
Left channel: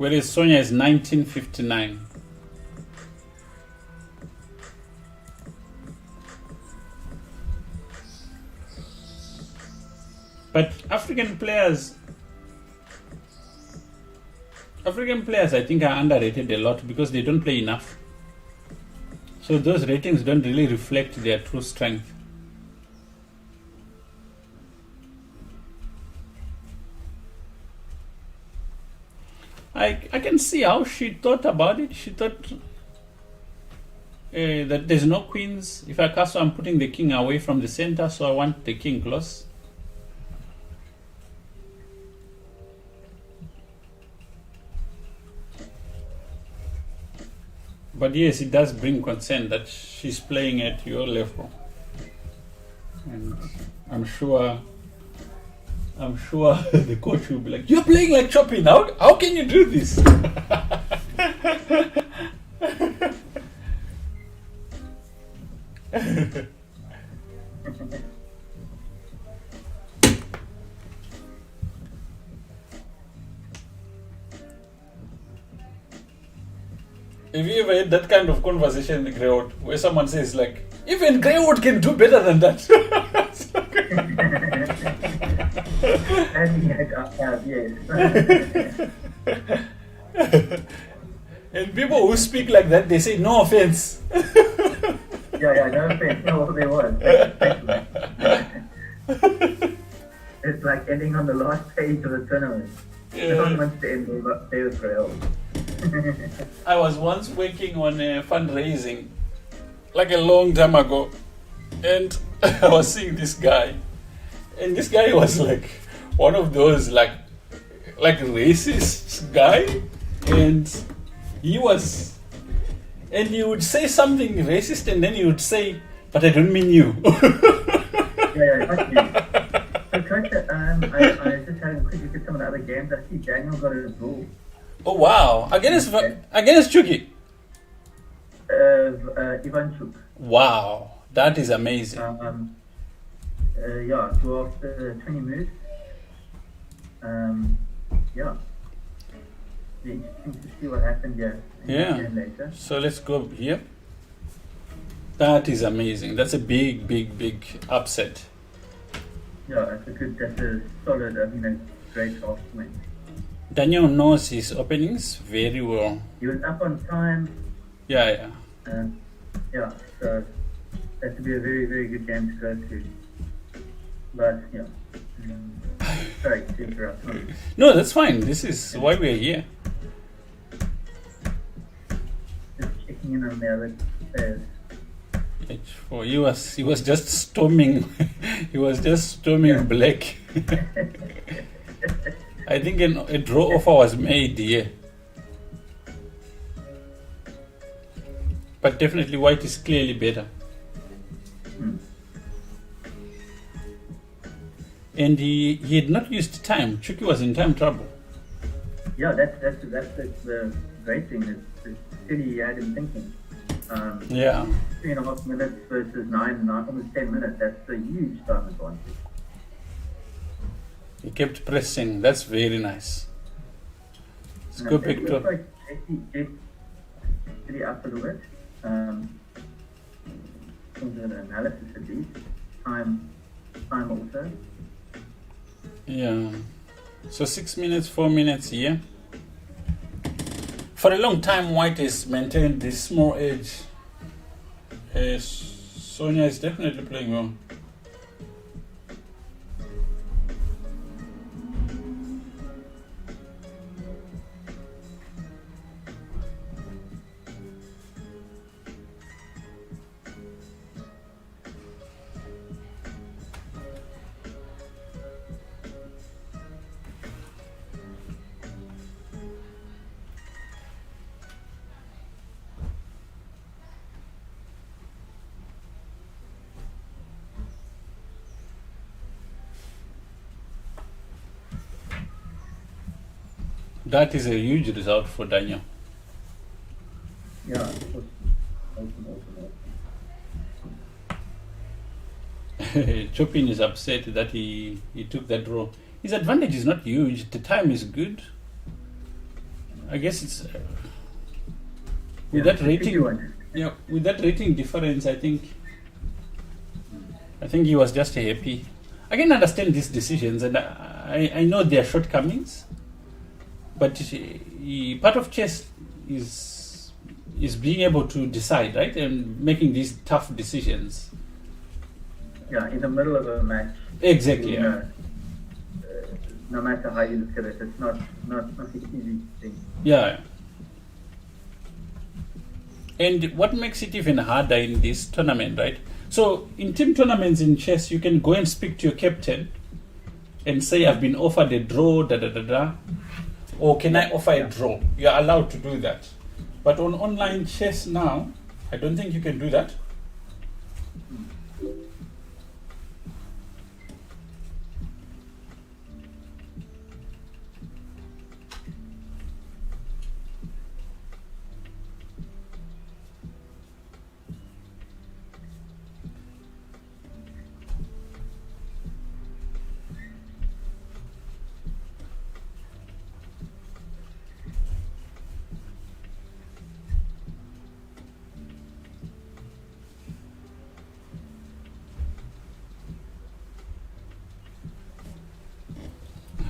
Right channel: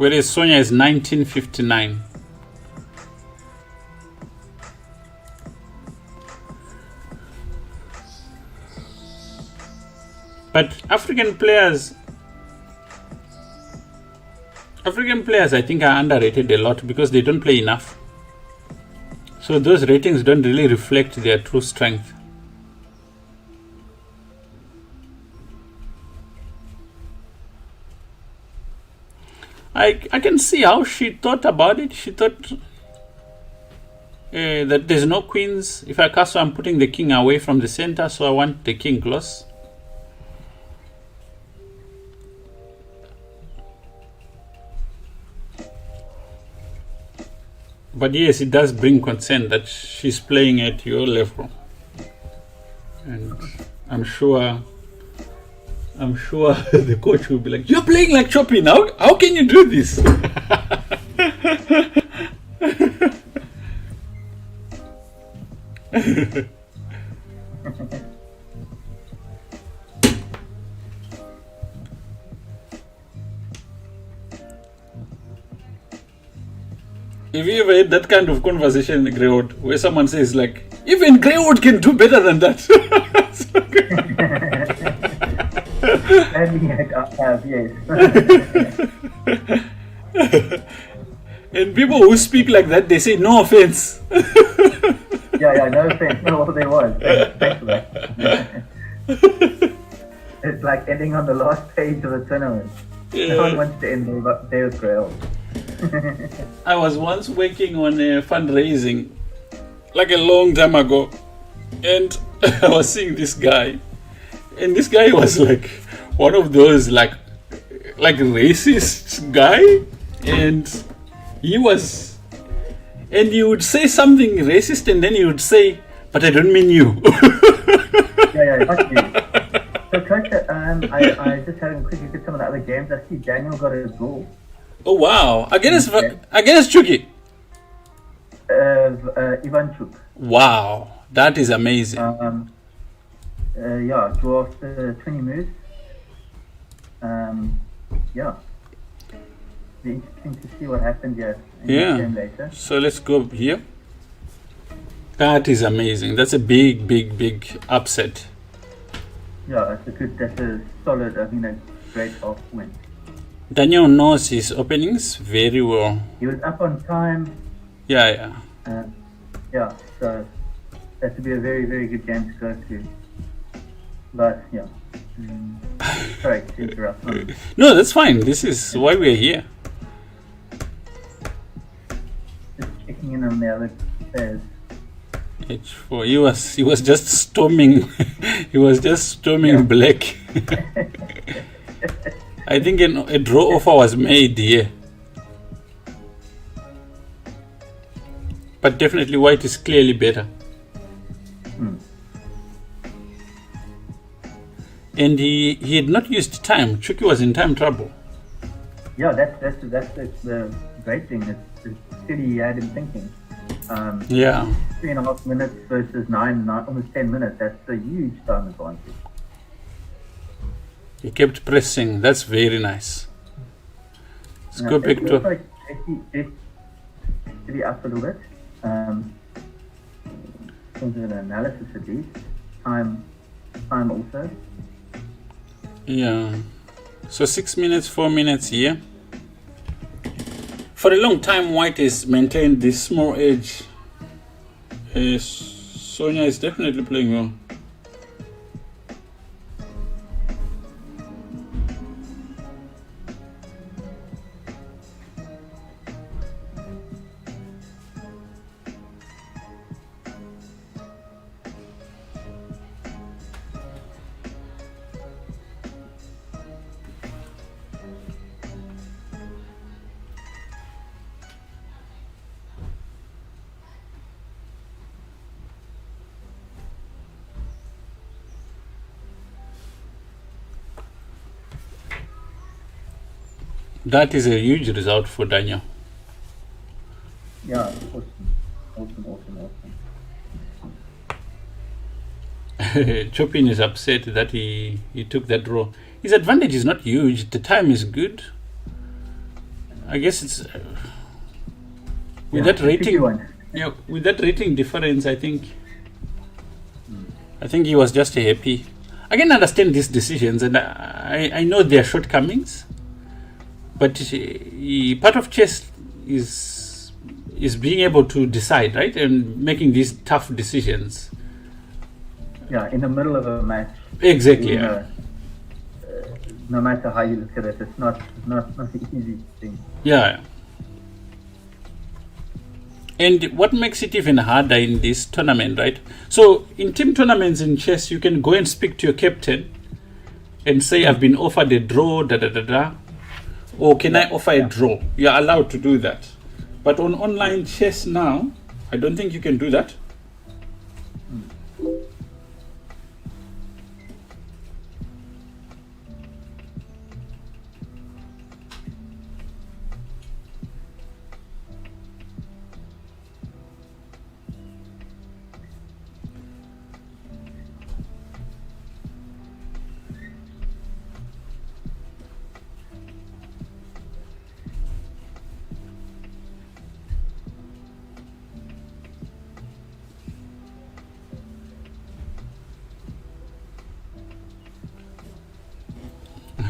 whereas Sonia is 1959. But African players, I think, are underrated a lot because they don't play enough. So those ratings don't really reflect their true strength. I can see how she thought about it. She thought that there's no queens. If I castle, I'm putting the king away from the center, so I want the king close. But yes, it does bring concern that she's playing at your level. And I'm sure the coach will be like, "You're playing like Choppy now. How can you do this?" Have you ever had that kind of conversation in Greywood where someone says like, "Even Greywood can do better than that"? Yes. And people who speak like that, they say, "No offense." Yeah, no offense, no what they want. It's like ending on the last page of a tournament. Yeah. No one wants to end there with Grail. I was once working on a fundraising, like a long time ago, and I was seeing this guy, and this guy was like one of those like racist guy, and he would say something racist, and then he would say, "But I don't mean you." Yeah, fuck you. So, Coach, I just had a quick look at some of the other games. I see Daniel got a goal. Oh wow! Against Chucky. Ivanchuk. Wow, that is amazing. Yeah, draw after 20 moves. Yeah. Be interesting to see what happened here. Yeah. So let's go here. That is amazing. That's a big upset. Yeah, that's a solid, a great half win. Daniel knows his openings very well. He was up on time. Yeah. Yeah, so that would be a very good game to go to. But, yeah. Sorry to interrupt. No, that's fine. This is why we're here. Just checking in on the other players. H4. He was just storming. He was just storming black. I think a draw offer was made here. But definitely white is clearly better. And he had not used time. Chucky was in time trouble. Yeah, that's the great thing. It's steady he had him thinking. 3.5 minutes versus 9, almost 10 minutes. That's a huge time advantage. He kept pressing. That's very nice. Let's go back to... Steady up a little bit. Something an analysis at least. Time also. Yeah. So 6 minutes, 4 minutes here. For a long time, white has maintained this small edge. Sonia is definitely playing well. That is a huge result for Daniel. Yeah, awesome. Chopin is upset that he took that draw. His advantage is not huge. The time is good. I guess it's with Yeah, that it's a tricky rating. one. Yeah, with that rating difference, I think he was just happy. I can understand these decisions, and I know their shortcomings, but part of chess is being able to decide, right, and making these tough decisions. Yeah, in the middle of a match. Exactly. You know, no matter how you look at it, it's not an easy thing. Yeah. And what makes it even harder in this tournament, right? So in team tournaments in chess, you can go and speak to your captain and say, I've been offered a draw, da da da da. Or can I offer a draw? You're allowed to do that. But on online chess now, I don't think you can do that.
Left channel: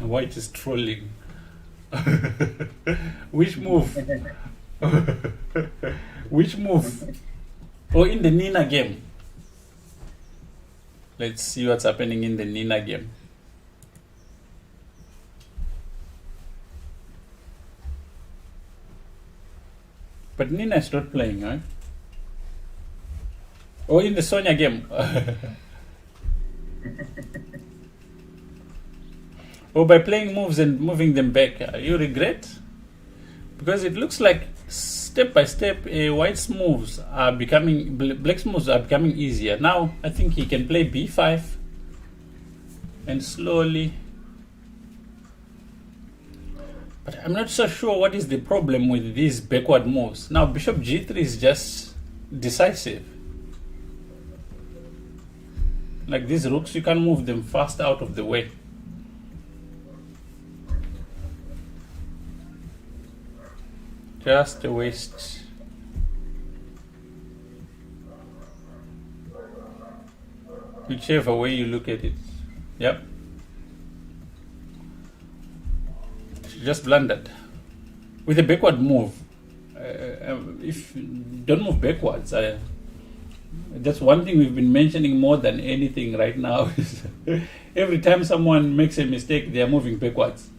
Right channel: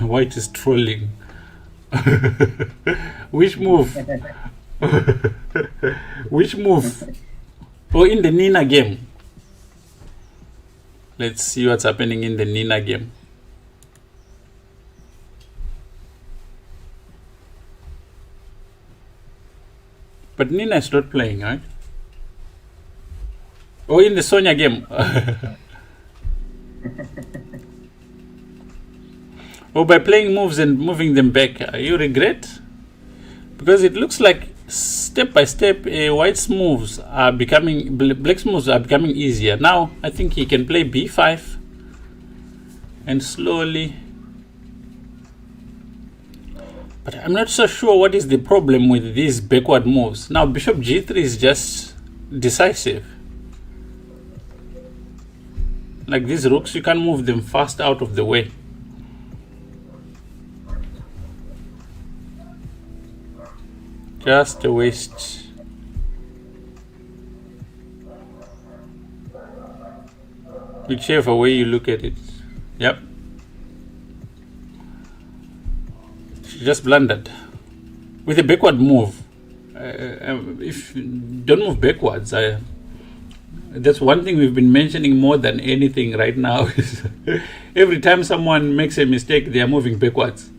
White is trolling. Which move? Which move? Oh, in the Nina game. Let's see what's happening in the Nina game. But Nina is not playing, right? Oh, in the Sonia game. Oh, by playing moves and moving them back, you regret? Because it looks like step by step, White's moves are becoming, Black's moves are becoming easier. Now, I think he can play b5 and slowly. But I'm not so sure what is the problem with these backward moves. Now, bishop g3 is just decisive. Like these rooks, you can move them fast out of the way. Just a waste. Whichever way you look at it. Yep. She just blundered. With a backward move. If you don't move backwards, that's one thing we've been mentioning more than anything right now. Is every time someone makes a mistake, they are moving backwards.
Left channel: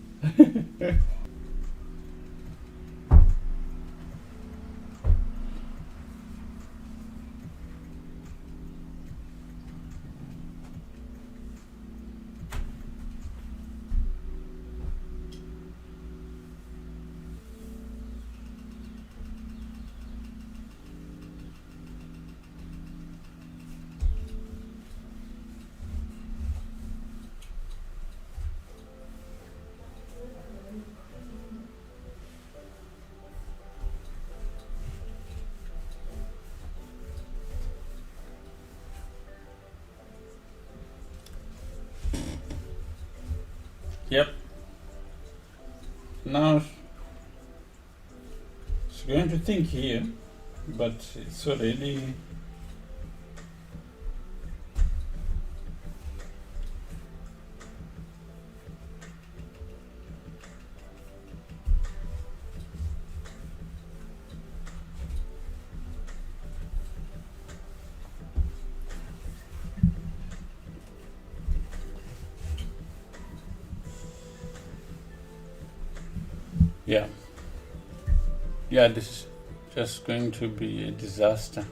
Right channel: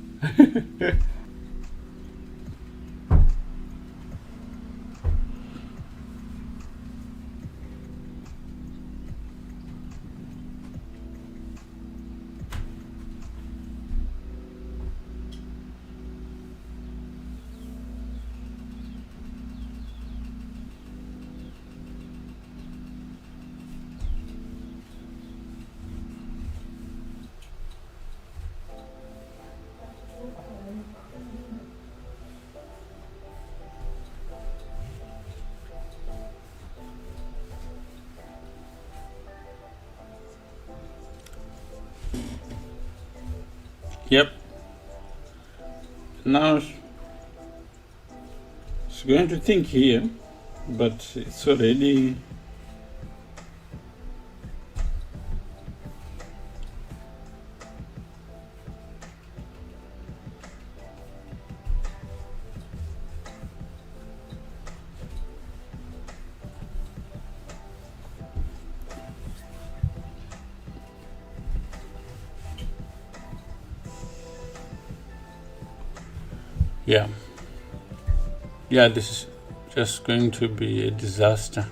Yep. Now she's going to think here, but it's already. Yeah. Yeah, this is just going to be a disaster.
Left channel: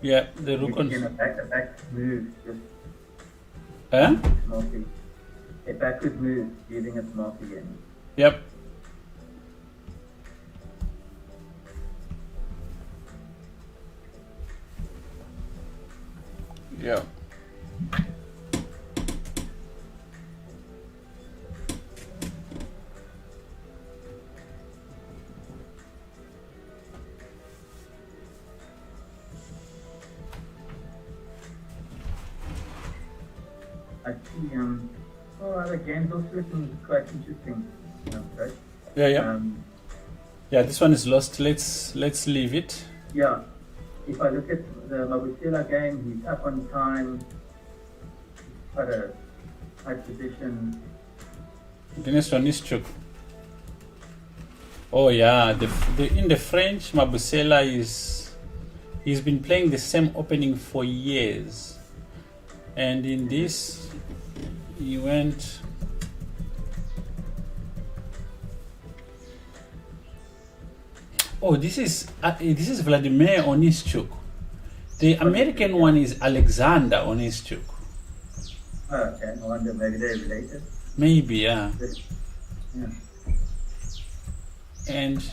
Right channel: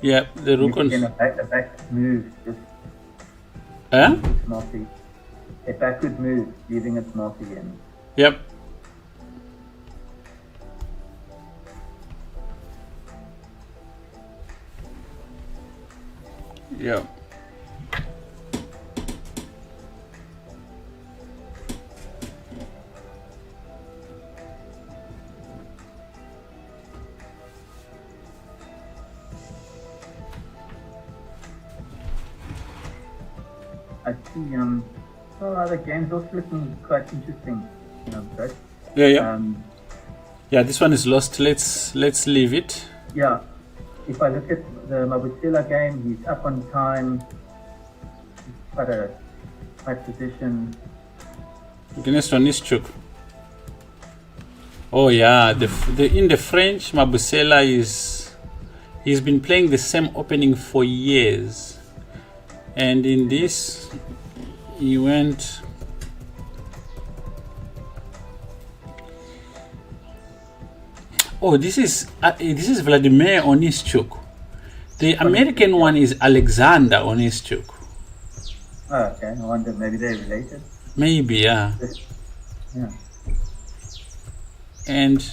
Yeah, the rook on. A back move, just Huh? smartly. A backward move, using it smart again. Yep. Yeah. I see some other games also looking quite interesting. Right? Yeah. Yeah, this one is lost. Let's leave it. Yeah. If I look at the Mabusela game, he's up on time. Quite a high position. The next one is Chuk. Oh yeah, in the French, Mabusela he's been playing the same opening for years, and in this he went. Oh, this is Vladimir Onischuk. The American one is Alexander Onischuk. Oh, okay. I wonder maybe they're related. Maybe, yeah. Yeah. And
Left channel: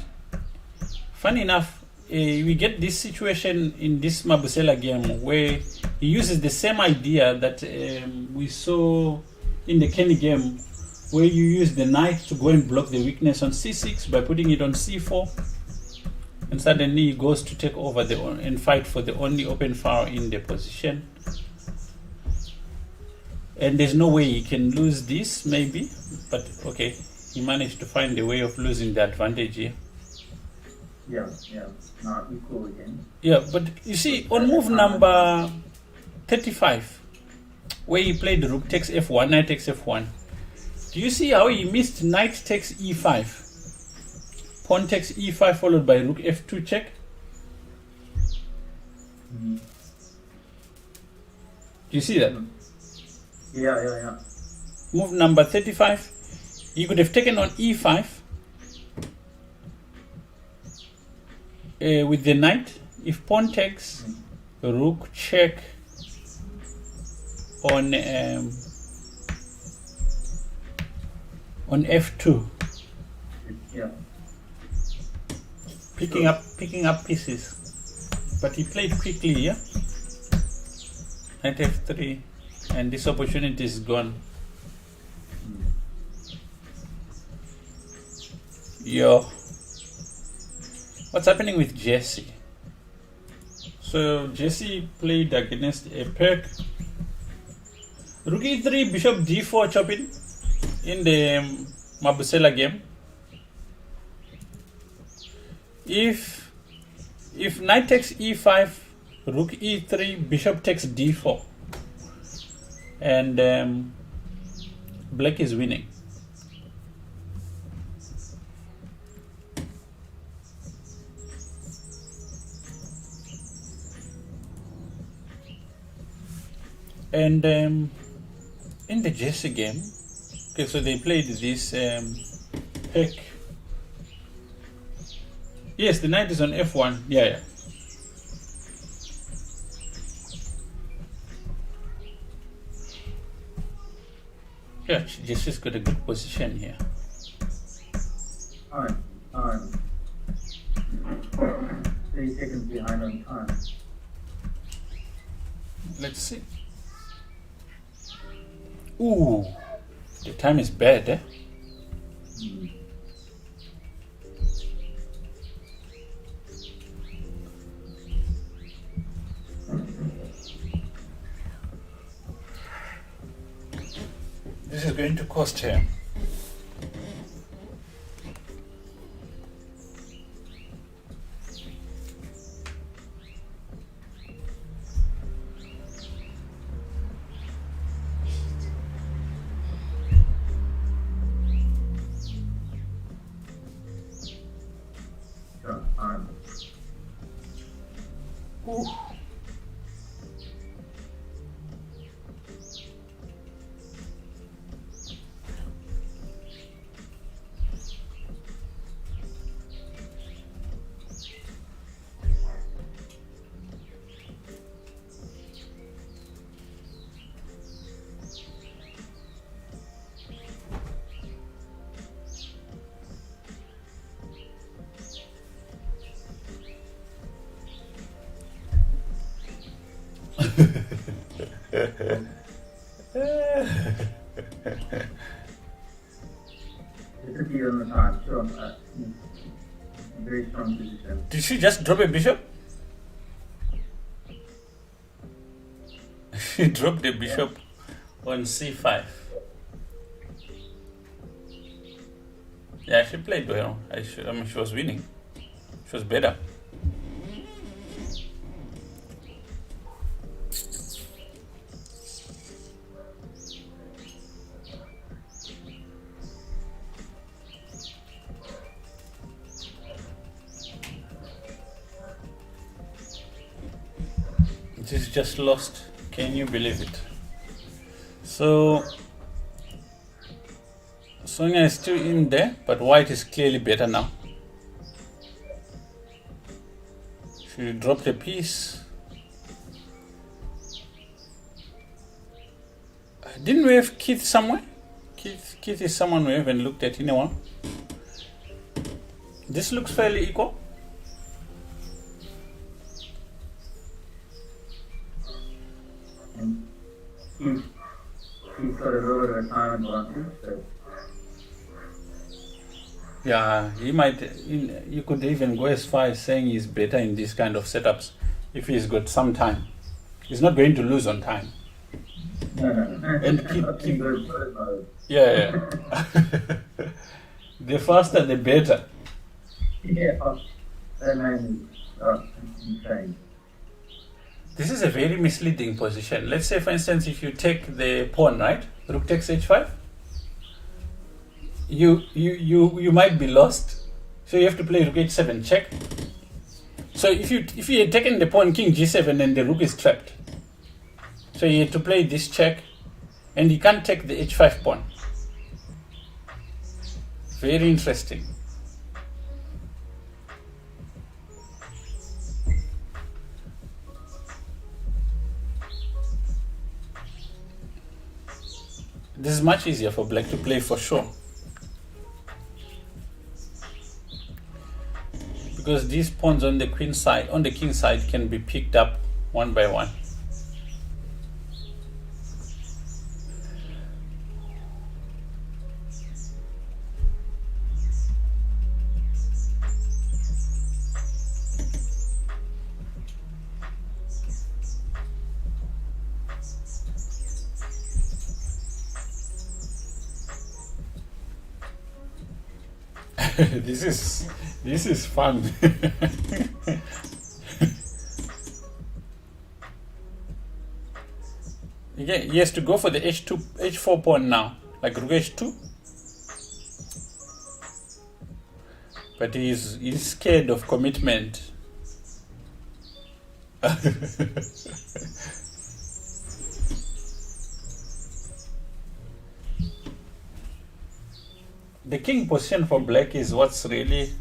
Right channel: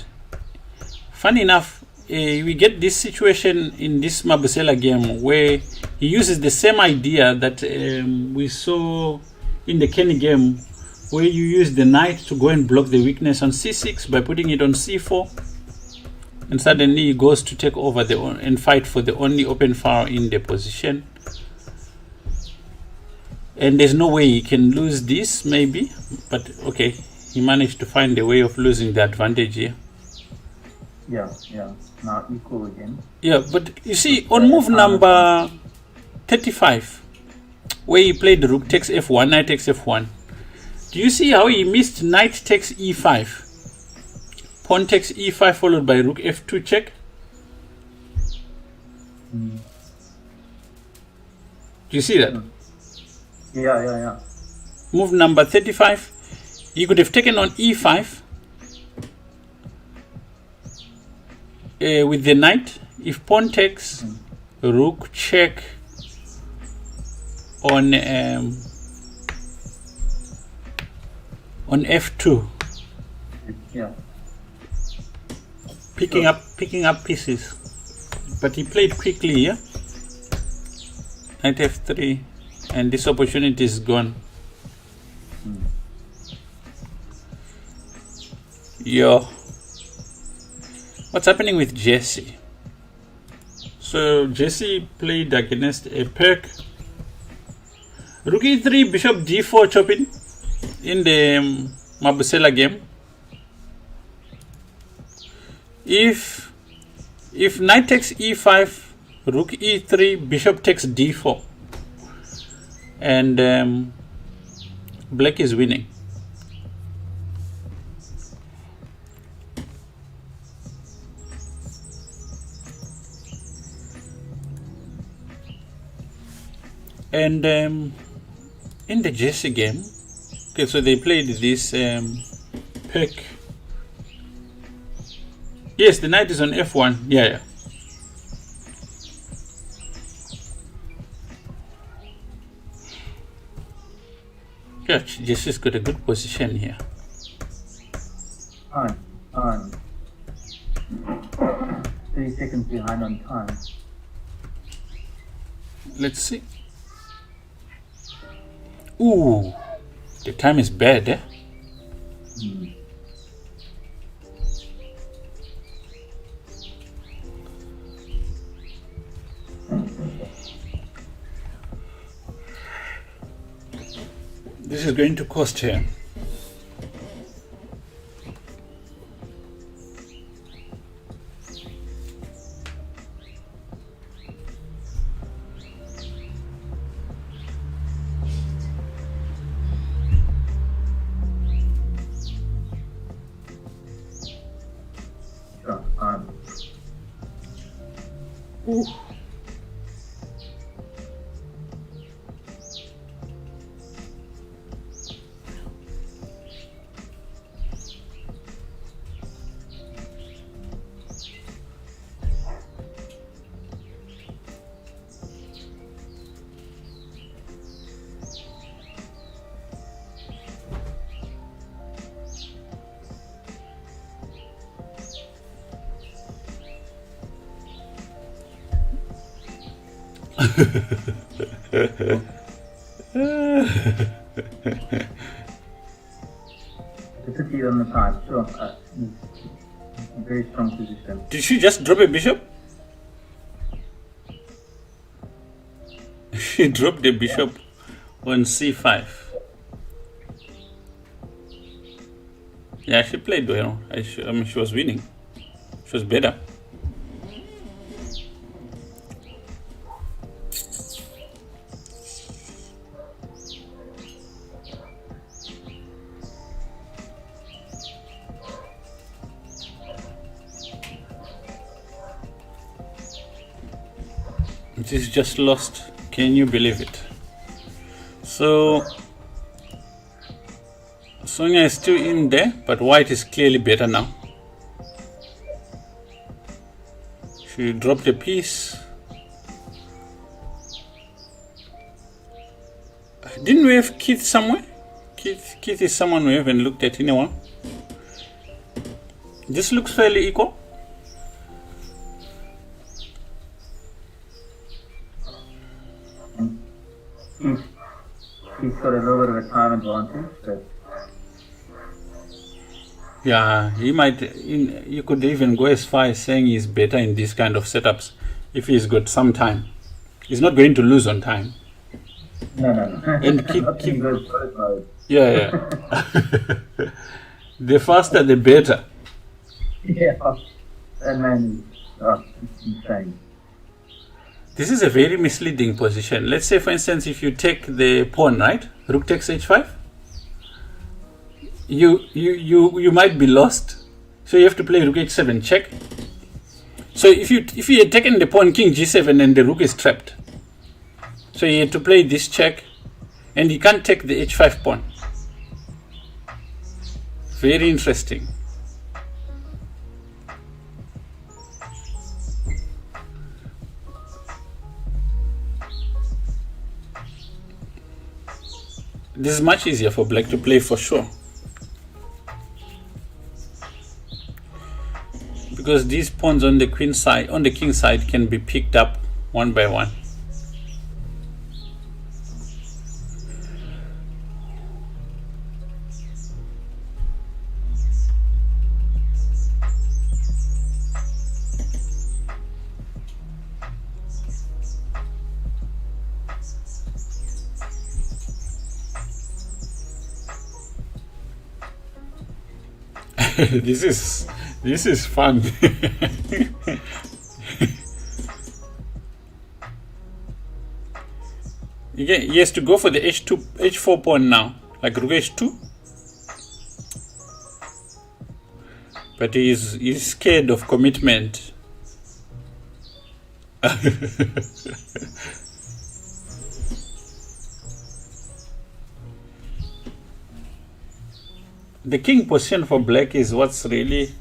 funny enough, we get this situation in this Mabusela game where he uses the same idea that we saw in the Kenny game, where you use the knight to go and block the weakness on c6 by putting it on c4, and suddenly he goes to take over and fight for the only open file in the position. And there's no way he can lose this, maybe, but okay, he managed to find a way of losing the advantage here. Yeah. Now equal again. Yeah, but you see, on move number 35, where he played rook takes f1, knight takes f1, do you see how he missed knight takes e5? Pawn takes e5 followed by rook f2 check? Mm. Do you see that? Yeah. Move number 35, he could have taken on e5 with the knight. If pawn takes, rook check on f2. Yeah. Picking up pieces, but he played quickly here. Knight f3, and this opportunity is gone. Yo, what's happening with Jesse? So Jesse played against a Perk. Rook e3, bishop d4 chopping in the Mabusela game. If knight takes e5, rook e3, bishop takes d4, and black is winning. And in the Jesse game, okay, so they played this pick. Yes, the knight is on f1. Yeah. Yeah, Jesse's got a good position here. 30 seconds behind on time. Let's see. Ooh, the time is bad, eh? This is going to cost him. Ooh. Very strong position. Did she just drop a bishop? She dropped the bishop on c5. Yeah, she played well. I mean, she was winning. She was better. It is just lost. Can you believe it? So Sonia is still in there, but white is clearly better now. She dropped a piece. Didn't we have Keith somewhere? Keith is someone we haven't looked at in a while. This looks fairly equal. He's got a little bit of time advantage, so. Yeah, he might. You could even go as far as saying he's better in these kind of setups if he's got some time. He's not going to lose on time. No. And keep yeah. The faster, the better. Yeah, that man is insane. This is a very misleading position. Let's say, for instance, if you take the pawn, right? Rook takes h5. You might be lost. So you have to play rook h7 check. So if you had taken the pawn king g7 and the rook is trapped. So you had to play this check, and you can't take the h5 pawn. Very interesting. This is much easier for black to play for sure. Because these pawns on the queen side, on the king side, can be picked up one by one. This is fun. Yeah, he has to go for the h4 pawn now, like rook h2. But he's scared of commitment. The king position for black is what's really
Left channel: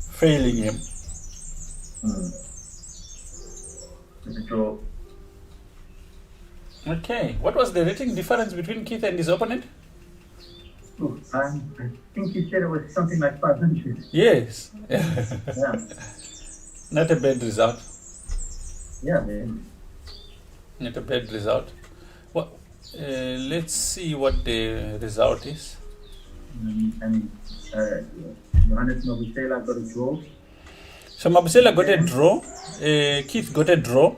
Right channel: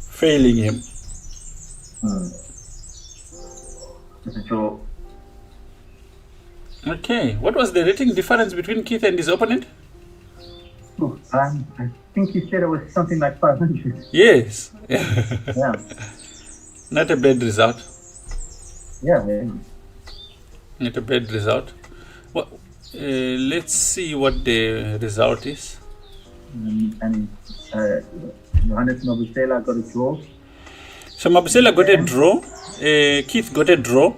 failing him. Okay, what was the rating difference between Keith and his opponent? I think he said it was something like 500. Yes. Yeah. Not a bad result. Yeah, man. Not a bad result. Well, let's see what the result is. And Johannes Mabusela got a draw. So Mabusela got a draw. Keith got a draw.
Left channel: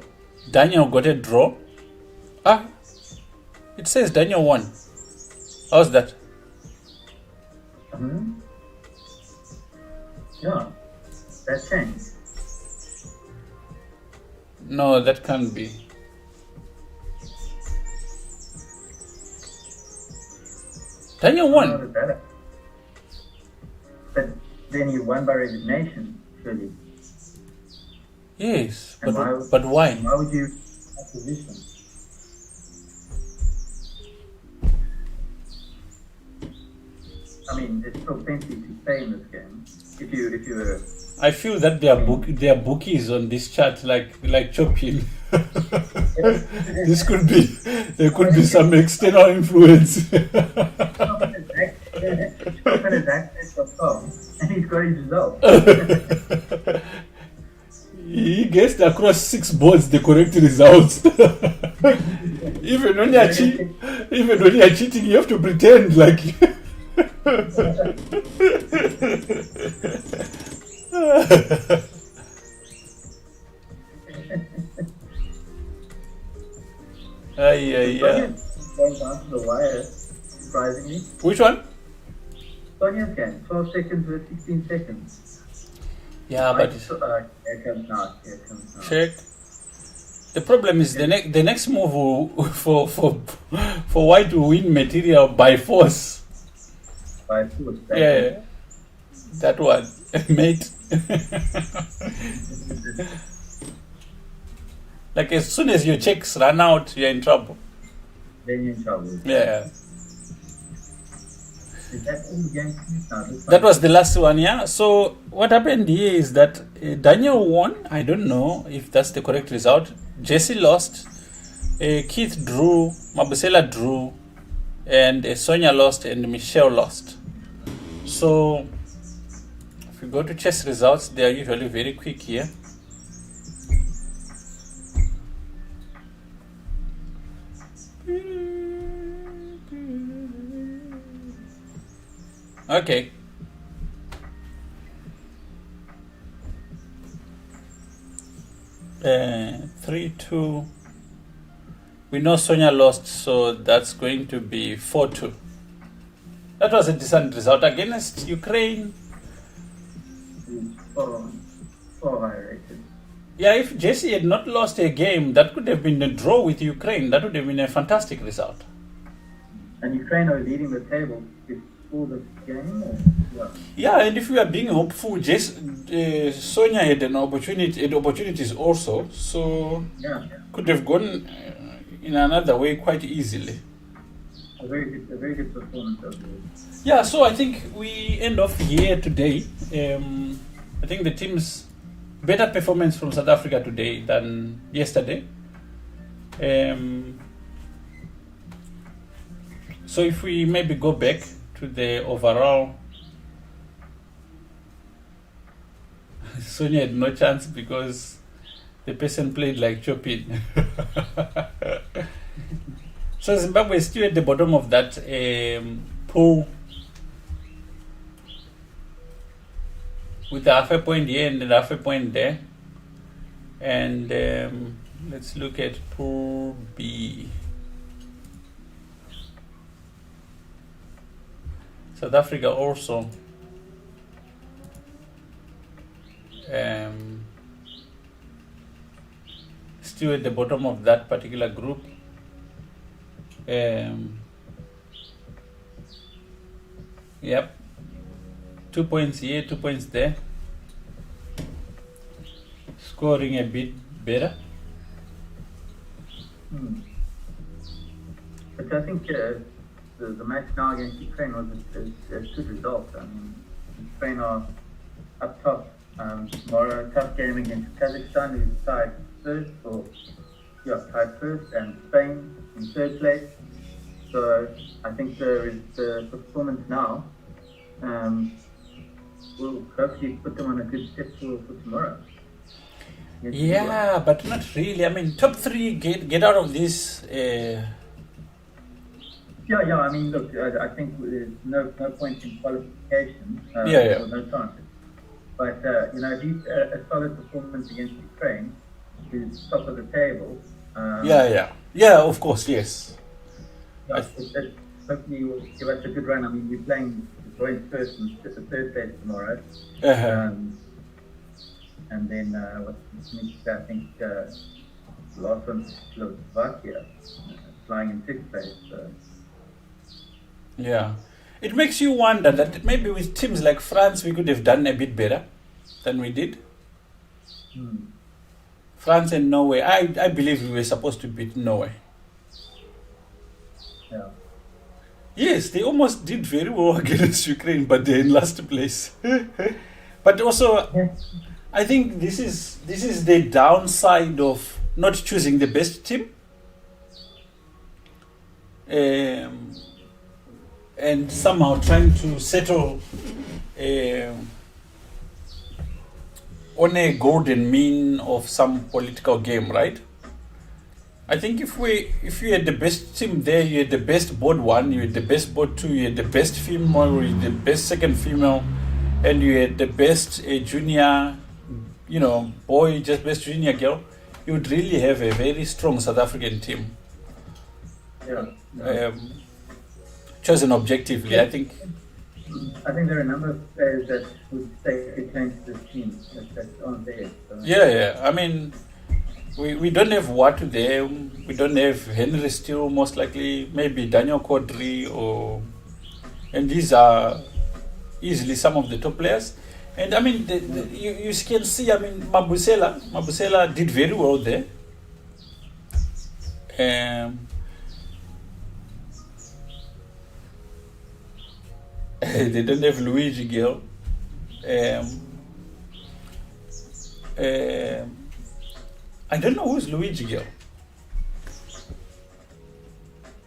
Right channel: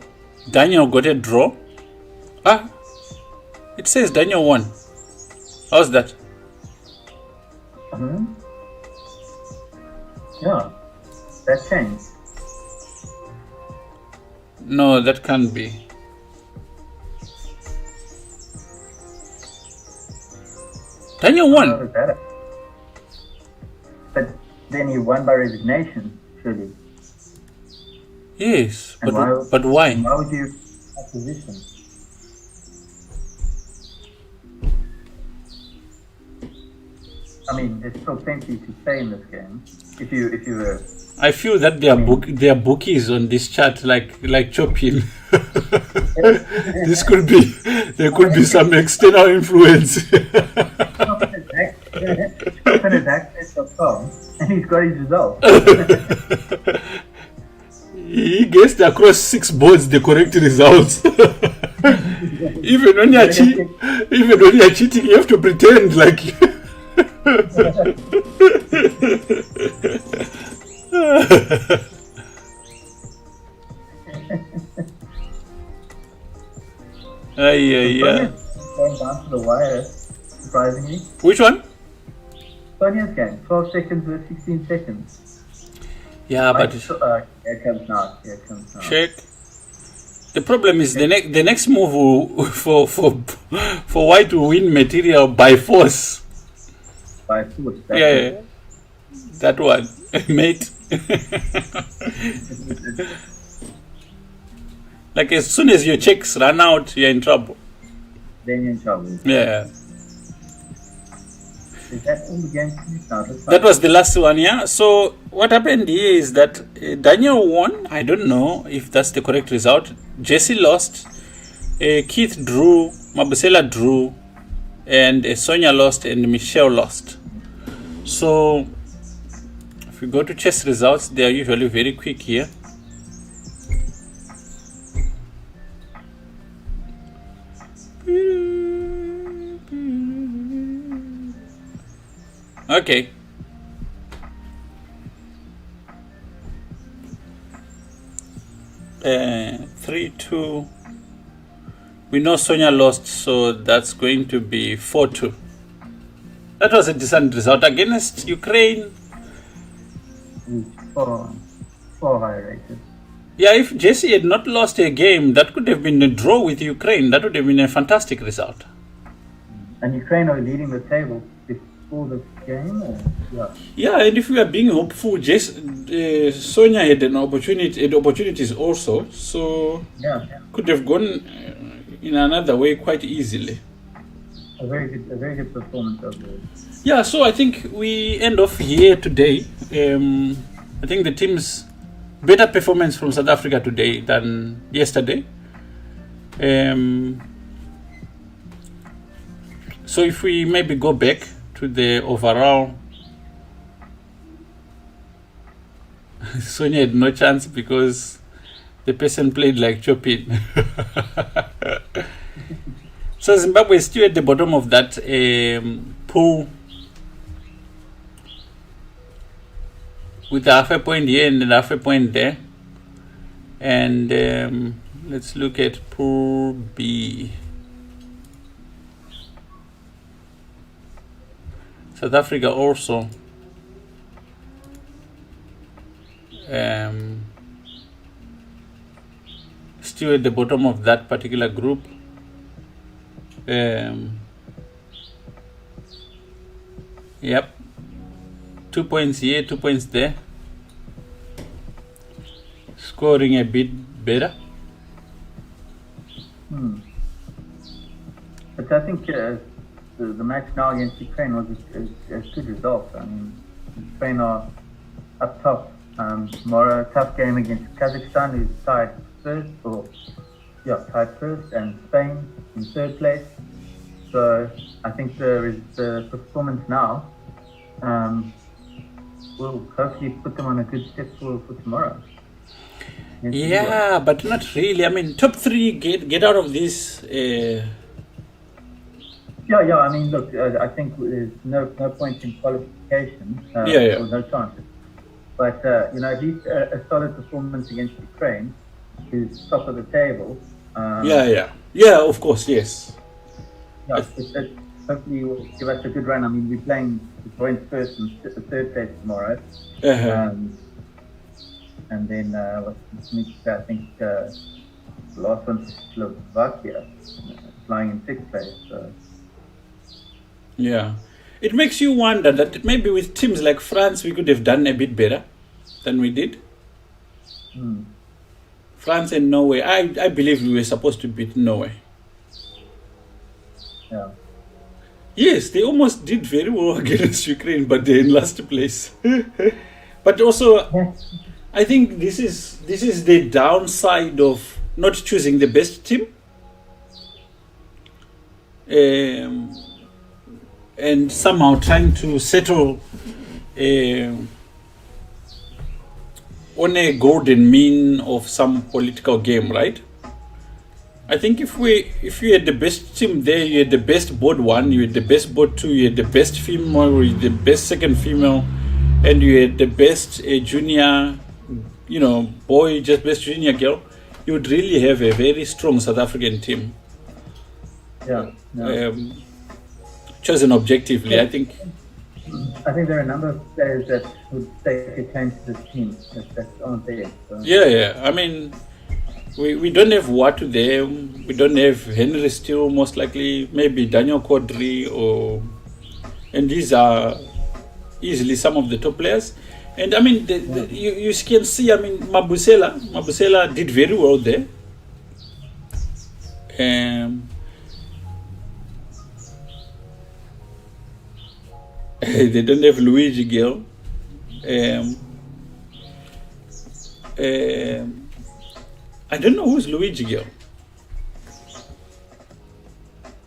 Daniel got a draw. Ah, it says Daniel won. How's that? Yeah, that changed. No, that can't be. Daniel won. But then he won by resignation, surely. Yes, but why? Why would you opposition? I mean, there's still plenty to say in this game. If you were. I feel that there are bookies on this chart, like Chopin. There could be some external influence. And he's got his result. He guessed across 6 boards the correct results. Even when you're cheating, you have to pretend like. down to the wire, surprisingly. Which one? Sonia's game, 12 seconds with 16 seconds. Yeah, but Here it comes now. check. The problem is the next move for White to win material by force. By force. Yeah, that one, mate. Like as soon as your checks run out, you're in trouble. Then you're in trouble. Yeah. Is that all the games now? That was the last one, yeah. So what happened here is that Daniel won. I don't know if that's the correct result. Jesse lost. Keith drew. Mabusela drew. And Sonia lost and Michelle lost. So if we go to chess results, they are usually very quick here. Okay. Uh, 3-2. We know Sonia lost, so that's going to be 4-2. That was a decent result against Ukraine. Far higher rated. Yeah, if Jesse had not lost a game, that could have been a draw with Ukraine. That would have been a fantastic result. And Ukraine are leading the table before the game? Yeah, and if we are being hopeful, Sonia had opportunities also, so could have gone in another way quite easily. A very good performance of the. Yeah, so I think we end off here today. I think the team's better performance from South Africa today than yesterday. So if we maybe go back to the overall, Sonia had no chance because the person played like Chopin. So Zimbabwe is still at the bottom of that pool with a half a point here and a half a point there. And let's look at Pool B. South Africa also still at the bottom of that particular group. Yep, 2 points here, 2 points there. Scoring a bit better. But I think the match now against Ukraine was a good result. I mean, Ukraine are up top. Tomorrow, tough game against Kazakhstan, who's tied first, and Spain in third place. So I think the performance now will hopefully put them on a good step for tomorrow. Yeah, but not really. I mean, top three get out of this. Yeah. I mean, look, I think there's no point in qualification. Or no chance. But at least a solid performance against Ukraine, who's top of the table. Yeah. Of course, yes. That hopefully will give us a good run. I mean, we're playing the joint first and the third place tomorrow. And then I think the last one's Slovakia, flying in sixth place. So. Yeah, it makes you wonder that maybe with teams like France we could have done a bit better than we did. France and Norway, I believe we were supposed to beat Norway. Yeah. Yes, they almost did very well against Ukraine, but they're in last place. But also, I think this is the downside of not choosing the best team. And somehow trying to settle on a golden mean of some political game, right? I think if you had the best team there, you had the best board 1, you had the best board 2, you had the best female, you had the best second female, and you had the best junior, boy, just best junior girl, you would really have a very strong South African team. Yeah. chosen objectively. I think there are a number of players that would stake a claim to this team that aren't there. So. Yeah. I mean, we don't have Watu there. We don't have Henry still, most likely. Maybe Daniel Quadri and these are easily some of the top players. And I mean, you can see, I mean, Mabusela did very well there. They don't have Luigi Gil. I don't know who's Luigi Gil.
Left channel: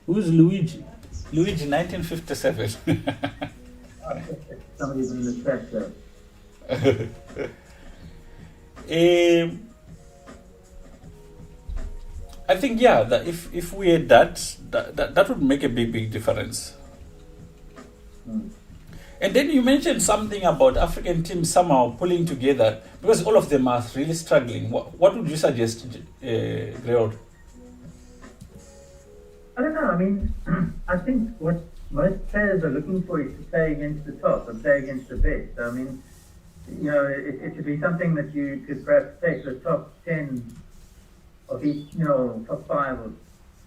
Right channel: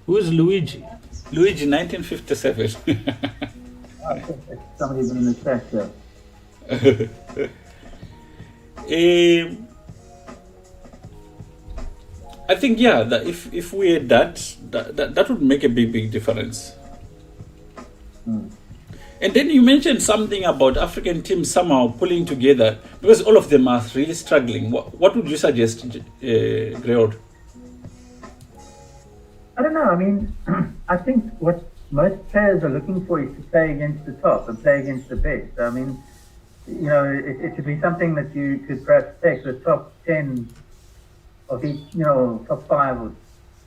Who's Luigi? Luigi 1957. Somebody's in the track there. I think that if we had that would make a big difference. And then you mentioned something about African teams somehow pulling together because all of them are really struggling. What would you suggest, Greod? I don't know. I mean, I think what most players are looking for is to play against the top and play against the best. I mean, it could be something that you could perhaps take the top 10 of each, top 5 or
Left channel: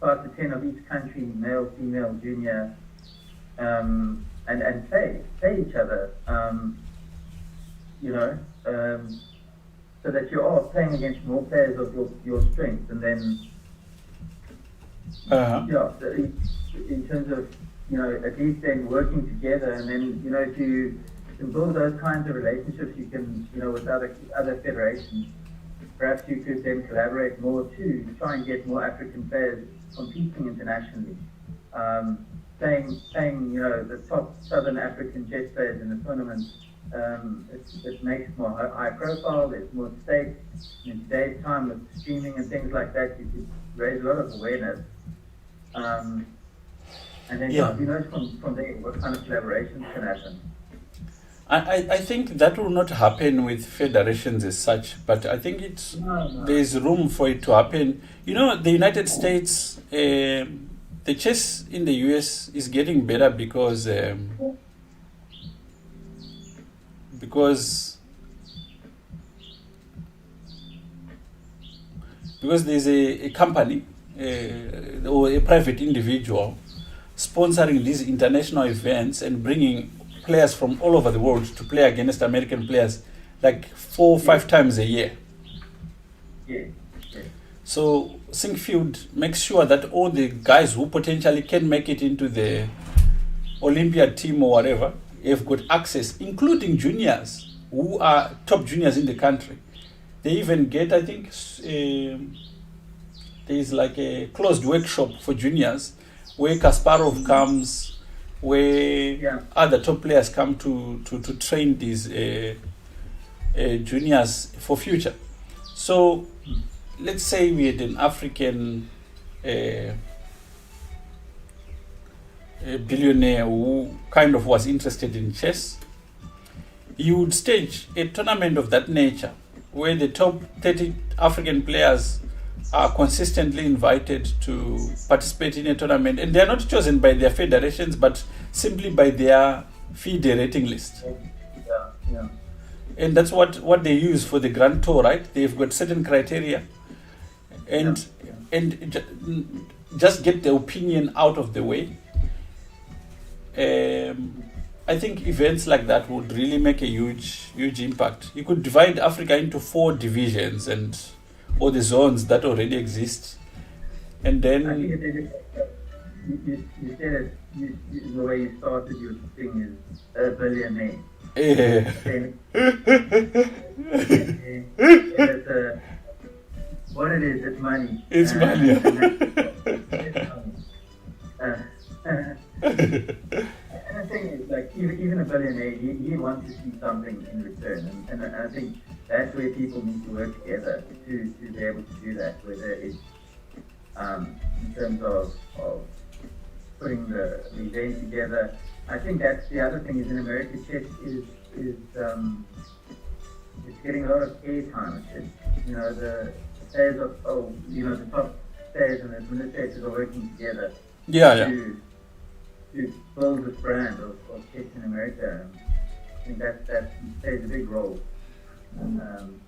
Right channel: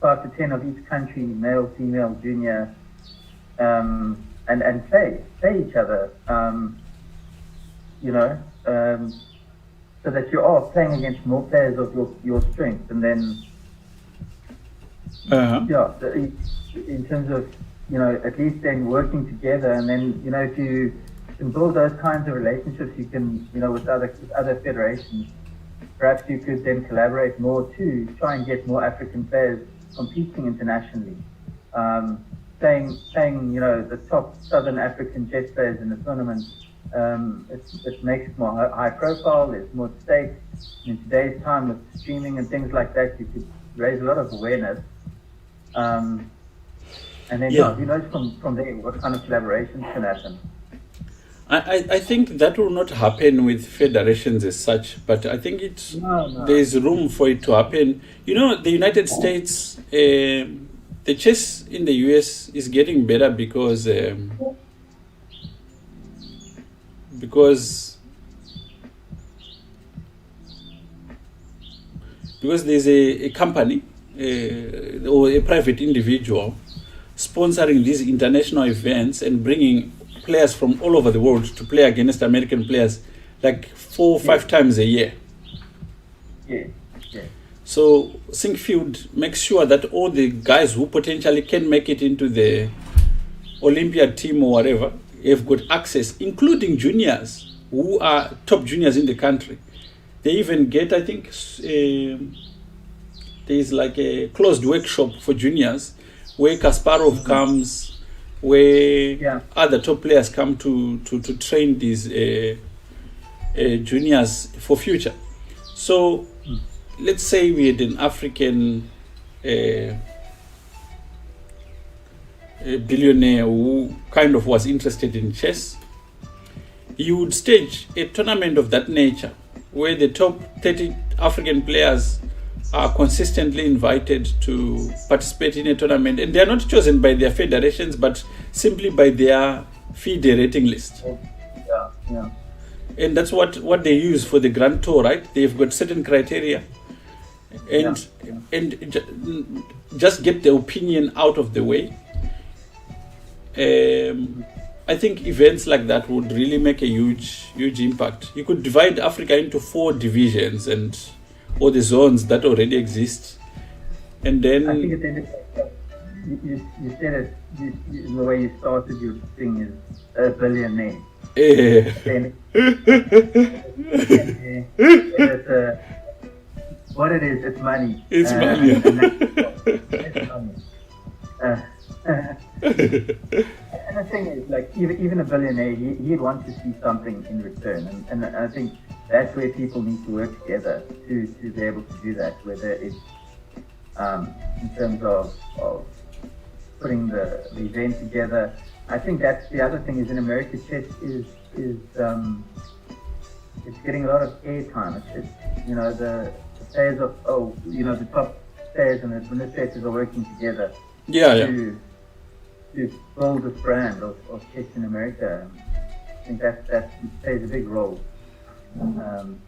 5 to 10 of each country, male, female, junior, and play each other, so that you are playing against more players of your strength, and then in terms of at least then working together, and then if you can build those kinds of relationships, you can with other federations, perhaps you could then collaborate more to try and get more African players competing internationally. Saying the top Southern African chess players in the tournament, it makes it more high profile. There's more stake. In today's time with streaming and things like that, you could raise a lot of awareness. And then from there what kind of collaborations can happen. I think that will not happen with federations as such, but I think there's room for it to happen. The United States. The chess in the US is getting better because there's a company or a private individual sponsoring these international events and bringing players from all over the world to play against American players like 4 or 5 times a year. Yeah. So Syncfield makes sure that all the guys who potentially can make it into the Olympiad team or whatever have got access, including juniors who are top juniors in the country. They even get, I think, there's like a closed workshop for juniors where Kasparov comes, where other top players come to train these juniors for future. So let's say we had an African billionaire who kind of was interested in chess. He would stage a tournament of that nature where the top 30 African players are consistently invited to participate in a tournament, and they are not chosen by their federations but simply by their FIDE rating list. Yeah. And that's what they use for the Grand Tour, right? They've got certain criteria. And just get the opinion out of the way. I think events like that would really make a huge impact. You could divide Africa into 4 divisions and all the zones that already exist, and then I think you said it. The way you started your thing is a billionaire. What it is, it's money. It's money. And the thing is, like, even a billionaire, he wants to see something in return. And I think that's where people need to work together to be able to do that, whether it's in terms of putting the event together. I think that's the other thing is in America, chess is it's getting a lot of airtime. It's the players of the top players and the administrators are working together. Yeah, yeah. to build this brand of chess in America. I think that plays a big role. Um,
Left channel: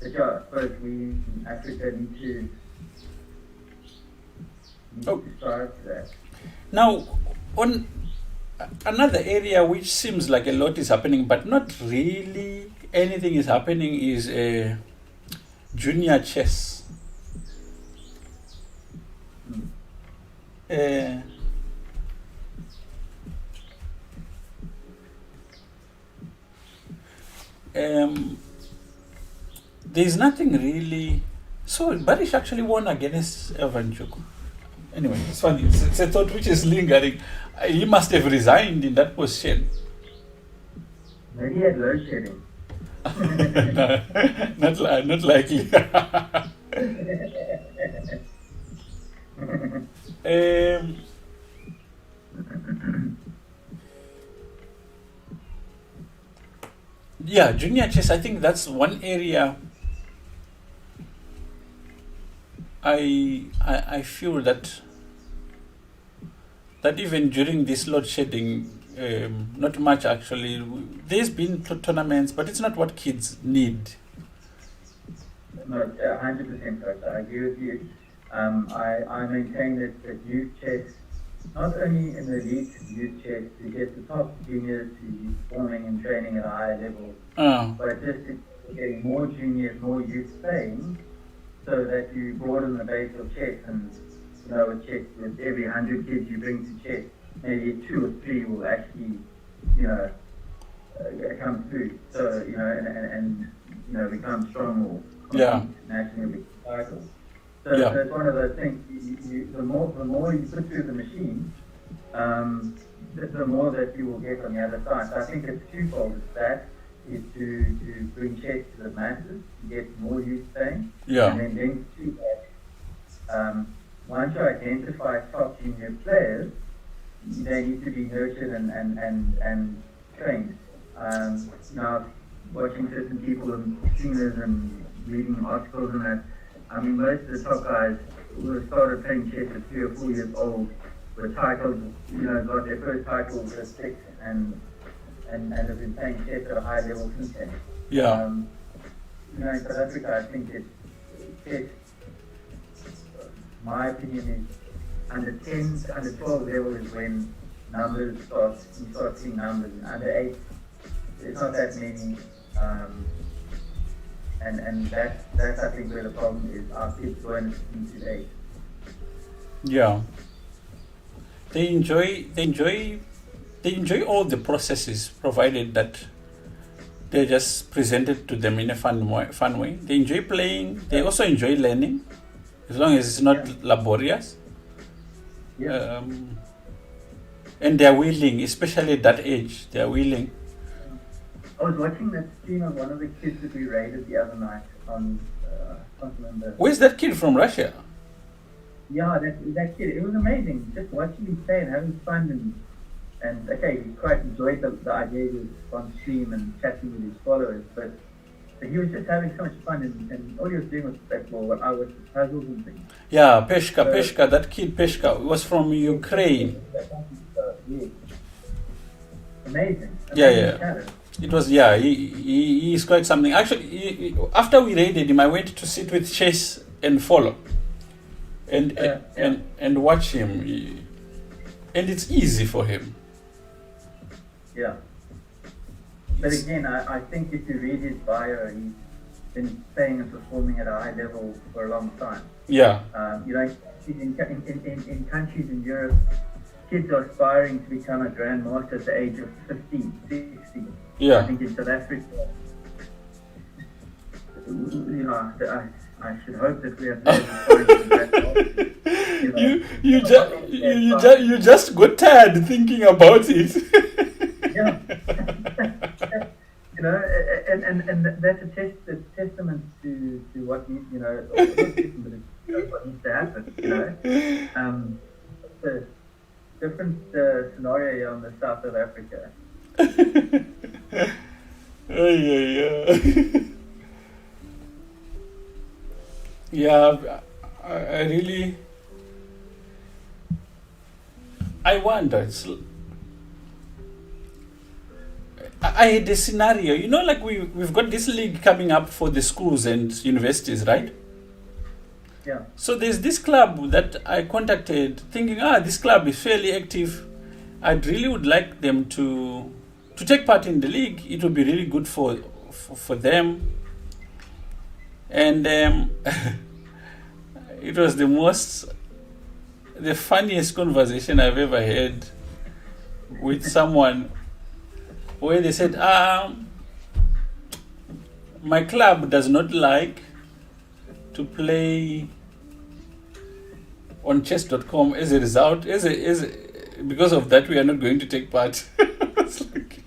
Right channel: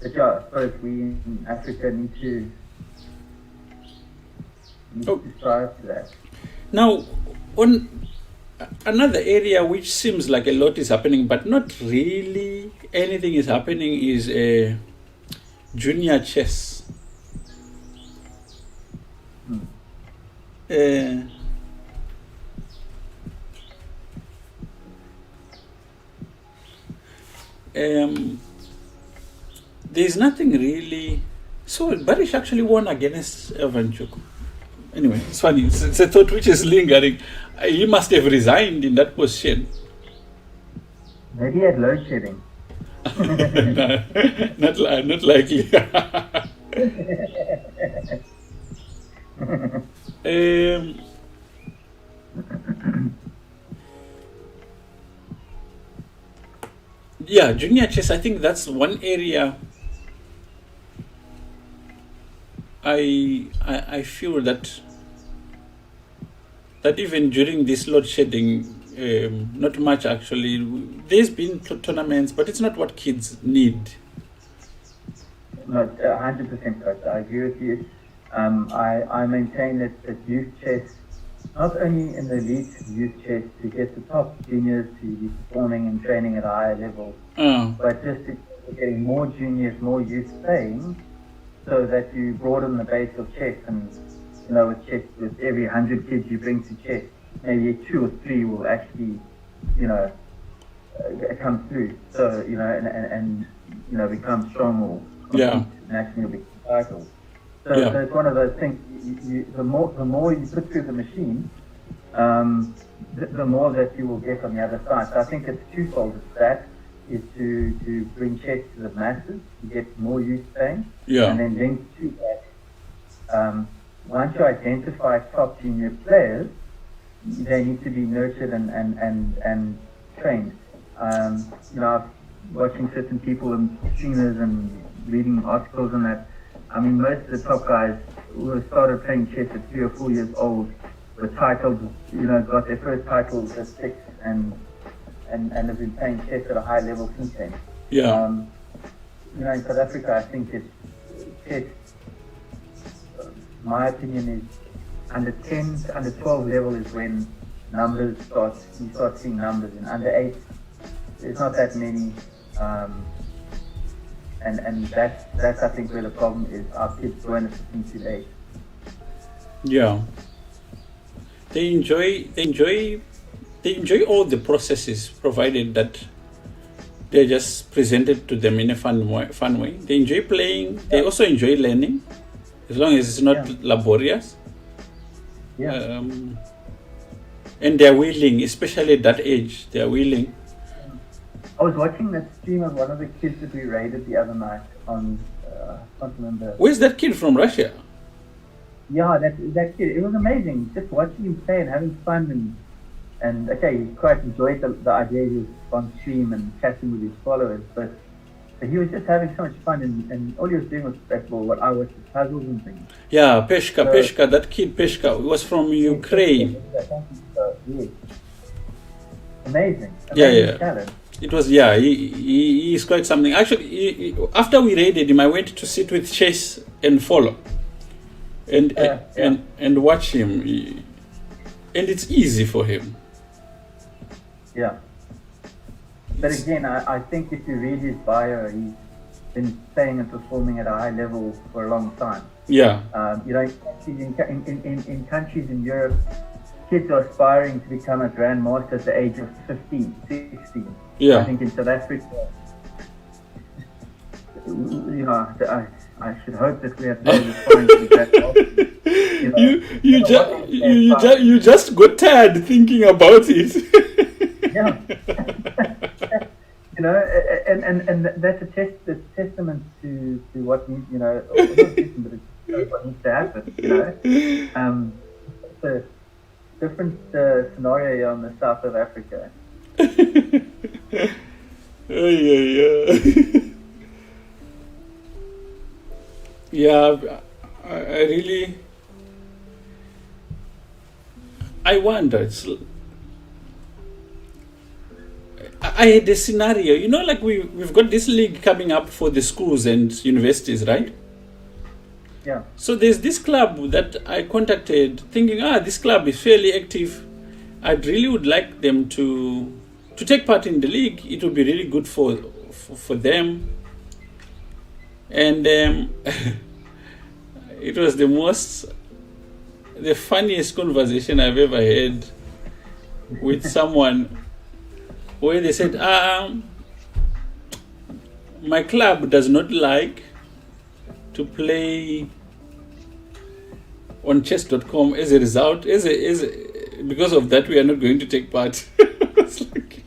but yeah, I suppose we in Africa need Oh, to strive for that. now, on another area which seems like a lot is happening, but not really anything is happening, is junior chess. Uh, there's nothing really. So Barish actually won against Evanchuk. Anyway, it's funny. It's a thought which is lingering. He must have resigned in that position. Maybe he had load shedding. Not likely. Yeah, junior chess. I think that's one area. I feel that even during this load shedding, not much actually. There's been tournaments, but it's not what kids need. No, 100% right. I agree with you. I maintain that youth chess, not only in the elite youth chess, to get the top juniors to be performing and training at a higher level, but just to getting more juniors, more youth playing, so that you broaden the base of chess. And with chess, with every 100 kids you bring to chess, maybe 2 or 3 will actually, come through. So and become strong or nationally titles. So it's one of those things. The more you put through the machine, the more that you will get on the other side. So I think it's twofold. It's that is to bring chess to the masses, to get more youth playing, and then linked to that. Once you identify top junior players, they need to be nurtured and trained. Watching certain people and streamers and reading articles on that. I mean, most of the top guys would have started playing chess at 3 or 4 years old, with titles, got their first titles at 6 and have been playing chess at a high level since then. Yeah. In South Africa, I think chess, my opinion is under 10, under 12 level is when numbers you start seeing numbers. In under 8, there's not that many. And that's I think where the problem is. Our kids going into 8. Yeah. They enjoy all the processes, provided that they're just presented to them in a fun way. They enjoy playing. They also enjoy learning, as long as it's not laborious. Yeah. And they're willing, especially at that age. They're willing. I was watching that stream of one of the kids that we raided the other night on, I can't remember. Where's that kid from Russia? Yeah, that kid. It was amazing. Just watching him play and having fun and okay, he quite enjoyed the idea he was on stream and chatting with his followers, but he was just having so much fun and all he was doing was what I was puzzles and things. Yeah, Peshka, that kid Peshka was from Ukraine. Amazing. Yeah. Talent. It was, he is quite something. Actually, after we raided him, I went to sit with Chase and follow and watch him. And it's easy for him. Yeah. But again, I think if you read his bio, he's been playing and performing at a high level for a long time. Yeah. In countries in Europe, kids are aspiring to become a grandmaster at the age of 15, 16. Yeah. I think in South Africa, I should hope that we have to that. You just got tired thinking about it. Yeah. And that's a testament to what needs, what needs to happen. It's a different scenario here in the south of Africa. Yeah, I really. I wonder. I had a scenario, like we've got this league coming up for the schools and universities, right? Yeah. So there's this club that I contacted thinking, this club is fairly active. I'd really would like them to take part in the league. It would be really good for them. And it was the funniest conversation I've ever had with someone where they said, my club does not like to play on chess.com. As a result, because of that, we are not going to take part. It's like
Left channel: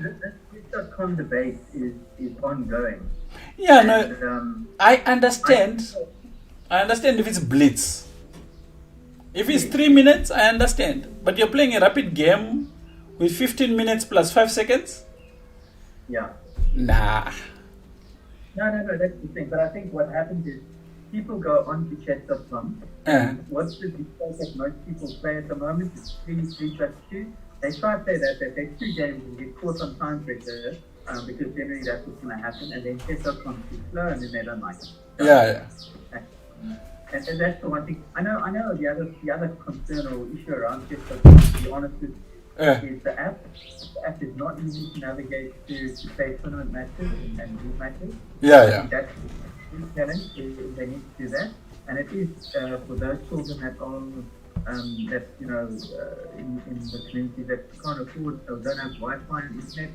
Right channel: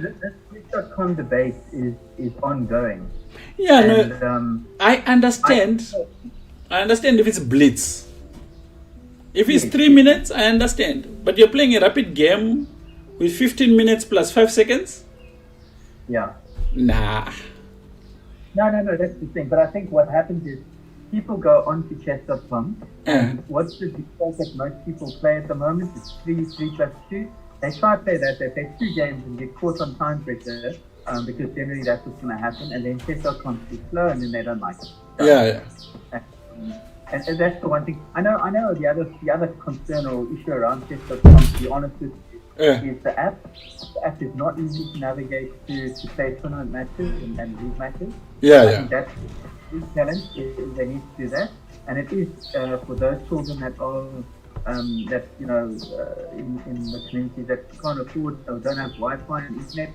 This chess.com debate is ongoing. Yeah, And, I understand. I understand if it's blitz. If it's 3 minutes, I understand. But you're playing a rapid game with 15 minutes plus 5 seconds? yeah. Nah. No, that's the thing. But I think what happens is people go onto chess.com. What's the default that most people play at the moment? It's 3+2. They try to play that. They play 2 games and get caught on time pressure because generally that's what's going to happen. And then chess.com is slow and then they don't like it. Yeah. And that's the one thing. I know. The other concern or issue around chess.com, to be honest with you, is the app. The app is not easy to navigate to play tournament matches and league matches. Yeah. I think that's the challenge. They need to do that, and it is for those children that are in the community that can't afford or don't have Wi-Fi and internet.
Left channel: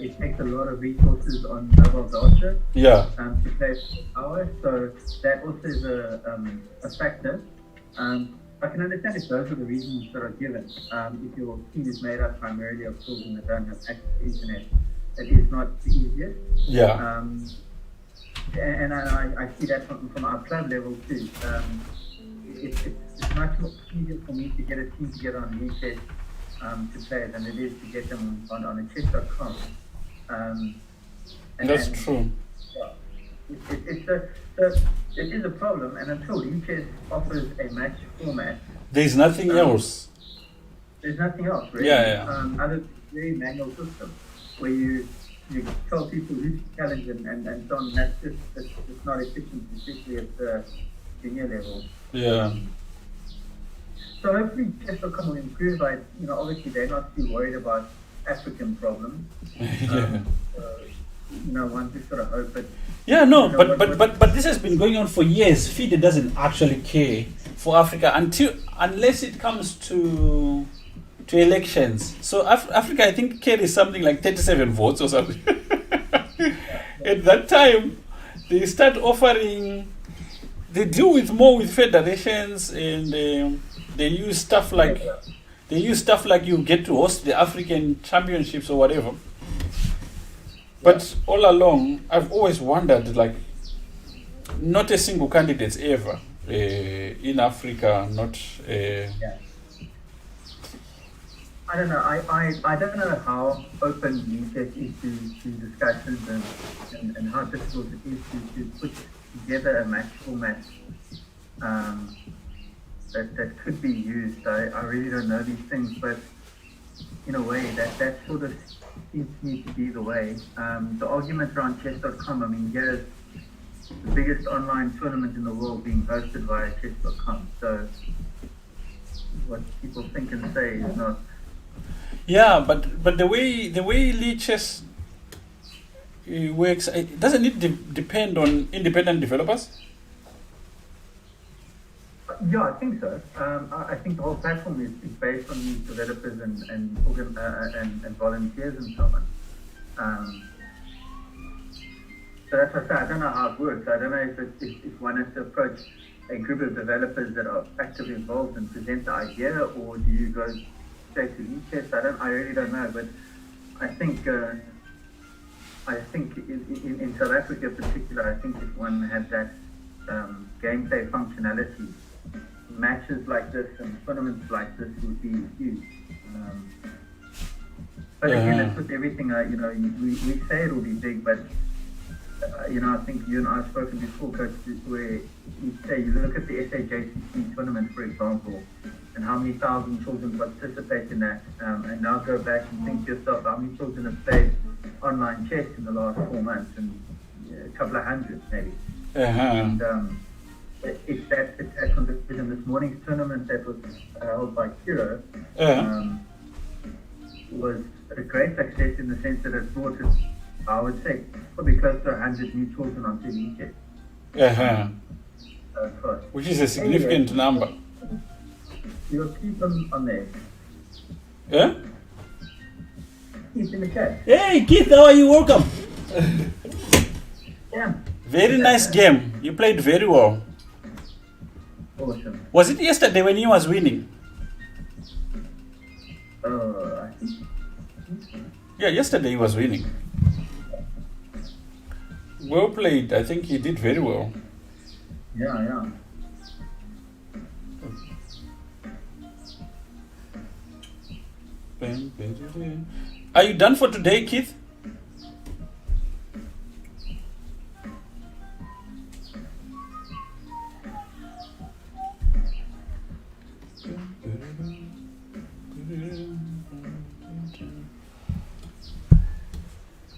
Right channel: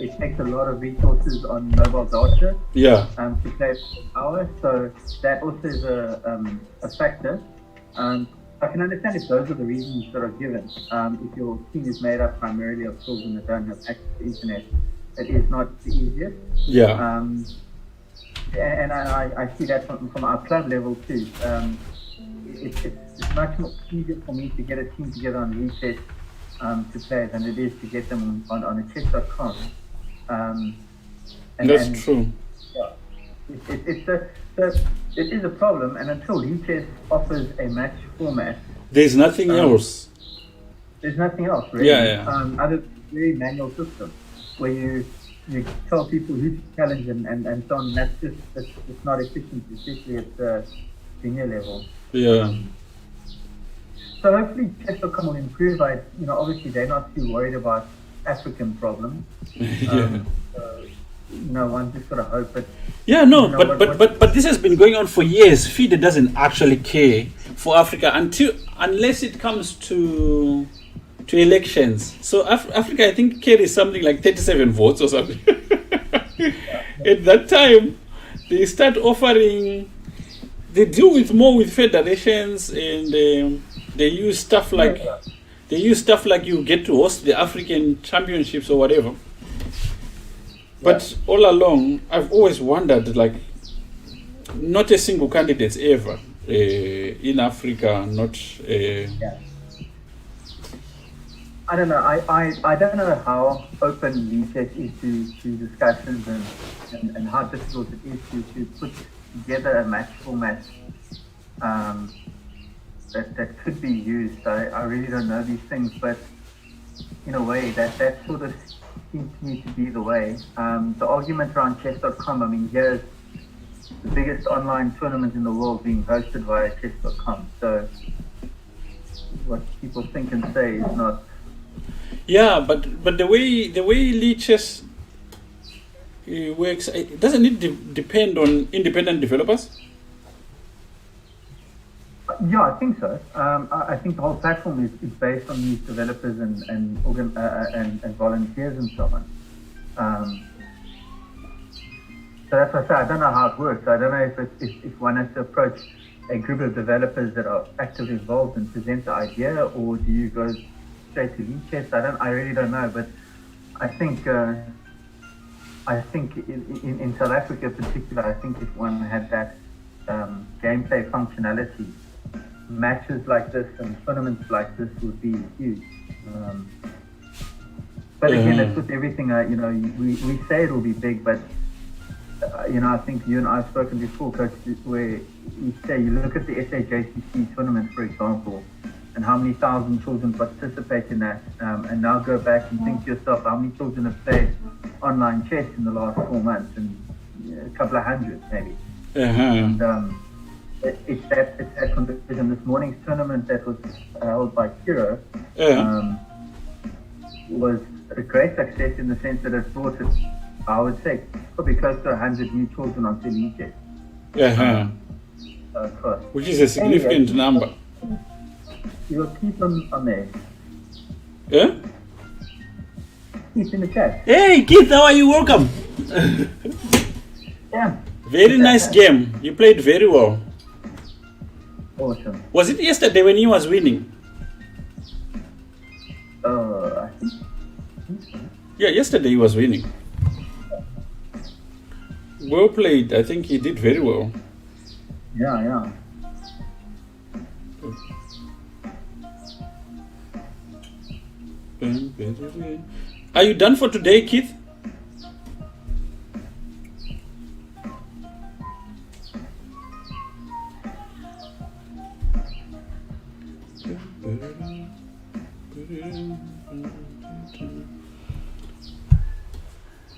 It takes a lot of resources on mobile data to play hours, so that also is a factor. I can understand if those are the reasons that are given. If your team is made up primarily of children that don't have access to internet, it is not the easiest. Yeah. And I see that from our club level too. It's much more easier for me to get a team together on reset to play than it is to get them on a chess.com. That's true. Yeah, it is a problem, and until chess offers a match format, there's nothing else. There's nothing else, really. Yeah. Other than a very manual system where you tell people who to challenge and so on. That's just it's not efficient, especially at the junior level. Yeah. So hopefully chess.com will improve. Obviously they're not too worried about African problems. One just sort of hope that. Yeah, no, but this has been going on for years. FIDE doesn't actually care for Africa unless it comes to elections. So Africa, I think, carries something like 37 votes or something. At that time, they start offering. They deal more with federations, and they use stuff like you get to host the African championships or whatever. But all along, I've always wondered, like, not a single candidate ever in Africa, not. I don't know. I don't know how open chess is to discussions and how difficult it is to put together a match format that could be used. I really don't know these things, but in a way that sort of seems to me to be the way. The argument around chess.com, I mean, here's the biggest online tournament in the world being hosted via chess.com. So what people think and say is not. Yeah, but the way League Chess works, doesn't it depend on independent developers? Yeah, I think so. I think the whole platform is based on these developers and volunteers and so on. So that's what I say. I don't know how it works. I don't know if one has to approach a group of developers that are actively involved and present the idea, or do you go straight to lead chess? I really don't know. But I think in South Africa in particular, I think if one had that gameplay functionality, matches like this and tournaments like this would be huge. But again, it's with everything. We say it will be big, but I think you and I have spoken before, Coach, where you say you look at the SAJCC tournament, for example, and how many thousand children participate in that, and now go back and think to yourself how many children have played online chess in the last 4 months, and a couple of hundreds maybe. And, it's that competition. This morning's tournament that was held by Kiro was a great success in the sense that it brought us, I would say, probably close to 100 new children onto the chess. Which is a significant number. You'll keep on there. Yeah? Keep in the chat. Hey, Keith, how are you? Welcome. Yeah. Very nice game. You played very well. Awesome. Was it yesterday when he was winning? I think. Yeah, yesterday he was winning. Well played. I think he did very well. Yeah. Are you done for today, Keith?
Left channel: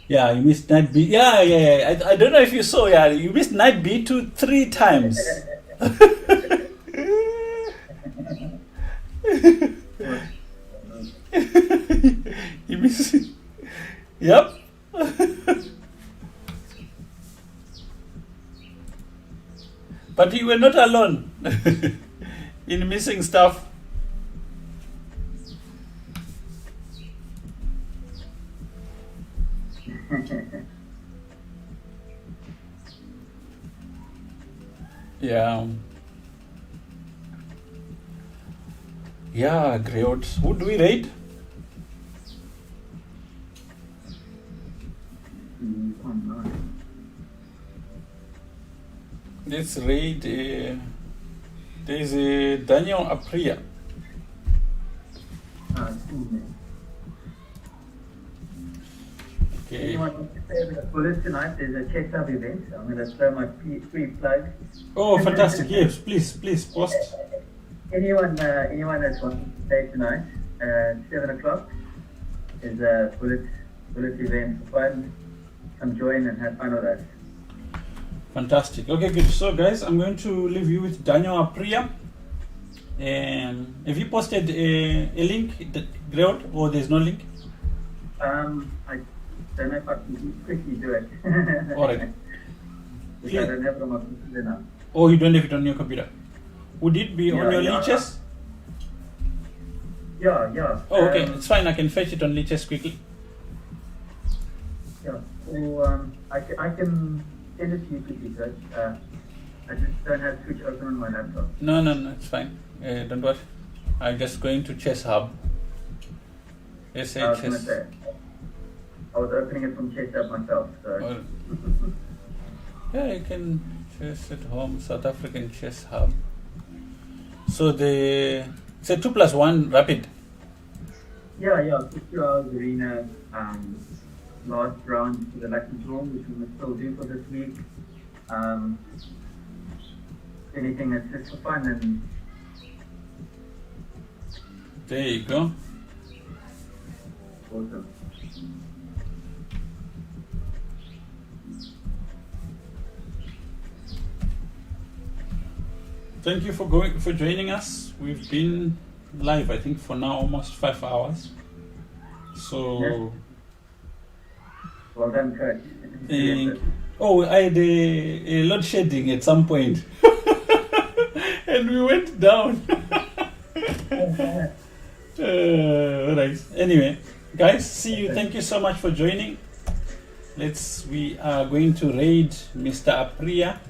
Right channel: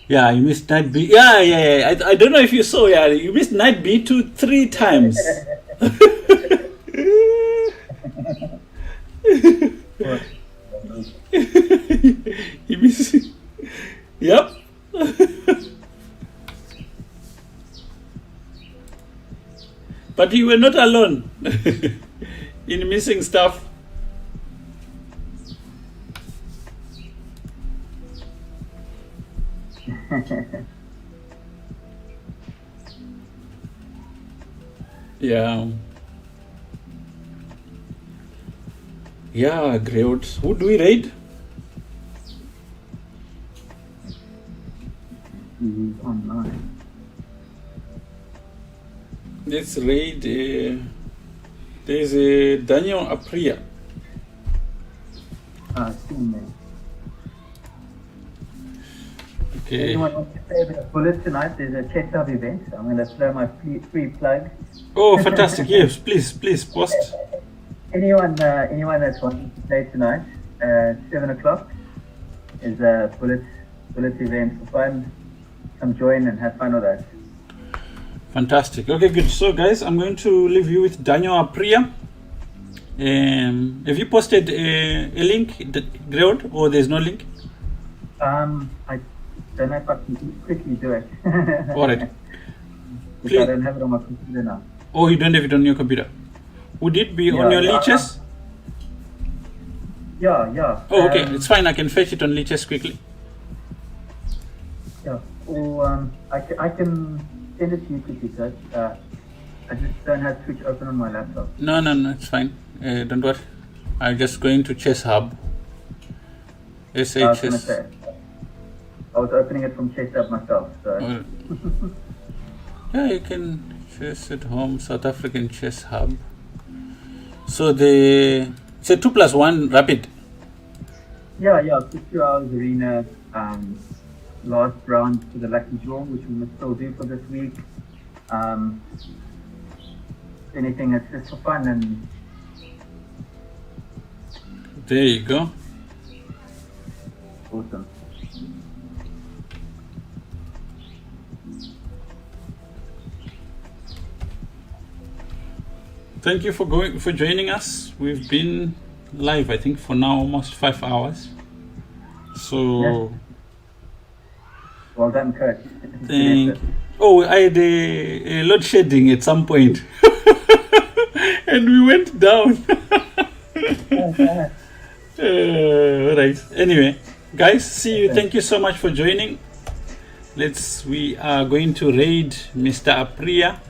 Yeah, you missed night B. Yeah. I don't know if you saw. Yeah, you missed night B 3 times. You missed. Yep. But you were not alone in missing stuff. Yeah, great. Who do we raid? Online. Let's raid. There's a Daniel Apria. Okay. Anyone wants to play with a bullet tonight? There's a Chess Hub event. I'm going to throw my free plug. Oh, fantastic! Yes, please post. Anyone that's wanting to play tonight at 7 o'clock is a bullet event for fun. Come join and have fun with us. Fantastic. Okay, good. So, guys, I'm going to leave you with Daniel Apria. Have you posted a link, Greod, or there's no link? I don't know if I can quickly do it. All right. I don't have it on my computer now. Oh, you don't have it on your computer? Would it be on your Leeches? Yeah. Oh, okay. It's fine. I can fetch it on Leeches quickly. Yeah. Or I can send it to you quickly, Coach. I just don't have Twitch open on my laptop. No. It's fine. Don't worry. I'm just going to Chess Hub. SHS. I was opening it from Chess Hub myself. So. Yeah, you can chess at home. South African Chess Hub. So it's a 2+1 rapid. Yeah, 2 hours arena. Last round for the lucky draw, which we must still do for this week. Anything that's just for fun and. There you go. Awesome. Thank you for joining us. We've been live, I think, for now almost 5 hours. So. Yes. Well done, Coach. Oh, I had a load shedding at some point, and we went down. Right. Anyway, guys, see you. Thank you so much for joining. We are going to raid Mr. Apria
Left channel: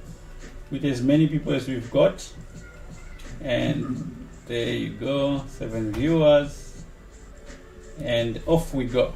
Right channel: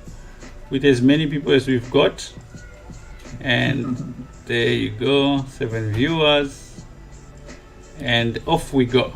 with as many people as we've got. And there you go, 7 viewers. And off we go.